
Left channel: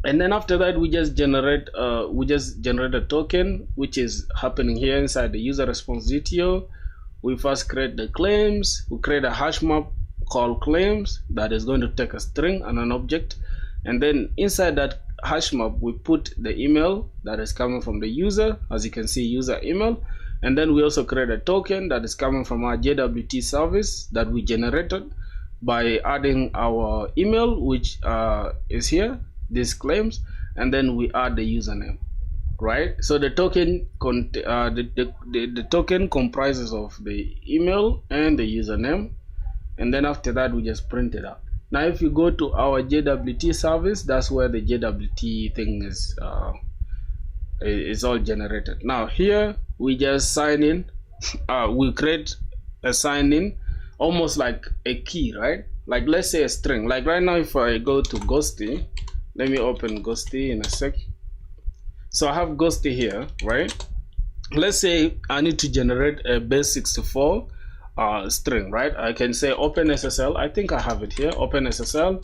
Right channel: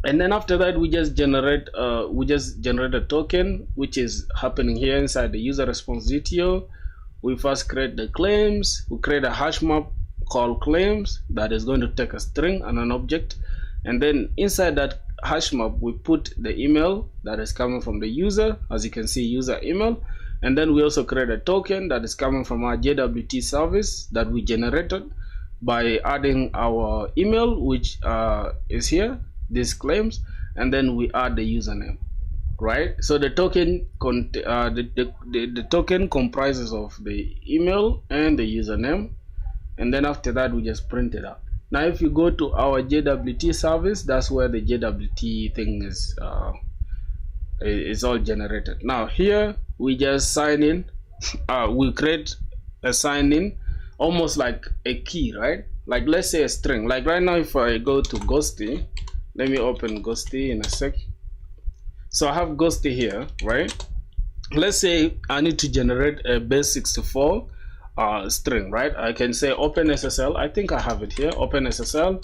And then after that, we just generate a token, which is happening here inside the user response GTO. We first create the claims. We create a hash map called claims that is going to take a string and an object. And then inside that hash map, we put the email that is coming from the user, as you can see, user email. And then we also create a token that is coming from our JWT service that we generated by adding our email, which is here, these claims, and then we add the username. Right, so the token the token comprises of the email and the username, and then after that we just print it out. Now if you go to our JWT service, that's where the JWT thing is all generated. Now here we just sign in. We create a sign in, almost like a key, right? Like let's say a string. Like right now, if I go to Ghosty, let me open Ghosty in a sec. So I have Ghosty here, right? Let's say I need to generate a base 64 string, right? I can say open SSL. I think I have it here, open SSL,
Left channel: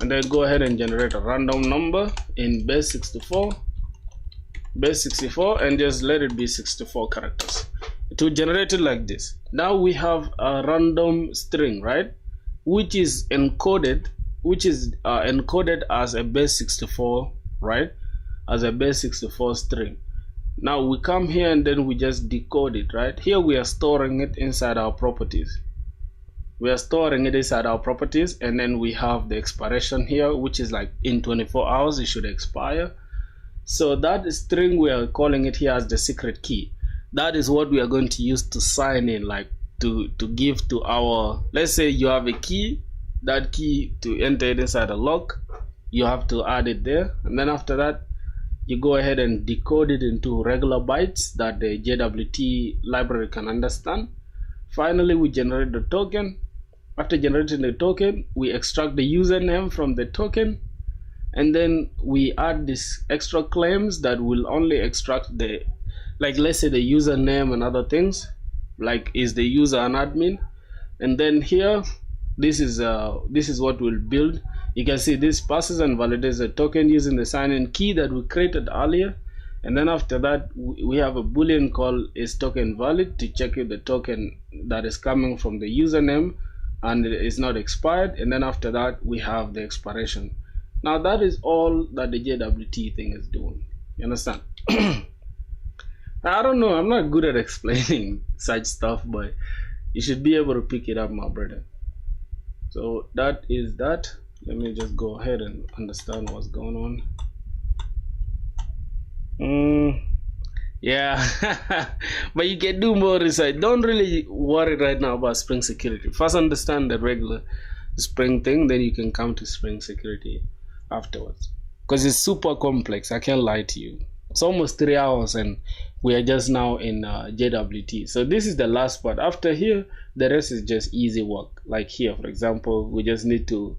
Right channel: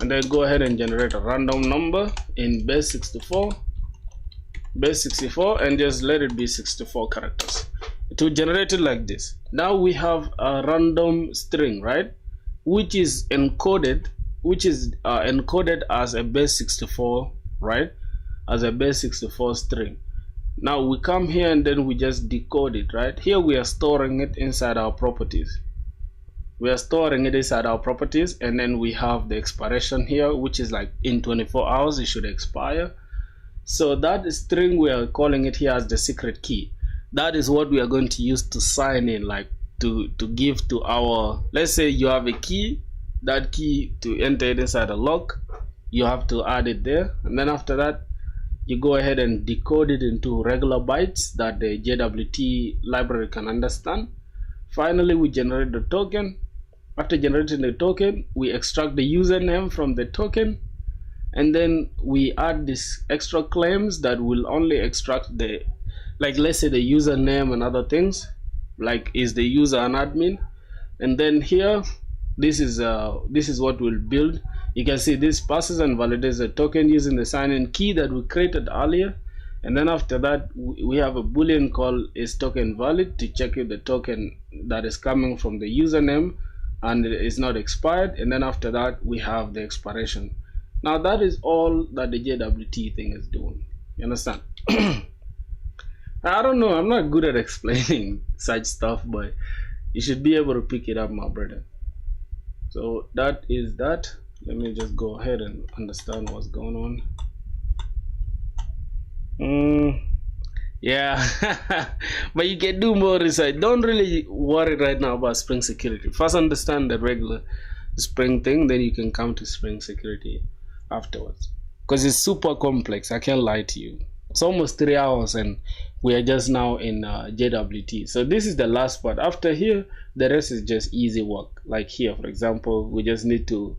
and then go ahead and generate a random number in base 64, and just let it be 64 characters. To generate it like this. Now we have a random string, right? Which is encoded, as a base 64, right? As a base 64 string. Now we come here and then we just decode it, right? Here we are storing it inside our properties. And then we have the expiration here, which is like in 24 hours it should expire. So that string, we are calling it here as the secret key. That is what we are going to use to sign in, like to give to our, let's say you have a key, that key, to enter it inside a lock, you have to add it there, and then after that you go ahead and decode it into regular bytes that the JWT library can understand. Finally, we generate the token. After generating the token, we extract the username from the token, and then we add these extra claims that will only extract the, like let's say the username and other things, like is the user an admin. And then here, this is what we'll build. You can see this passes and validates the token using the sign-in key that we created earlier. And then after that, we have a boolean called is token valid to check if the token that is coming from the username and it is not expired. And then after that, we have the expiration. Now that is all that the JWT thing is doing. You understand? I don't know, I'm not good at explaining such stuff, but you should be able to pick it up, my brother. So that is that. Let me just go ahead and understand what's going on. Yeah, but you can do more research. Don't really worry right now about Spring Security. First understand the regular Spring thing, then you can come to Spring Security afterwards. Because it's super complex, I can't lie to you. It's almost 3 hours and we are just now in JWT. So this is the last part. After here, the rest is just easy work. Like here, for example, we just need to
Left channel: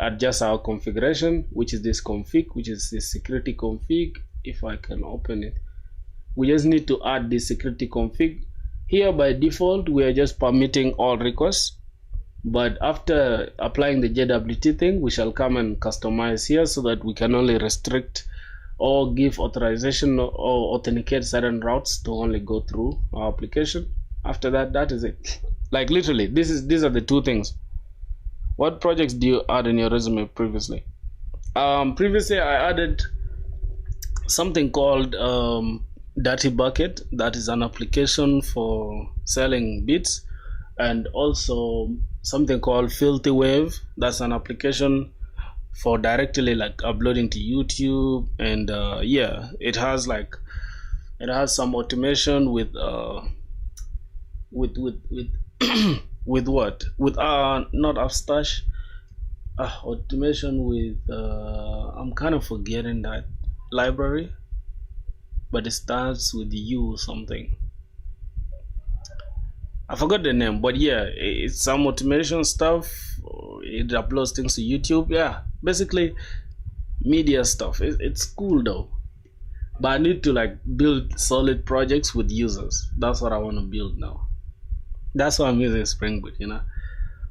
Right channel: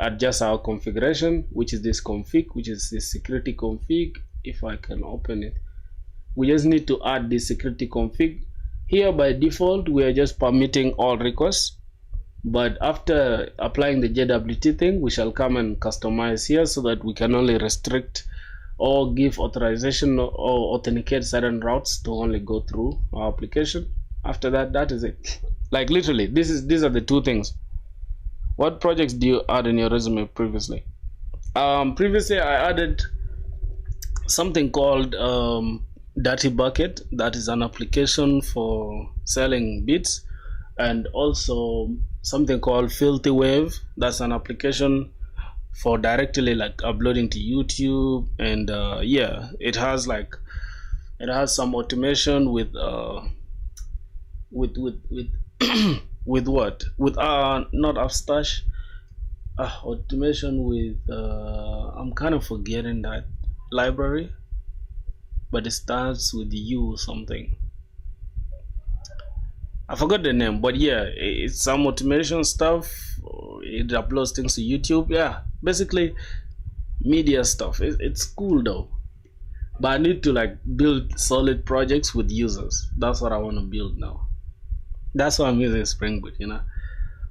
adjust our configuration, which is this config, which is this security config. If I can open it, we just need to add this security config. Here by default, we are just permitting all requests, but after applying the JWT thing, we shall come and customize here so that we can only restrict or give authorization or authenticate certain routes to only go through our application. After that, that is it. Like literally, these are the two things. What projects do you add in your resume previously? Previously, I added something called Dirty Bucket. That is an application for selling bits, and also something called Filthy Wave. That's an application for directly like uploading to YouTube. And yeah, it has some automation with with what? With not Upstash. Automation with I'm kind of forgetting that library, but it starts with U something. I forgot the name, but yeah, it's some automation stuff. It uploads things to YouTube. Yeah, basically media stuff. It's cool though, but I need to like build solid projects with users. That's what I want to build now. That's why I'm using Spring Boot. All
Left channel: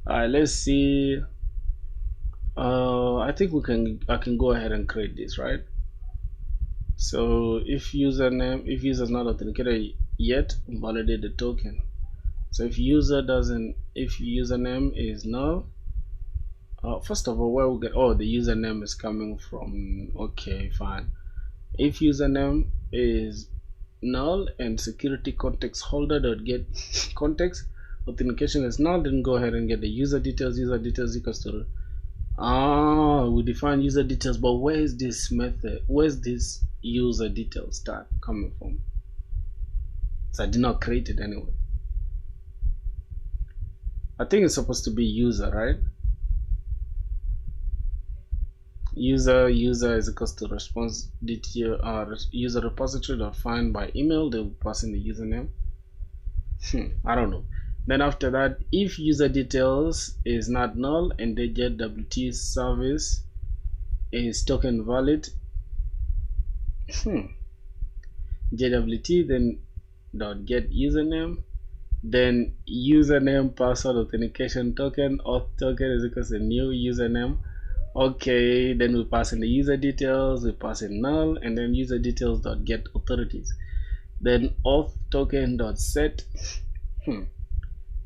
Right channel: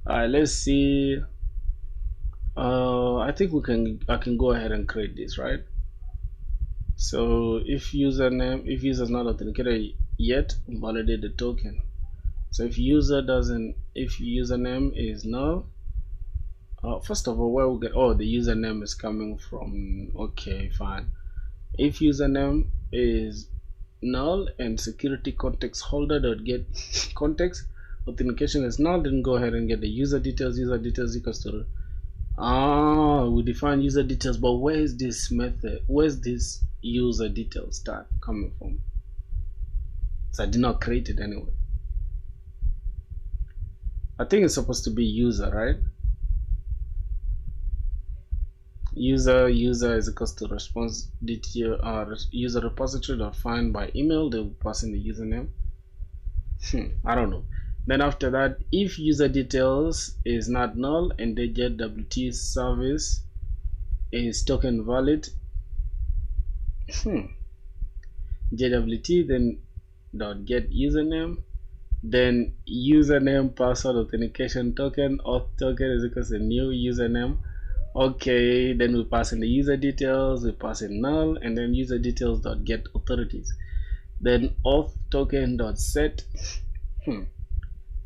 right, let's see. I think I can go ahead and create this, right? So if user is not authenticated yet, validate the token. So if username is null, first of all, where we get, the username is coming from. Okay, fine. If username is null and security context holder dot get context authentication is null, then go ahead and get the user details. User details equals to we define user details, but where's this method? Where's this user details start coming from? So I did not create it anyway. I think it's supposed to be user, right? User is equals to response detail user repository dot find by email. They'll pass in the username. I don't know. Then after that, if user details is not null and the JWT service is token valid, JWT then dot get username, then username password authentication token auth token is equals to new username. Okay, then we pass in the user details, we pass in null, and then user details dot get authorities, then auth token dot set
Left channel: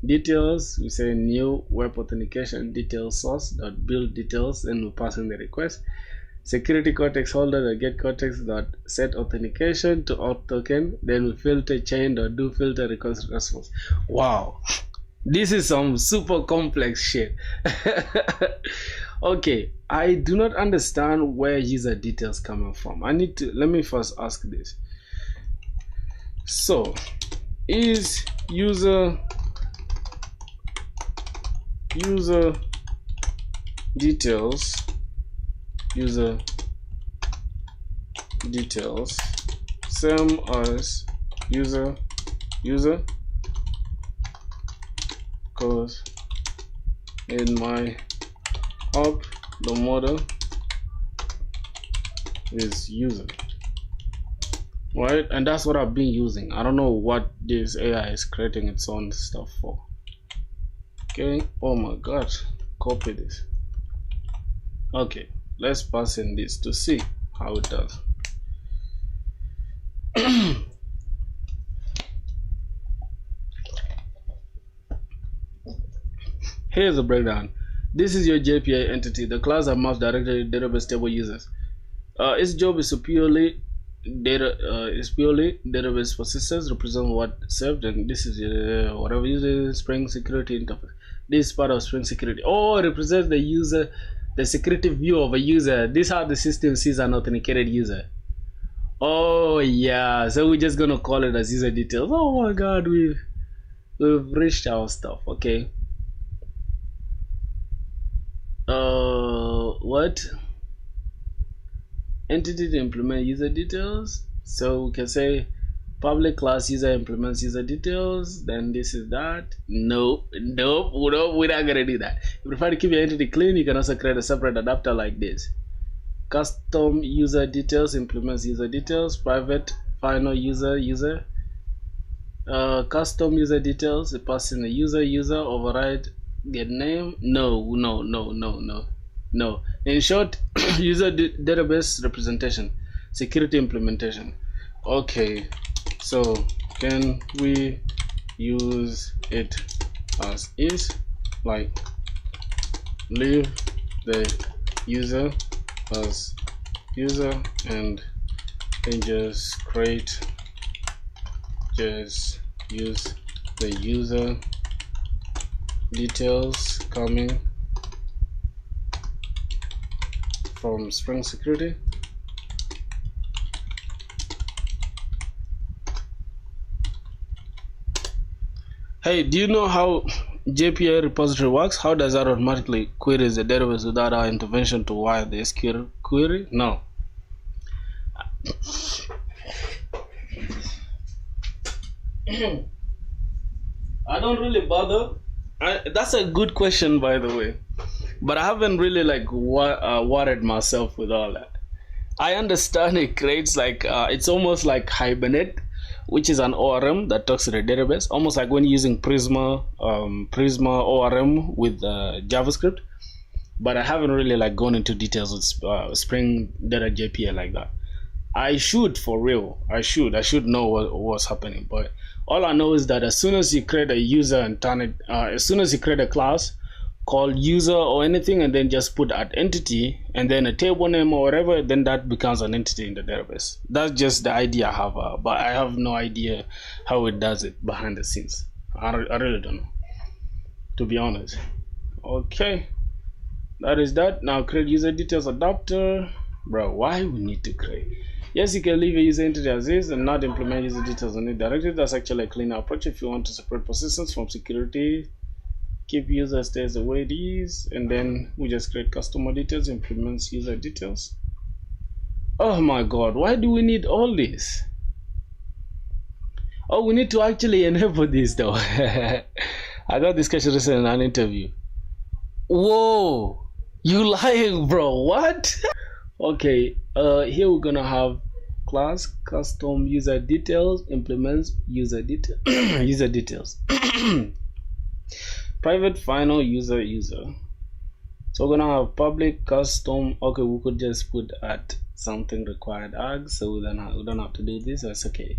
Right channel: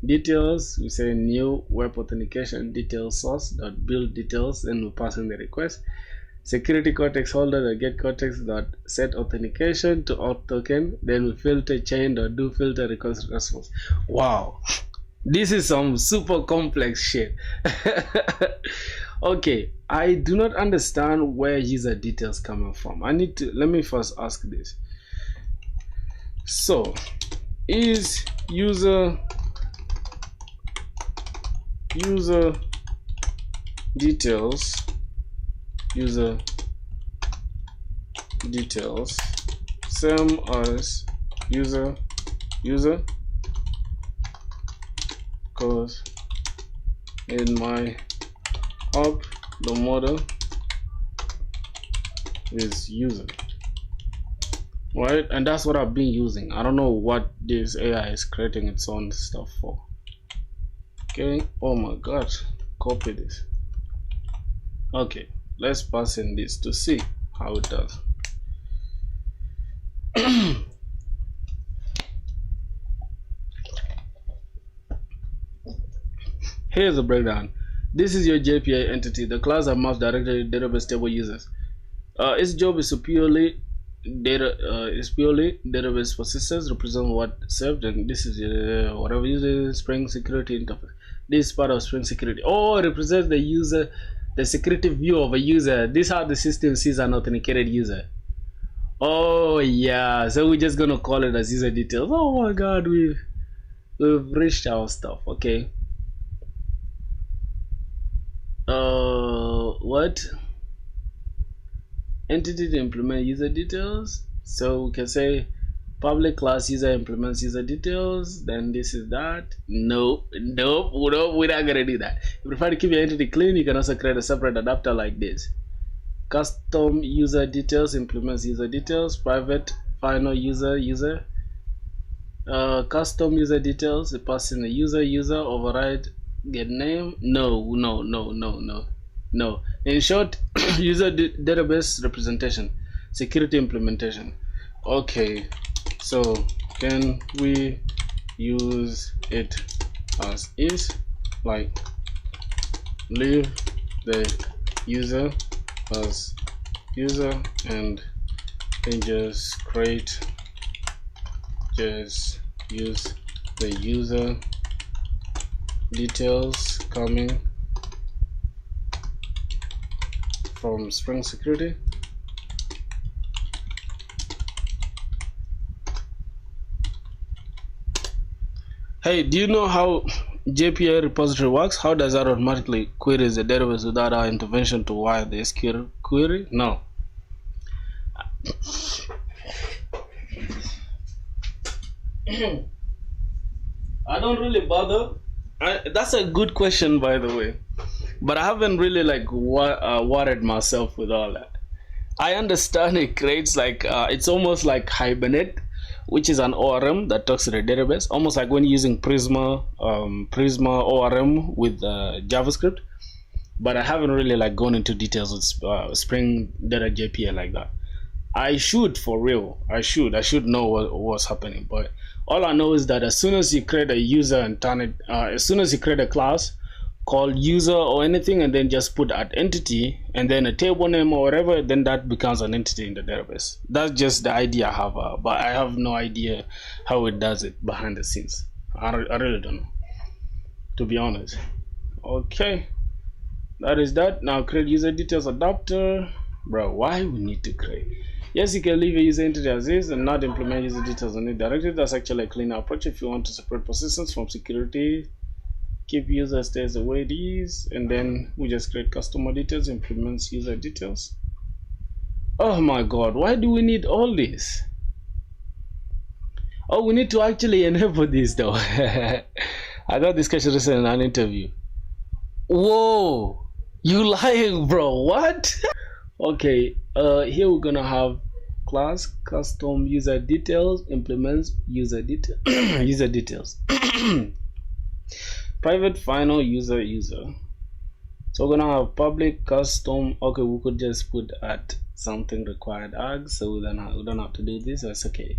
details, we say new web authentication details source dot build details, and we pass in the request. Security context holder dot get context dot set authentication to auth token, then we filter chain dot do filter request response. Wow, this is some super complex shit. Okay, I do not understand where user details coming from. Let me first ask this. So is user details same as user because in my app the model is user, right? And that's what I've been using. I don't know what this AI is creating its own stuff for. Okay, oh my god, copy this. Okay, let's pass in this to see how it does. Here's the breakdown. This is your JPA entity. The class are mapped directly to database table users. Its job is purely database persistence, represent what served, and this is whatever user Spring security interface. This is part of Spring security. Oh, it represents the user, the security view of a user. This is how the system sees an authenticated user. Oh yeah, so we're just gonna call it as user details. Oh my god, we've reached our stuff. Okay. What entity to implement user details? So we can say public class user implements user details, then this is that. Nope, we're not gonna do that. If you prefer to keep your entity clean, you can also create a separate adapter like this. Custom user details implements user details, private final user custom user details, it passes in the user override get name. No. In short, user database representation, security implementation. Okay, so can we use it as is, like leave the user as user and then just use the user details coming from Spring Security. Hey, do you know how JPA repository works? How does that automatically query the database without our intervention to wire the SQL query? No. I don't really bother. That's a good question, by the way. But I haven't really like worried myself with all that. I understand it creates like it's almost like Hibernate, which is an ORM that talks to the database, almost like when using Prisma ORM with JavaScript. But I haven't really like gone into details with Spring Data JPA like that. I should, for real. I should know what's happening. But all I know is that as soon as you create a user and turn it, as soon as you create a class called user or anything, and then just put at entity and then a table name or whatever, then that becomes an entity in the database. That's just the idea I have, but I have no idea how it does it behind the scenes. I really don't know, to be honest. Okay, that is that. Now create user details adapter. Bro, why we need to create? Yes, you can leave a user entity as is and not implement user details on it directly. That's actually a cleaner approach if you want to separate persistence from security. Keep user stays the way it is, and then we just create customer details, implements user details. Oh my god, why do we need all this? Oh, we need to actually enable this though. I got this question recently in an interview. Whoa, you lying, bro? What? Okay, here we're gonna have class custom user details, implements user detail user details. Private final user. So we're gonna have public custom. Okay, we could just put at something required args, so we don't have to do this. That's okay.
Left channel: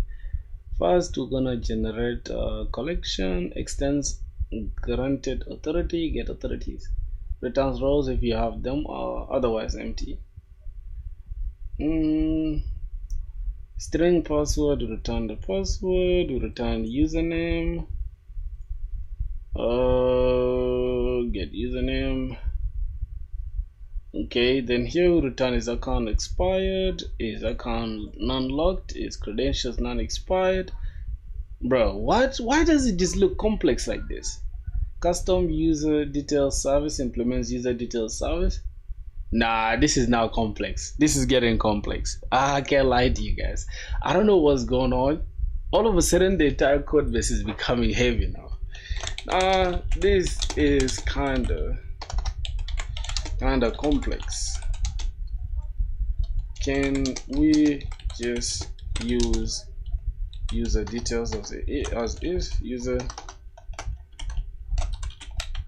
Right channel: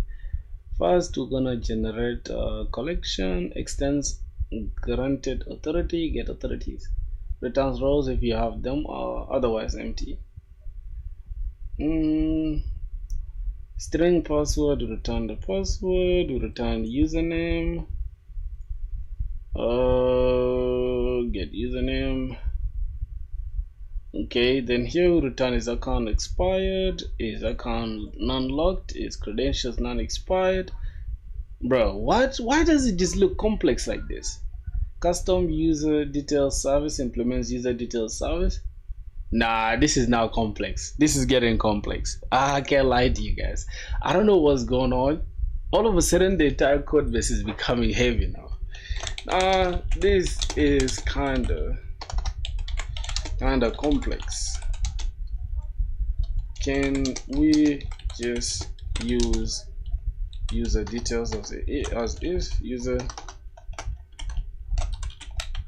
First, we're gonna generate a collection, extends granted authority, get authorities, returns rows if you have them, or otherwise empty. String password, return the password, return username. Get username. Okay, then here we return is account expired, is account non-locked, is credentials non-expired. Bro, what? Why does it just look complex like this? Custom user details service implements user details service. Nah, this is now complex. This is getting complex. I can't lie to you guys. I don't know what's going on. All of a sudden, the entire code base is becoming heavy now. This is kinda complex. Can we just use user details as is? User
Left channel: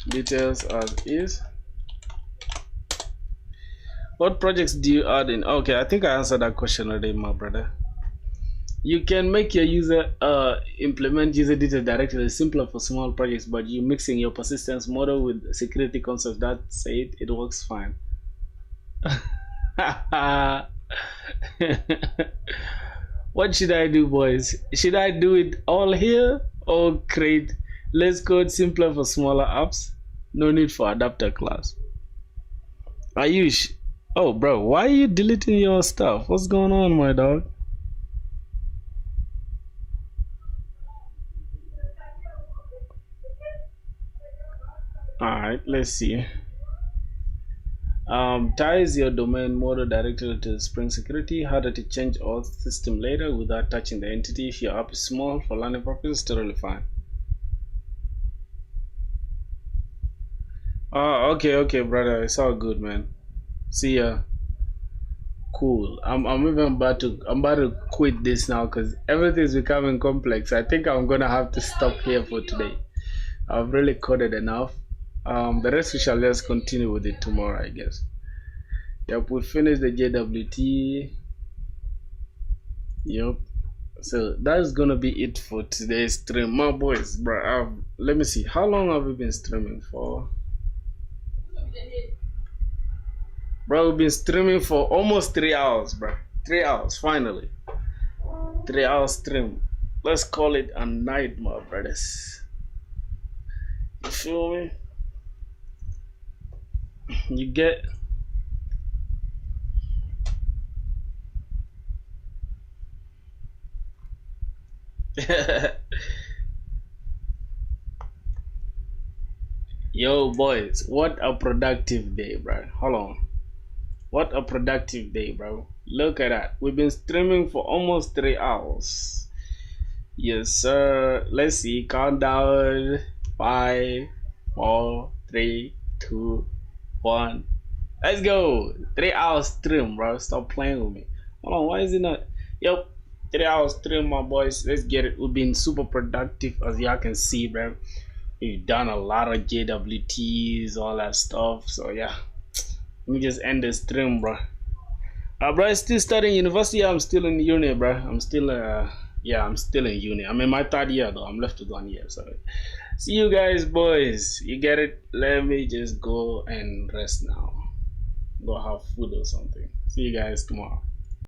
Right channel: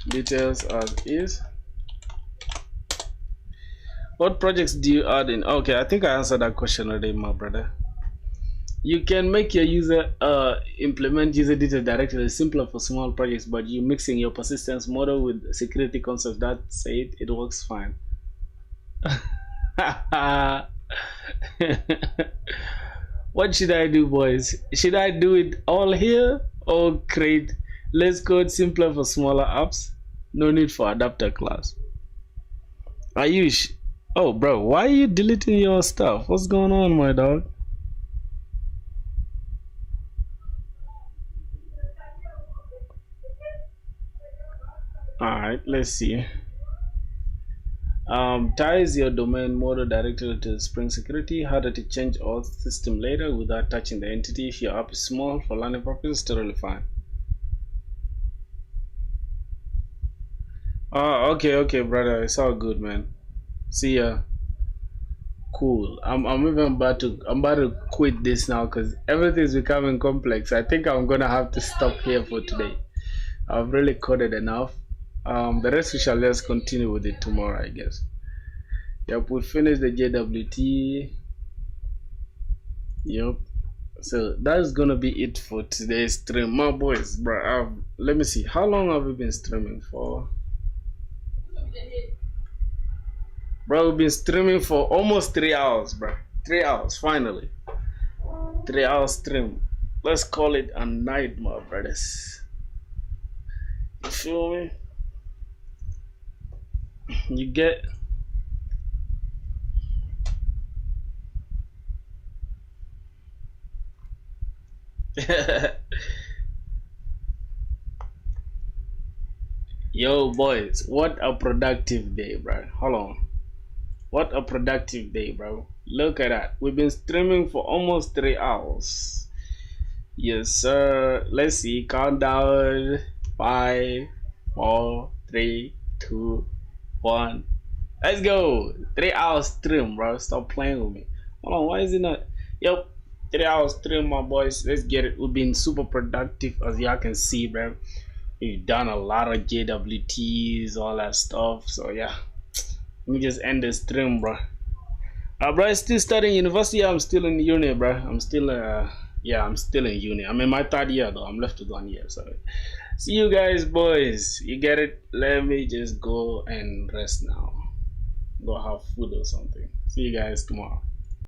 details as is. What projects do you add in? Okay, I think I answered that question already, my brother. You can make your user implement user detail directly. It's simpler for small projects, but you mixing your persistence model with security concepts. That said, it works fine. What should I do, boys? Should I do it all here or create less code simpler for smaller apps? No need for adapter class. Ayush, oh bro, why are you deleting your stuff? What's going on, my dog? Alright, let's see. Ties your domain model directly to Spring Security. Harder to change auth system later without touching the entity. If your app is small, for learning purposes, totally fine. Oh, okay, brother. It's all good, man. See ya. Cool. I'm even about to quit this now because everything's becoming complex. I think I'm gonna have to stop here for today. I've really coded enough. The rest we shall just continue with it tomorrow, I guess. Yep, we finished the JWT. Yep. So that's gonna be it for today's stream, my boys, bro. Let me see. How long have we been streaming for? Bro, we've been streaming for almost 3 hours, bro. 3 hours, finally. 3 hours stream. Let's call it a night, my brothers. You feel me? You get Yo, boys, what a productive day, bro. Hold on. What a productive day, bro. Look at that. We've been streaming for almost 3 hours. Yes, sir. Let's see. Countdown. 5, 4, 3, 2, 1. Let's go. 3 hours stream, bro. Stop playing with me. Hold on. Why is it not? Yep. 3 hours stream, my boys. Let's get it. We've been super productive, as y'all can see, bro. We've done a lot of JWTs, all that stuff. So yeah, let me just end the stream, bro. Bro, I'm still studying university. I'm still in uni, bro. I'm still yeah, I'm still in uni. I'm in my 3rd year though. I'm left with 1 year. So see you guys, boys. You get it? Let me just go and rest now. Go have food or something. See you guys tomorrow.